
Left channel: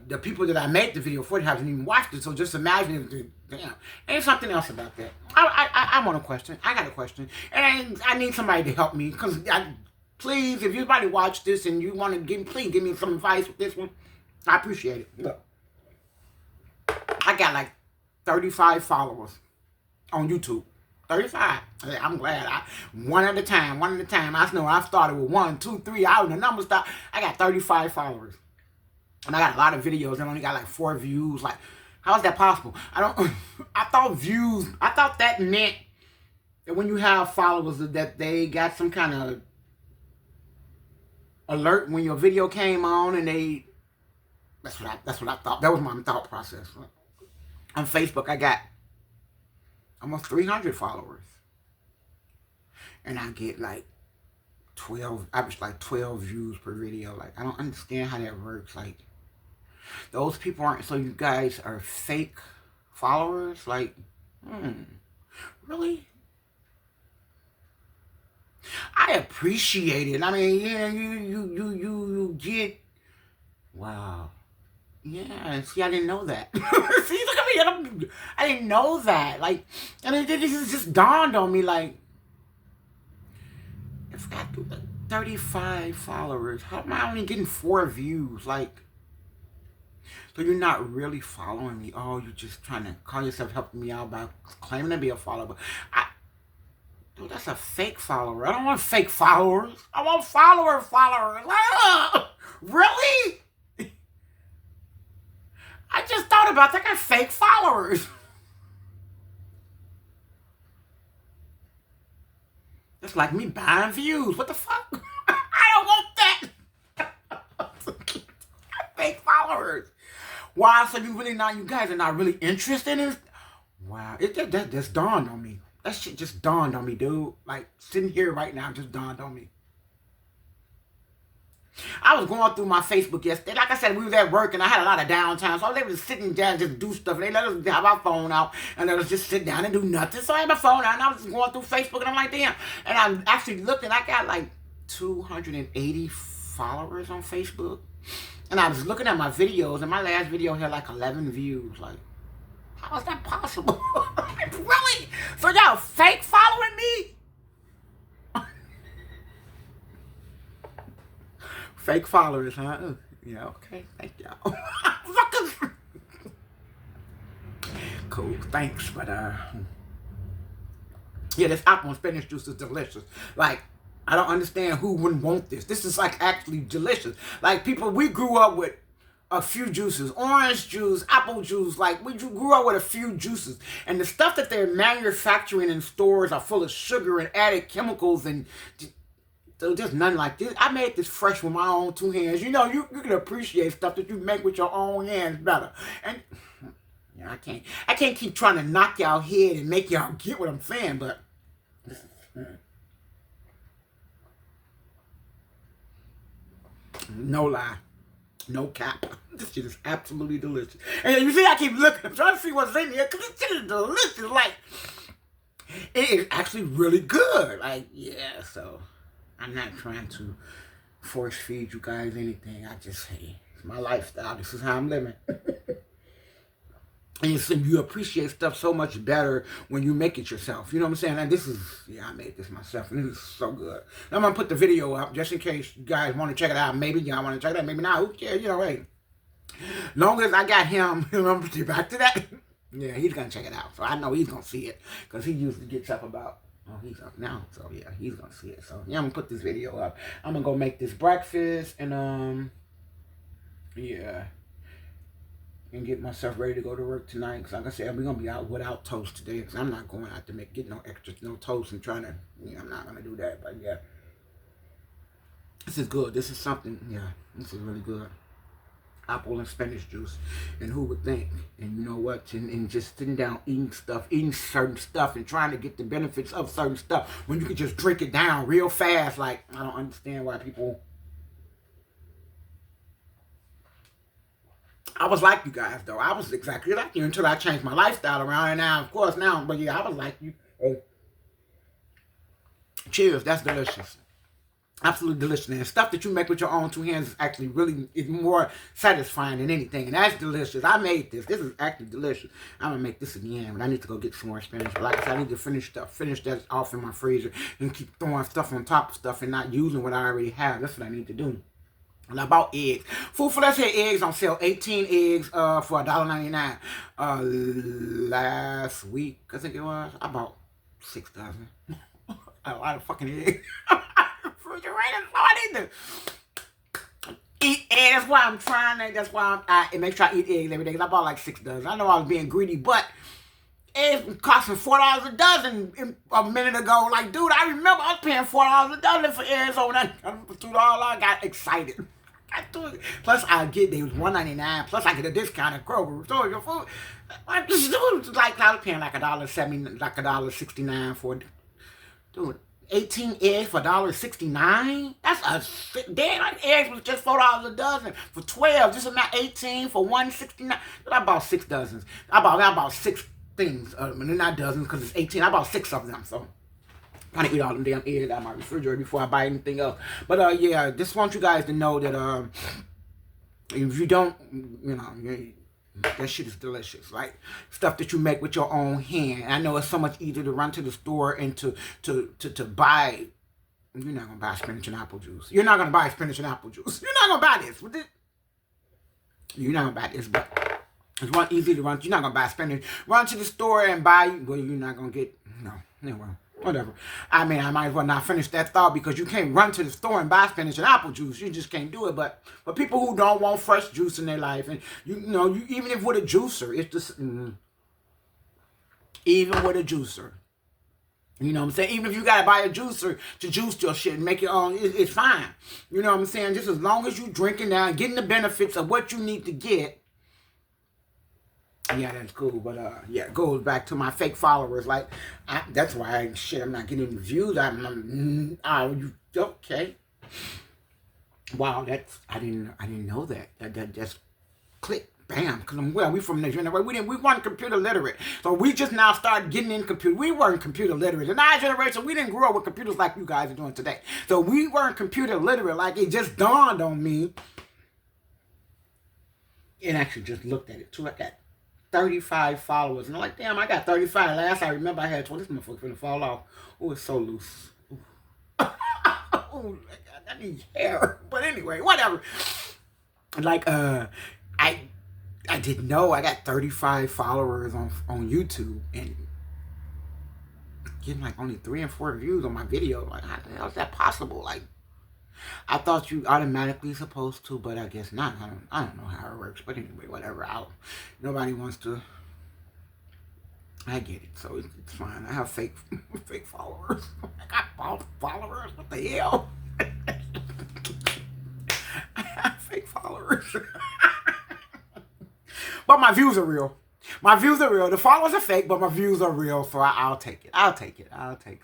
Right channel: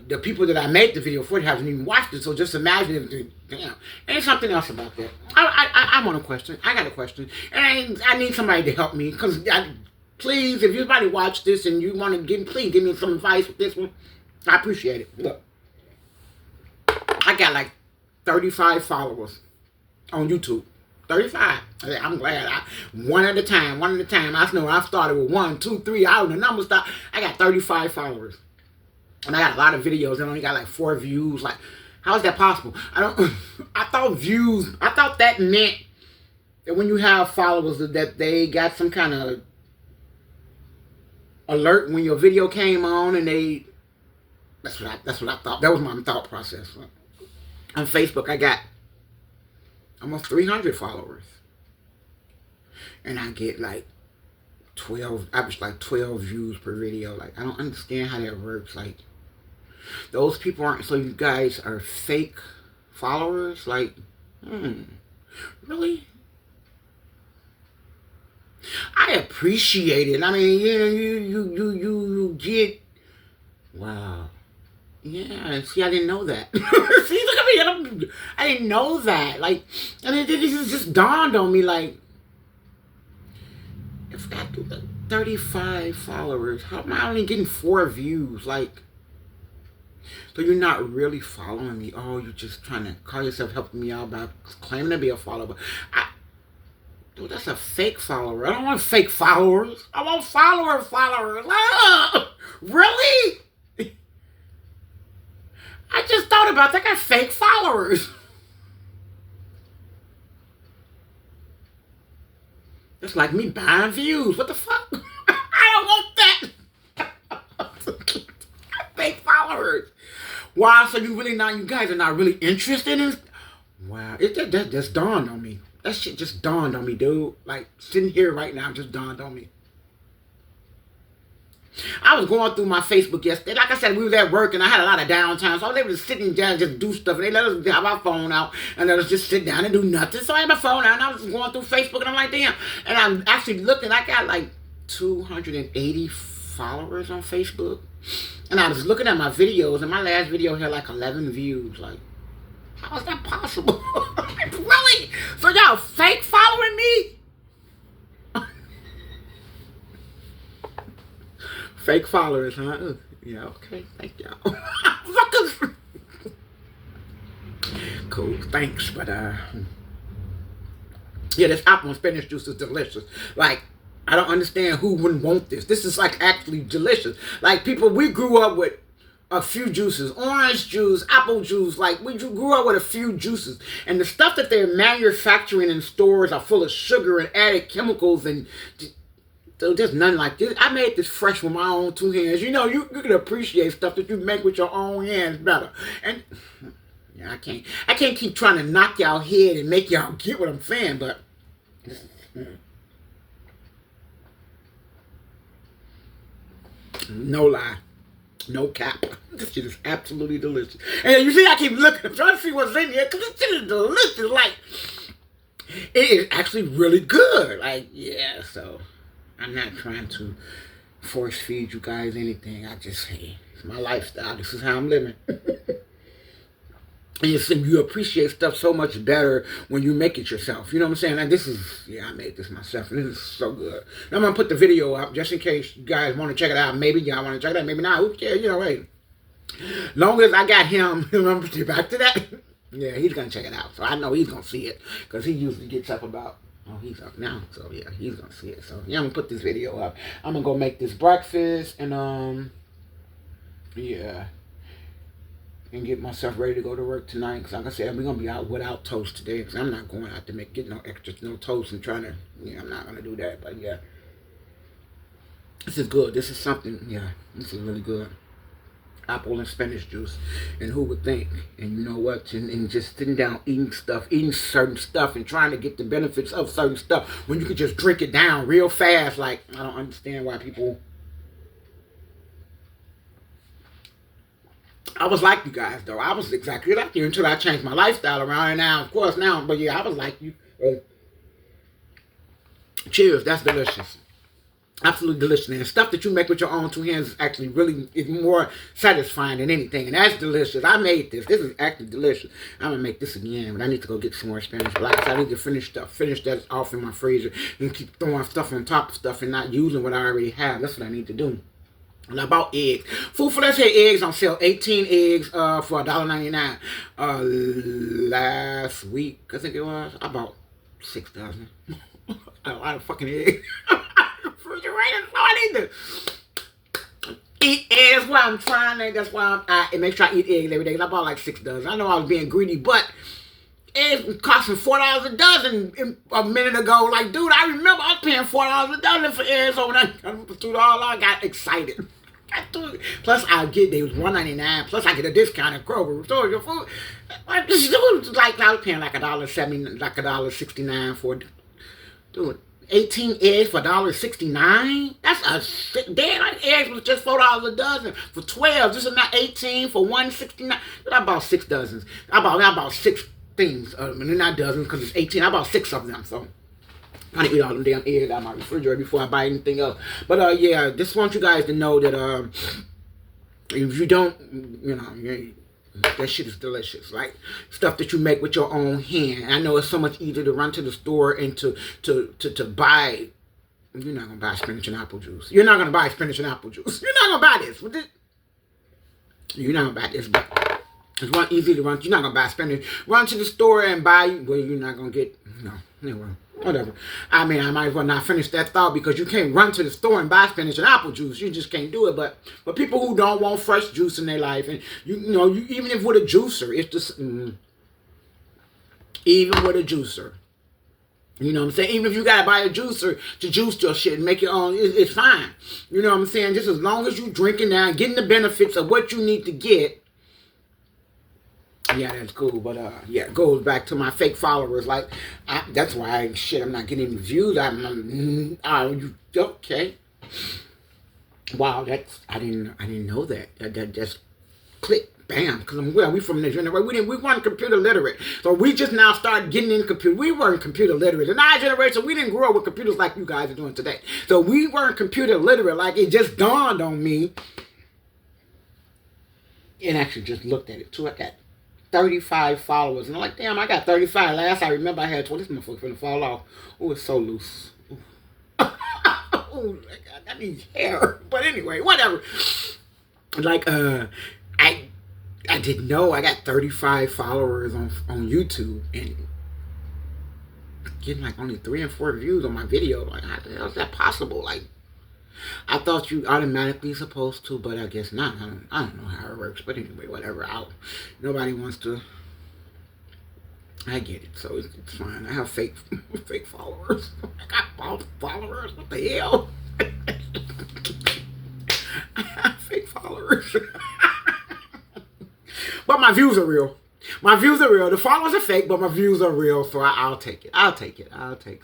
the people that I made the video for haven't even watched it. So just imagine if damn. There's something else about that. I want a question. I got a question. And I need somebody to help me. Because please, if anybody watch this and you want to please give me some advice with this one. I appreciate it. Look. I got like 35 followers on YouTube. 35. I'm glad. One at a time. I know I started with 1, 2, 3. I don't know the number stop. I got 35 followers. And I got a lot of videos that only got like 4 views. Like, how is that possible? I thought that meant that when you have followers that they got some kind of alert when your video came on, and that's what I thought. That was my thought process. On Facebook, I got almost 300 followers. And I get like 12 views per video. Like, I don't understand how that works. Like, those people aren't, so you guys are fake followers? Like, really? I appreciate it. I mean, yeah, you get, wow. Yeah, see, I didn't know that. See, look at me. I didn't know that. Like, I mean, this just dawned on me. Like, if I do 35 followers, how am I only getting 4 views? Like, So you're not really following me. Oh, you're just trying to call yourself helping me out by claiming to be a follower. Dude, that's a fake follower. I don't want fake followers. I want followers. Ah, really? I just thought about that. I got fake followers. It's like me buying views. What the fuck? I don't want that. Fake followers. Wow, so you guys are not really interested in? Wow, that just dawned on me. That shit just dawned on me, dude. Like, sitting here right now just dawned on me. I was going through my Facebook yesterday. Like I said, we was at work and I had a lot of downtime. So I was able to sit down and just do stuff. And they let us have our phone out and let us just sit down and do nothing. So I had my phone out and I was just going through Facebook and I'm like, damn. And I'm actually looking. I got like 280 followers on Facebook. And I was looking at my videos and my last video had like 11 views. Like, how is that possible? Really? So y'all fake following me? Fake followers, huh? Yeah, okay. Thank y'all. Cool, thanks. But, yeah, this apple and spinach juice is delicious. Like, I don't understand who wouldn't want this. This is, like, actually delicious. Like, people, we grew up with a few juices. Orange juice, apple juice. Like, we grew up with a few juices. And the stuff that they're manufacturing in stores are full of sugar and added chemicals and... So there's nothing like this. I made this fresh with my own 2 hands. You know, you can appreciate stuff that you make with your own hands better. And yeah, I can't keep trying to knock y'all head and make y'all get what I'm saying, but no lie. No cap. This shit is absolutely delicious. And you see, I keep looking. I'm trying to see what's in here because this shit is delicious. Like, it is actually really good. Like, yeah, so... I'm not trying to force feed you guys anything. I just, hey, it's my lifestyle. This is how I'm living. And you appreciate stuff so much better when you make it yourself. You know what I'm saying? Like, this is, yeah, I made this myself. And this is so good. I'm going to put the video up just in case you guys want to check it out. Maybe y'all want to check it out. Maybe not. Who cares? You know, hey. Long as I got him, remember to back to that? Yeah, he's going to check it out. So I know he's going to see it. Because he usually gets up about... Oh, he's up now, so yeah, he's gonna see it. So yeah, I'm gonna put this video up. I'm gonna go make this breakfast and yeah, and get myself ready to go to work tonight. Cause like I said, we're gonna be out without toast today. Cause I'm not going out to get no extra, no toast and trying to. Yeah, I'm not gonna do that. But yeah, this is good. This is something. Yeah, this is really good. Apple and spinach juice, and who would think? And you know what? And just sitting down eating certain stuff and trying to get the benefits of certain stuff when you could just drink it down real fast. Like, I don't understand why people... I was like you guys, though. I was exactly like you until I changed my lifestyle around. And now, of course, but yeah, I was like you. Cheers, that's delicious. Absolutely delicious. And stuff that you make with your own 2 hands is actually really is more satisfying than anything. And that's delicious. I made this. This is actually delicious. I'm going to make this again, but I need to go get some more spinach. But like I said, I need to finish that off in my freezer and keep throwing stuff on top of stuff and not using what I already have. That's what I need to do. And I bought eggs. Food for Less had eggs on sale. 18 eggs for $1.99. Last week, I think it was, I bought 6 dozen. A lot of fucking eggs. Refrigerator, so I need to eat eggs. That's why I'm trying. That's why I make sure I eat eggs every day. Cause I bought like 6 dozen. I know I was being greedy, but eggs was costing $4 a dozen a minute ago. Like, dude, I remember I was paying $4 a dozen for eggs overnight. For $2, I got excited. Plus, they was $1.99. Plus, I get a discount at Kroger. So your food, like I was paying like $1.70, like $1.69 for it. Dude. 18 eggs for $1.69. That's a damn. Like eggs was just $4 a dozen for 12. This is not 18 for $1.69. But I bought 6 dozens. I bought 6 things. And they're not dozens because it's 18. I bought 6 of them. So I'm trying to eat all them damn eggs out of my refrigerator before I buy anything else. But yeah, just want you guys to know that if you don't, you know, that shit is delicious. Like stuff that you make with your own hand. I know it's so much easier to run to the store and to buy. You're not gonna buy spinach and apple juice. You're not gonna buy spinach and apple juice. You're not gonna buy this. You're not gonna buy this, but it's one easy to run. You're not gonna buy spinach. Run to the store and buy. Well, you're not gonna get no. Anyway, whatever. I mean, I might as well not finish that thought because you can't run to the store and buy spinach and apple juice. You just can't do it. But people who don't want fresh juice in their life, and you know, you even if with a juicer, it's just even with a juicer. You know what I'm saying? Even if you gotta buy a juicer to juice your shit and make it on, it's fine. You know what I'm saying? Just as long as you drinking now and getting the benefits of what you need to get. Yeah, that's cool. But yeah, it goes back to my fake followers. Like, that's why I'm not getting any views. Okay. Wow, I didn't know that. That just clicked. Bam, because we from the generation. We weren't computer literate. So we just now started getting in computer. We weren't computer literate. In our generation, we didn't grow up with computers like you guys are doing today. So we weren't computer literate. Like, it just dawned on me. And actually just looked at it too. I got 35 followers. And I'm like, damn, I got 35. Last I remember I had 20. This motherfucker's gonna fall off. Oh, it's so loose. Oh my God, that needs hair. But anyway, whatever. Like, I didn't know I got 35 followers on YouTube and getting like only 3 and 4 views on my video. Like, how the hell is that possible? Like, I thought you automatically supposed to, but I guess not. I don't know how it works. But anyway, whatever. Nobody wants to. I get it, so it's fine. I have fake followers. I got followers. What the hell? I have fake followers. But my views are real. My views are real. The followers are fake, but my views are real, so I'll take it. I'll take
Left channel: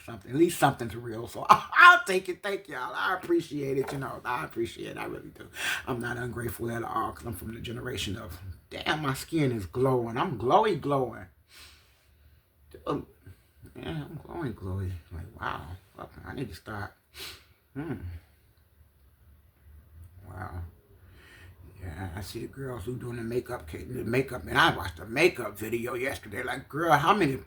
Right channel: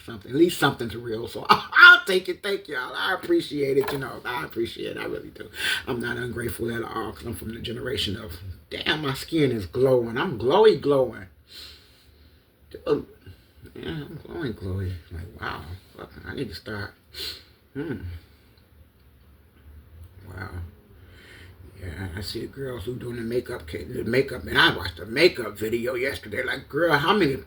something. At least something's real, so I'll take it. Thank y'all. I appreciate it, I appreciate it. I really do. I'm not ungrateful at all, because I'm from the generation of, damn, my skin is glowing. I'm glowing. Yeah, I'm glowing. Like, wow. I need to start. Wow. Yeah, I see the girls who doing the makeup, and I watched a makeup video yesterday. Like, girl, how many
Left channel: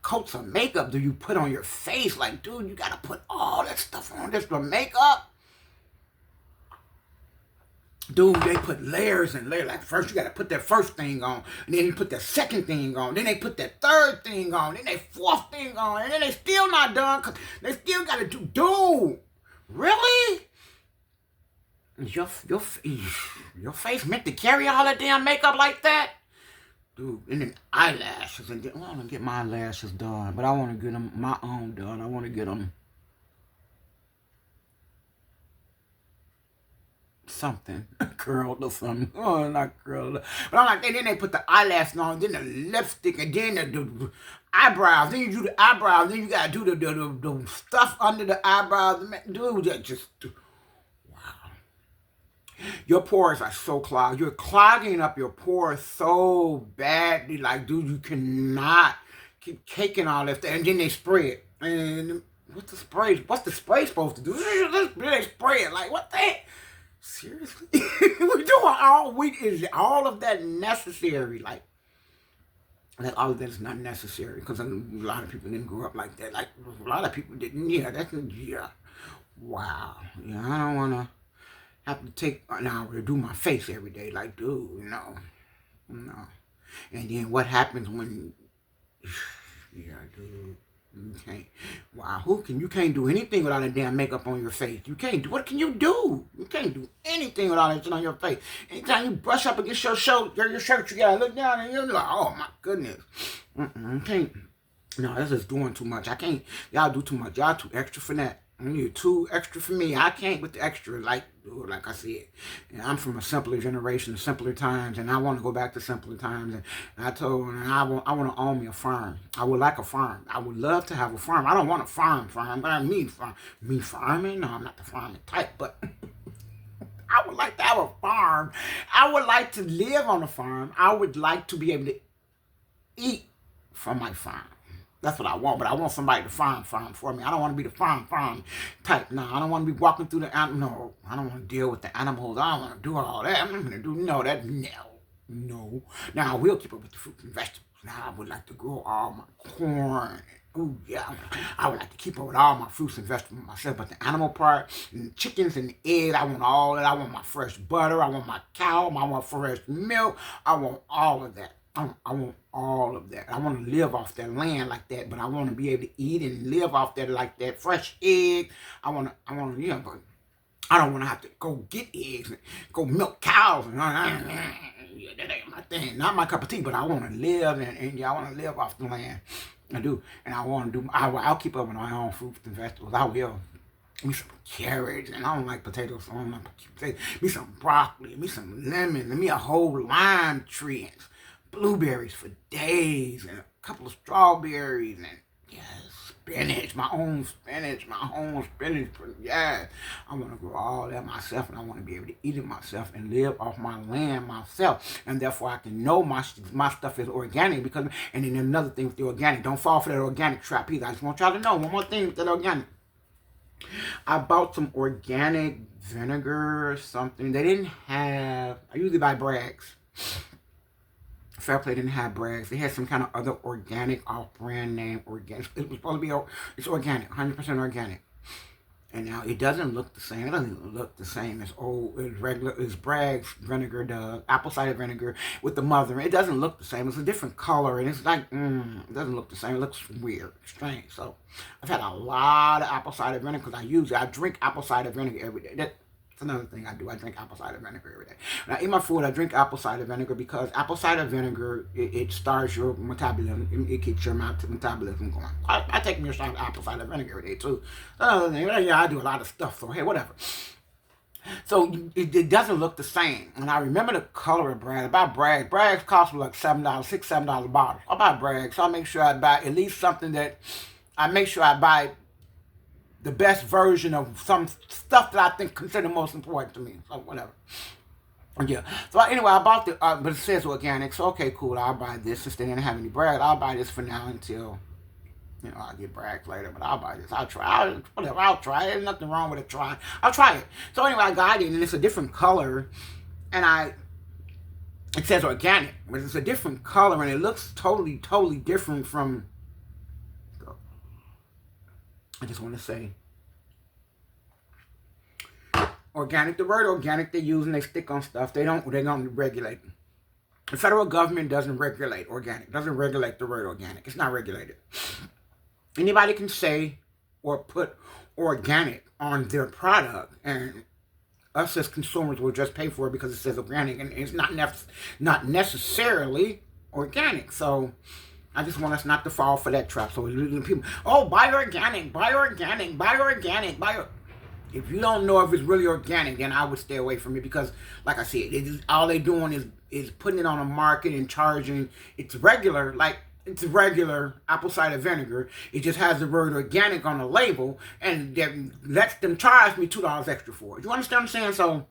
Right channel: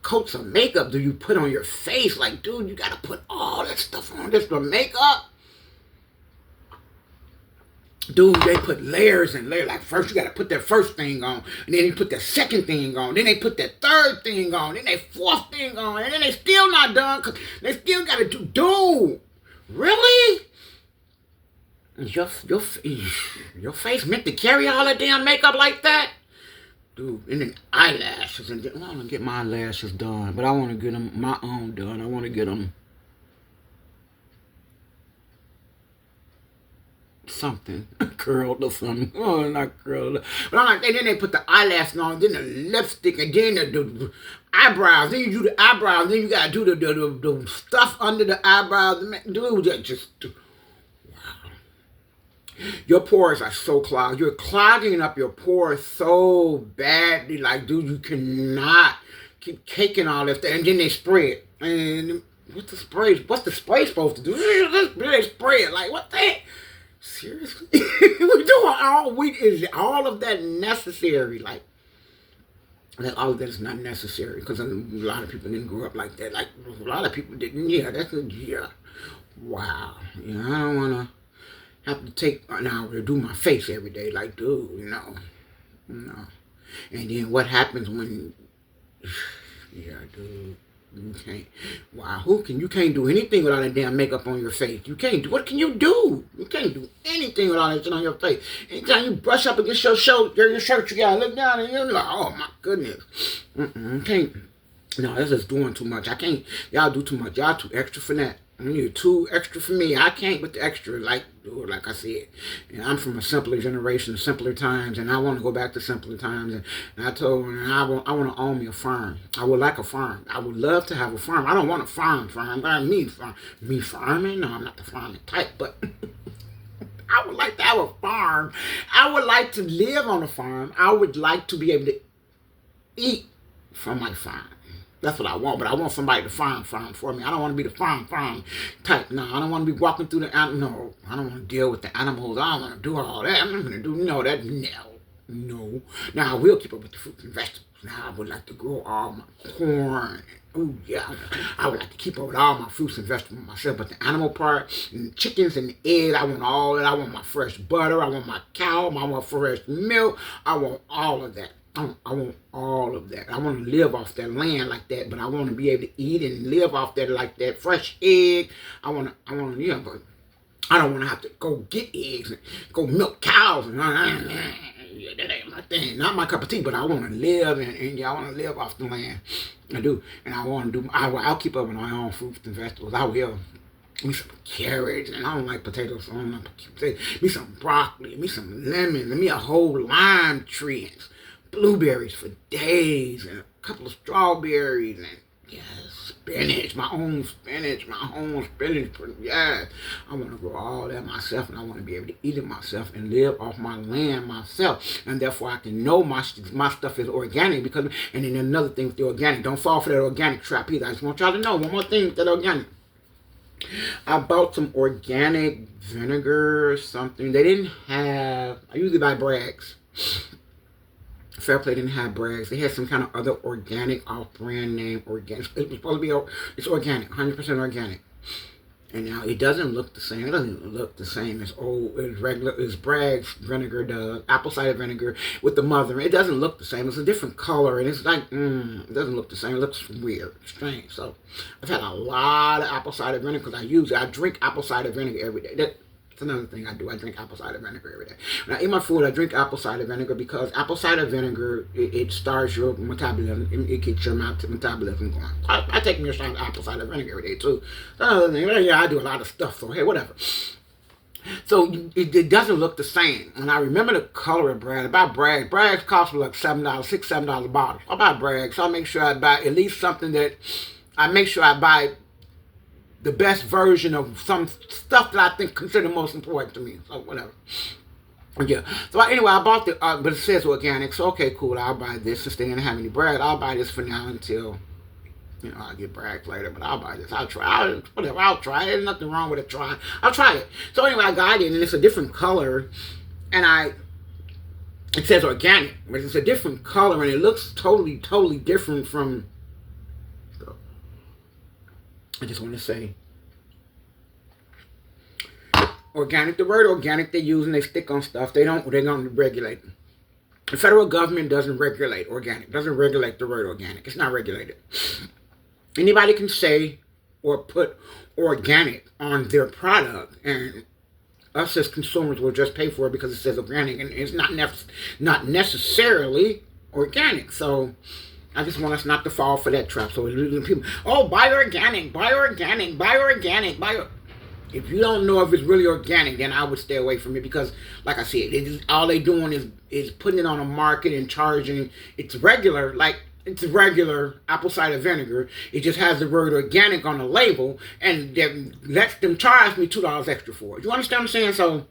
coats of makeup do you put on your face? Like, dude, you gotta put all that stuff on this for makeup? Dude, they put layers and layers. Like, first you gotta put that first thing on, and then you put that second thing on, then they put that third thing on, then they fourth thing on, and then they still not done, because they still gotta do, dude, really? Your face meant to carry all that damn makeup like that? Dude, and then eyelashes. And I want to get my lashes done, but I want to get them my own done. I want to get them something curled or something. Oh, not curled. But I'm like, then they put the eyelashes on, then the lipstick, and then the eyebrows. Then you do the eyebrows. Then you got to do the stuff under the eyebrows. Dude, just... Your pores are so clogged. You're clogging up your pores so badly. Like, dude, you cannot keep caking all this stuff. And then they spray it. And what's the spray supposed to do? They spray it. Like, what the heck? Seriously? We're doing is all of that necessary? Like all of that is not necessary. Because a lot of people didn't grow up like that. Like, a lot of people didn't. Yeah, wow. Yeah, I don't want to have to take an hour to do my face every day. Like, dude, no. And then what happens when, yeah, dude, you can't, wow, you can't do anything without that damn makeup on your face. You can't do, what can you do? You can't do anything without that shit on your face. Anytime you brush up against your shirt, you gotta look down and you're like, oh my goodness. You can't, no, that's just doing too much. I can't, y'all do too much. Y'all too extra for that. You're too extra for me. I can't with the extra, like I said. And I'm from a simpler generation, simpler times, and I want to go back to simpler times. And I told her, I want to own me a farm. I would like a farm. I would love to have a farm. I don't want a farm. Me farming? No, I'm not the farming type, but I would like to have a farm. I would like to live on a farm. I would like to be able to eat from my farm. That's what I want, but I want somebody to farm for me. I don't want to be the farm type. No, I don't want to be walking through no, I don't want to deal with the animals. I don't want to do all that. I'm not going to do, no. Now, I will keep up with the fruits and vegetables. Now, I would like to grow all my corn, Oh yeah, I would like to keep up with all my fruits and vegetables myself, but the animal part, and chickens and eggs, I want all that. I want my fresh butter. I want my cow. I want fresh milk. I want all of that. I want all of that. I want to live off that land like that, but I want to be able to eat and live off that like that. Fresh egg. Yeah, but I don't want to have to go get eggs and go milk cows. And that ain't my thing. Not my cup of tea, but I want to live and yeah, I want to live off the land. I do, and I want to do. I'll keep up with my own fruits and vegetables. I will. Me some carrots, and I don't like potatoes, so I don't like potatoes. Me some broccoli, me some lemons, and me a whole lime tree, and blueberries for days, and a couple of strawberries, and yes, spinach, my own spinach, yes. I want to grow all that myself, and I want to be able to eat it myself and live off my land myself, and therefore I can know my stuff is organic. Because, and then another thing with the organic, don't fall for that organic trap either. I just want y'all to know one more thing with that organic. I bought some organic vinegar or something. They didn't have, I usually buy Bragg's. Fair Play didn't have Bragg's. They had some kind of other organic off-brand name organic. It was supposed to be, it's organic, 100% organic. And now it doesn't look the same. It doesn't look the same as as Bragg's vinegar does, apple cider vinegar with the mother. It doesn't look the same. It's a different color, and it's like, it doesn't look the same. It looks weird, strange. So I've had a lot of apple cider vinegar because I drink apple cider vinegar every day. That's another thing I do. I drink apple cider vinegar every day. When I eat my food, I drink apple cider vinegar because apple cider vinegar, it starts your metabolism. It keeps your metabolism going. I take me a shot of apple cider vinegar every day too. Another thing, yeah, I do a lot of stuff. So hey, whatever. So it doesn't look the same. And I remember the color of Bragg. I buy Bragg. Bragg's cost me like $7, $6-7 a bottle. I buy Bragg, so I make sure I buy at least something that I make sure I buy the best version of some stuff that I think consider most important to me. So whatever. Yeah. So anyway, I bought but it says organic. So okay, cool. I'll buy this since they didn't have any Bragg. I'll buy this for now until, I'll get Bragg later. But I'll buy this. I'll try. Whatever. I'll try it. There's nothing wrong with it. Try. I'll try it. So anyway, I got it, and it's a different color, and it says organic, but it's a different color, and it looks totally different from. I just want to say, organic, the word organic they use and they stick on stuff, they're going to regulate. The federal government doesn't regulate organic, doesn't regulate the word organic. It's not regulated. Anybody can say or put organic on their product, and us as consumers will just pay for it because it says organic, and it's not necessarily organic. So I just want us not to fall for that trap. So people, buy organic. If you don't know if it's really organic, then I would stay away from it because, like I said, all they doing is putting it on a market and charging. It's regular apple cider vinegar. It just has the word organic on the label, and that lets them charge me $2 extra for it. You understand what I'm saying? So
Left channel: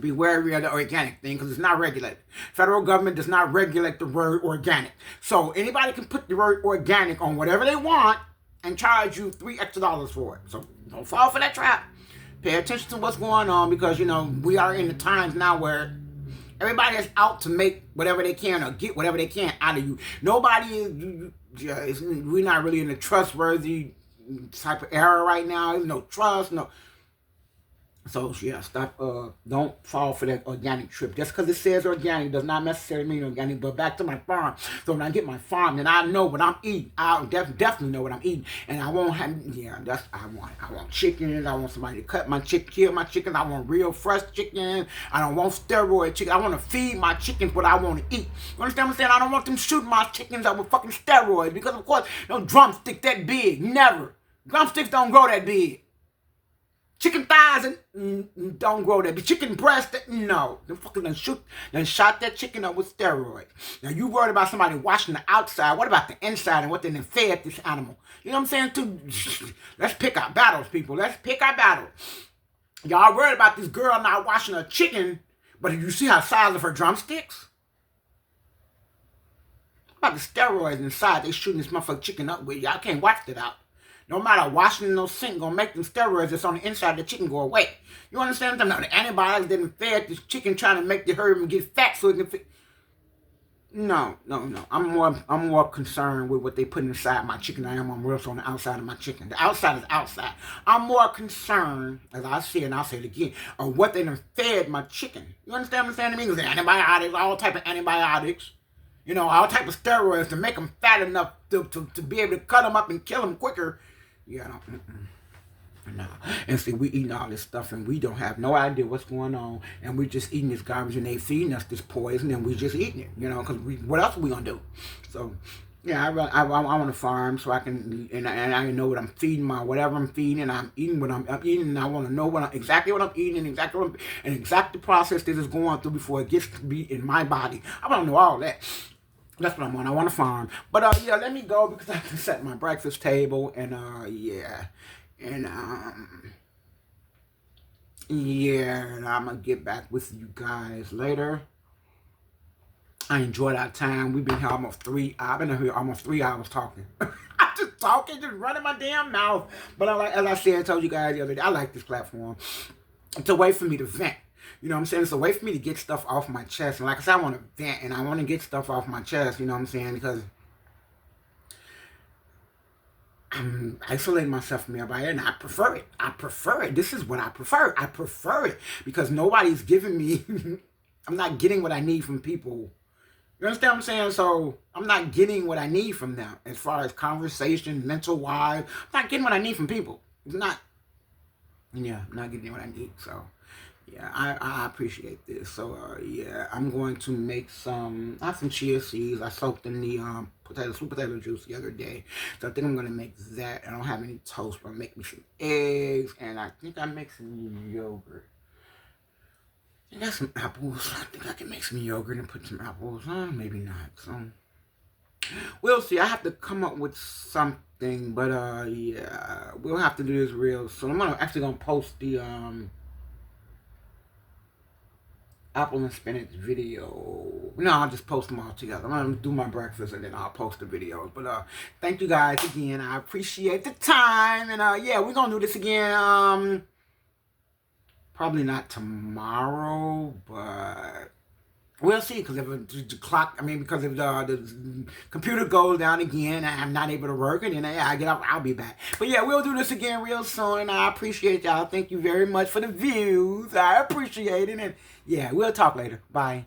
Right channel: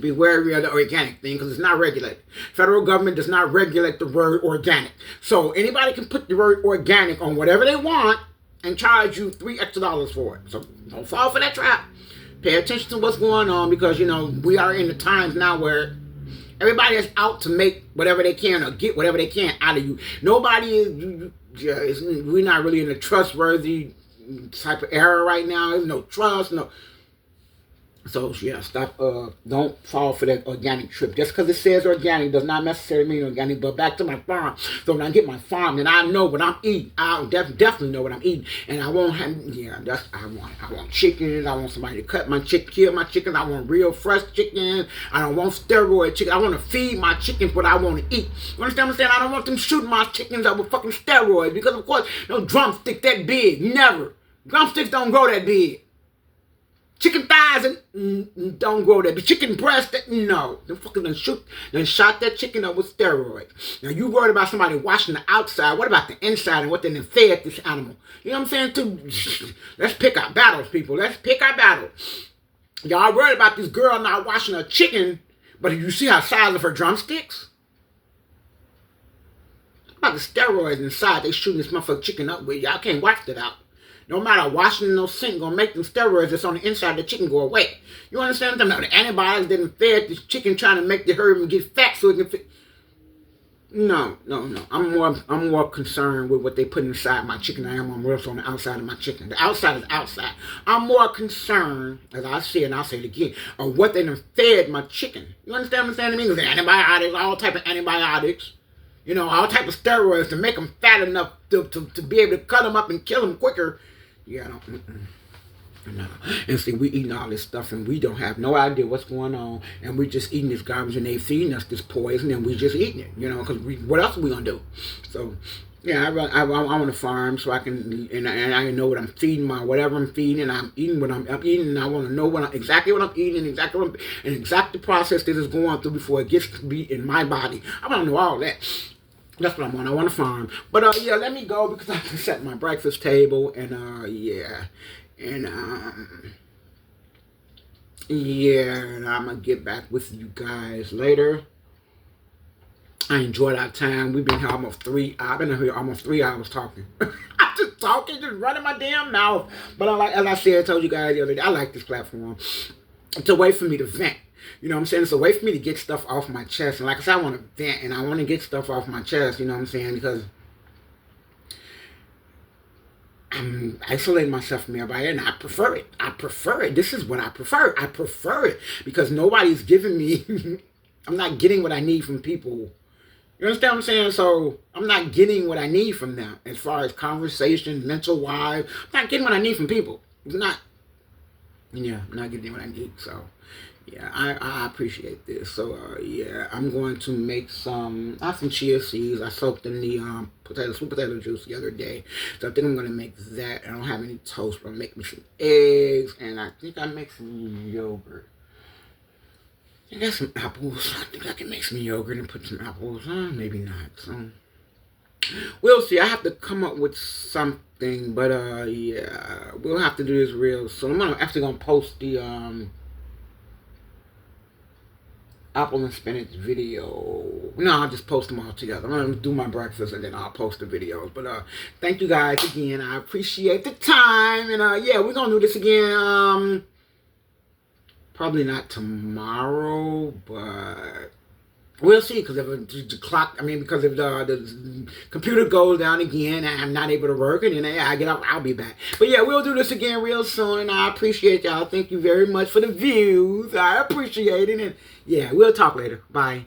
be wary of the organic thing because it's not regulated. Federal government does not regulate the word organic. So anybody can put the word organic on whatever they want and charge you $3 extra for it. So don't fall for that trap. Pay attention to what's going on because, we are in the times now where everybody is out to make whatever they can or get whatever they can out of you. Nobody is, we're not really in a trustworthy type of era right now. There's no trust, no. So yeah, stop. Don't fall for that organic trip. Just because it says organic does not necessarily mean organic. But back to my farm. So when I get my farm, then I know what I'm eating. I'll definitely know what I'm eating, and I won't have. Yeah, I want chickens. I want somebody to cut my chicken, kill my chickens. I want real fresh chicken. I don't want steroid chicken. I want to feed my chickens what I want to eat. You understand what I'm saying? I don't want them shooting my chickens up with fucking steroids because of course no drumstick that big. Never. Drumsticks don't grow that big. Chicken thighs don't grow that. But chicken breast, no. They fucking shot that chicken up with steroids. Now you worried about somebody washing the outside. What about the inside and what they fed this animal? You know what I'm saying? Too. Let's pick our battles, people. Let's pick our battles. Y'all worried about this girl not washing her chicken, but did you see how size of her drumsticks? What about the steroids inside they shooting this motherfucking chicken up with? Y'all can't watch that out. No matter washing no sink gonna make them steroids that's on the inside of the chicken go away. You understand what I'm saying? The antibiotics didn't fed this chicken trying to make the herd and get fat so it can fit. No, no, no. I'm more concerned with what they put inside my chicken than I am on what's on the outside of my chicken. The outside is outside. I'm more concerned, as I say and I'll say it again, of what they done fed my chicken. You understand what I'm saying to me? There's antibiotics, all type of antibiotics, all type of steroids to make them fat enough to be able to cut them up and kill them quicker. Yeah, I don't. No. And see, we eating all this stuff and we don't have no idea what's going on, and we just eating this garbage and they feeding us this poison and we just eating it, because what else are we gonna do? So, yeah, I want to farm so I can and I know what I'm feeding whatever I'm feeding, and I'm eating what I'm eating, and I want to know exactly what I'm eating and exact the process that is going through before it gets to be in my body. I want to know all that. That's what I want. I want to farm. But yeah, let me go because I have to set my breakfast table, and yeah. And and I'm gonna get back with you guys later. I enjoyed our time. We've been here almost 3 hours. I've been here almost 3 hours talking. I'm just talking, just running my damn mouth. But as I said, I told you guys the other day, I like this platform. It's a way for me to vent. You know what I'm saying? It's a way for me to get stuff off my chest. And like I said, I want to vent and I want to get stuff off my chest. You know what I'm saying? Because I'm isolating myself from everybody, and I prefer it. I prefer it. This is what I prefer. I prefer it because nobody's giving me, I'm not getting what I need from people. You understand what I'm saying? So I'm not getting what I need from them as far as conversation, mental wise. I'm not getting what I need from people. I'm not getting what I need. So yeah, I appreciate this. So yeah, I'm going to make I have some chia seeds. I soaked in the sweet potato juice the other day. So I think I'm going to make that. I don't have any toast, but I'll make me some eggs. And I think I make some yogurt. I got some apples. I think I can make some yogurt and put some apples. Maybe not. So we'll see. I have to come up with something. But yeah, we'll have to do this real soon. I'm actually going to post the apple and spinach video. No, I'll just post them all together. I'm going to do my breakfast and then I'll post the videos. But thank you guys again. I appreciate the time. And yeah, we're going to do this again. Probably not tomorrow, but we'll see. Because if the clock, because if the computer goes down again and I'm not able to work, and then I get up, I'll be back. But yeah, we'll do this again real soon. And I appreciate y'all. Thank you very much for the views. I appreciate it. And yeah, we'll talk later. Bye.